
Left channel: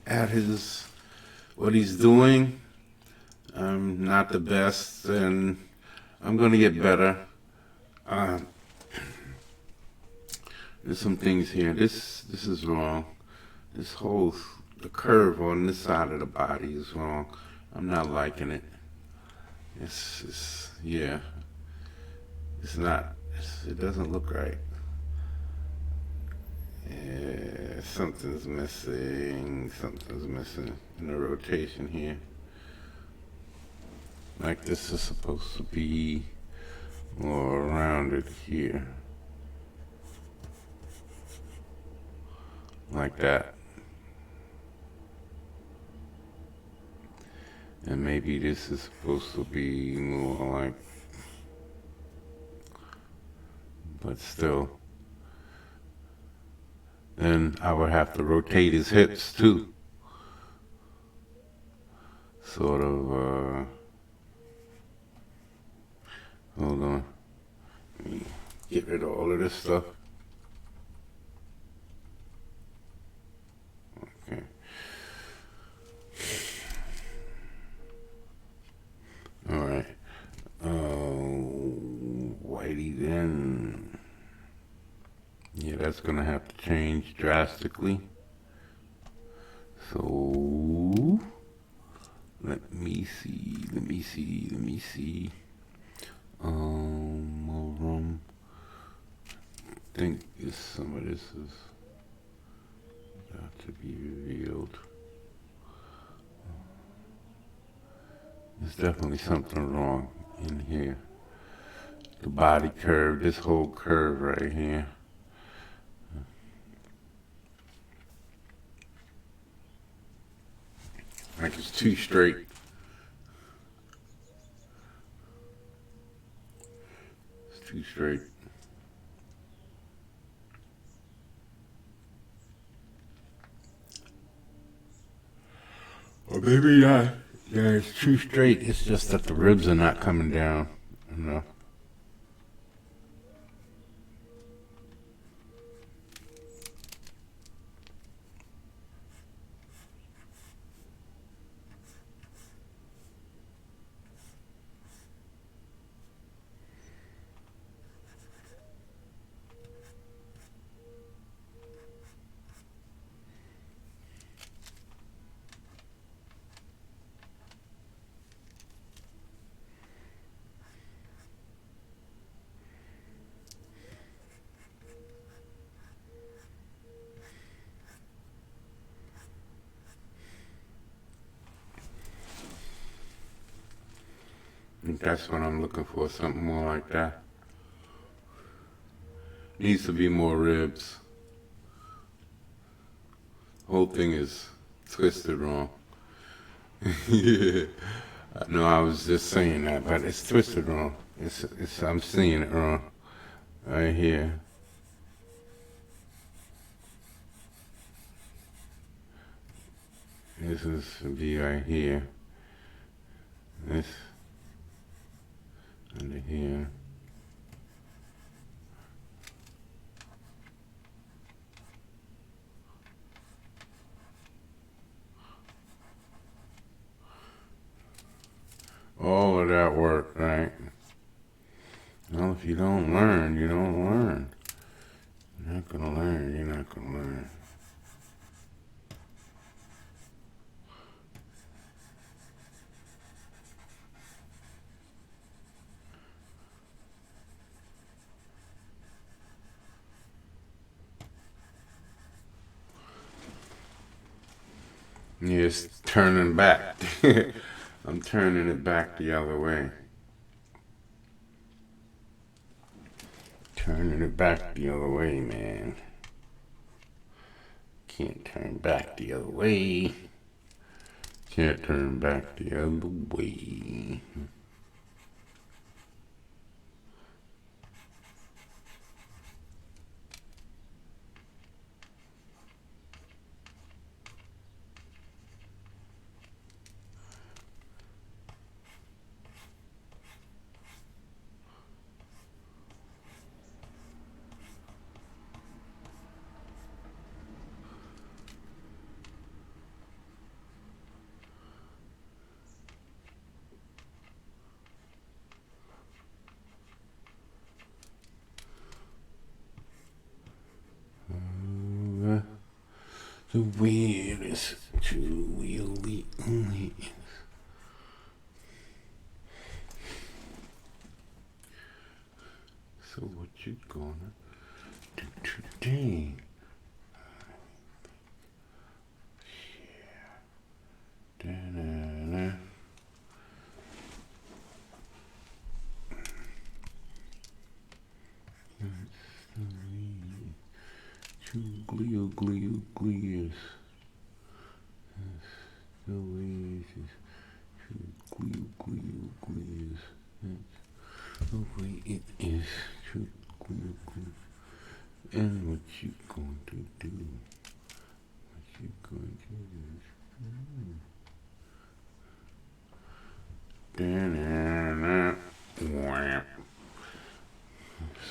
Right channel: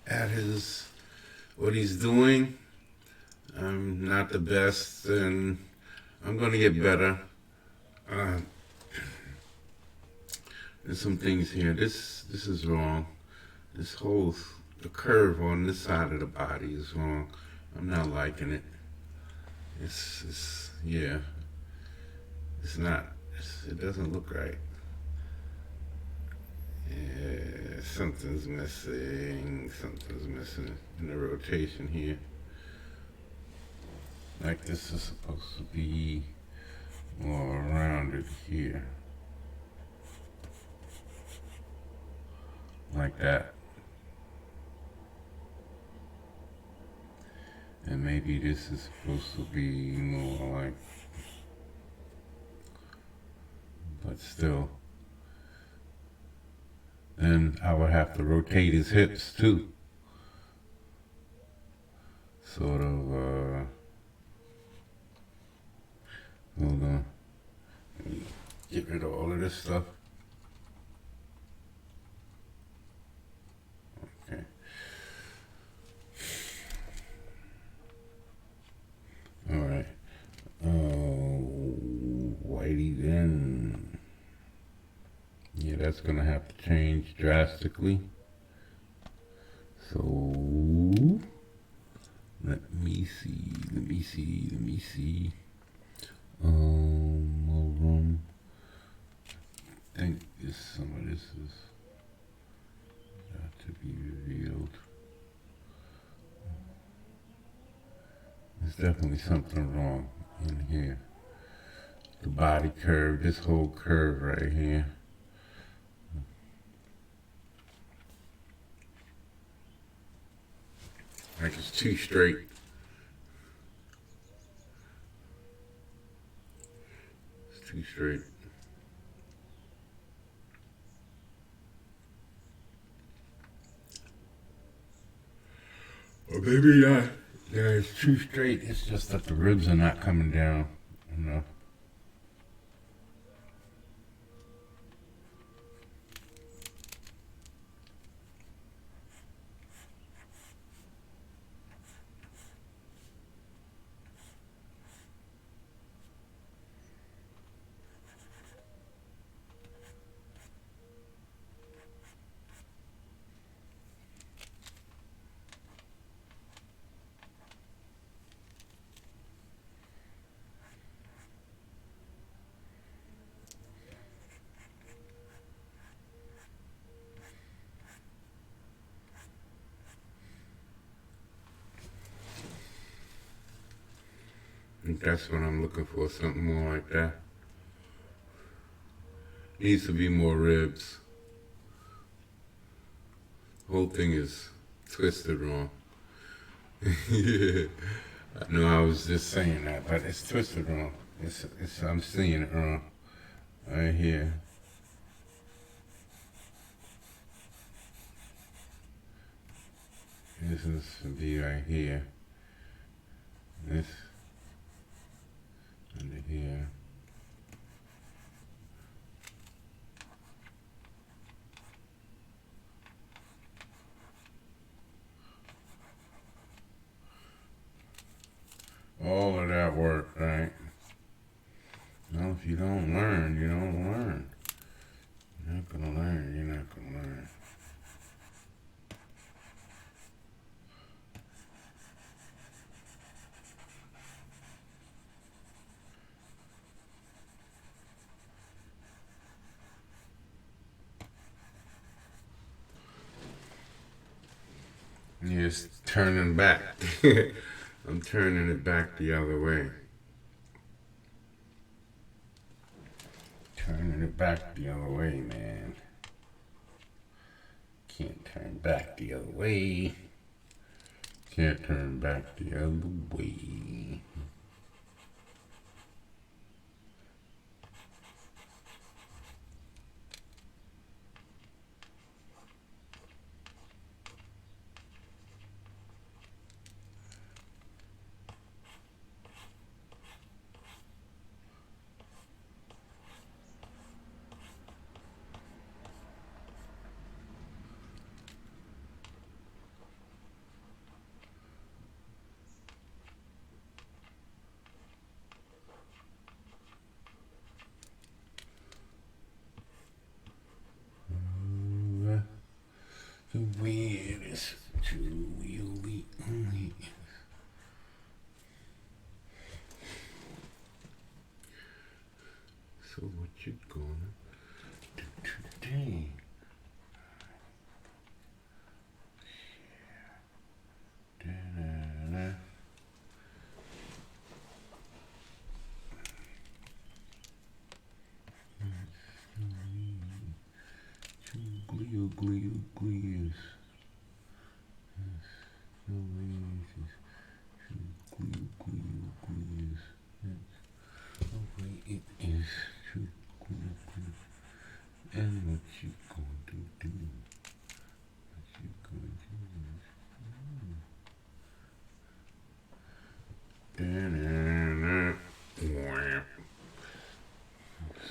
at what he's doing, I'm not the best, and I'm gonna get better. There's some things here. This is wrong. The curve on this side of the body is wrong. I'm not liking it. Yeah. It's not. It doesn't look right. Yeah, something's missing. Something's missing in the rotation here. Like this is supposed to be more rounded here. Like that. And maybe this is supposed to be more like, but still. Then I would have to rotate his hips too. sort of, hold on. Let me get rid of all of this stuff. Okay. All right. Whitey then. Yeah, that's gonna have to change drastically. So let me see. I think some of this is got to be revealed. There's definitely something wrong in here. The body curve, this whole curve right here. Like it's too straight. It's too straight. Or maybe not. Yeah, it's too straight. It's just that the ribs are not coming down. You know. That's what I'm looking for, something more like that. Needs to be more ribs. Whole thing is twisted wrong. Yeah. No, I was just saying that, but it's twisted wrong. I'm seeing it wrong. Right here. This is to be right here. This under here. All of that work, right? Well, if you don't learn, you don't learn. You're not gonna learn, you're not gonna learn. Yeah, it's turning back. I'm turning it back the other way. Turning it back the other way, man. Can't turn back the other way. Can't turn back the other way. The weirdest two-wheelie only. So what you gonna do today? Da-da-da. Two glias. No way, glias. The way it is, true glias. And what you going to do? What you going to do?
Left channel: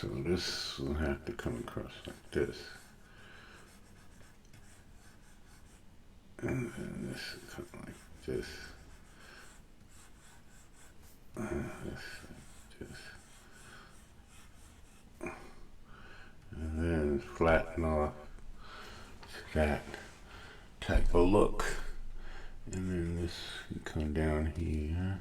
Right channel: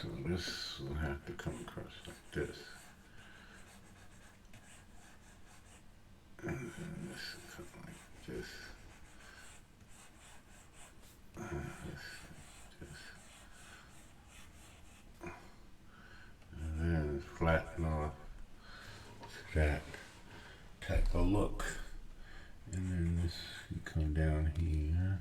So this will have to come across like this. And then this will come like this. And then flatten off that type of look. And then this can come down here.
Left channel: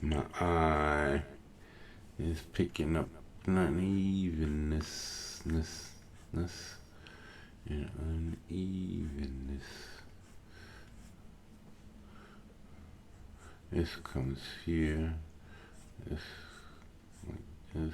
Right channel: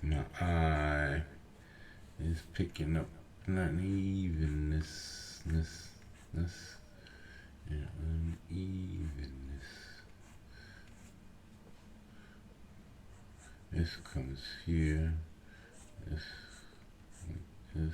My eye is picking up unevenness, and unevenness. This comes here. This, this.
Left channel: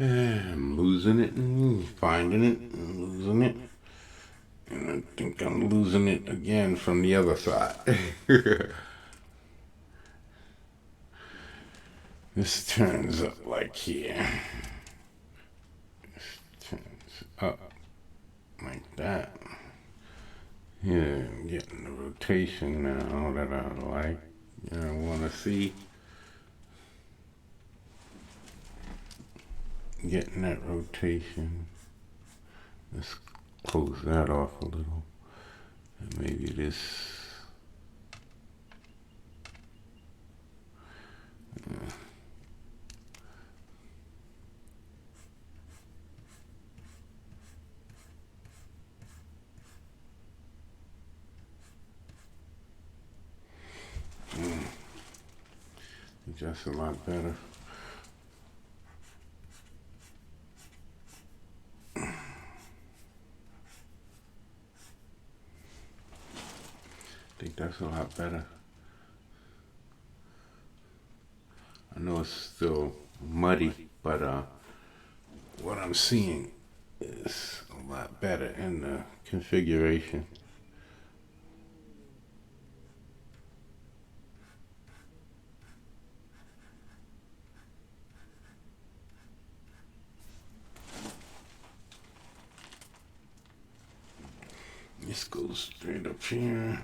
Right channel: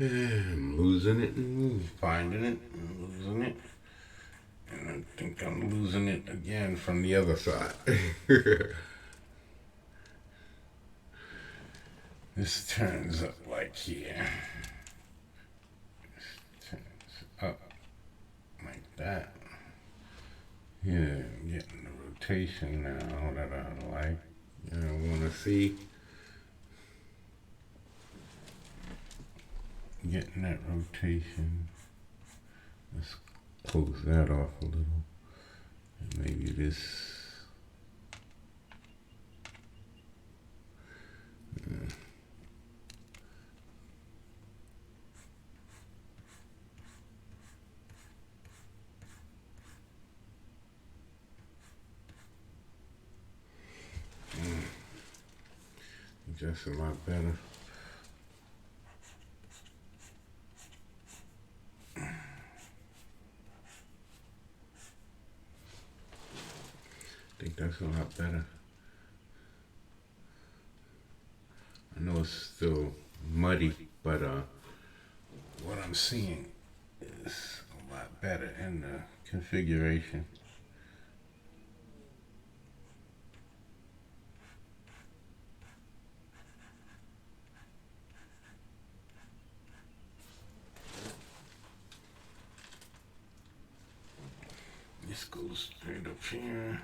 I'm losing it and finding it and losing it. And I think I'm losing it again from the other side. This turns up like here. This turns up like that. Yeah, I'm getting the rotation now that I like. I want to see. Getting that rotation. Let's close that off a little. And maybe this. that's a lot better. I think that's a lot better. I know it's still muddy, but what I'm seeing is a lot better in the configuration. This goes straight up here.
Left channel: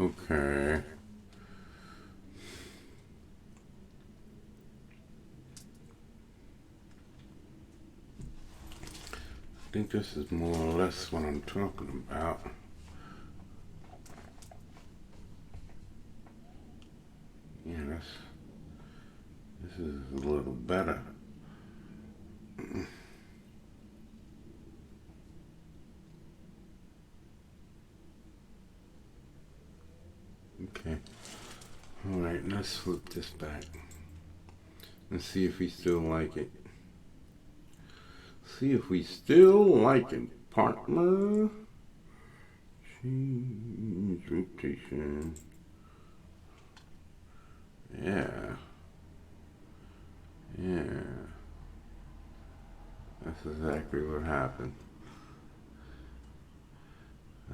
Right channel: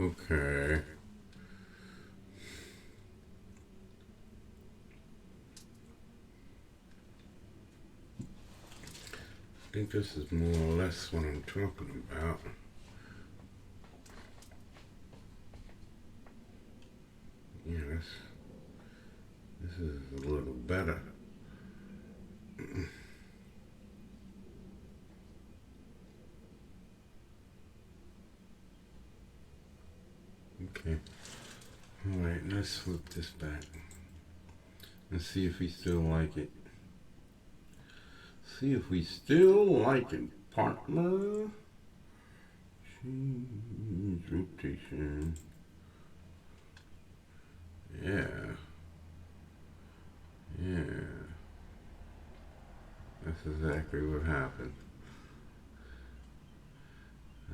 Okay. I think this is more or less what I'm talking about. Yeah, this is a little better. Okay. All right, let's flip this back. Let's see if we still like it. See if we still like it, partner. Change rotation. Yeah. Yeah. That's exactly what happened.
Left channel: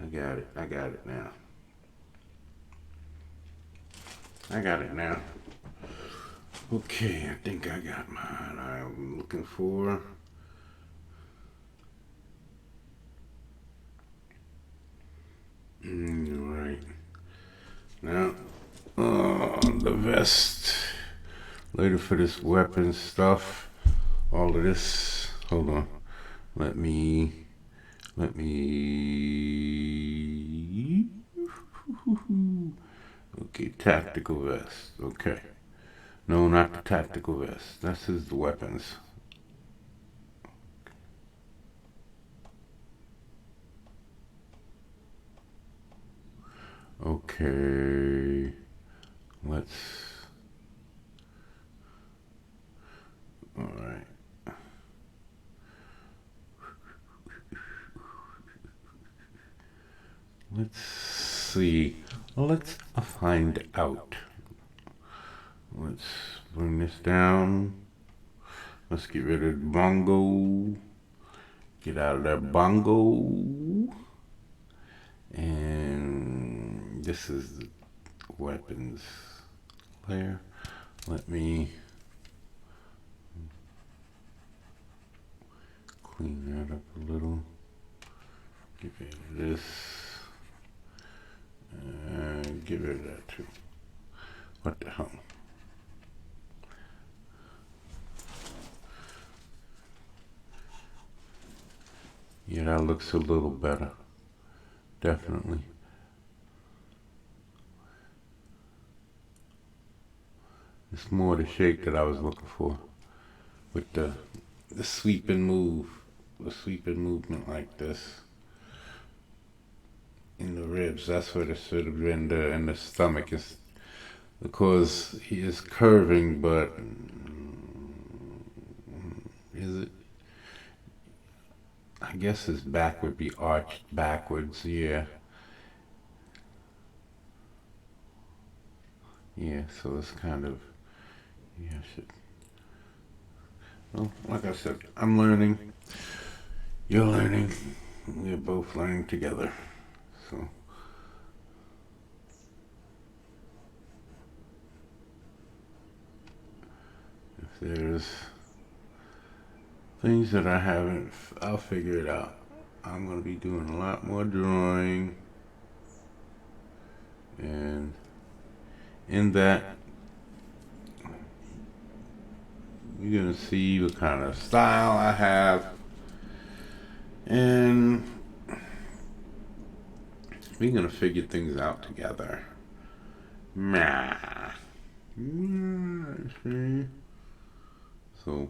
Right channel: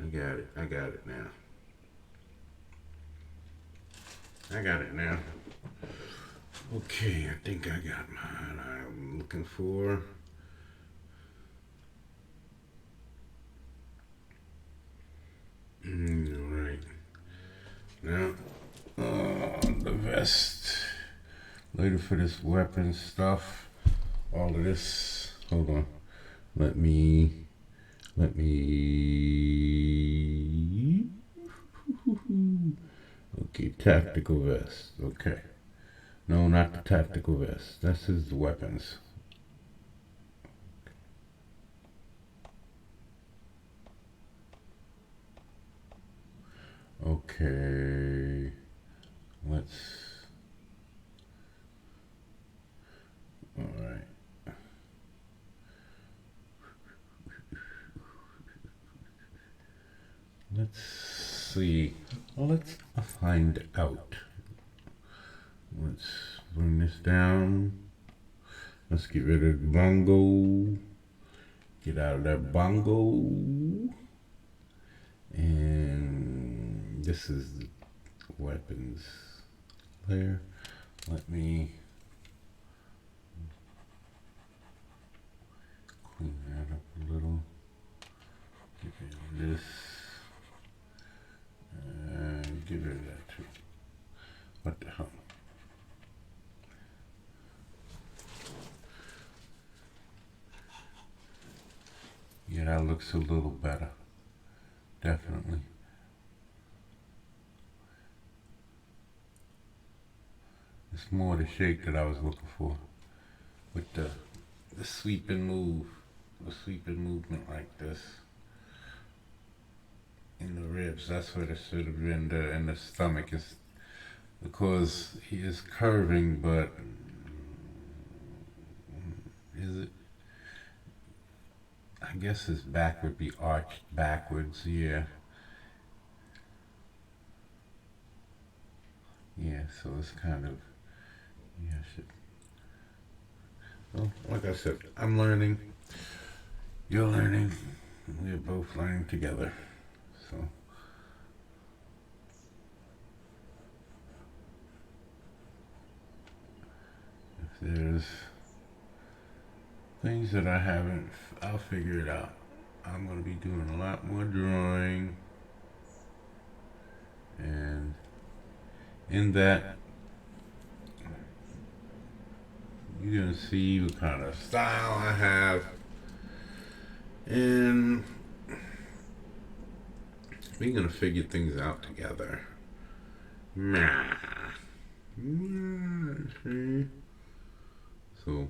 I got it now. I got it now. Okay, I think I got mine I'm looking for. Alright. Now, the vest. Later for this weapon stuff. All of this. Hold on. Let me. Okay, tactical vest. Okay. No, not the tactical vest. This is the weapons. Okay. Let's. All right. Let's see. Well, let's find out. Let's bring this down. Let's get rid of the bongo. Get out of that bongo. And this is the weapons layer. Let me clean that up a little. Give it this. And give it that too. What the hell? Yeah, that looks a little better. Definitely. It's more the shape that I was looking for. With the sweeping move. The sweeping movement like this. In the ribs, that's what it should have been. In the stomach is because he is curving, but is it? I guess his back would be arched backwards. Yeah. Yeah. So it's kind of yeah. Well, like I said, I'm learning. You're learning. We're both learning together. So. If there's things that I haven't, I'll figure it out. I'm going to be doing a lot more drawing. And in that, you're going to see the kind of style I have. And we're going to figure things out together. Nah. So,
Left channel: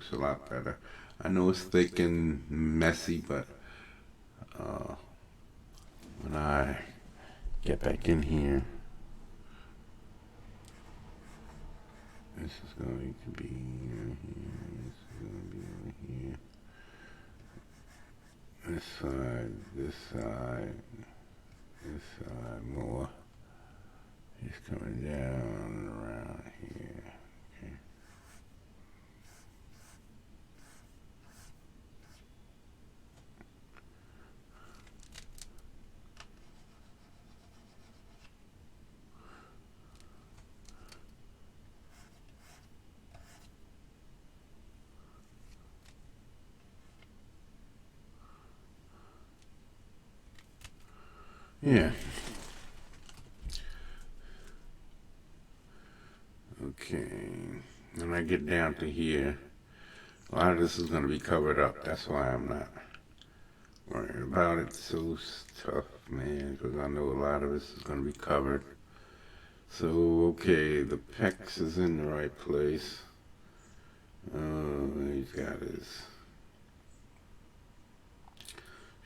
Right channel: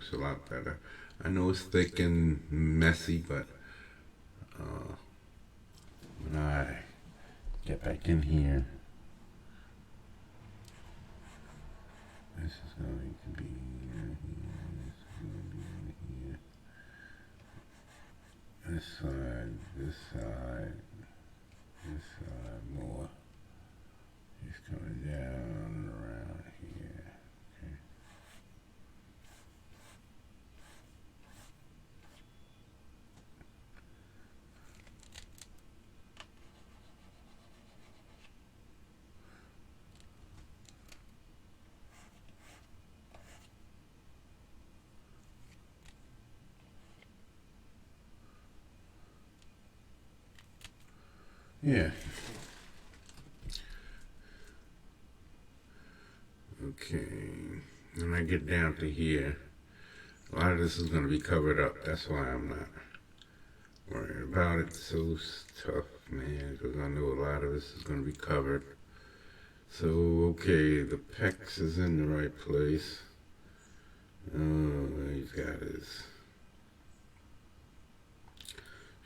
looks a lot better. I know it's thick and messy, but when I get back in here, this is going to be here, this is going to be here, this side, this side, this side more. It's coming down and around here. Okay. Yeah. Okay. When I get down to here, a lot of this is going to be covered up. That's why I'm not worried about it. So tough, man, because I know a lot of this is going to be covered. So, okay, the pecs is in the right place. Oh, he's got his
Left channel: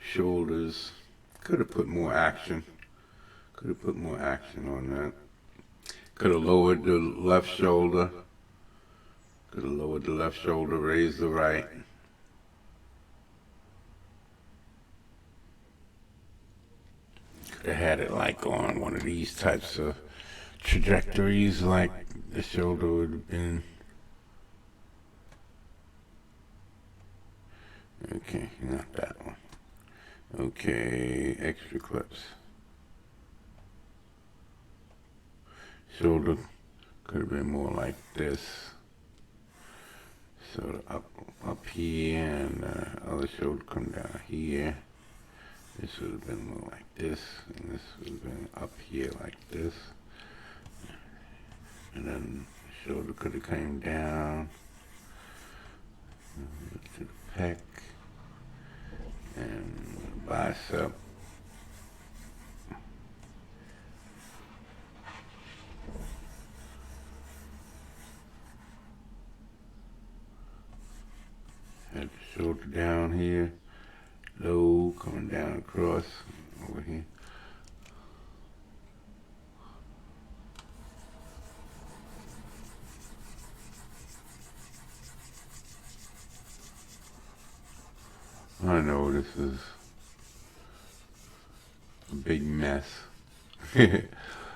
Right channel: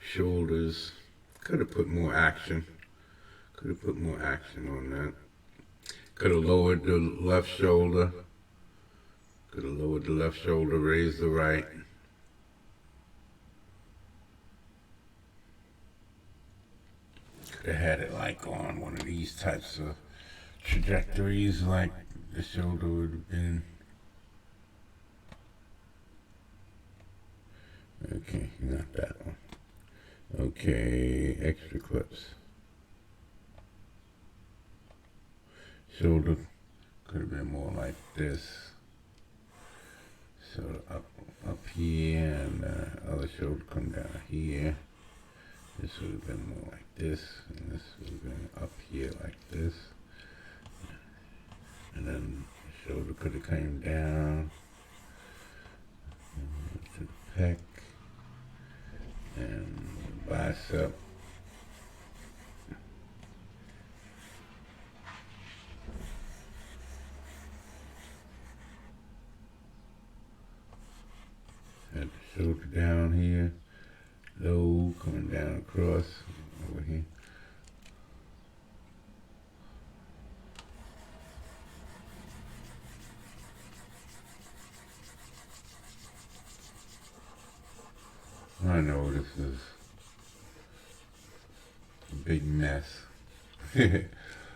shoulders. Could have put more action. Could have put more action on that. Could have lowered the left shoulder. Could have lowered the left shoulder, raised the right. Could have had it like on one of these types of trajectories, like the shoulder would have been. Okay, not that one. Okay, extra clips. Shoulder could have been more like this. So up here, and other shoulder come down here. This would have been more like this, and this would have been up here like this. And then the shoulder could have came down to the pec and bicep. Had the shoulder down here, low, coming down across over here. I know this is a big mess,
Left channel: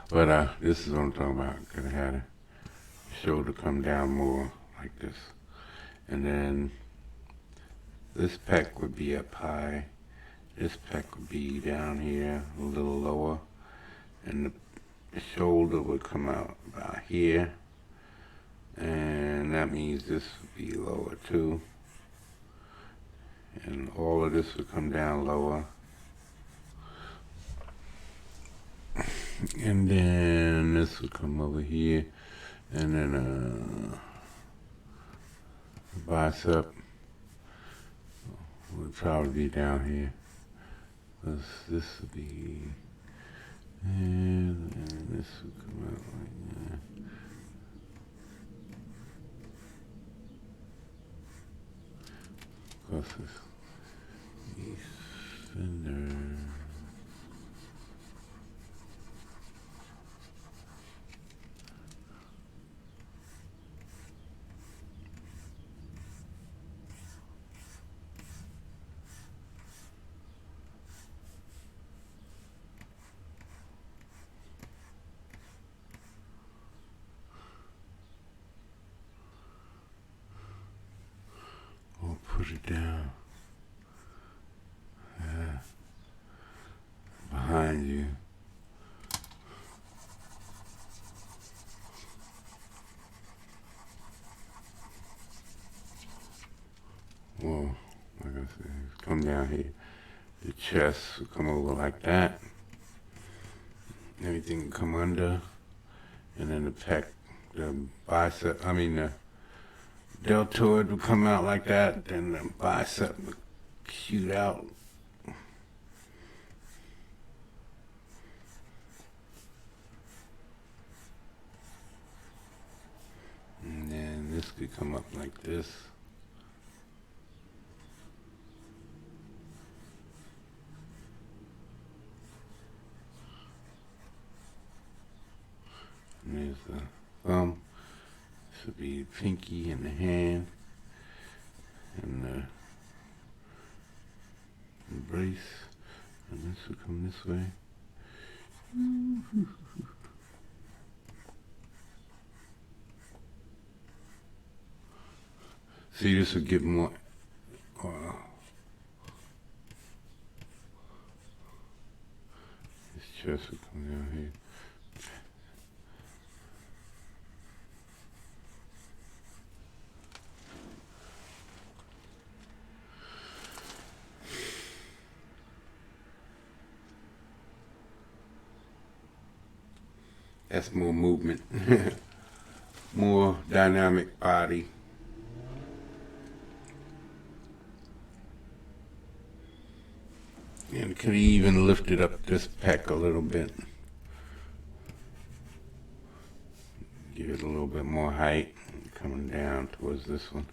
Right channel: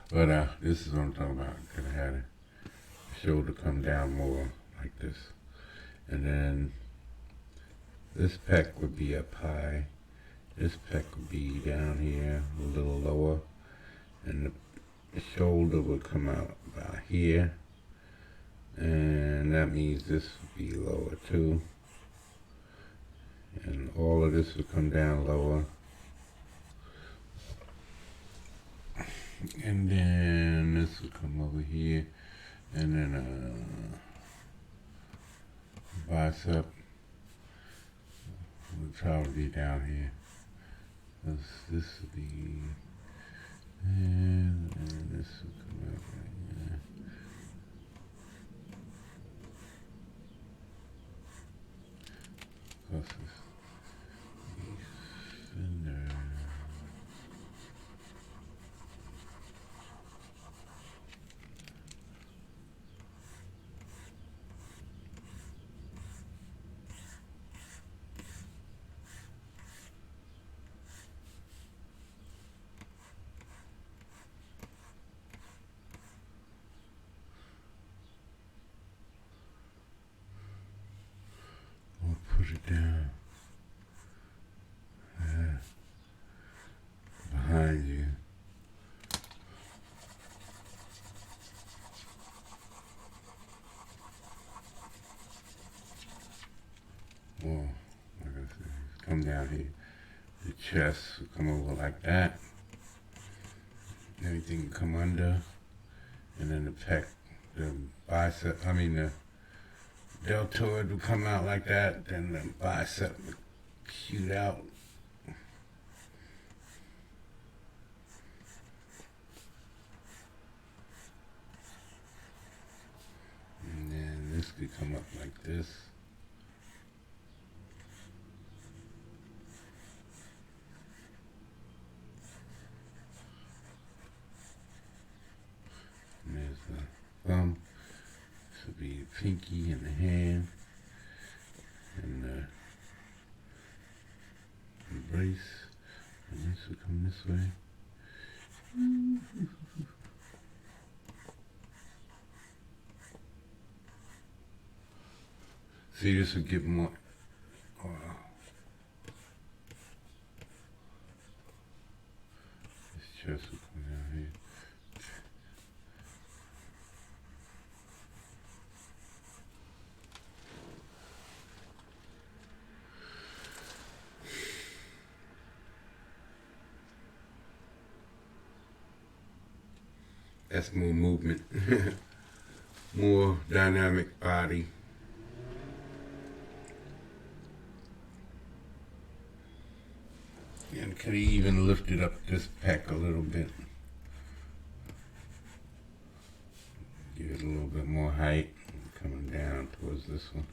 but this is what I'm talking about. Could have had a shoulder come down more like this, and then this pec would be up high. This pec would be down here, a little lower, and the shoulder would come out about here, and that means this would be lower too. And all of this would come down lower. And then this would come over here, and then bicep would probably be down here. This would be, and this would come out right here. Plus this. Push it down. Behind you. Whoa, like I said, come down here. The chest will come over like that. Everything will come under. And then the pec, the bicep, the deltoid will come out like that. Then the bicep will shoot out. And then this could come up like this. pinky and the hand and the brace. And this will come this way. See, this will give more. This chest will come down here. That's more movement, more dynamic body. And could even lift it up this pec a little bit. Give it a little bit more height coming down towards this one.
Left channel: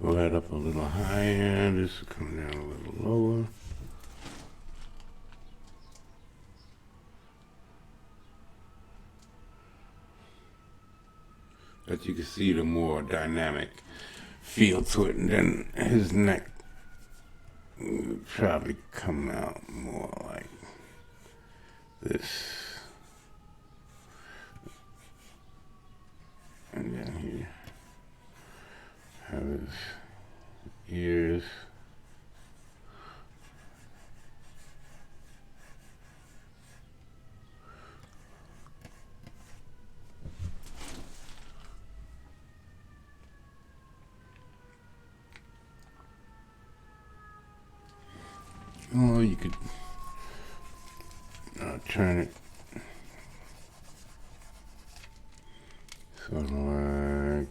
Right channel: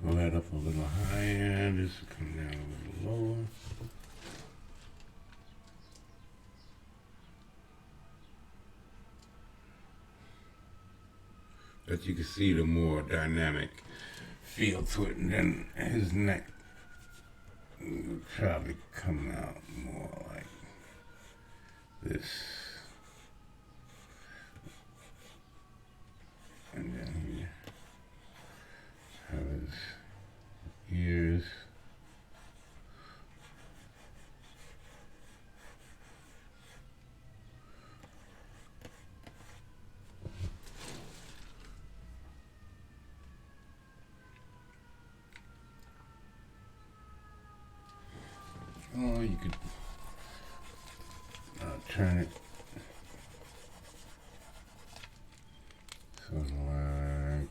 Go that up a little higher, this will come down a little lower. But you can see the more dynamic feel to it, and then his neck will probably come out more like this. And then here, have his ears. Oh, you could turn it sort of like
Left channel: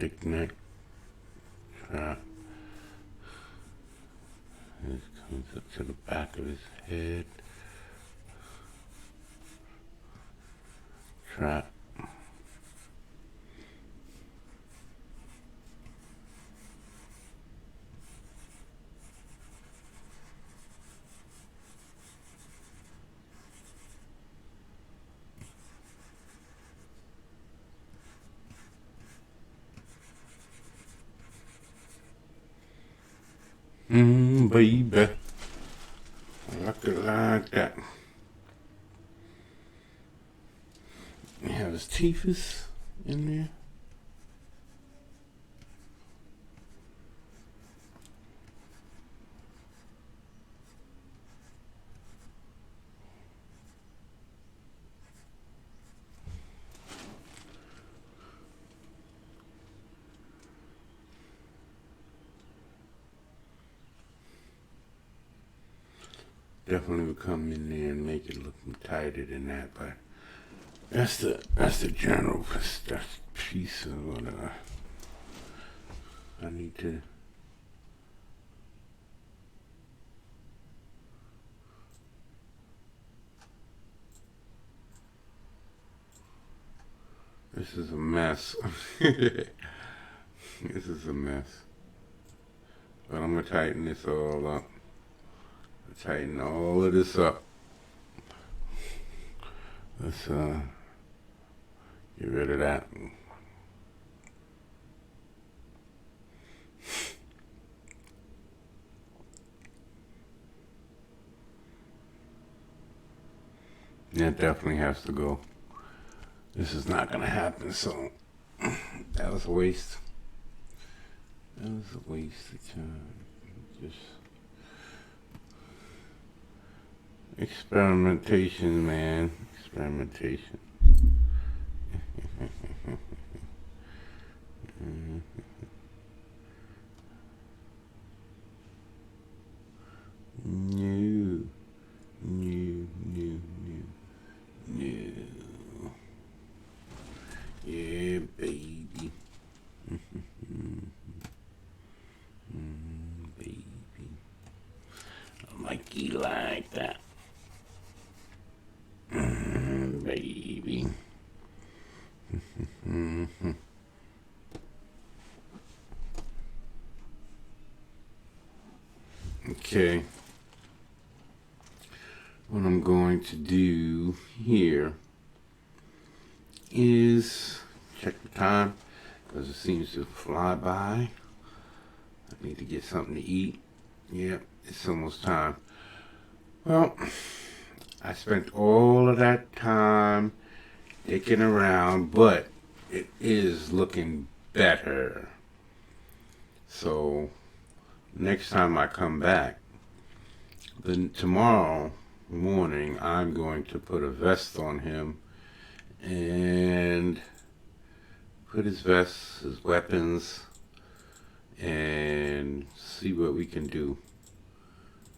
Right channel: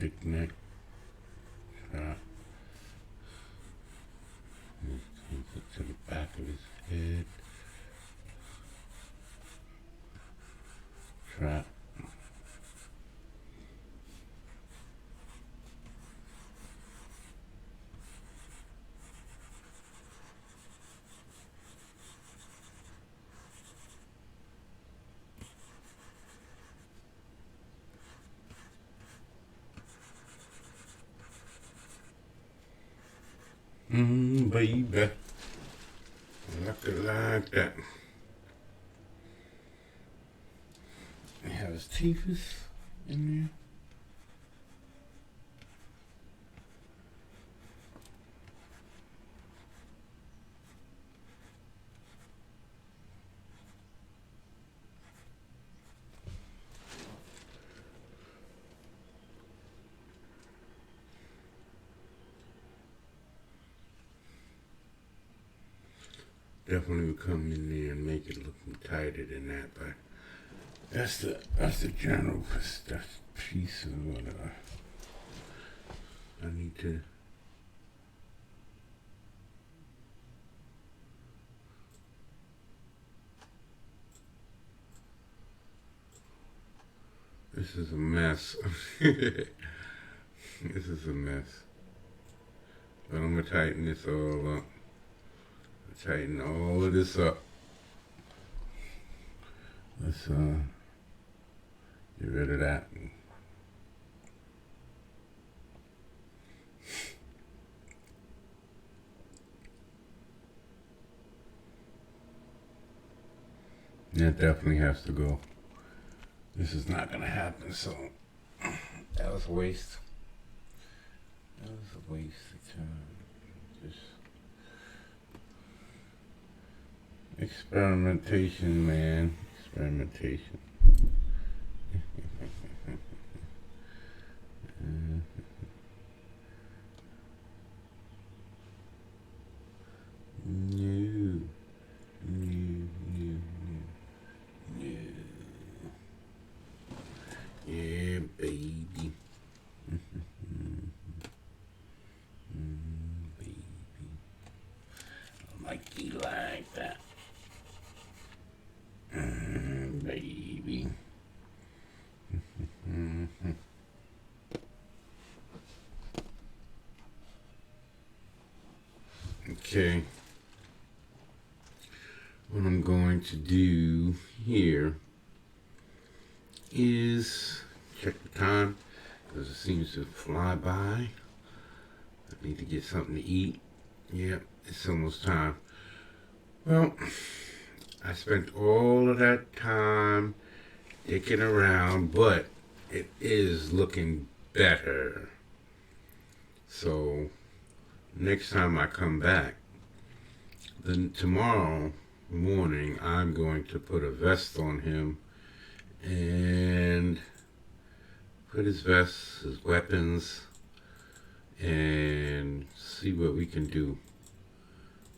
thick neck. Try. This comes up to the back of his head. Try. Baby. I like it like that. You have his teeth in there. Definitely would come in there and make it look tighter than that, but that's the general piece of what I need to. This is a mess. This is a mess. But I'm gonna tighten this all up. Tighten all of this up. Let's get rid of that. That definitely has to go. This is not gonna happen, so that was a waste. That was a waste of time. Just experimentation, man. Experimentation. New. Yeah, baby. Baby. I like you like that. Baby. Okay. What I'm going to do here is check the time because it seems to fly by. I need to get something to eat. Yep, it's almost time. Well, I spent all of that time dicking around, but it is looking better. So next time I come back, then tomorrow morning I'm going to put a vest on him and put his vest, his weapons, and see what we can do.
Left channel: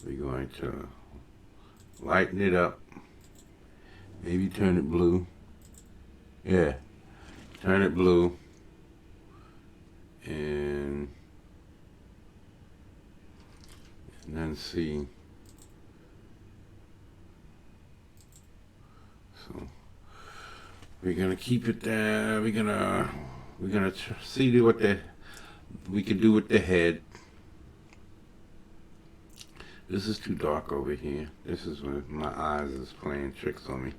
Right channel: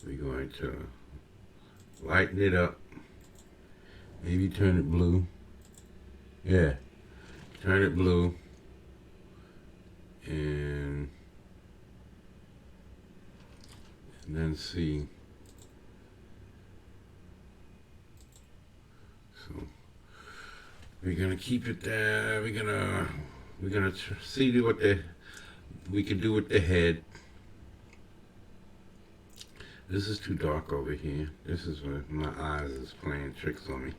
We're going to lighten it up, maybe turn it blue. Yeah, turn it blue, and then see. So we're gonna keep it there. We're gonna see what we can do with the head. This is too dark over here. This is what my eyes is playing tricks on me.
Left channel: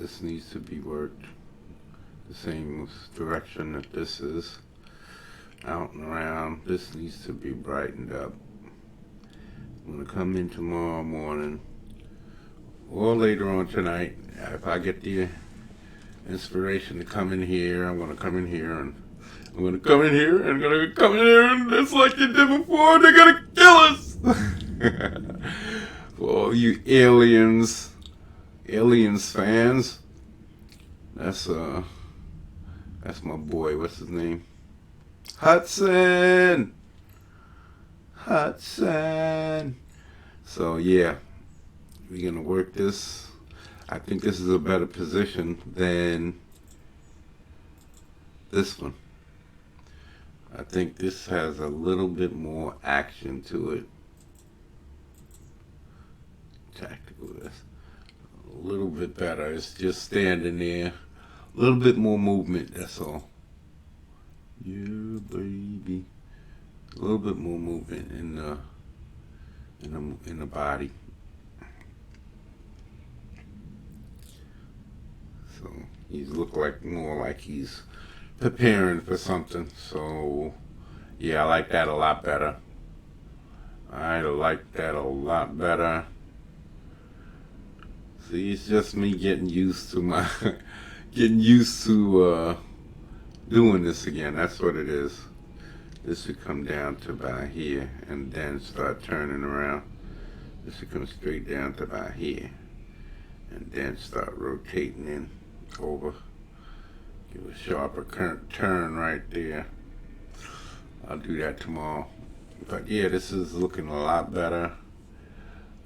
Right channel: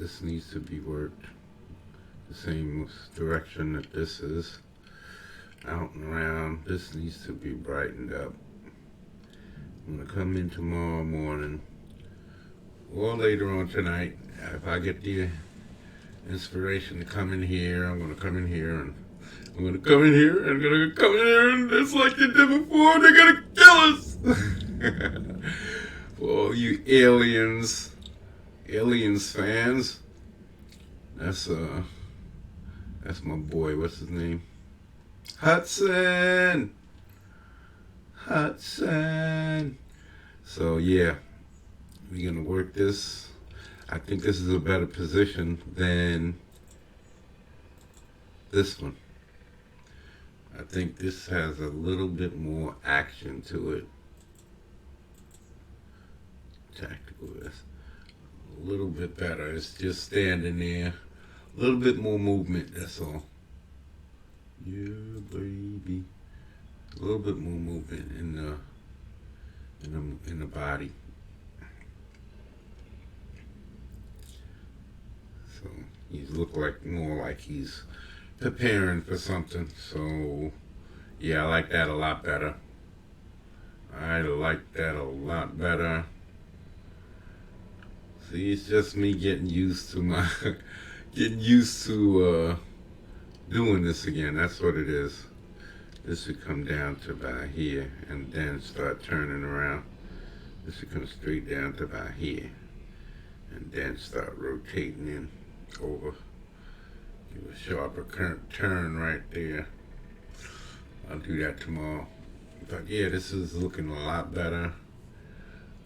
This needs to be worked the same direction that this is. Out and around. This needs to be brightened up. I'm gonna come in tomorrow morning or later on tonight. If I get the inspiration to come in here, I'm gonna come in here and I'm gonna come in here and I'm gonna come in here and just like they did before, they're gonna kill us. For all you aliens fans, that's my boy. What's his name? Hudson. So yeah, we're gonna work this. I think this is a better position than This one. I think this has a little bit more action to it. Tactical is a little bit better. It's just standing there. A little bit more movement, that's all. Yeah, baby. A little bit more movement in the body. So he's look like more like he's preparing for something. So yeah, I like that a lot better. I like that a lot better. See, it's just me getting used to my getting used to doing this again. That's what it is. This should come down to about here and then start turning around. This should come straight down to about here and then start rotating in over. Give a sharper turn right there. I'll do that tomorrow. But yeah, this is looking a lot better.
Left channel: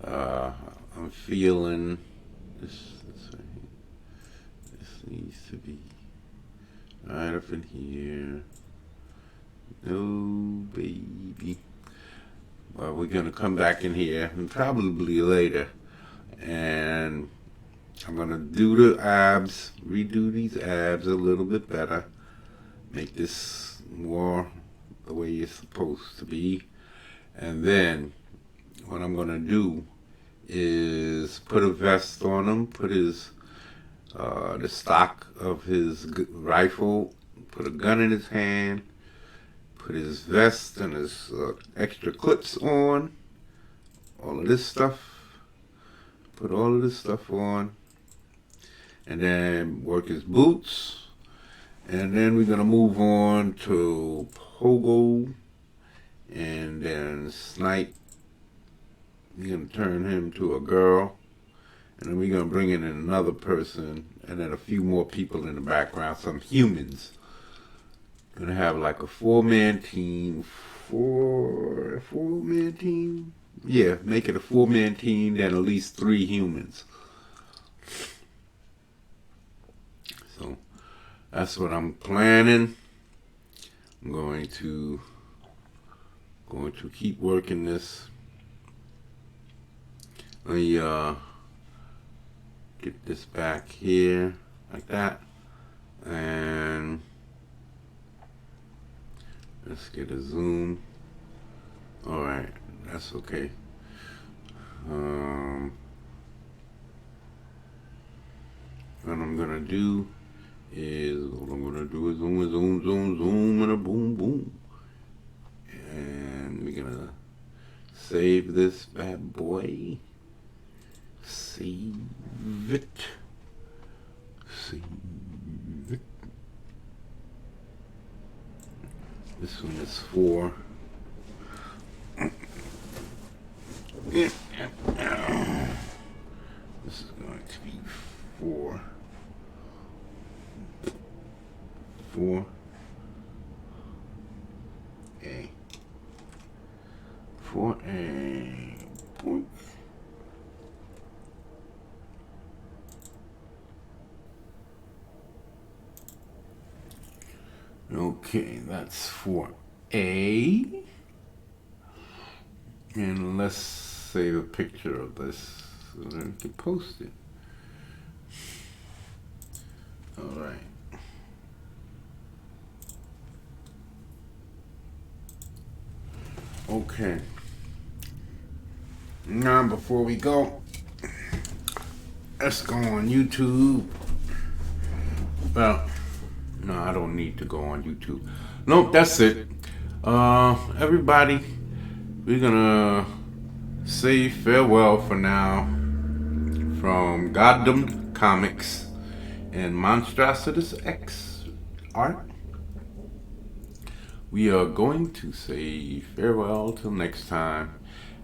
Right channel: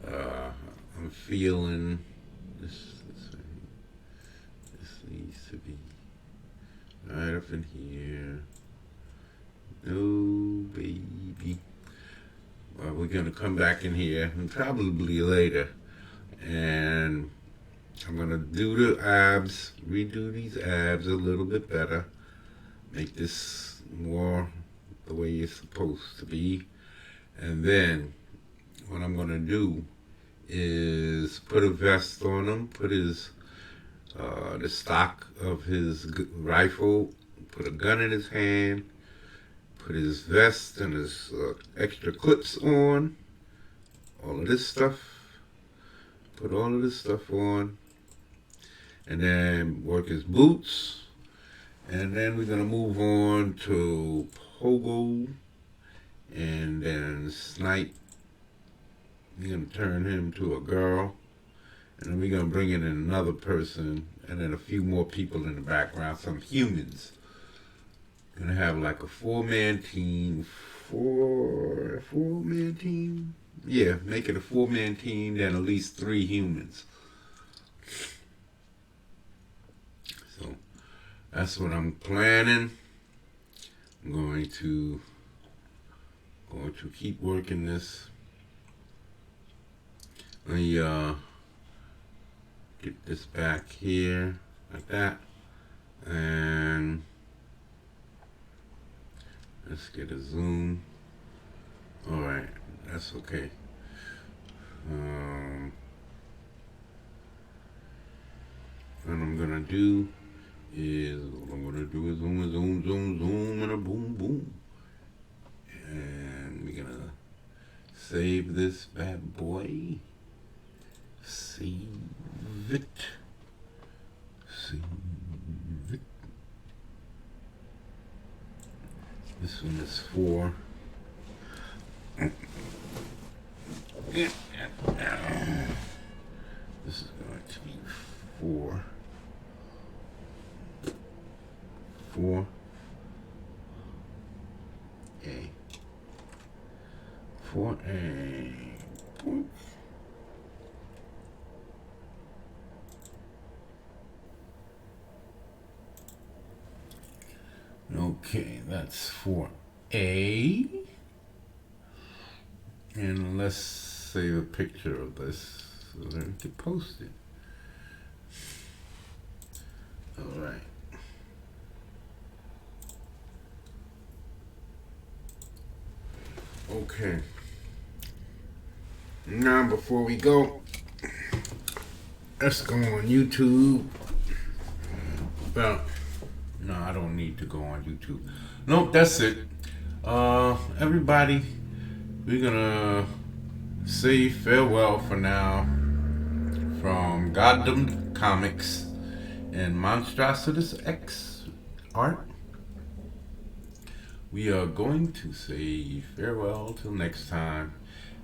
I'm feeling this needs to be right up in here. No, baby. Well, we're gonna come back in here and probably later, and I'm gonna do the abs, redo these abs a little bit better, make this more the way it's supposed to be, and then what I'm gonna do is put a vest on him, put his the stock of his rifle, put a gun in his hand, put his vest and his extra clips on, all of this stuff, put all of this stuff on, and then work his boots, and then we're gonna move on to pogo, and then snipe. We're gonna turn him to a girl, and then we're gonna bring in another person, and then a few more people in the background, some humans. Gonna have like a four-man team. Four-man team? Yeah, make it a four-man team, then at least 3 humans. So that's what I'm planning. I'm going to keep working this. Let me get this back here like that, and let's get a zoom. All right, that's okay. What I'm gonna do is zoom, and a boom, boom, and we're gonna save this bad boy. Save it. Save it. This one is 4. This is going to be 4. 4. A. 4A. Point. Okay, that's for A. And let's save a picture of this so that we can post it. All right. Okay. Now, before we go, let's go on YouTube. Well, no, I don't need to go on YouTube. Nope, that's it. Everybody, we're gonna say farewell for now from Goddamn Comics and MONSTROSTUS X Art. We are going to say farewell till next time,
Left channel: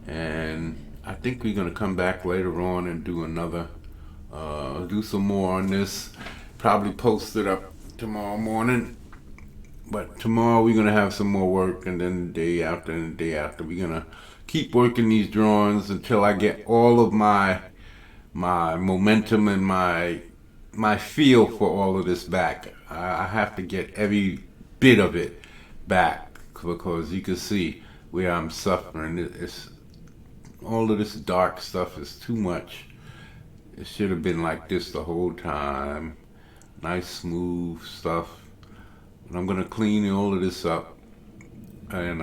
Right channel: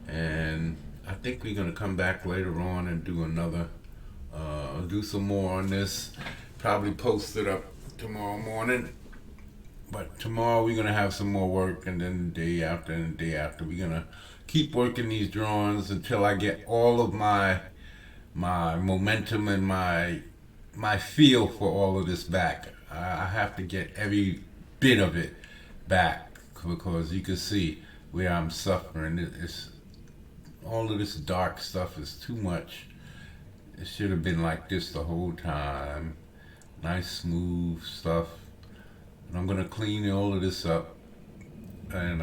and I think we're gonna come back later on and do another, do some more on this. Probably post it up tomorrow morning, but tomorrow we're gonna have some more work, and then the day after and the day after we're gonna keep working these drawings until I get all of my momentum and my feel for all of this back. I have to get every bit of it back because you can see where I'm suffering. It's all of this dark stuff is too much. It should have been like this the whole time. Nice smooth stuff. And I'm gonna clean all of this up, and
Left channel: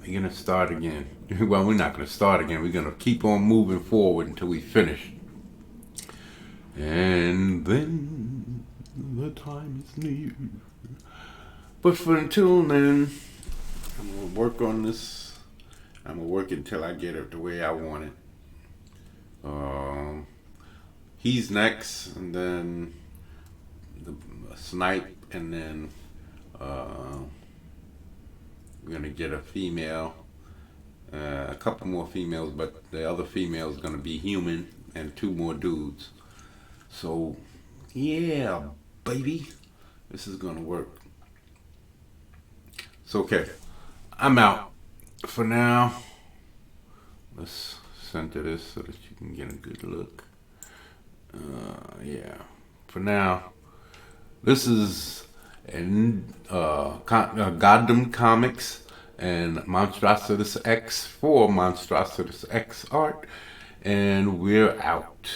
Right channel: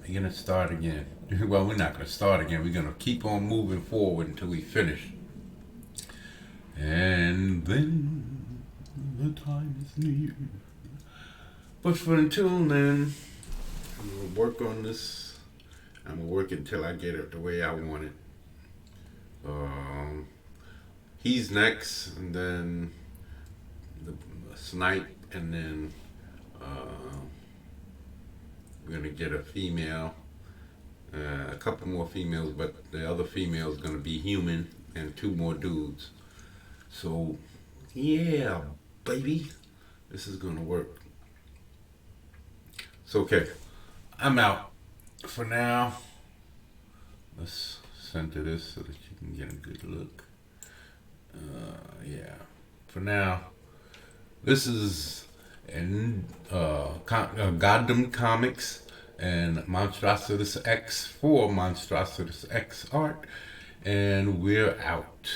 we're gonna start again. Well, we're not gonna start again. We're gonna keep on moving forward until we finish. And then the time is near. But for until then, I'm gonna work on this. I'm gonna work until I get it the way I want it. He's next, and then the Snipe, and then we're gonna get a female, a couple more females, but the other female is gonna be human, and 2 more dudes. So, yeah, baby, this is gonna work. So, okay, I'm out for now. Let's center this so that you can get a good look. Yeah, for now, this is Gotham Comics and Monstrostus X for Monstrostus X art, and we're out.